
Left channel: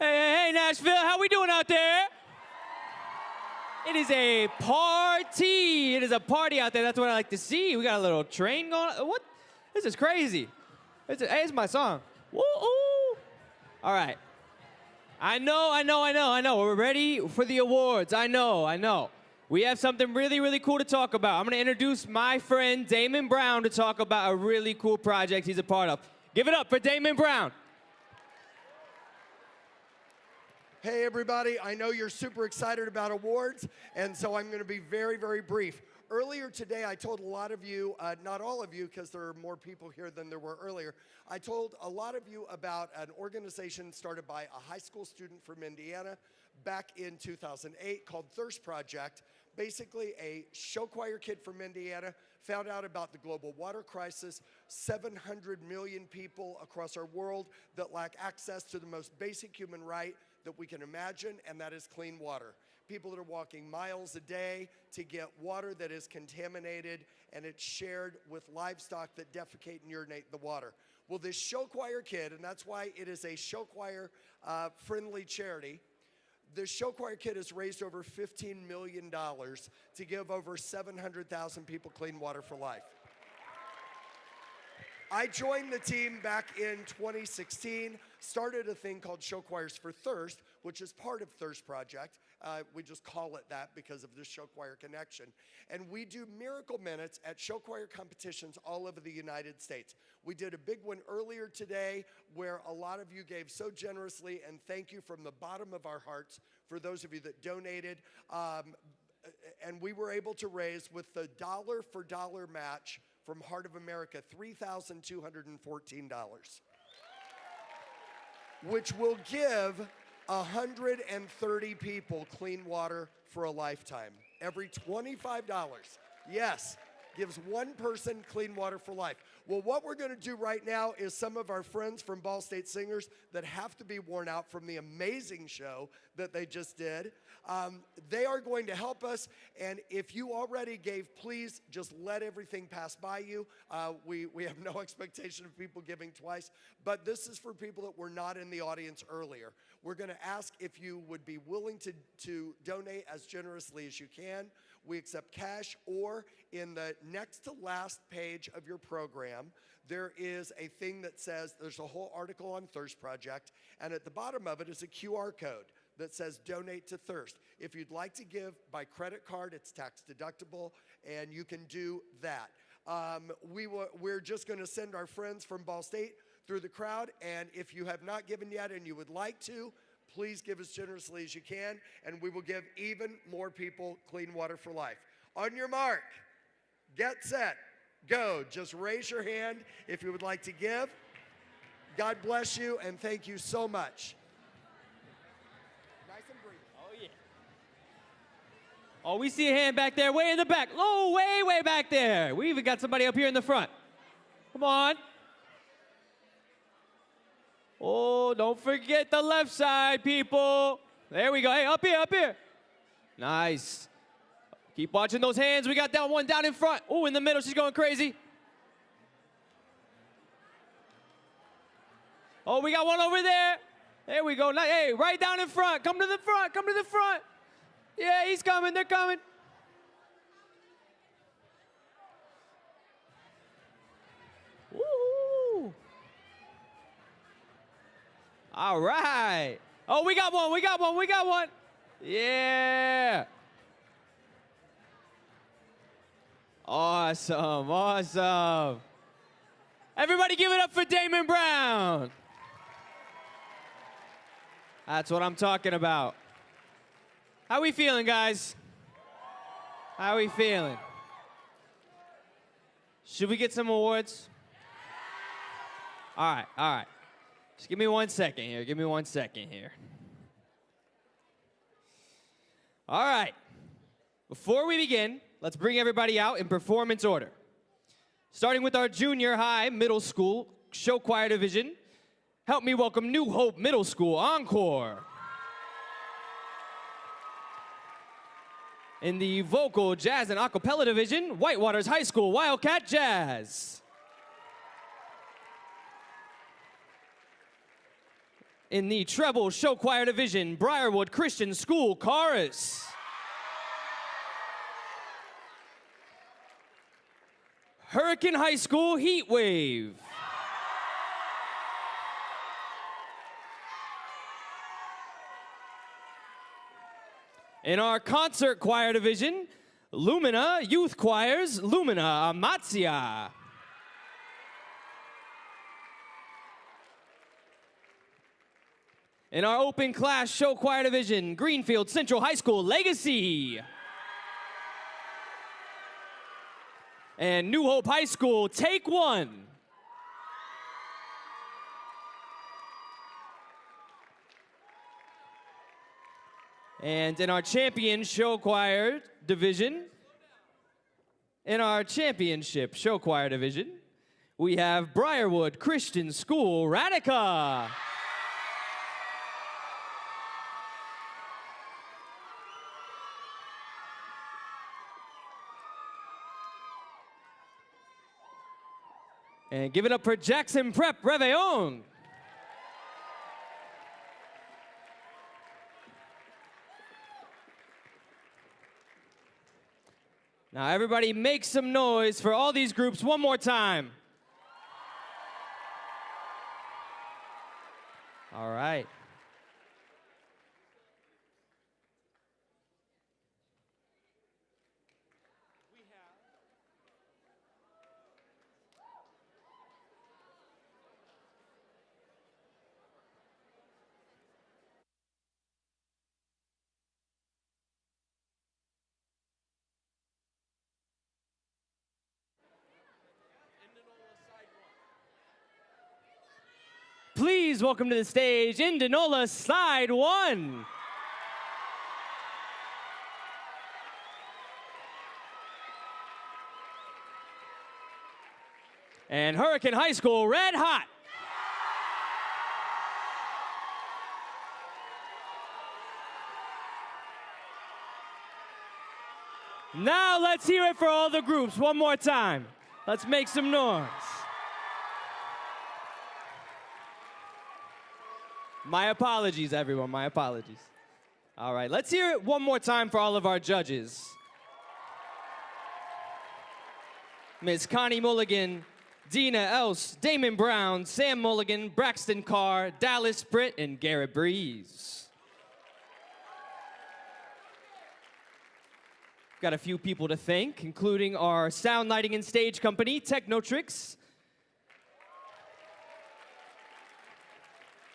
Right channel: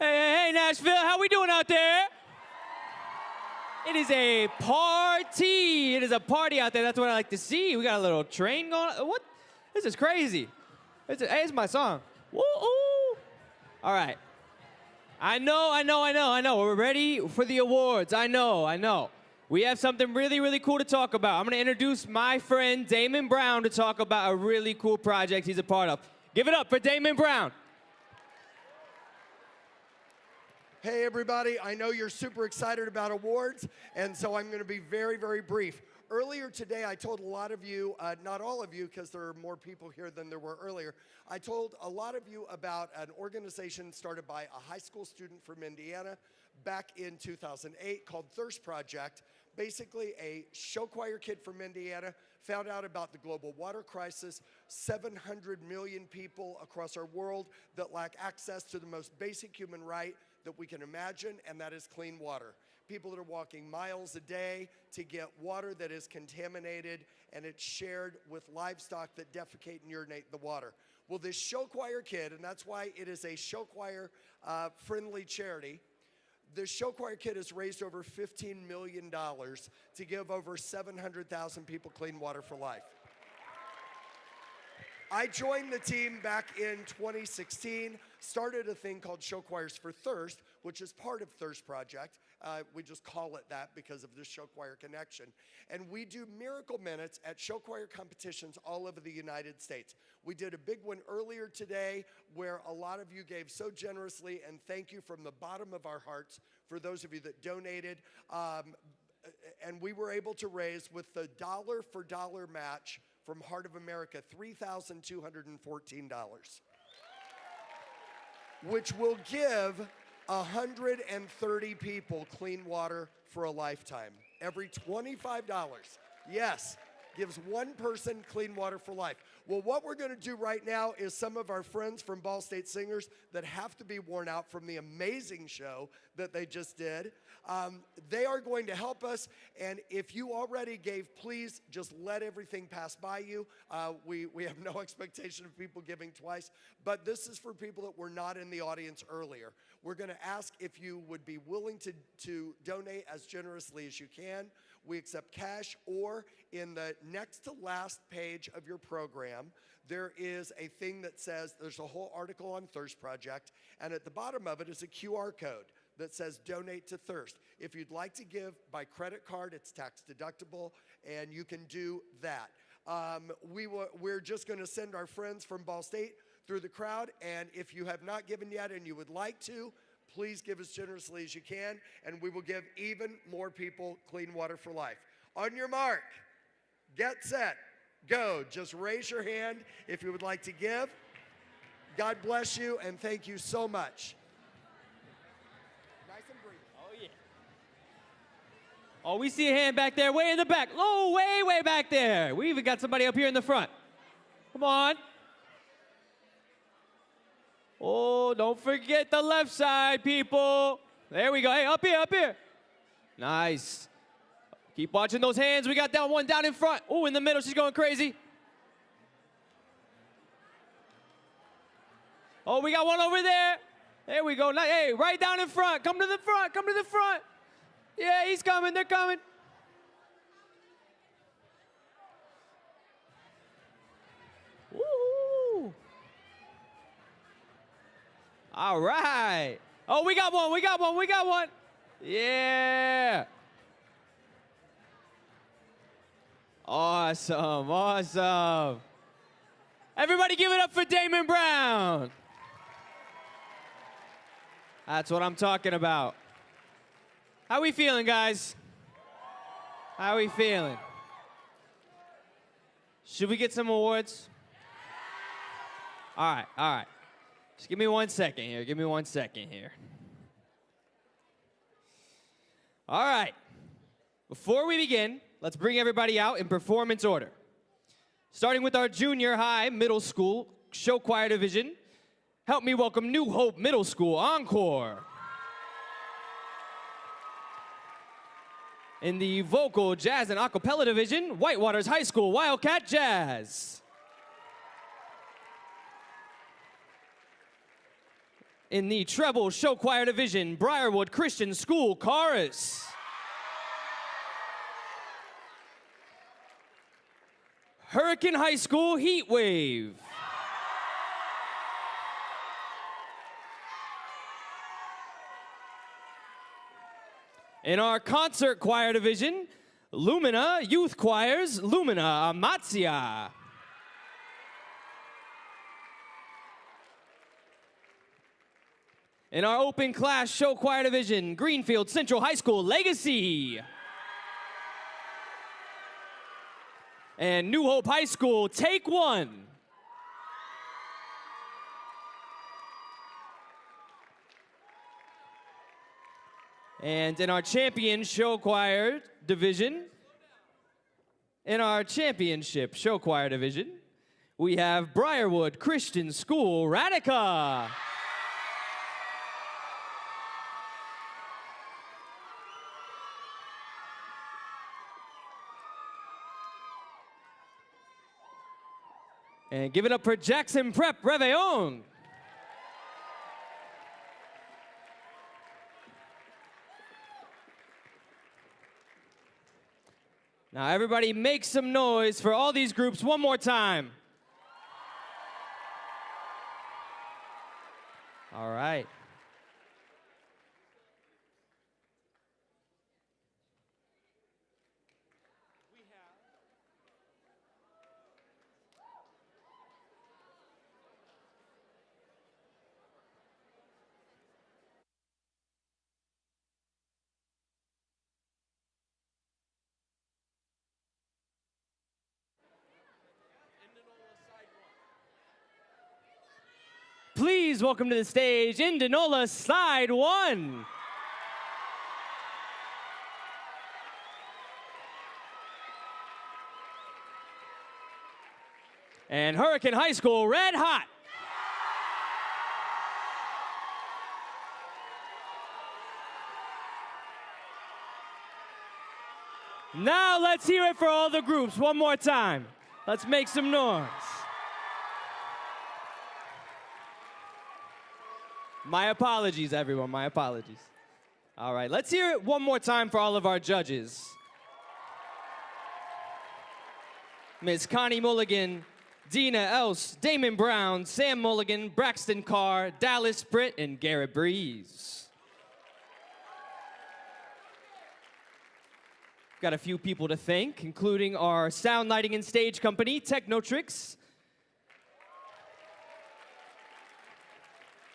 Hey, Nashville, how we doing out there? It is a party. It is a party out there. That's what I like to see. We got a little train going. What? This is crazy. It's my song. Woo-oo. All right. I know. We're ready for the awards. I know. We have something really, really cool to talk about. I'm going to introduce my friend Damon Brown to talk about a really cool project he's a part of. Give it up for Damon Brown. Hey, everybody. I know you're super excited about awards, and so I'm going to be very, very brief. Earlier today, I told a lot of you, not all of you, because there are more people here than there were earlier, I told a lot of you about an organization started by a high school student from Indiana back in 2008 called Thirst Project. Basically, a show choir kid from Indiana found out about the global water crisis, 700 million people across our world that lack access to the most basic human right that we can imagine, and that is clean water. People that are walking miles a day to get water that is contaminated, and it's shared with livestock that defecate and urinate the water. Well, this show choir kid, and that's why it is a show choir friendly charity, the show choir kid has raised over $15 million to give over 700,000 people clean water for life. I joined the team back in 2016, started a thing called Show Choirs for Thirst, which is part of Thirst Project. We just call it that because of this show choir connection. And we do miracle minutes at show choir competitions all over the United States. We did a big one earlier today where a lot of you gave so generously, and thank you from the bottom of our hearts for those of you that donated. And we were able to raise, with the dollar for dollar match from Heart of America, $3,214, which will give 130 people clean water for a lifetime. Every $25, yes, gives one person clean water for life. Well, what we're going to do right now is some of our friends from Ball State Singers that have to be worn out from the amazing show that they just did. They are going to help us, and if you already gave, please just let everything pass by you. We have no expectation of people giving twice, but this is for people that were not in the audience earlier. We're going to ask if you would be willing to donate as generously as you can. We accept cash, or in the next to last page of your program, there is a thing that says, there's a whole article on Thirst Project, and at the bottom of it is a QR code that says donate to Thirst. If you'd like to give by credit card, it's tax deductible, and you can do that. We're just going to send our friends from Ball State through the crowd, and if you have not given yet and you would like to, please give as generously as you can, and we will give even more people clean water for life. On your mark, get set, go. Just raise your hand if you would like to give. God bless you, and thank you so much. Nice and brief. Oh, yeah. Oh, we see a hand back there, way in the back. Oh, way back there. We even got somebody up here in the front. Come on. Oh, don't forget the left side, people. There we go. Hey, up here. Nice. Keep watching those hands. We got that one down in front. Oh, in the middle, she's going crazy. Oh, we got one over there. There we go. Hey, right down in front. Come to the front. Yeah, he's coming. They're coming. Woo! All right. Oh, we got one. Yeah. Awesome. Everybody give it up for Damon Brown. That's what I'm talking about. How we feeling, guys? How we feeling? Should we get some awards? All right. Just give me 1 second here. All right. Before we begin, let's bring everybody out in performance order. Starting with our junior high middle school show choir division, help me welcome New Hope Middle School Encore. In the vocal, jazz, and a cappella division, Whitewaters High School Wildcat Jazz. In the treble show choir division, Brierwood Christian School Chorus. Hurricane High School Heatwave. In our concert choir division, Lumina Youth Choirs, Lumina Amatzia. In our open class show choir division, Greenfield Central High School Legacy. And New Hope High School, Take One. And in our champion show choir division, in our championship show choir division, we have Brierwood Christian School Radica. And give it up for Jackson Prep Reveillon. Now everybody make some noise for all these groups one more time. All right. Please welcome to the stage, Indianola Side 1. And Hurricane High School, Red Hot. Now let's hear it for all the groups one more time. Let's make some noise. My apologies, everyone, my apologies. All right, let's hear it one more time for all of our judges. Ms. Connie Mulligan, Dina Else, Damon Brown, Sam Mulligan, Braxton Carr, Dallas Britt, and Garrett Breeze. Got a few people to thank, including our sound lighting and stage company, Technotrix.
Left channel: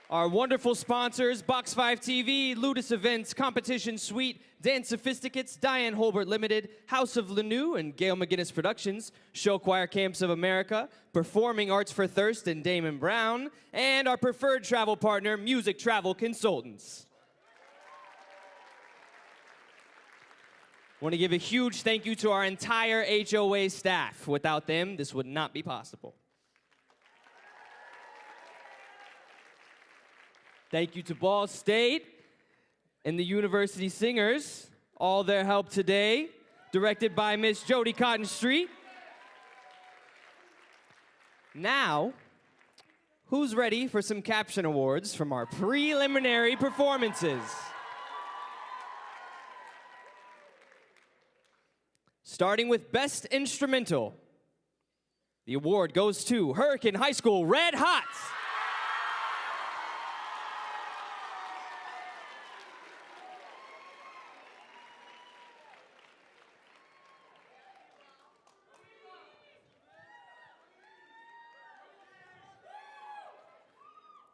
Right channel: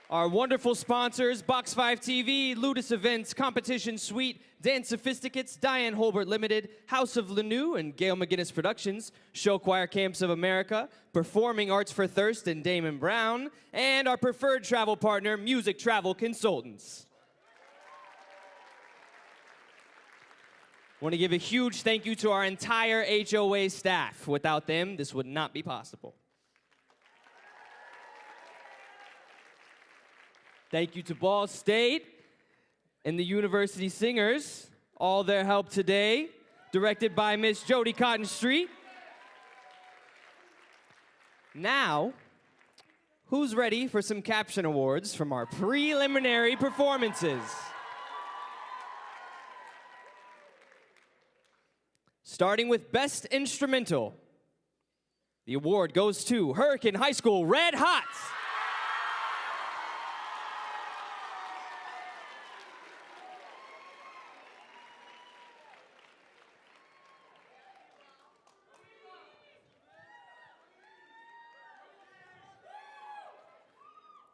Our wonderful sponsors, Box 5 TV, Ludus Events, Competition Suite, Dance Sophisticates, Diane Holbert Limited, House of Lanou, and Gail McGinnis Productions, Show Choir Camps of America, Performing Arts for Thirst, and Damon Brown, and our preferred travel partner, Music Travel Consultants. Want to give a huge thank you to our entire HOA staff. Without them, this would not be possible. Thank you to Ball State and the University Singers, all their help today, directed by Miss Jody Cotton Street. Now, who's ready for some caption awards from our preliminary performances? Starting with Best Instrumental. The award goes to Hurricane High School Red Hot.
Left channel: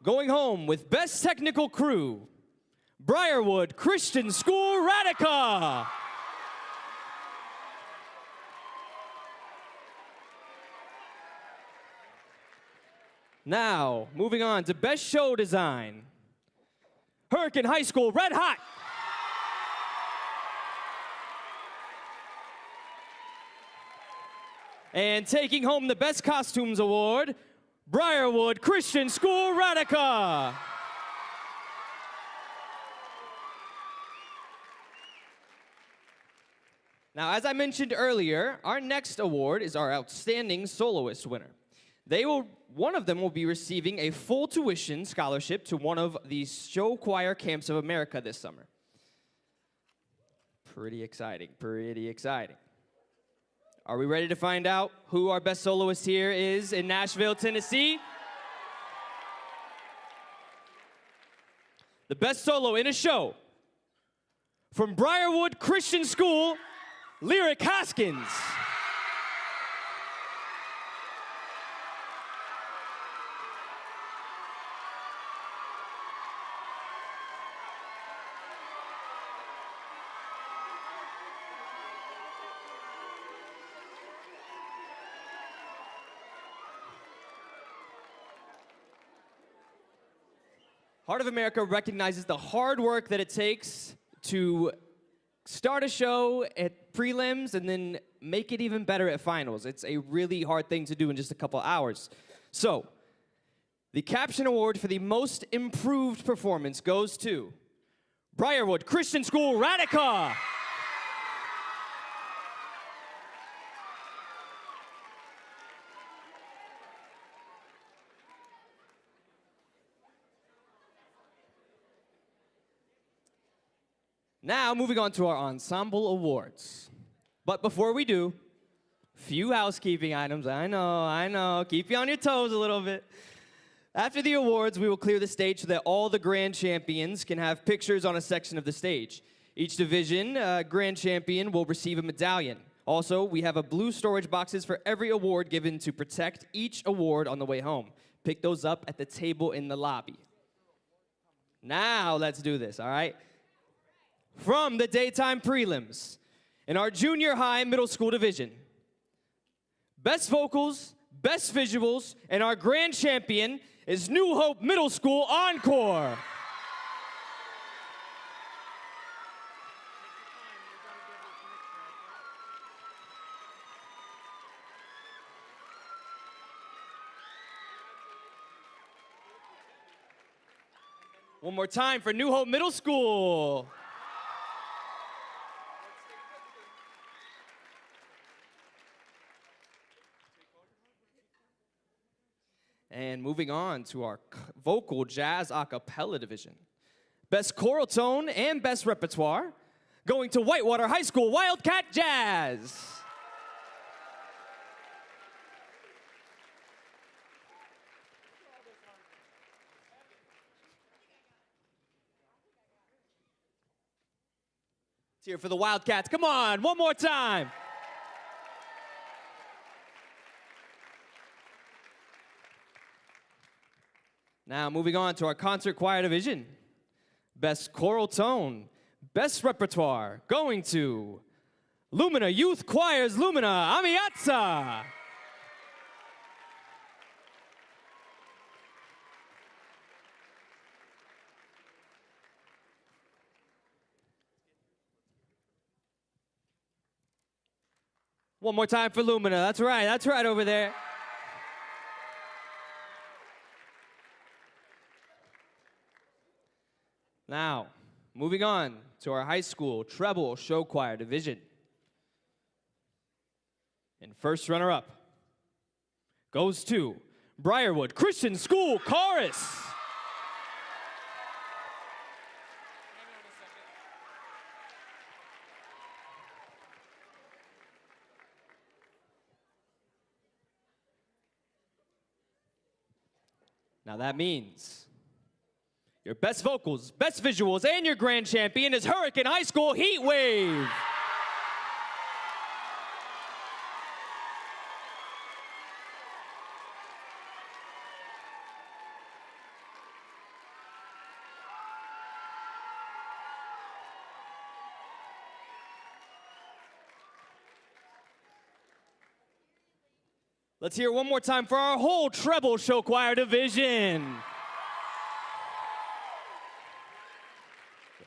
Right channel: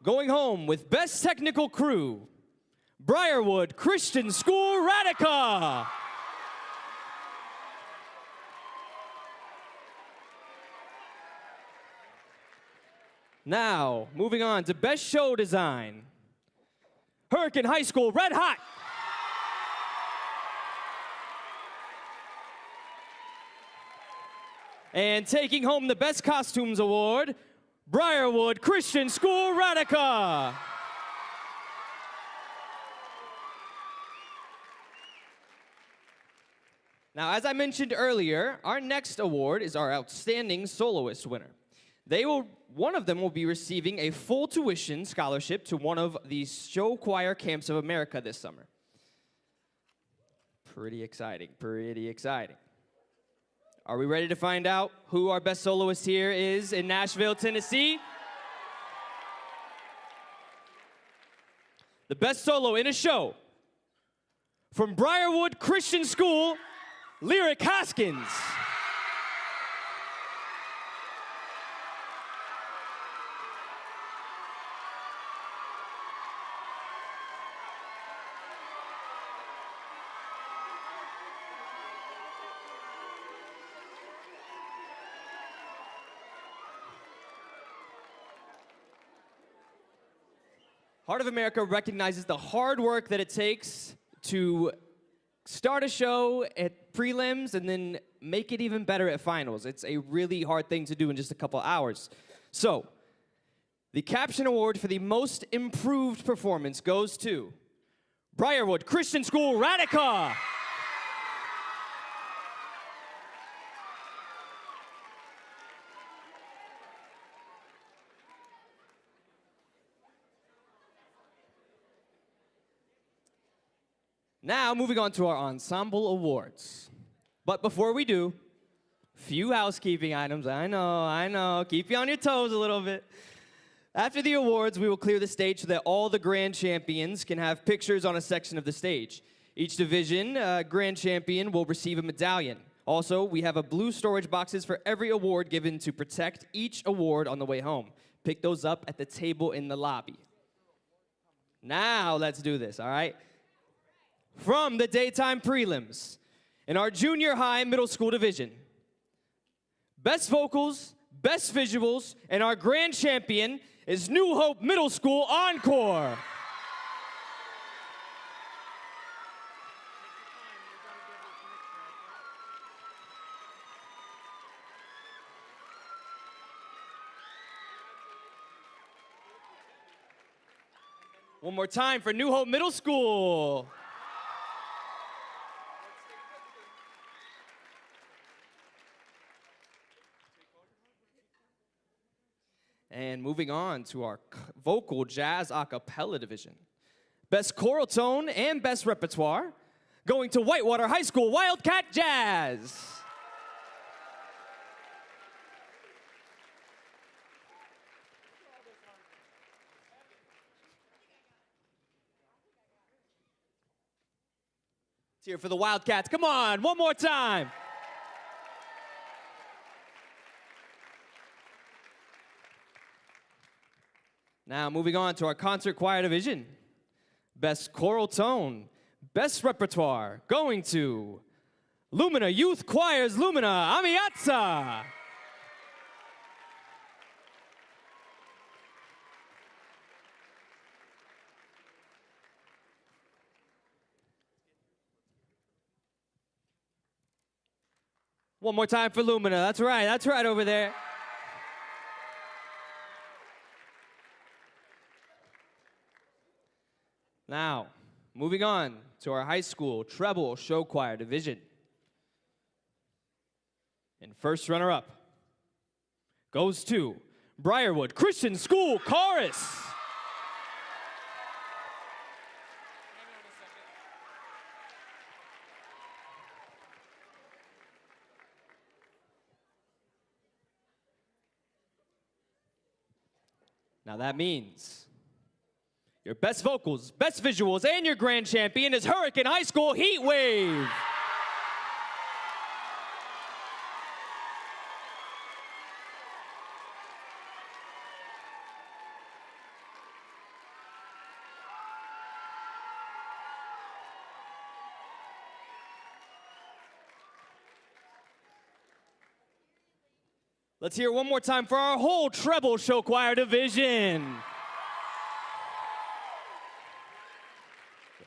Going home with Best Technical Crew, Brierwood Christian School Radica. Now, moving on to Best Show Design, Hurricane High School Red Hot. And taking home the Best Costumes Award, Brierwood Christian School Radica. Now, as I mentioned earlier, our next award is our Outstanding Soloist winner. One of them will be receiving a full tuition scholarship to one of the Show Choir Camps of America this summer. Pretty exciting, pretty exciting. Are we ready to find out who our best soloist here is in Nashville, Tennessee? The best solo in a show from Brierwood Christian School, Lyric Hoskins. Heart of America recognizes the hard work that it takes to start a show at prelims and then make it even better at finals. It's a really hard thing to do in just a couple hours. So, the Caption Award for the most improved performance goes to Brierwood Christian School Radica. Now, moving on to our ensemble awards. But before we do, few housekeeping items. I know. Keep you on your toes a little bit. After the awards, we will clear the stage so that all the grand champions can have pictures on a section of the stage. Each division grand champion will receive a medallion. Also, we have blue storage boxes for every award given to protect each award on the way home. Pick those up at the table in the lobby. Now, let's do this, all right? From the daytime prelims, in our junior high middle school division, best vocals, best visuals, and our grand champion is New Hope Middle School Encore. One more time for New Hope Middle School. And moving on to our vocal jazz a cappella division. Best choral tone and best repertoire going to Whitewater High School Wildcat Jazz. Let's hear it for the Wildcats. Come on, one more time. Now, moving on to our concert choir division. Best choral tone, best repertoire, going to Lumina Youth Choir's Lumina Amiazza. One more time for Lumina. That's right over there. Now, moving on to our high school treble show choir division. And first runner-up goes to Brierwood Christian School Chorus. Now that means your best vocals, best visuals, and your grand champion is Hurricane High School Heatwave. Let's hear it one more time for our whole treble show choir division.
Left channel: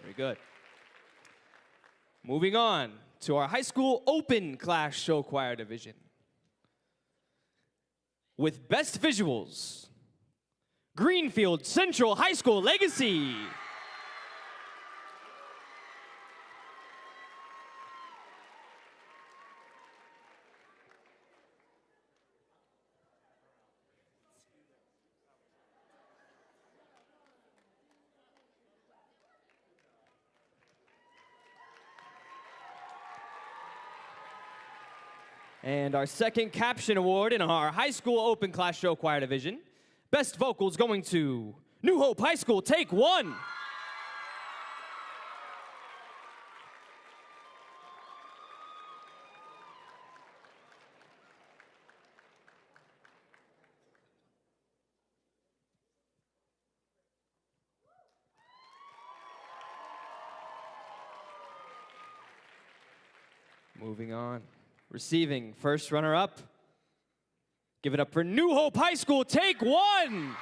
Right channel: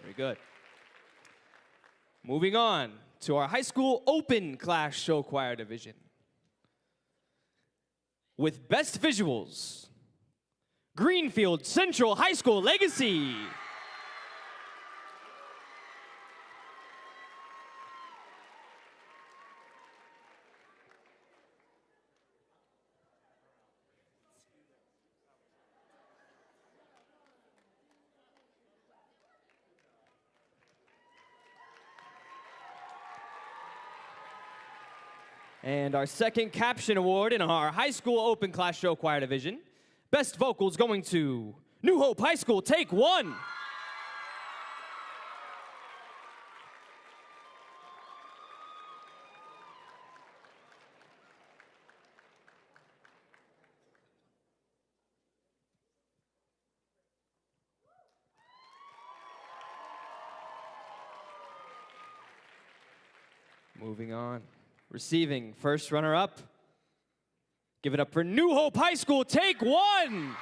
Very good. Moving on to our high school open class show choir division. With best visuals, Greenfield Central High School Legacy. And our second caption award in our high school open class show choir division. Best vocals going to New Hope High School, Take One. Moving on. Receiving first runner-up. Give it up for New Hope High School, Take One.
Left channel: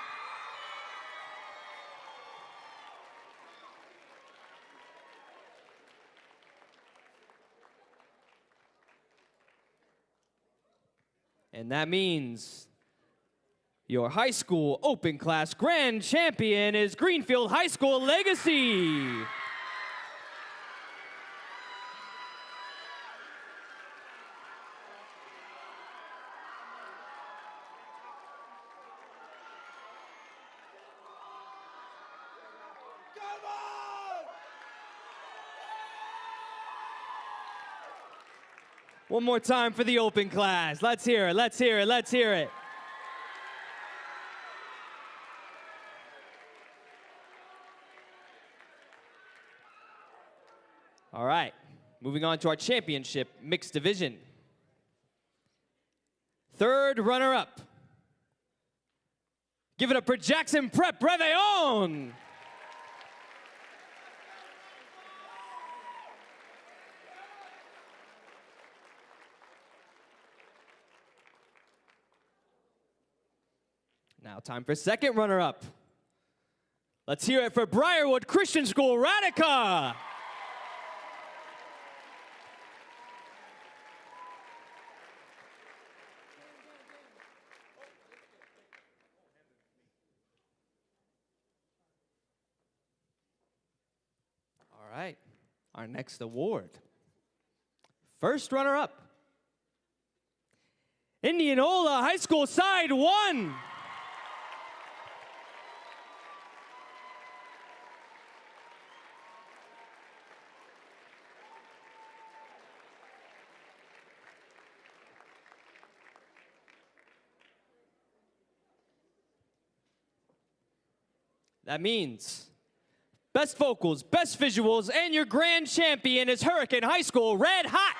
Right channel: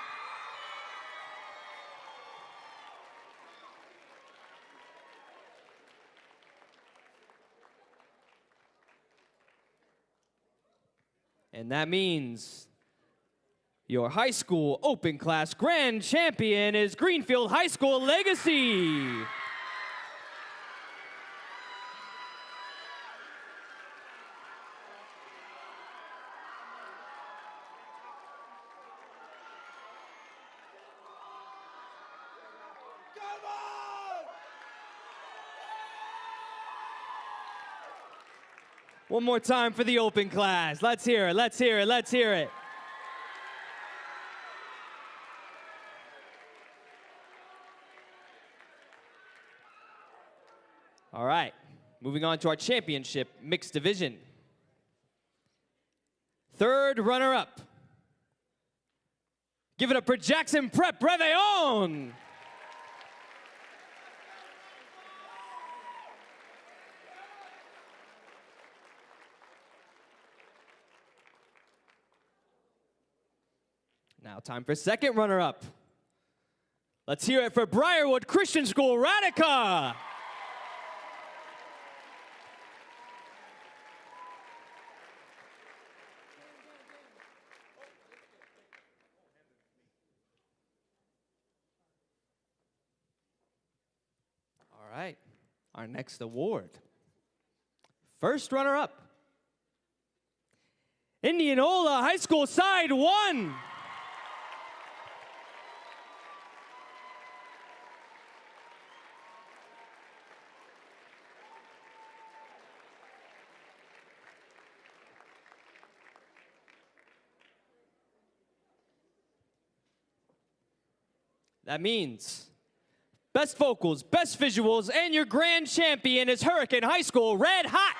And that means your high school open class grand champion is Greenfield High School Legacy. One more time for the open class. Let's hear it, let's hear it, let's hear it. All right, moving on to our championship mixed division. Third runner-up. Give it up for Jackson Prep Réveillon. Now time for second runner-up. Let's hear it for Brierwood Christian School Radica. All right, our next award. First runner-up. Indianola High School Side 1. That means best vocals, best visuals, and your grand champion is Hurricane High School Red Hot.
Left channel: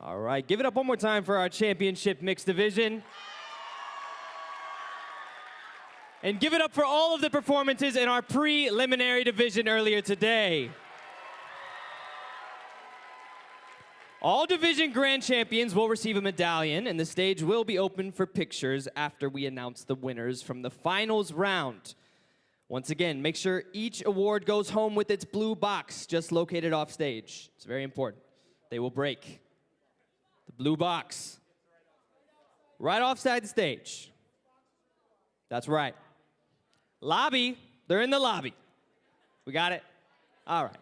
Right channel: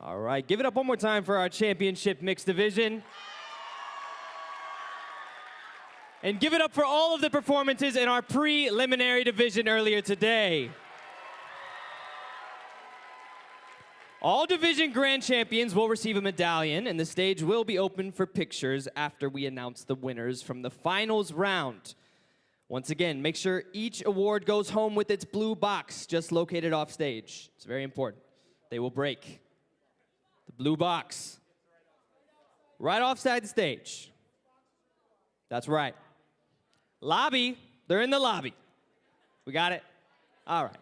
All right, give it up one more time for our championship mixed division. And give it up for all of the performances in our preliminary division earlier today. All division grand champions will receive a medallion, and the stage will be open for pictures after we announce the winners from the finals round. Once again, make sure each award goes home with its blue box just located off stage. It's very important. They will break. The blue box. Right offside the stage. That's right. Lobby. They're in the lobby. We got it? All right.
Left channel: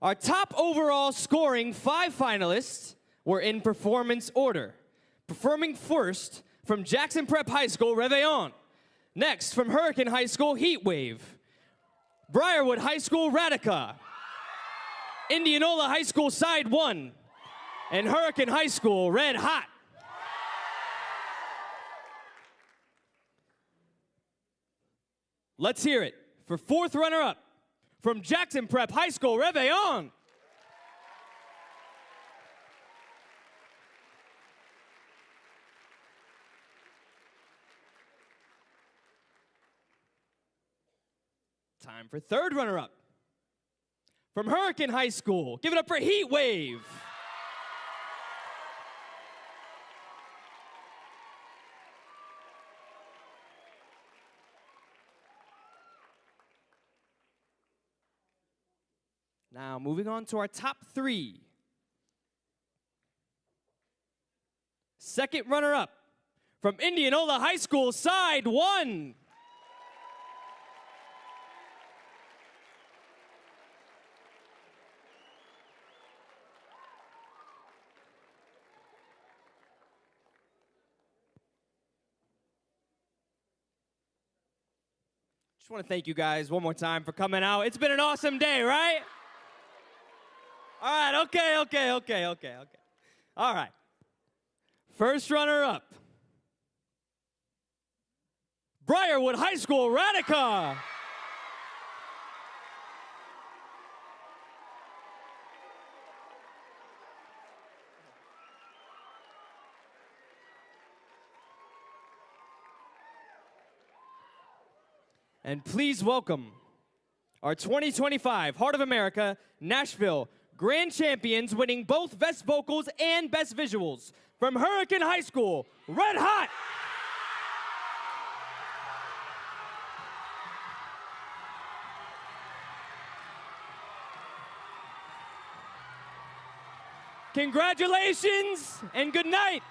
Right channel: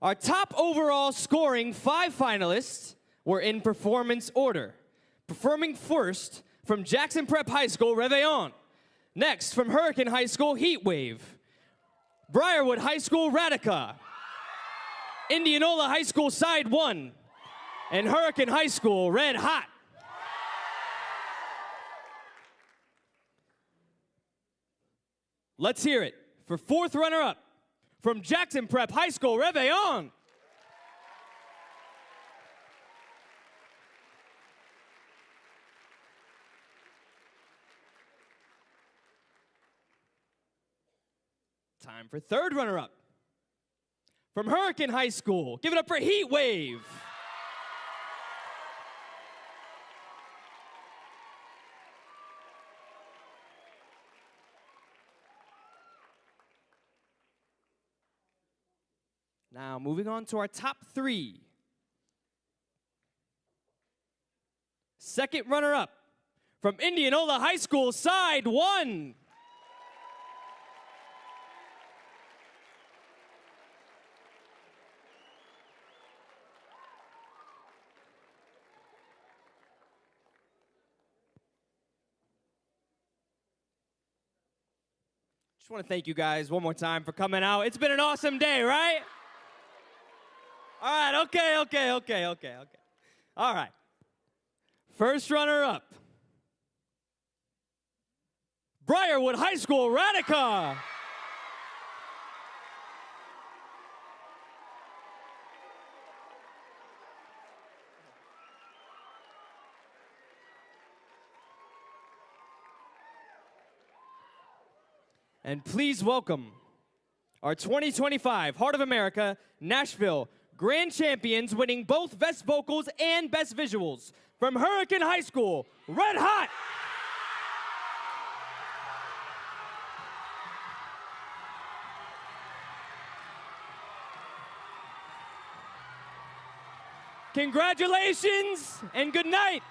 Our top overall scoring 5 finalists were in performance order. Performing first from Jackson Prep High School, Réveillon. Next, from Hurricane High School, Heatwave. Brierwood High School, Radica. Indianola High School, Side 1. And Hurricane High School, Red Hot. Let's hear it for fourth runner-up from Jackson Prep High School, Réveillon. Time for third runner-up from Hurricane High School. Give it up for Heatwave. Now, moving on to our top 3. Second runner-up from Indianola High School, Side 1. Just want to thank you guys one more time for coming out. It's been an awesome day, right? All right, okay. All right. First runner-up, Brierwood High School, Radica. And please welcome our 2025 Heart of America Nashville Grand Champions, winning both Best Vocals and Best Visuals from Hurricane High School, Red Hot. Congratulations and good night.